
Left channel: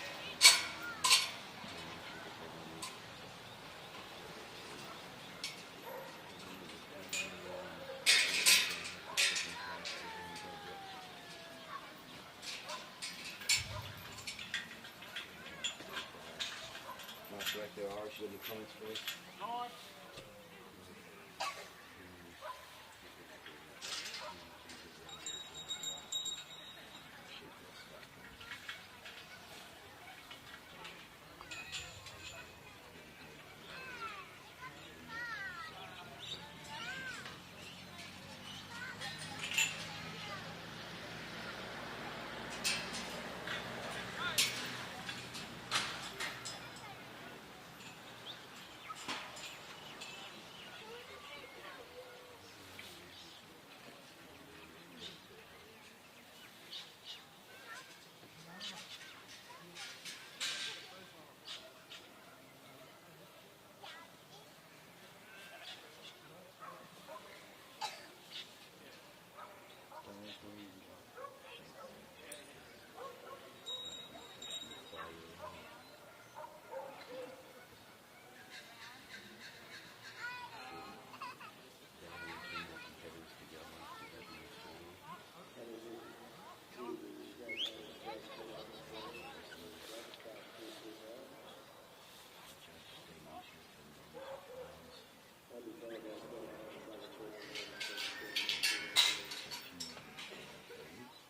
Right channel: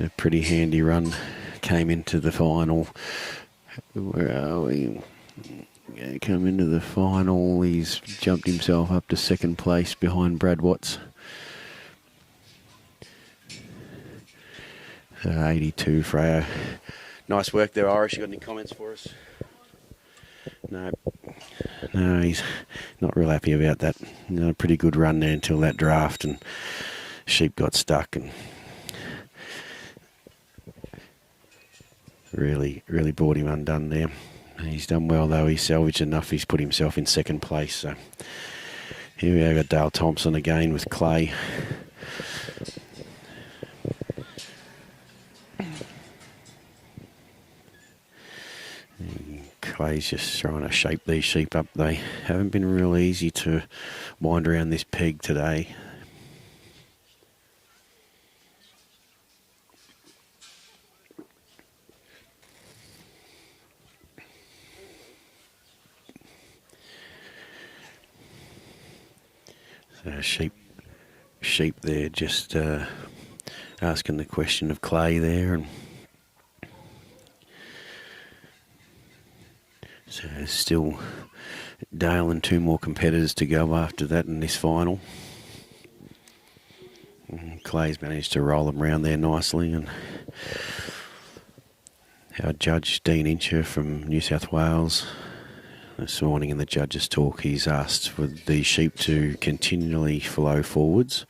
A pretty handy run. Came into the final. Where are we? Come into the final. He's jumped himself up to second place behind Brad Watts. 82 for Aoidh. Nice work there, Irish. You got any comments for us? No, he's not real happy about that. A pretty good run there until that draft, and sheep got stuck, and really brought him undone there. He's done well though. He's salvaged enough. He's put himself in second place. So here we got Dale Thompson again with Clay. Clay's just trying to shape these sheep up. They haven't been real easy to wind around this peg today. Sheep there, just asking the question of Clay there, and so there's still Dale and two more competitors to go after that in this final. And Clay's managed to roll them around there nicely, and our judge Dean Incher from New South Wales. This morning in the judges' talk, he's asked for the sheep to continually flow forwards.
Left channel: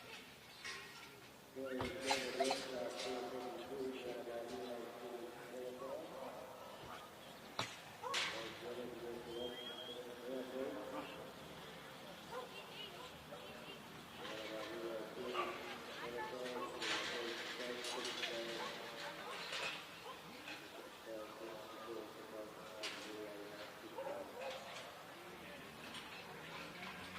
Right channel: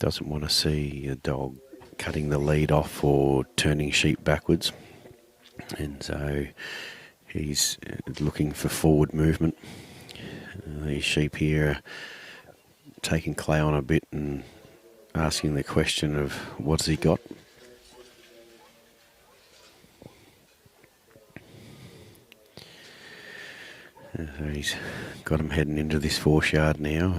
Doesn't want to see a dog cutting the lead off or turning sheep backwards. And so he's looking for forward movement. These sheep here are taking Clay on a bit and asking the question of what's he got. So he's got him heading into this 4 yard now.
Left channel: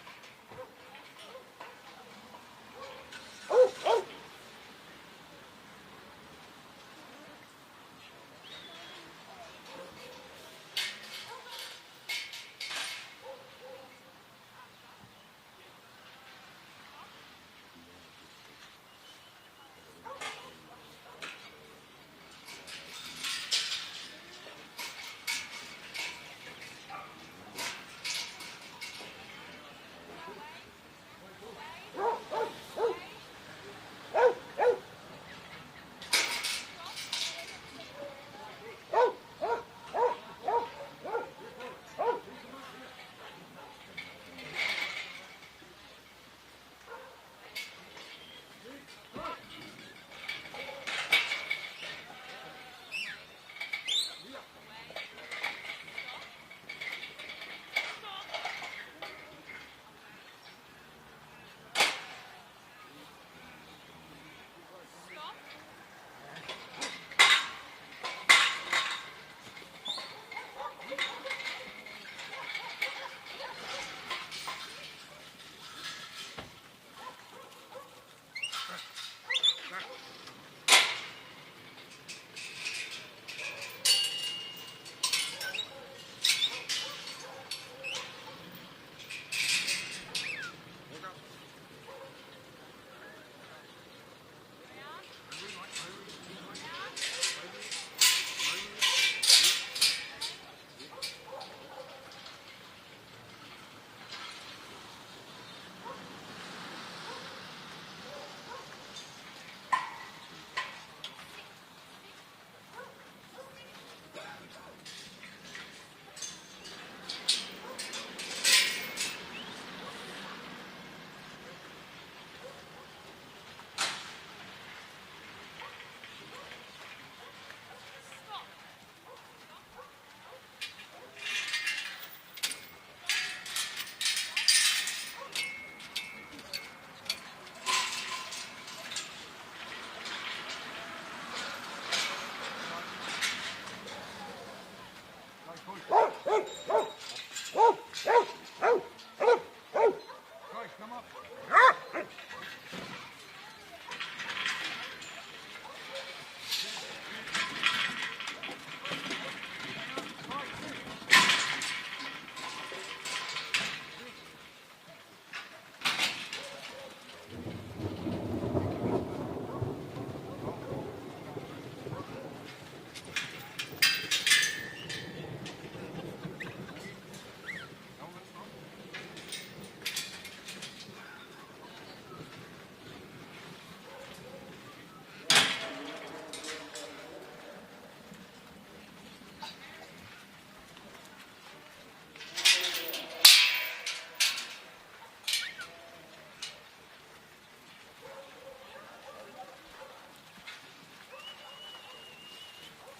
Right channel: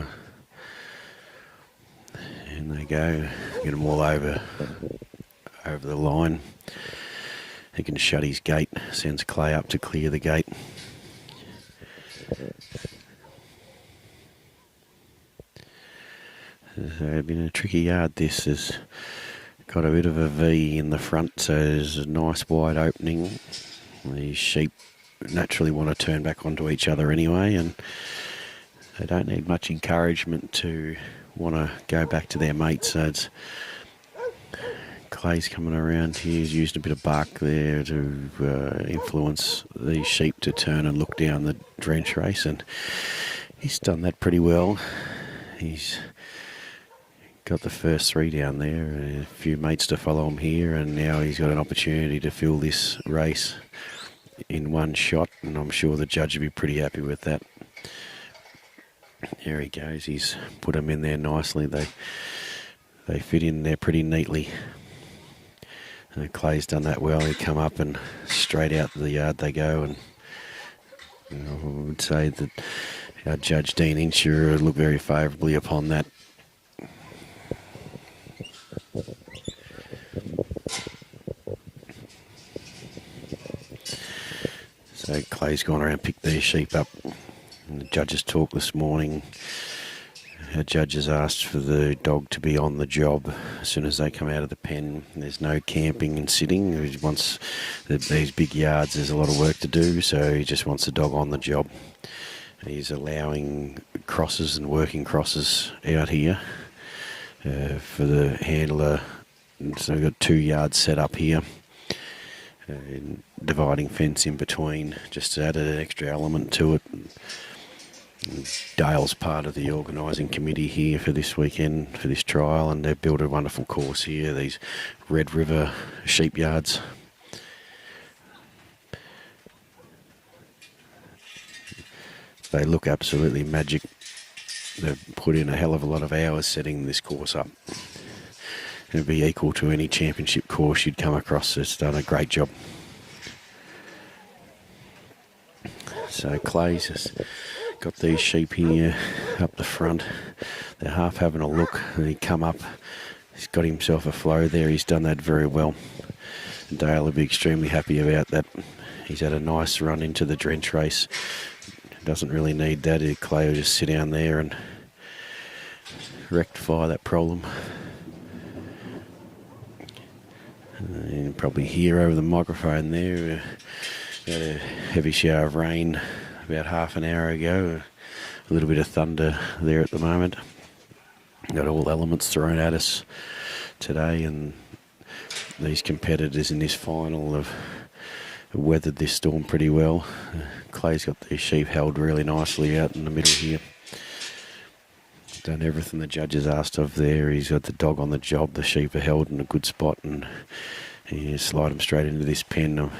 And they go, get them all over the line. He can shut his gate, sends Clay up to clear the gate. So it's been a tricky yard this. Has got a bit of a V in the front, so there's a nice wide opening. These sheep naturally want to turn back onto each other anyway, and they don't need much encouragement to want to go back to their mates. So it's Clay's coming around here, used a bit of bark there to influence these sheep to turn and look down the drench race, and he's done that pretty well. He's got the first 3 down there, a few mates to follow him here, and now he's got an opportunity to fill this race in one shot, and I'm sure the judge will be pretty happy with that. There he goes. He's put them in there nicely. They fit in there pretty neatly. And Clay's done that well. They come up and straight out the yard they go, and I would say that our judge Dean Incher would look very favourably upon that. So Clay's gone around and picked these sheep up. In the judges' talk this morning, our judges asked for the dog to be on the job as soon as they come out of the pen. There's no camping and sitting. He wants these big yards, there's a lot of work to do, so he just wants the dog on the job. He's allowing crosses and working crosses out here for the handler. So we've got 2 yards set up here. Dividing fence in between, just to add an extra element to it. Dale's part of the organising committee here for this weekend, for this trial, and they've built a wonderful course here, these Red River sheep yards. They look absolutely magic. They've put in a hell of a lot of hours setting this course up. It'll be equal to any championship course you'd come across. It's done a great job. So Clay's has got these sheep here up the front. They're half having a look, and he come up. He's got himself a flow there. He's done that very well. Dale will be extremely happy about that. He's had a nice run into the drench race. Doesn't really need that. Clay will just sit down there and rectify that problem. And you can probably hear over the microphone there, had a heavy shower of rain about half an hour ago. A little bit of thunder there at the moment. Got all elements thrown at us today, and these competitors in this final have weathered this storm pretty well. Clay's got these sheep held really nicely out in the middle here. Done everything the judges asked of there. He's got the dog on the job. The sheep are held in a good spot, and he slide them straight into this pen. I'm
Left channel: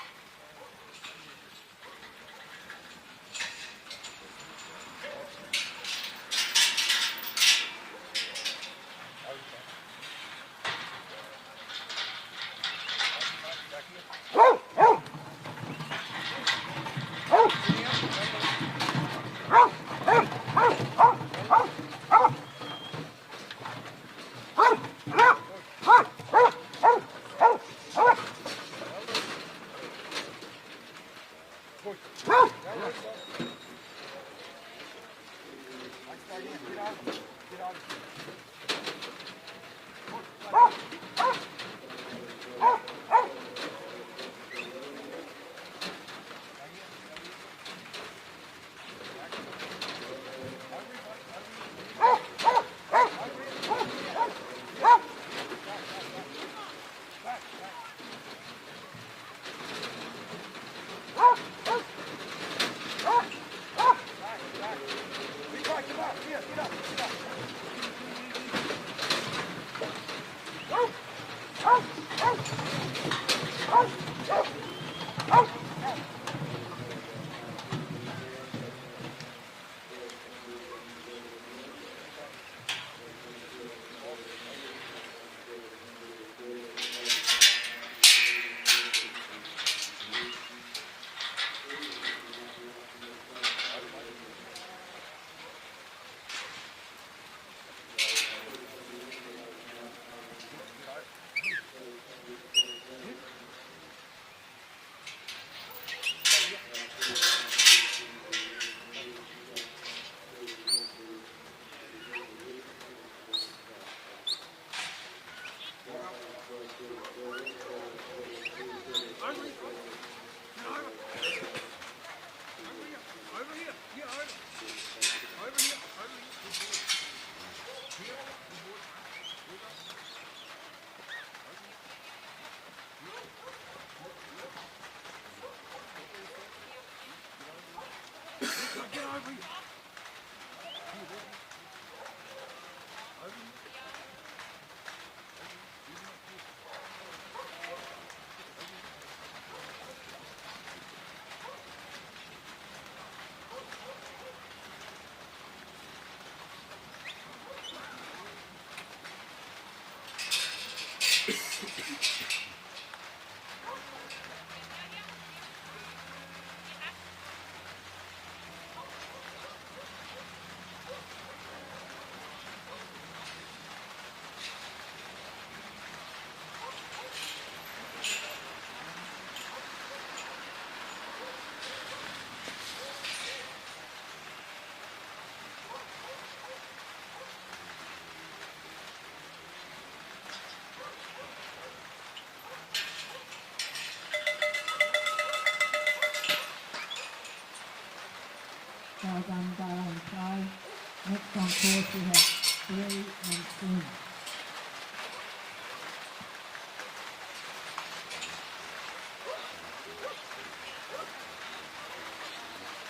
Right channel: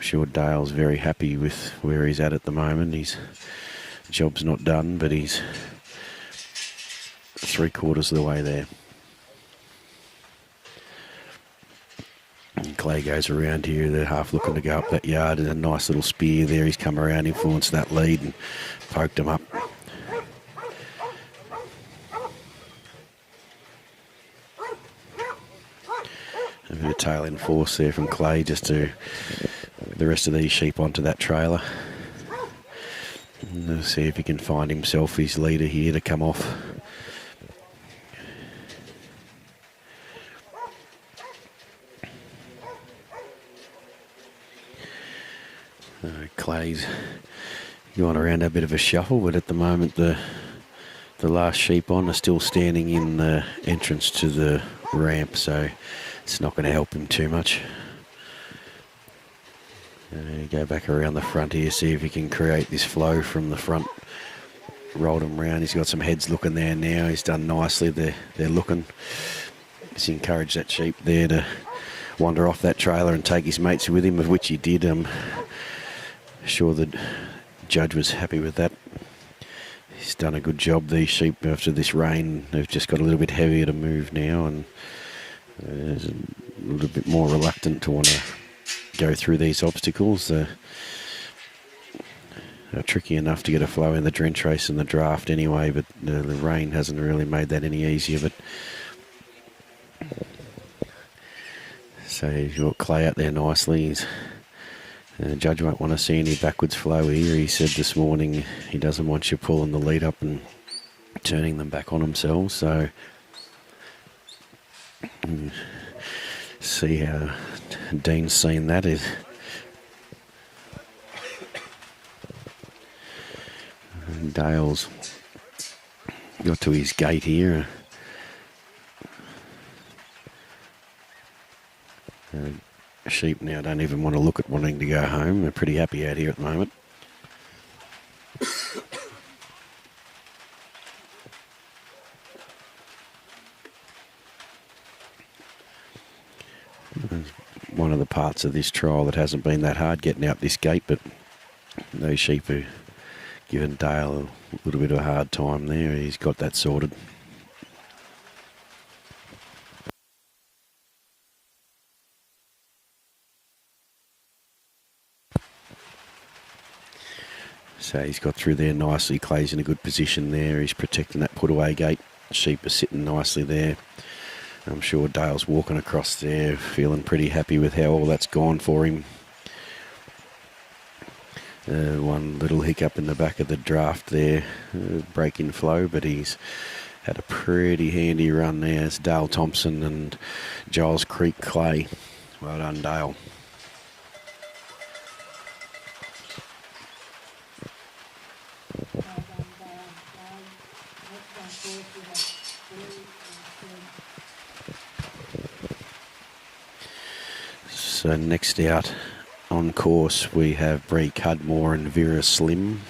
sure Dale's very happy with where he's at the moment. His job's not done, but he's 3/4 of the way there. And Clay goes around here. They're half looking to go up that yard. There's a nice little spear there. He's come around, influenced that lead, and poked him up. There's a tail in force there from Clay just to the rest of these sheep onto that trailer. And see if he can find himself his leader here to come off. Clay's going around a bit of a shuffle, but at the moment the last sheep on are still standing in the entrance to the ramp, so it's not going to help him too much. Go back around the front here, see if he can create this flow from the front. Rolled him round. He's got some heads looking there now. He's done nicely. They're looking. He's encouraged that sheep there to wander off that trailer and take his mates with him, of which he did. Sure the judge was happy with that. He's done a good job. These sheep, after this rain, they've just got a little bit heavier to move now, and there's a little bit more reluctant to want to go through these obstacles. They're tricky enough to get a flow in the drench race and the draft anyway, but the rain hasn't really made that any easier. So you've got Clay out there nicely. The judge won't want to see any backwards flow here. He said this morning he doesn't want you pulling the lead up and turning them back on themselves. So see how Dean's seen that. Is Dale's got to his gate here. Sheep now don't even want to look at wanting to go home. They're pretty happy out here at the moment. One of the parts of this trial that hasn't been that hard getting out this gate, but those sheep are giving Dale a little bit of a hard time there. He's got that sorted. So he's got through there nicely. Clay's in a good position there. He's protecting that put-away gate. Sheep are sitting nicely there. I'm sure Dale's walking across there, feeling pretty happy with how all that's gone for him. One little hiccup in the back of the draft there, break in flow, but he's had a pretty handy run there. It's Dale Thompson and Gilescreek Clay. Well done, Dale. Well done, Dale and Clay. Next on course we have Bree and Snip. So next out on course we have Bree Cudmore and Vera Slim.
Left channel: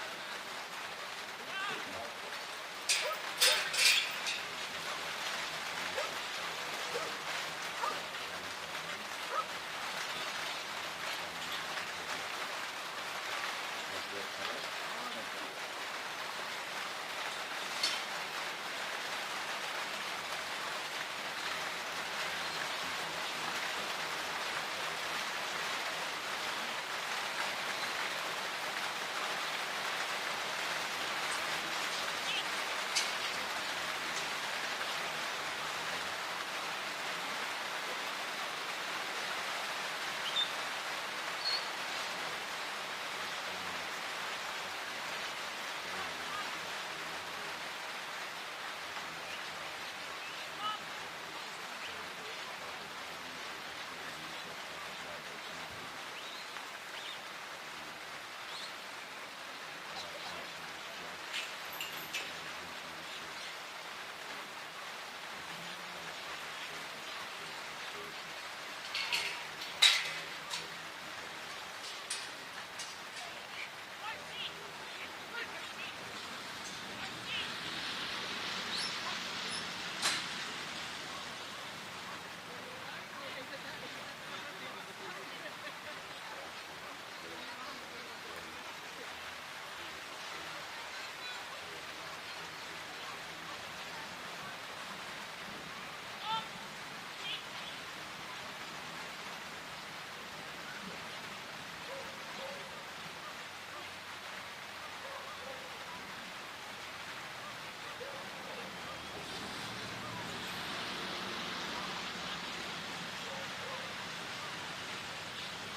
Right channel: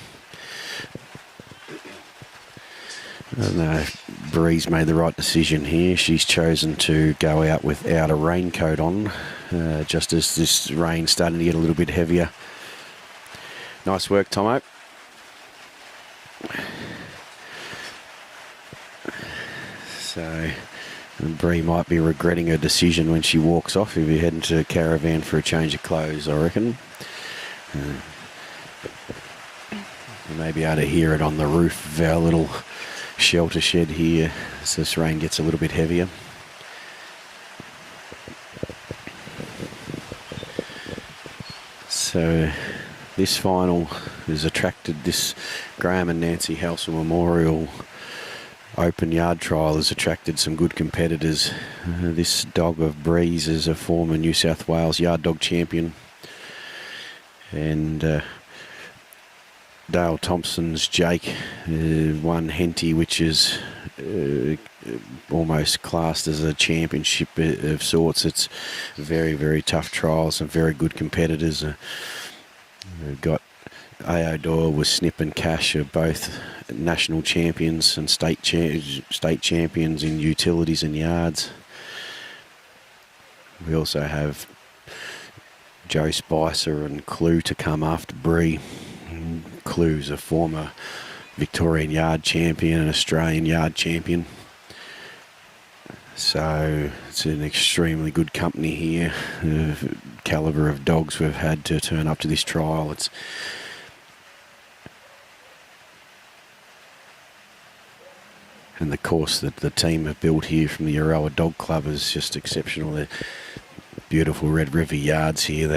Bree's made the right decision here. She's chosen to go out without a raincoat on, just as this rain's starting to get a little bit heavier. Nice work, Tomo. So Bree might be regretting her decision when she walks off. If you're heading to a caravan for a change of clothes, I reckon. You may be able to hear it on the roof of our little shelter shed here as this rain gets a little bit heavier. So this final has attracted this Graham and Nancy Halsall Memorial Open Yard Trial has attracted some good competitors. This dog of Bree's is a former New South Wales Yard Dog Champion. And Dale Thompson's Jake won Henty, which is almost classed as a championship of sorts. It's very, very tough trials, some very good competitors. We've got Aoidh with Snip and Cash are both national champions and state champions in utilities and yards. We also have Joe Spicer and Clue to come after Bree. Clue's a former Victorian yard champion and Australian yard champion. So it's an extremely good company here. The calibre of dogs we've had to turn up to this trial. And the course that the team have built here from the Euroa Dog Club is just exceptional. They're beautiful Red River yards here.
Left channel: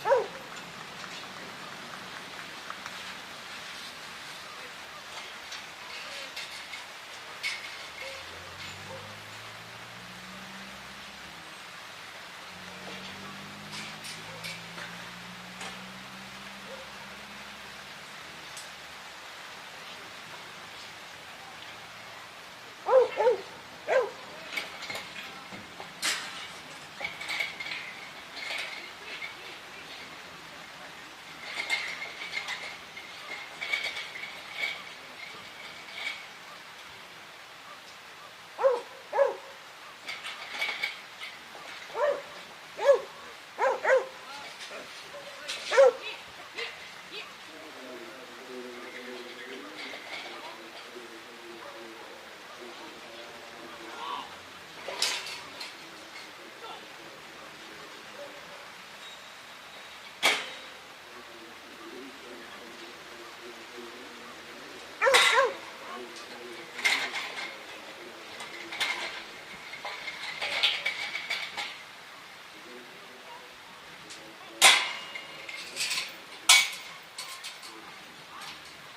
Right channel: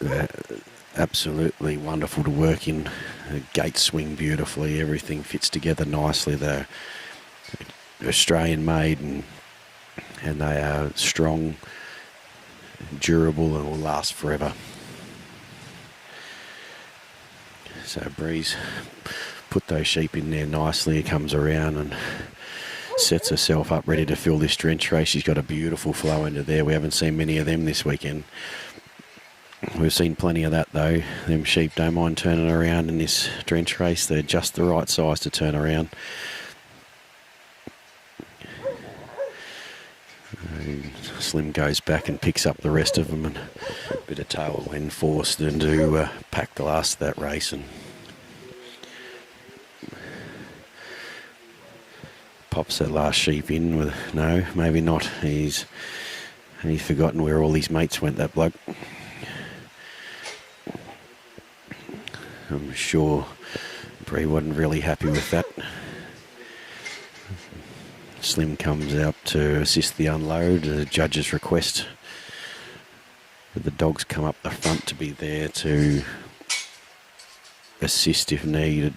They're absolutely wonderful to work in. The gates swing beautifully. Everything fits together nicely. They're Australian made and they are strong, durable, and will last forever. So Bree's put those sheep in there nicely. It comes around and sets herself up ready to fill this drench race. She's got a beautiful flow into there. We haven't seen many of them this weekend. We've seen plenty of that though. Them sheep don't mind turning around in this drench race. They're just the right size to turn around. And Slim goes back and picks up the rest of them, and a bit of tailwind forced them to pack the last of that race. And pops that last sheep in with, no, maybe not. He's forgotten where all his mates went, that bloke. I'm sure Bree wasn't really happy with that. Slim comes out to assist the unload, the judge's request. But the dogs come up the front to be there to assist if needed.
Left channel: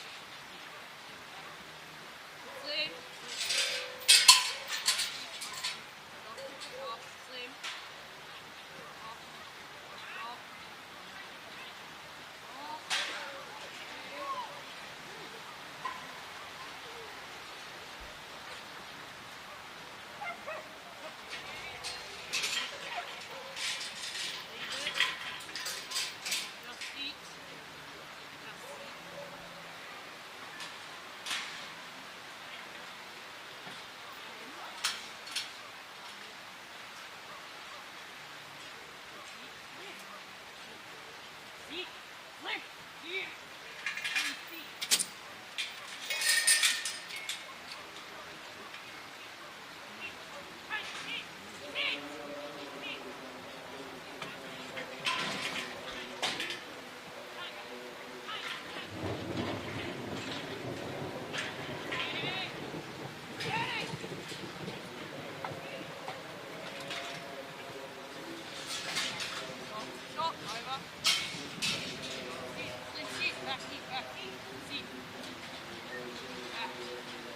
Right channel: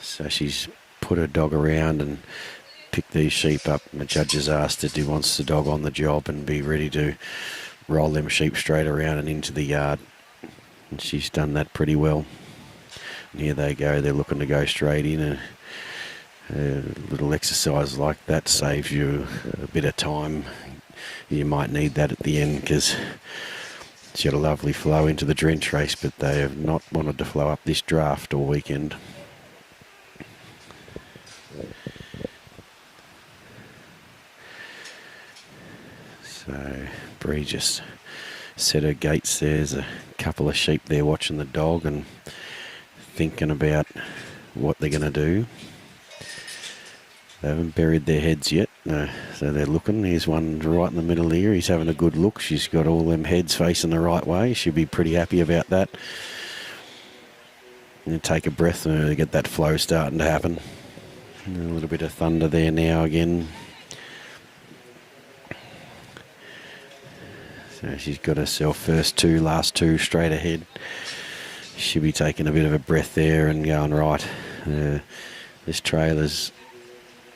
So she's put her dog around and picked these sheep up. And the judge has asked if he wants the dog on the job and be ready to roll them sheep straight around and into the yard. And she's done that pretty well. And here they go. They're looking to go straight in. A little exercise like that saves you a bit of time. You might need that at the end because she had a lovely flow into the drench race, but they have not wanted to flow up this draft all weekend. So Bree just set her gates. There's a couple of sheep there watching the dog and thinking about what they're going to do. They haven't buried their heads yet, no, so they're looking. Here's one right in the middle here. He's having a good look. She's got all them heads facing the right way. She'll be pretty happy about that. And take a breath and get that flow starting to happen. A little bit of thunder there now again. So she's got herself last two straight ahead. She'll be taking a bit of a breath there and going, right, this trailer's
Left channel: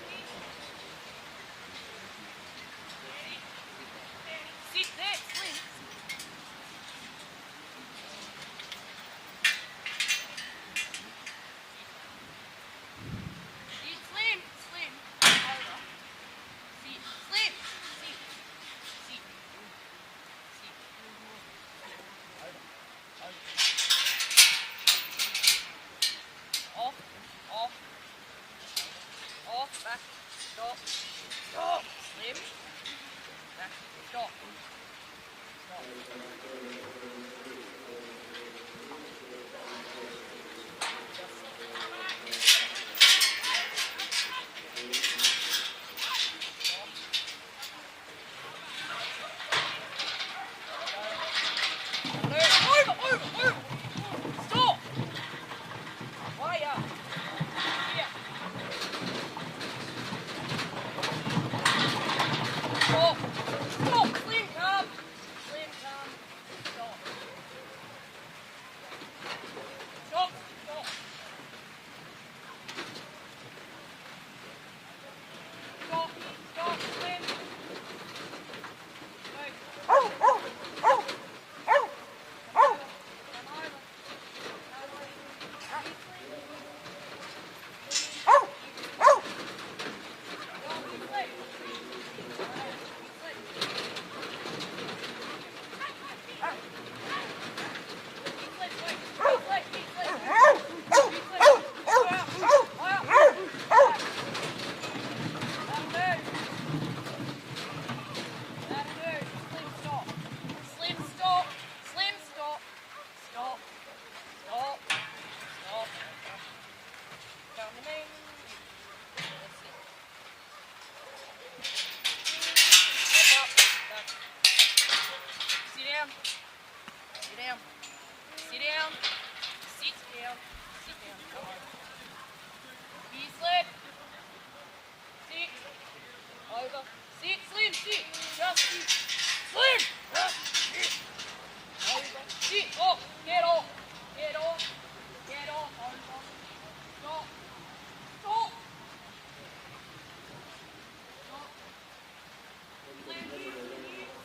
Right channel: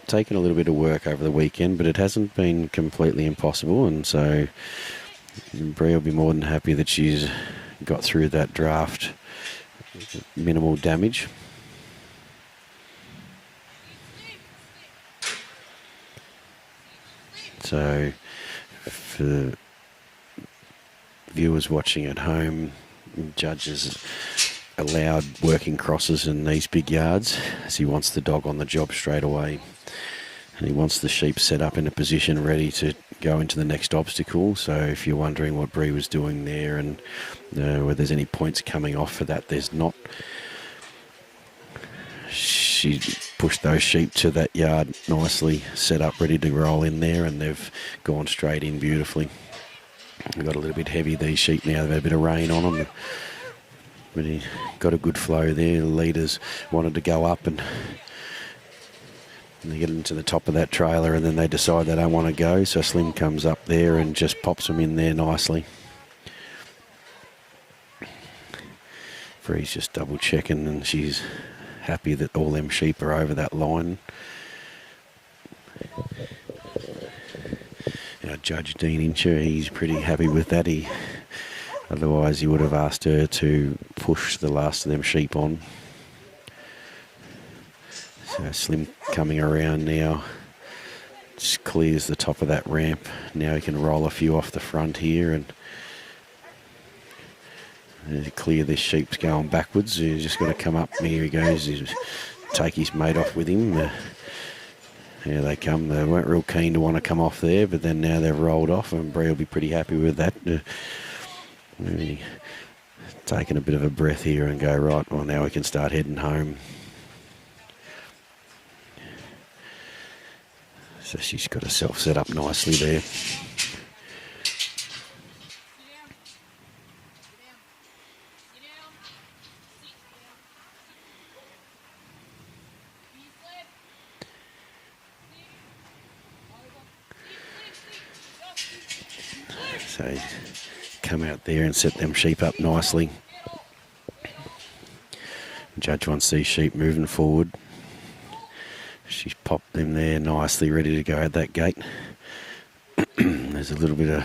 taken a little bit of work over the weekend, but it hasn't been completely impossible, and so Bree will be more than happy that she's got through that draft. Minimal damage. So for viewers watching at home, judges allowed working crosses in these big yards as he wants the dog on the job straight away. And he wants the sheep set up in a position ready to go into the next obstacle. So if you're wondering what Bree was doing there and whether there's any points coming off for that, there's not. She pushed those sheep to that yard nicely, set up ready to roll in there, and they've gone straight in beautifully. We've got a little bit heavy, these sheep now. They've had a bit of rain on them. But he got a good flow there. The leaders wanted to go up and They get into the top of that trailer and then they decide they don't want to go, so Slim comes up there and just pops them in there nicely. Bree's just double checking and she's happy that all them sheep are over that line. Our Judge Dean Incher, he's pretty happy with that. Otherwise he would have asked her to push the last of them sheep on. So Slim coming around now, just clears the top of that ramp. Now he can roll a few off the front here and clear this sheep's going backwards. He's just got to come up. Here he goes. He's take his mate off with him. Here they come. They weren't real keen to want to come off there, but then now they've rolled off, and Bree will be pretty happy with that. Really taking a bit of a breath here and go, right, well, now we can start heading home. So she's got herself set up nicely there. So come out there and set them sheep up nicely. Judge wants these sheep moving forward. She's popped them there nicely, ready to go at that gate. There's a little bit of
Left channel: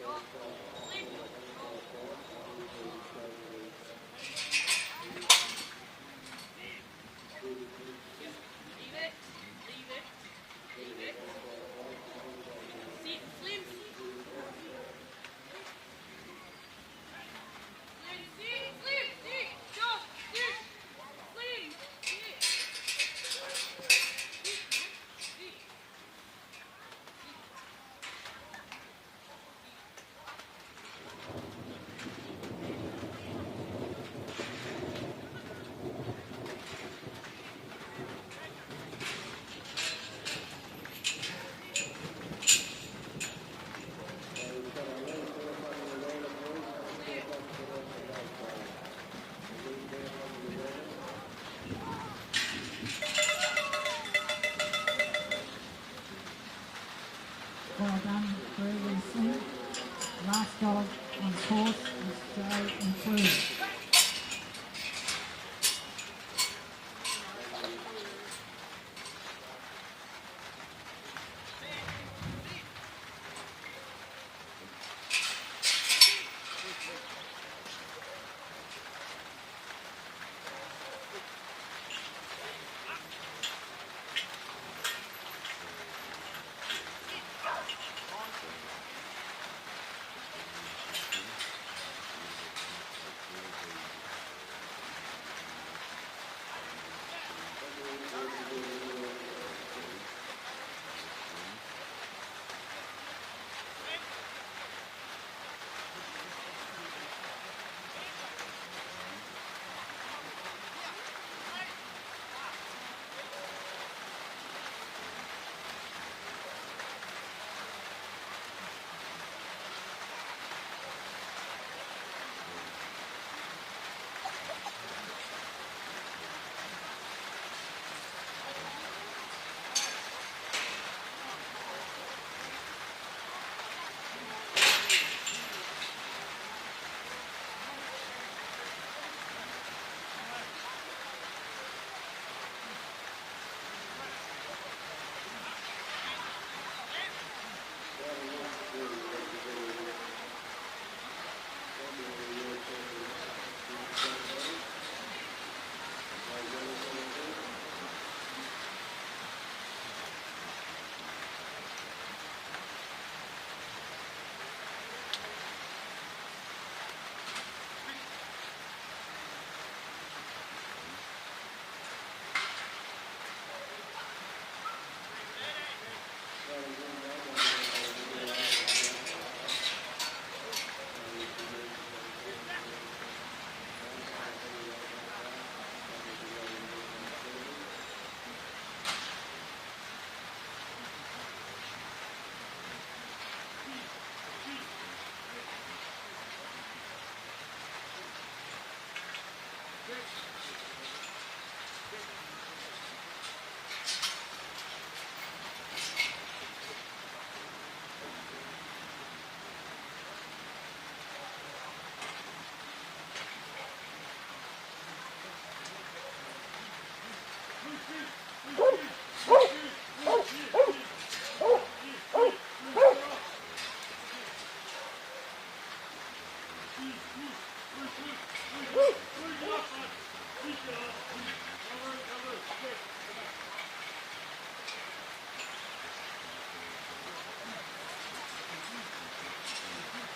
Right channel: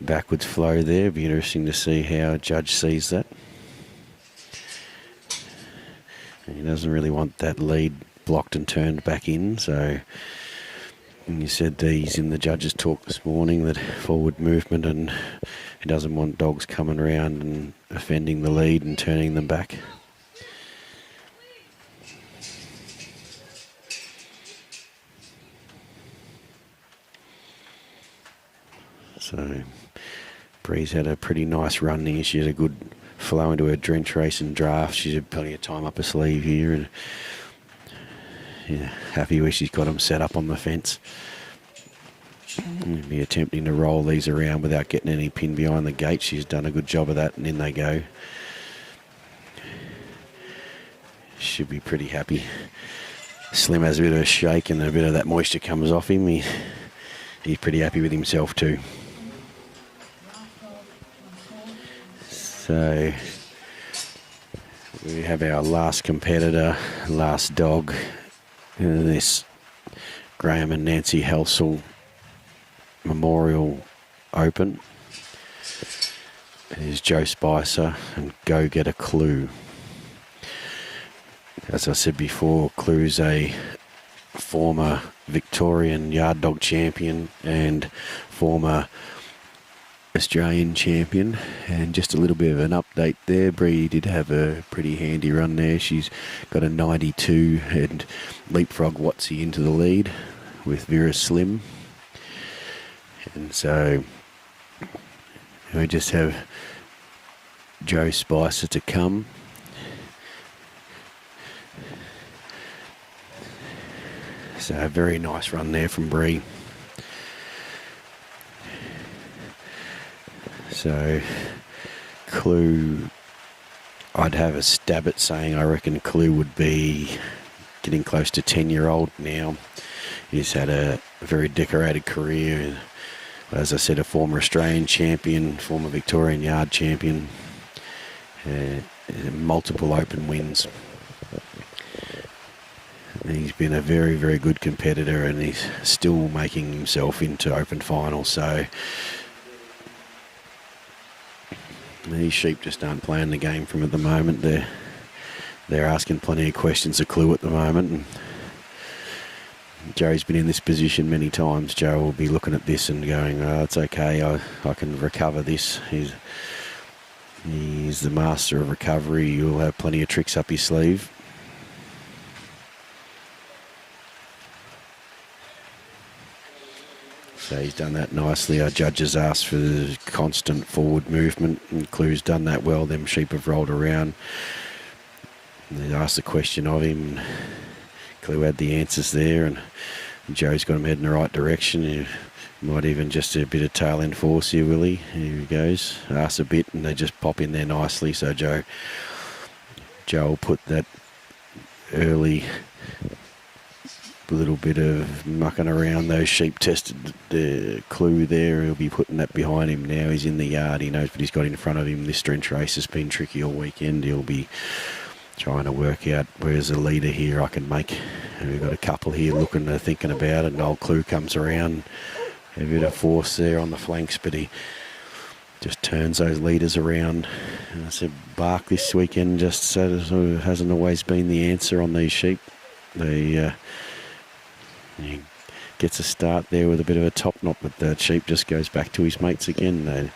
backwards flow there. Be interesting to see how Judge sees that. And he doesn't really want that lead blocked and turned back in, so and you said he's in the judge's talk this morning that forward movement, and he doesn't want dogs coming around and offending the lead and turning them back. So Bree's had a pretty nice run here. She had a good flow into her drench race and draft. She's had plenty of time up her sleeve here, and yeah, happy where she's got them set up on the fence. We'll be attempting to roll these around without getting any pin behind the gate. She's done a good job of that, and in they go. Should be pretty happy. Slim has a bit of a shake and a bit of that moisture comes off him. He's pretty happy with himself too. So we have our last competitor, last dog in this Graham and Nancy Halsall Memorial Open. Here's Joe Spicer and Gogetta Clue. As I said before, Clue's a former Victorian yard dog champion and former Australian champion. And just a little bit of an update there. Bree did have a pretty handy run there. She's got a 92 and leapfrog Watsy into the lead with Vera Slim. And so we just have Joe Spicer to come. So a very nice run there from Bree. So Clue, I'd have a stab at saying I reckon Clue would be getting close to 10-year-old now. He's had a very decorated career. As I said, a former Australian champion, former Victorian yard champion, multiple open wins. He's been a very, very good competitor, and he's still making himself into open finals. So these sheep just aren't playing the game from at the moment. They're asking plenty of questions of Clue at the moment. And Joe's been in this position many times. Joe will be looking at this and going, "Oh, it's okay. I can recover this." He's the master of recovery. He'll have plenty of tricks up his sleeve. So he's done that nicely. Our judges asked for constant forward movement, and Clue's done that well. Them sheep have rolled around. They asked a question of him. Clue had the answers there, and Joe's got him heading in the right direction. He might even just do a bit of tail end force here, will he? Here he goes. Asks a bit, and they just pop in there nicely. So Joe will put that early little bit of mucking around. Those sheep tested the clue there. He'll be putting that behind him now. He's in the yard. He knows what he's got in front of him. This drench race has been tricky all weekend. He'll be trying to work out where's the leader here I can make. And we've got a couple here looking, thinking about it. Old Clue comes around. A bit of force there on the flanks, but he just turns those leaders around. And I said, bark this weekend just hasn't always been the answer on these sheep. He gets a start there with a bit of a top knot, but the sheep just goes back to his mates again.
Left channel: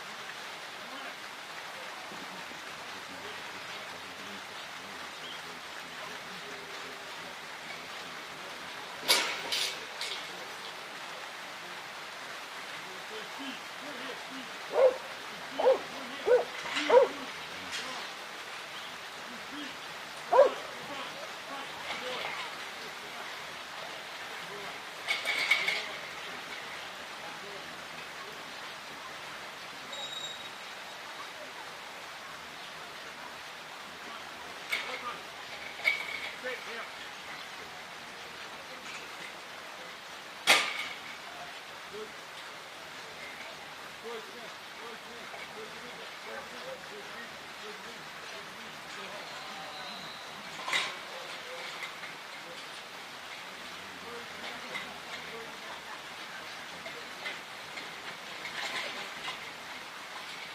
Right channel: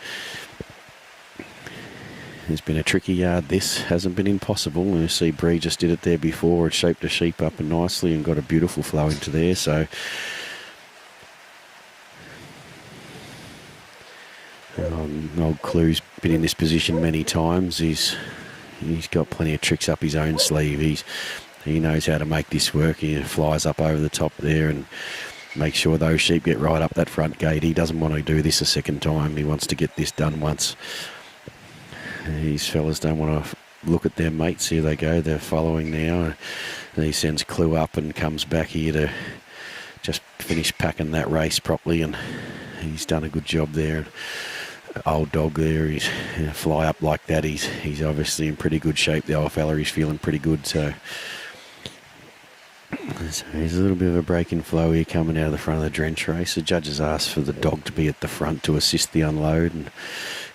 It's been a tricky yard. This hasn't been impossible. You see Bree just did it there before. It shaped the sheep up nicely and got a beautiful flow into there. So old Clue's been in this position many times. He's got plenty of tricks up his own sleeve. He knows how to make this work. He flies up over the top there and makes sure those sheep get right up that front gate. He doesn't want to do this a second time. He wants to get this done once. These fellas don't want to look at their mates. Here they go. They're following now. And he sends Clue up and comes back here to just finish packing that race properly. And he's done a good job there. Old dog there. He's fly up like that. He's obviously in pretty good shape. The old fella, he's feeling pretty good. So there's a little bit of a break in flow here coming out of the front of the drench race. The judges asked for the dog to be at the front to assist the unload, and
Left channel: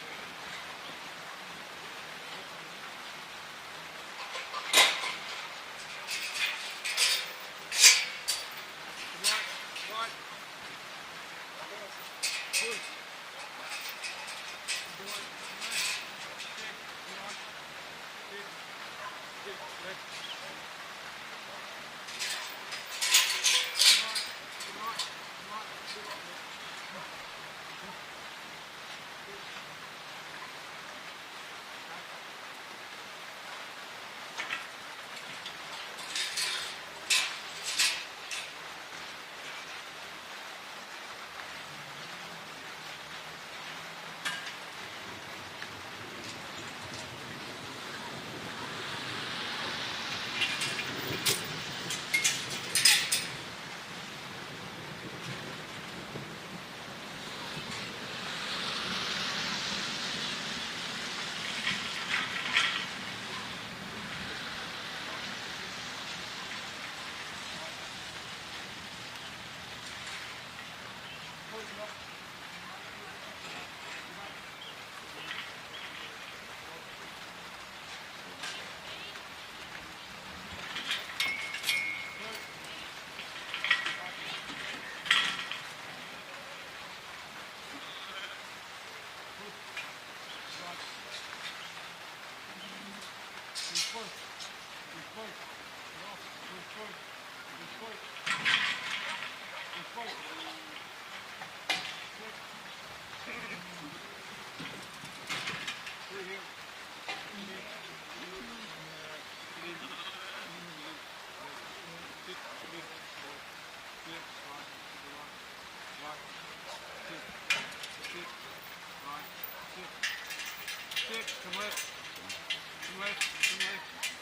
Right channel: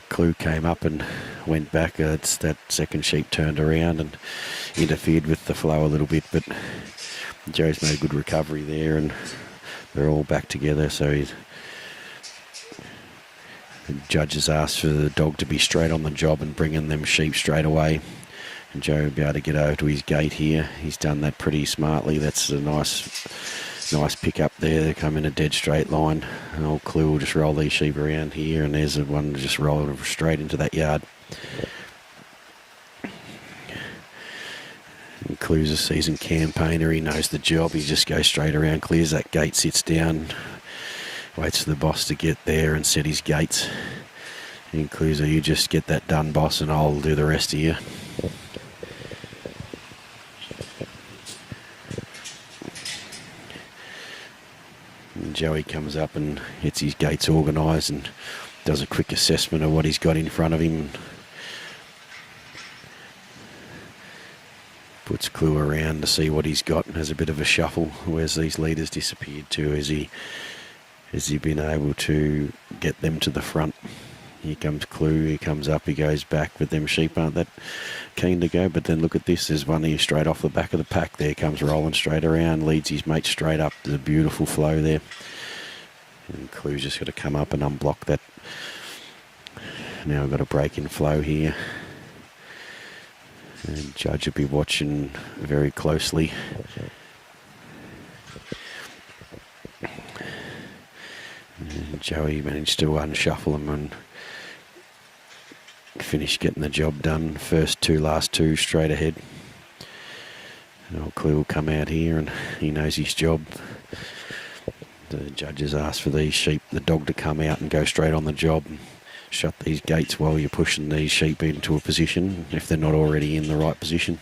Clue came up and went back. It's that second sheep turned around and interfered with the flow a little bit, but Joe's made a good recovery there, and they're all back together. So the judges asked for the dog to be straight on the job and bring in them sheep straight away. And Joe will be able to get over to his gate here. He's done that pretty smartly. That's a nice pick up there. They come in a dead straight line. And old Clue will just roll these sheep around here, and there's the one just roll straight into that yard. And Clue's a seasoned campaigner. He knows the job. He just goes straight around, clears that gate, sits down, waits for the boss to get there and set his gates. And Clue's, you just get that done, boss, and I'll do the rest of you. Joey comes up and gets his gates organised and does a quick assessment of what he's got in front of him. Puts Clue around to see what he's got and has a bit of a shuffle. Where's these leaders disappeared to? Has he been able to get them to the front? Here comes Clue, he comes up, he goes back, but them sheep aren't that keen to go. But then look at this, there's one here straight off the back of the pack there, comes rolling straight around, leads his mate straight up to the beautiful flow there. And Clue's just got to come up and unblock that. Now we've got a break in flow here. And Judge will be watching very closely. And Joey managed to unshuffle him and finish getting the job done. Last two straight ahead. Old Clue will come out here and he knows his job. The judges asked for these sheep, the dog to come out and go straight on the job and shut these gates while you're pushing these sheep into a position if they're not already in the right position.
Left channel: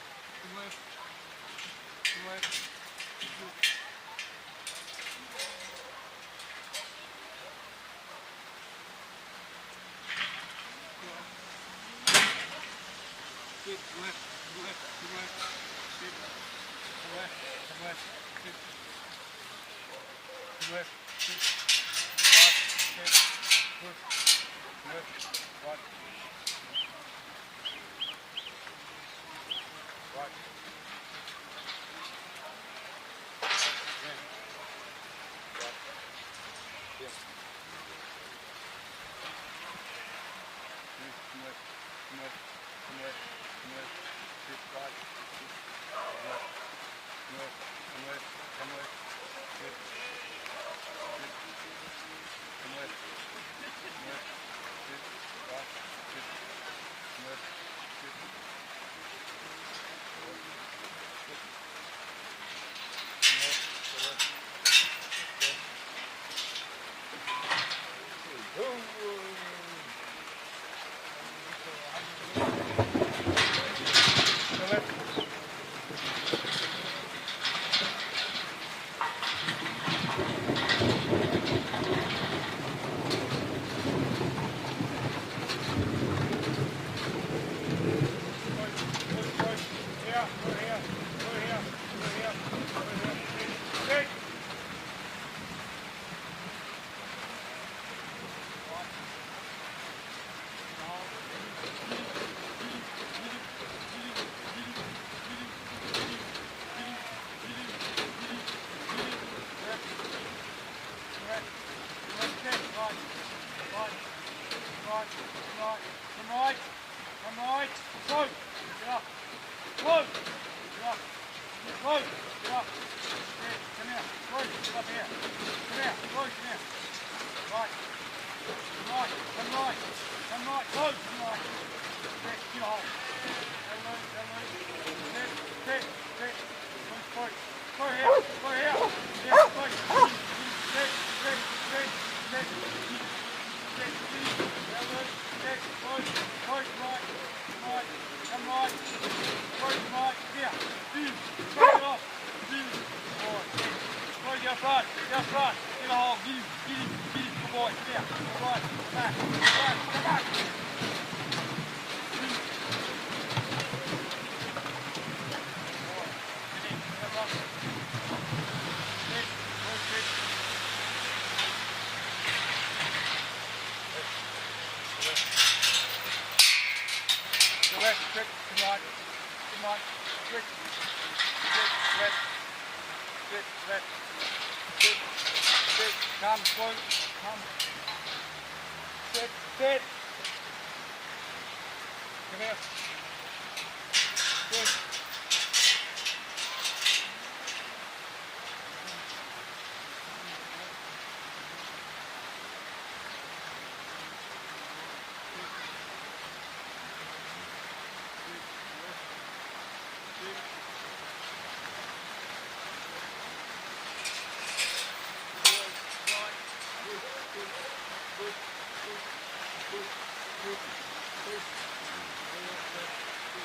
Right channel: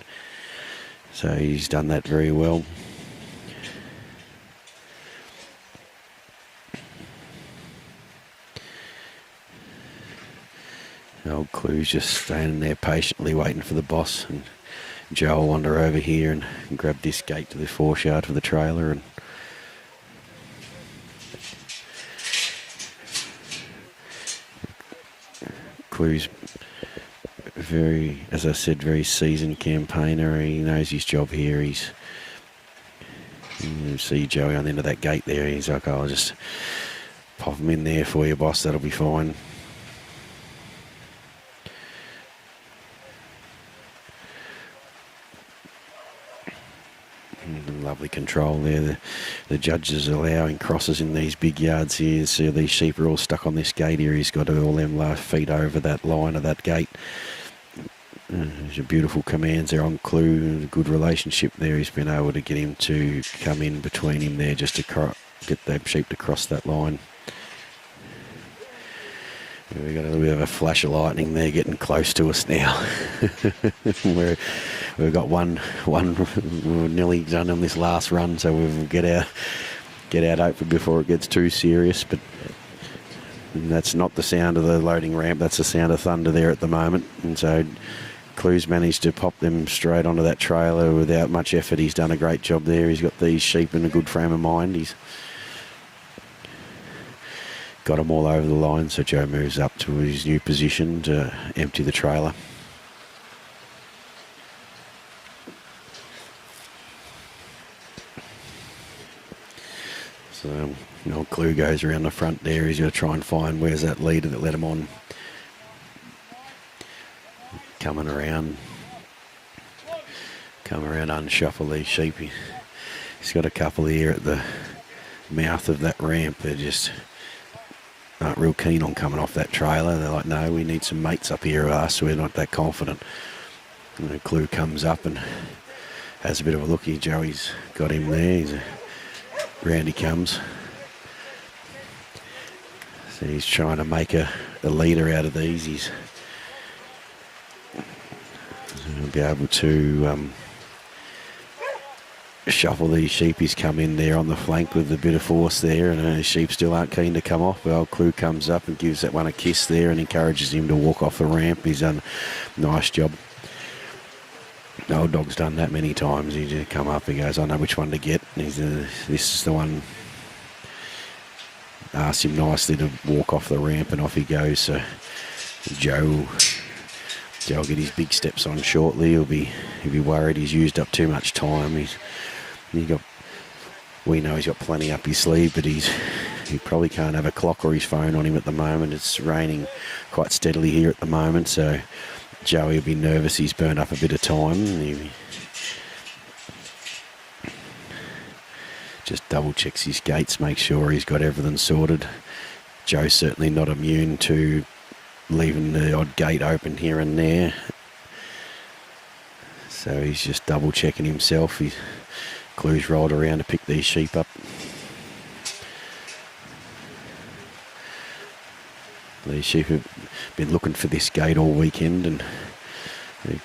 So he's done that very well. Old Clue's just standing there patiently waiting for the boss, and Joe will wander over here and grab this gate to the foreshard for the trailer. And Clue's very, as I said, very seasoned campaigner. He knows his job here. You see Joey on the end of that gate there. He's like, I'll just pop him in there for you, boss. That'll be fine. Lovely control there. The judges are allowing crosses in these big yards here. So these sheep are all stuck on this gate here. He's got all them last feet over that line of that gate. There's a beautiful commands there on Clue. Good relationship there. He's been able to get him to come in between him there just to get that sheep to cross that line. We've got a little bit of a flash of lightning there getting close to us now. We've got one we're nearly done on this last run, so we'll get out hopefully before it gets too serious. But that's not the sound of the loading ramp, that's the sound of thunder there at the moment. And so Clue's managed to pop them straight onto that trailer without much effort. He's done a great job there. He's got these sheep in a good frame of mind. He's got them all over the line, so Joe moves up to his new position to empty the trailer. So old Clue goes around the front there. He's going to try and find where's that leader that let him on. Coming around unshuffle these sheep. He's got a couple here at the mouth of that ramp. They're just aren't real keen on coming off that trailer. They're like, no, we need some mates up here with us. We're not that confident. And the Clue comes up and has a bit of a look here. Joey's got him there. Round he comes. So he's trying to make the leader out of these. He'll be able to shuffle these sheep. He's come in there on the flank with a bit of force there, and the sheep still aren't keen to come off. The old Clue comes up and gives that one a kiss there and encourages him to walk off the ramp. He's done a nice job. The old dog's done that many times. He just come up, he goes, I know which one to get. And this is the one. Asks him nicely to walk off the ramp, and off he goes. So Joe will get his big steps on shortly. He'll be worried he's used up too much time. We know he's got plenty up his sleeve, but he probably can't have a clock or his phone on him at the moment. It's raining quite steadily here at the moment, so Joey will be nervous. He's burned up a bit of time. He just double checks his gates, make sure he's got everything sorted. Joe's certainly not immune to leaving the odd gate open here and there, so he's just double checking himself. Clue's rolled around to pick these sheep up. These sheep have been looking for this gate all weekend, and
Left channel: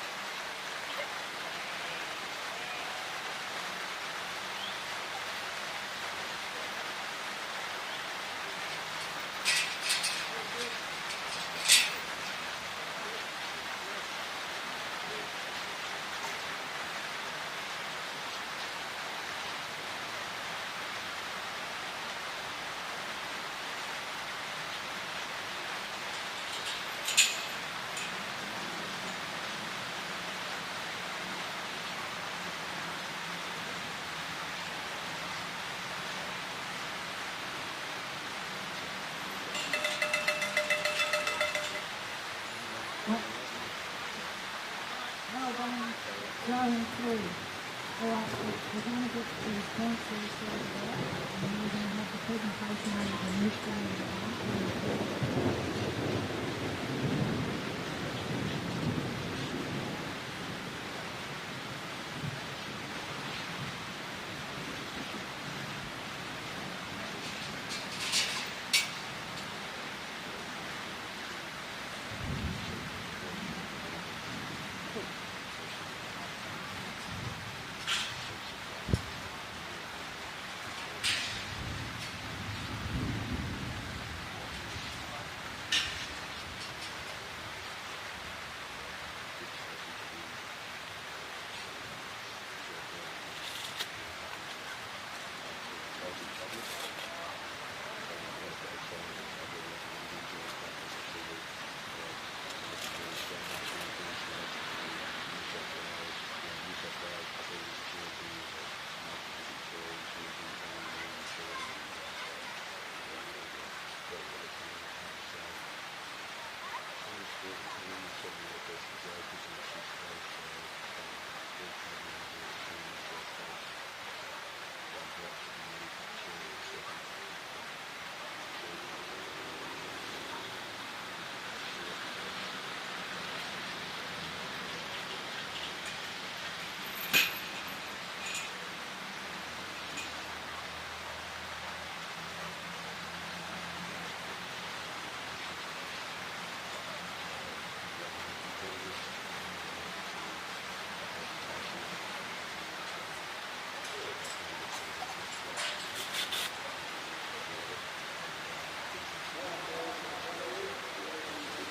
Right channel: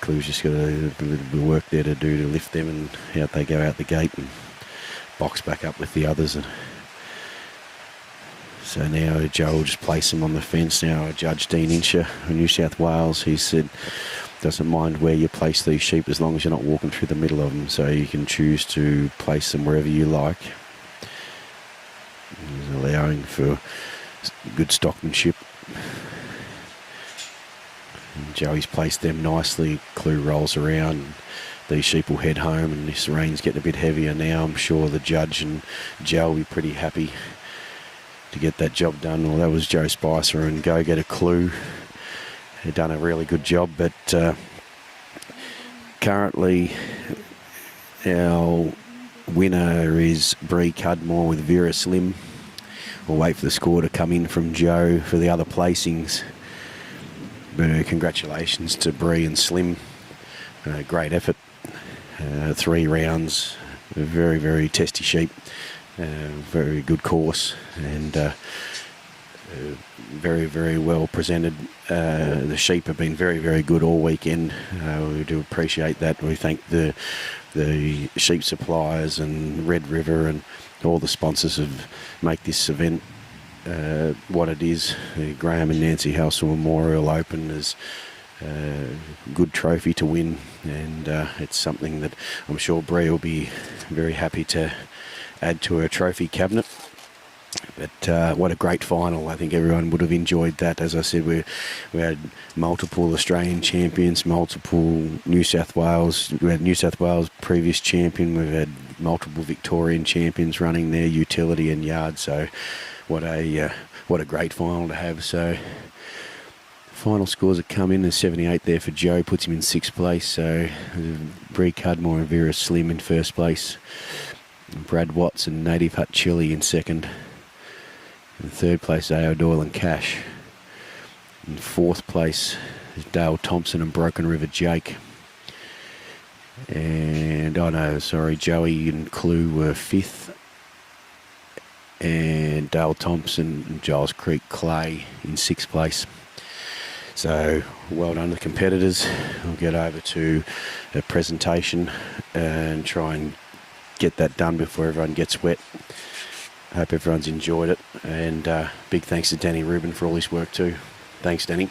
Clue's just got a little bit of work there to do to lift them, and out they go out the gate and box back up with the others. And so now Joe will just place them on the fence. Now Judge Dean Incher of New South Wales, he said doesn't mind where you place these sheep as long as you're not walking through the middle of them, so you can choose to place them wherever you like, allowing for good stockmanship. And Joey's placed them nicely. Clue rolls around. These sheep will head home, and this rain's getting a bit heavier now. I'm sure the judge and Joe will be pretty happy to get that job done. Well, that was Joe Spicer and Gogetta Clue. They've done a really good job, but currently our winner is Bree Cudmore with Vera Slim. We'll wait for the score to come in from Joe for the other placings. Congratulations to Bree and Slim. Great effort. 3 rounds. Very, very testy sheep. Very good course, and very, very well presented. The sheep have been very, very good all weekend. We do appreciate that. We thank the sheep suppliers and Red River and all the sponsors who make this event what it is. The Graham and Nancy Halsall Memorial Open is a good trophy to win, and it's something that I'm sure Bree will be very happy to add to her trophy cabinet. But what a great final. I think everyone would have enjoyed that. As I said, we had multiple Australian champions, multiple New South Wales. We had New South Wales previous champion. We've had multiple Victorian champions running their utility and yard. So what a great final to have. So final scores have come in. There's 78 there for Joe, puts him in 6th place. So Bree Cudmore and Vera Slim in 1st place. Brad Watts and Nativehut Chili in 2nd. In 3rd place, Aoidh, Doyle and Cash. In 4th place, Dale Thompson and Brokenriver Jake. And, Joey and Clue were 5th. And and Dale Thompson and Gilescreek Clay in 6th place. So well done to the competitors. We'll get over to a presentation and try and get that done before everyone gets wet. Hope everyone's enjoyed it, and big thanks to Danny Rubin for all his work too. Thanks, Danny.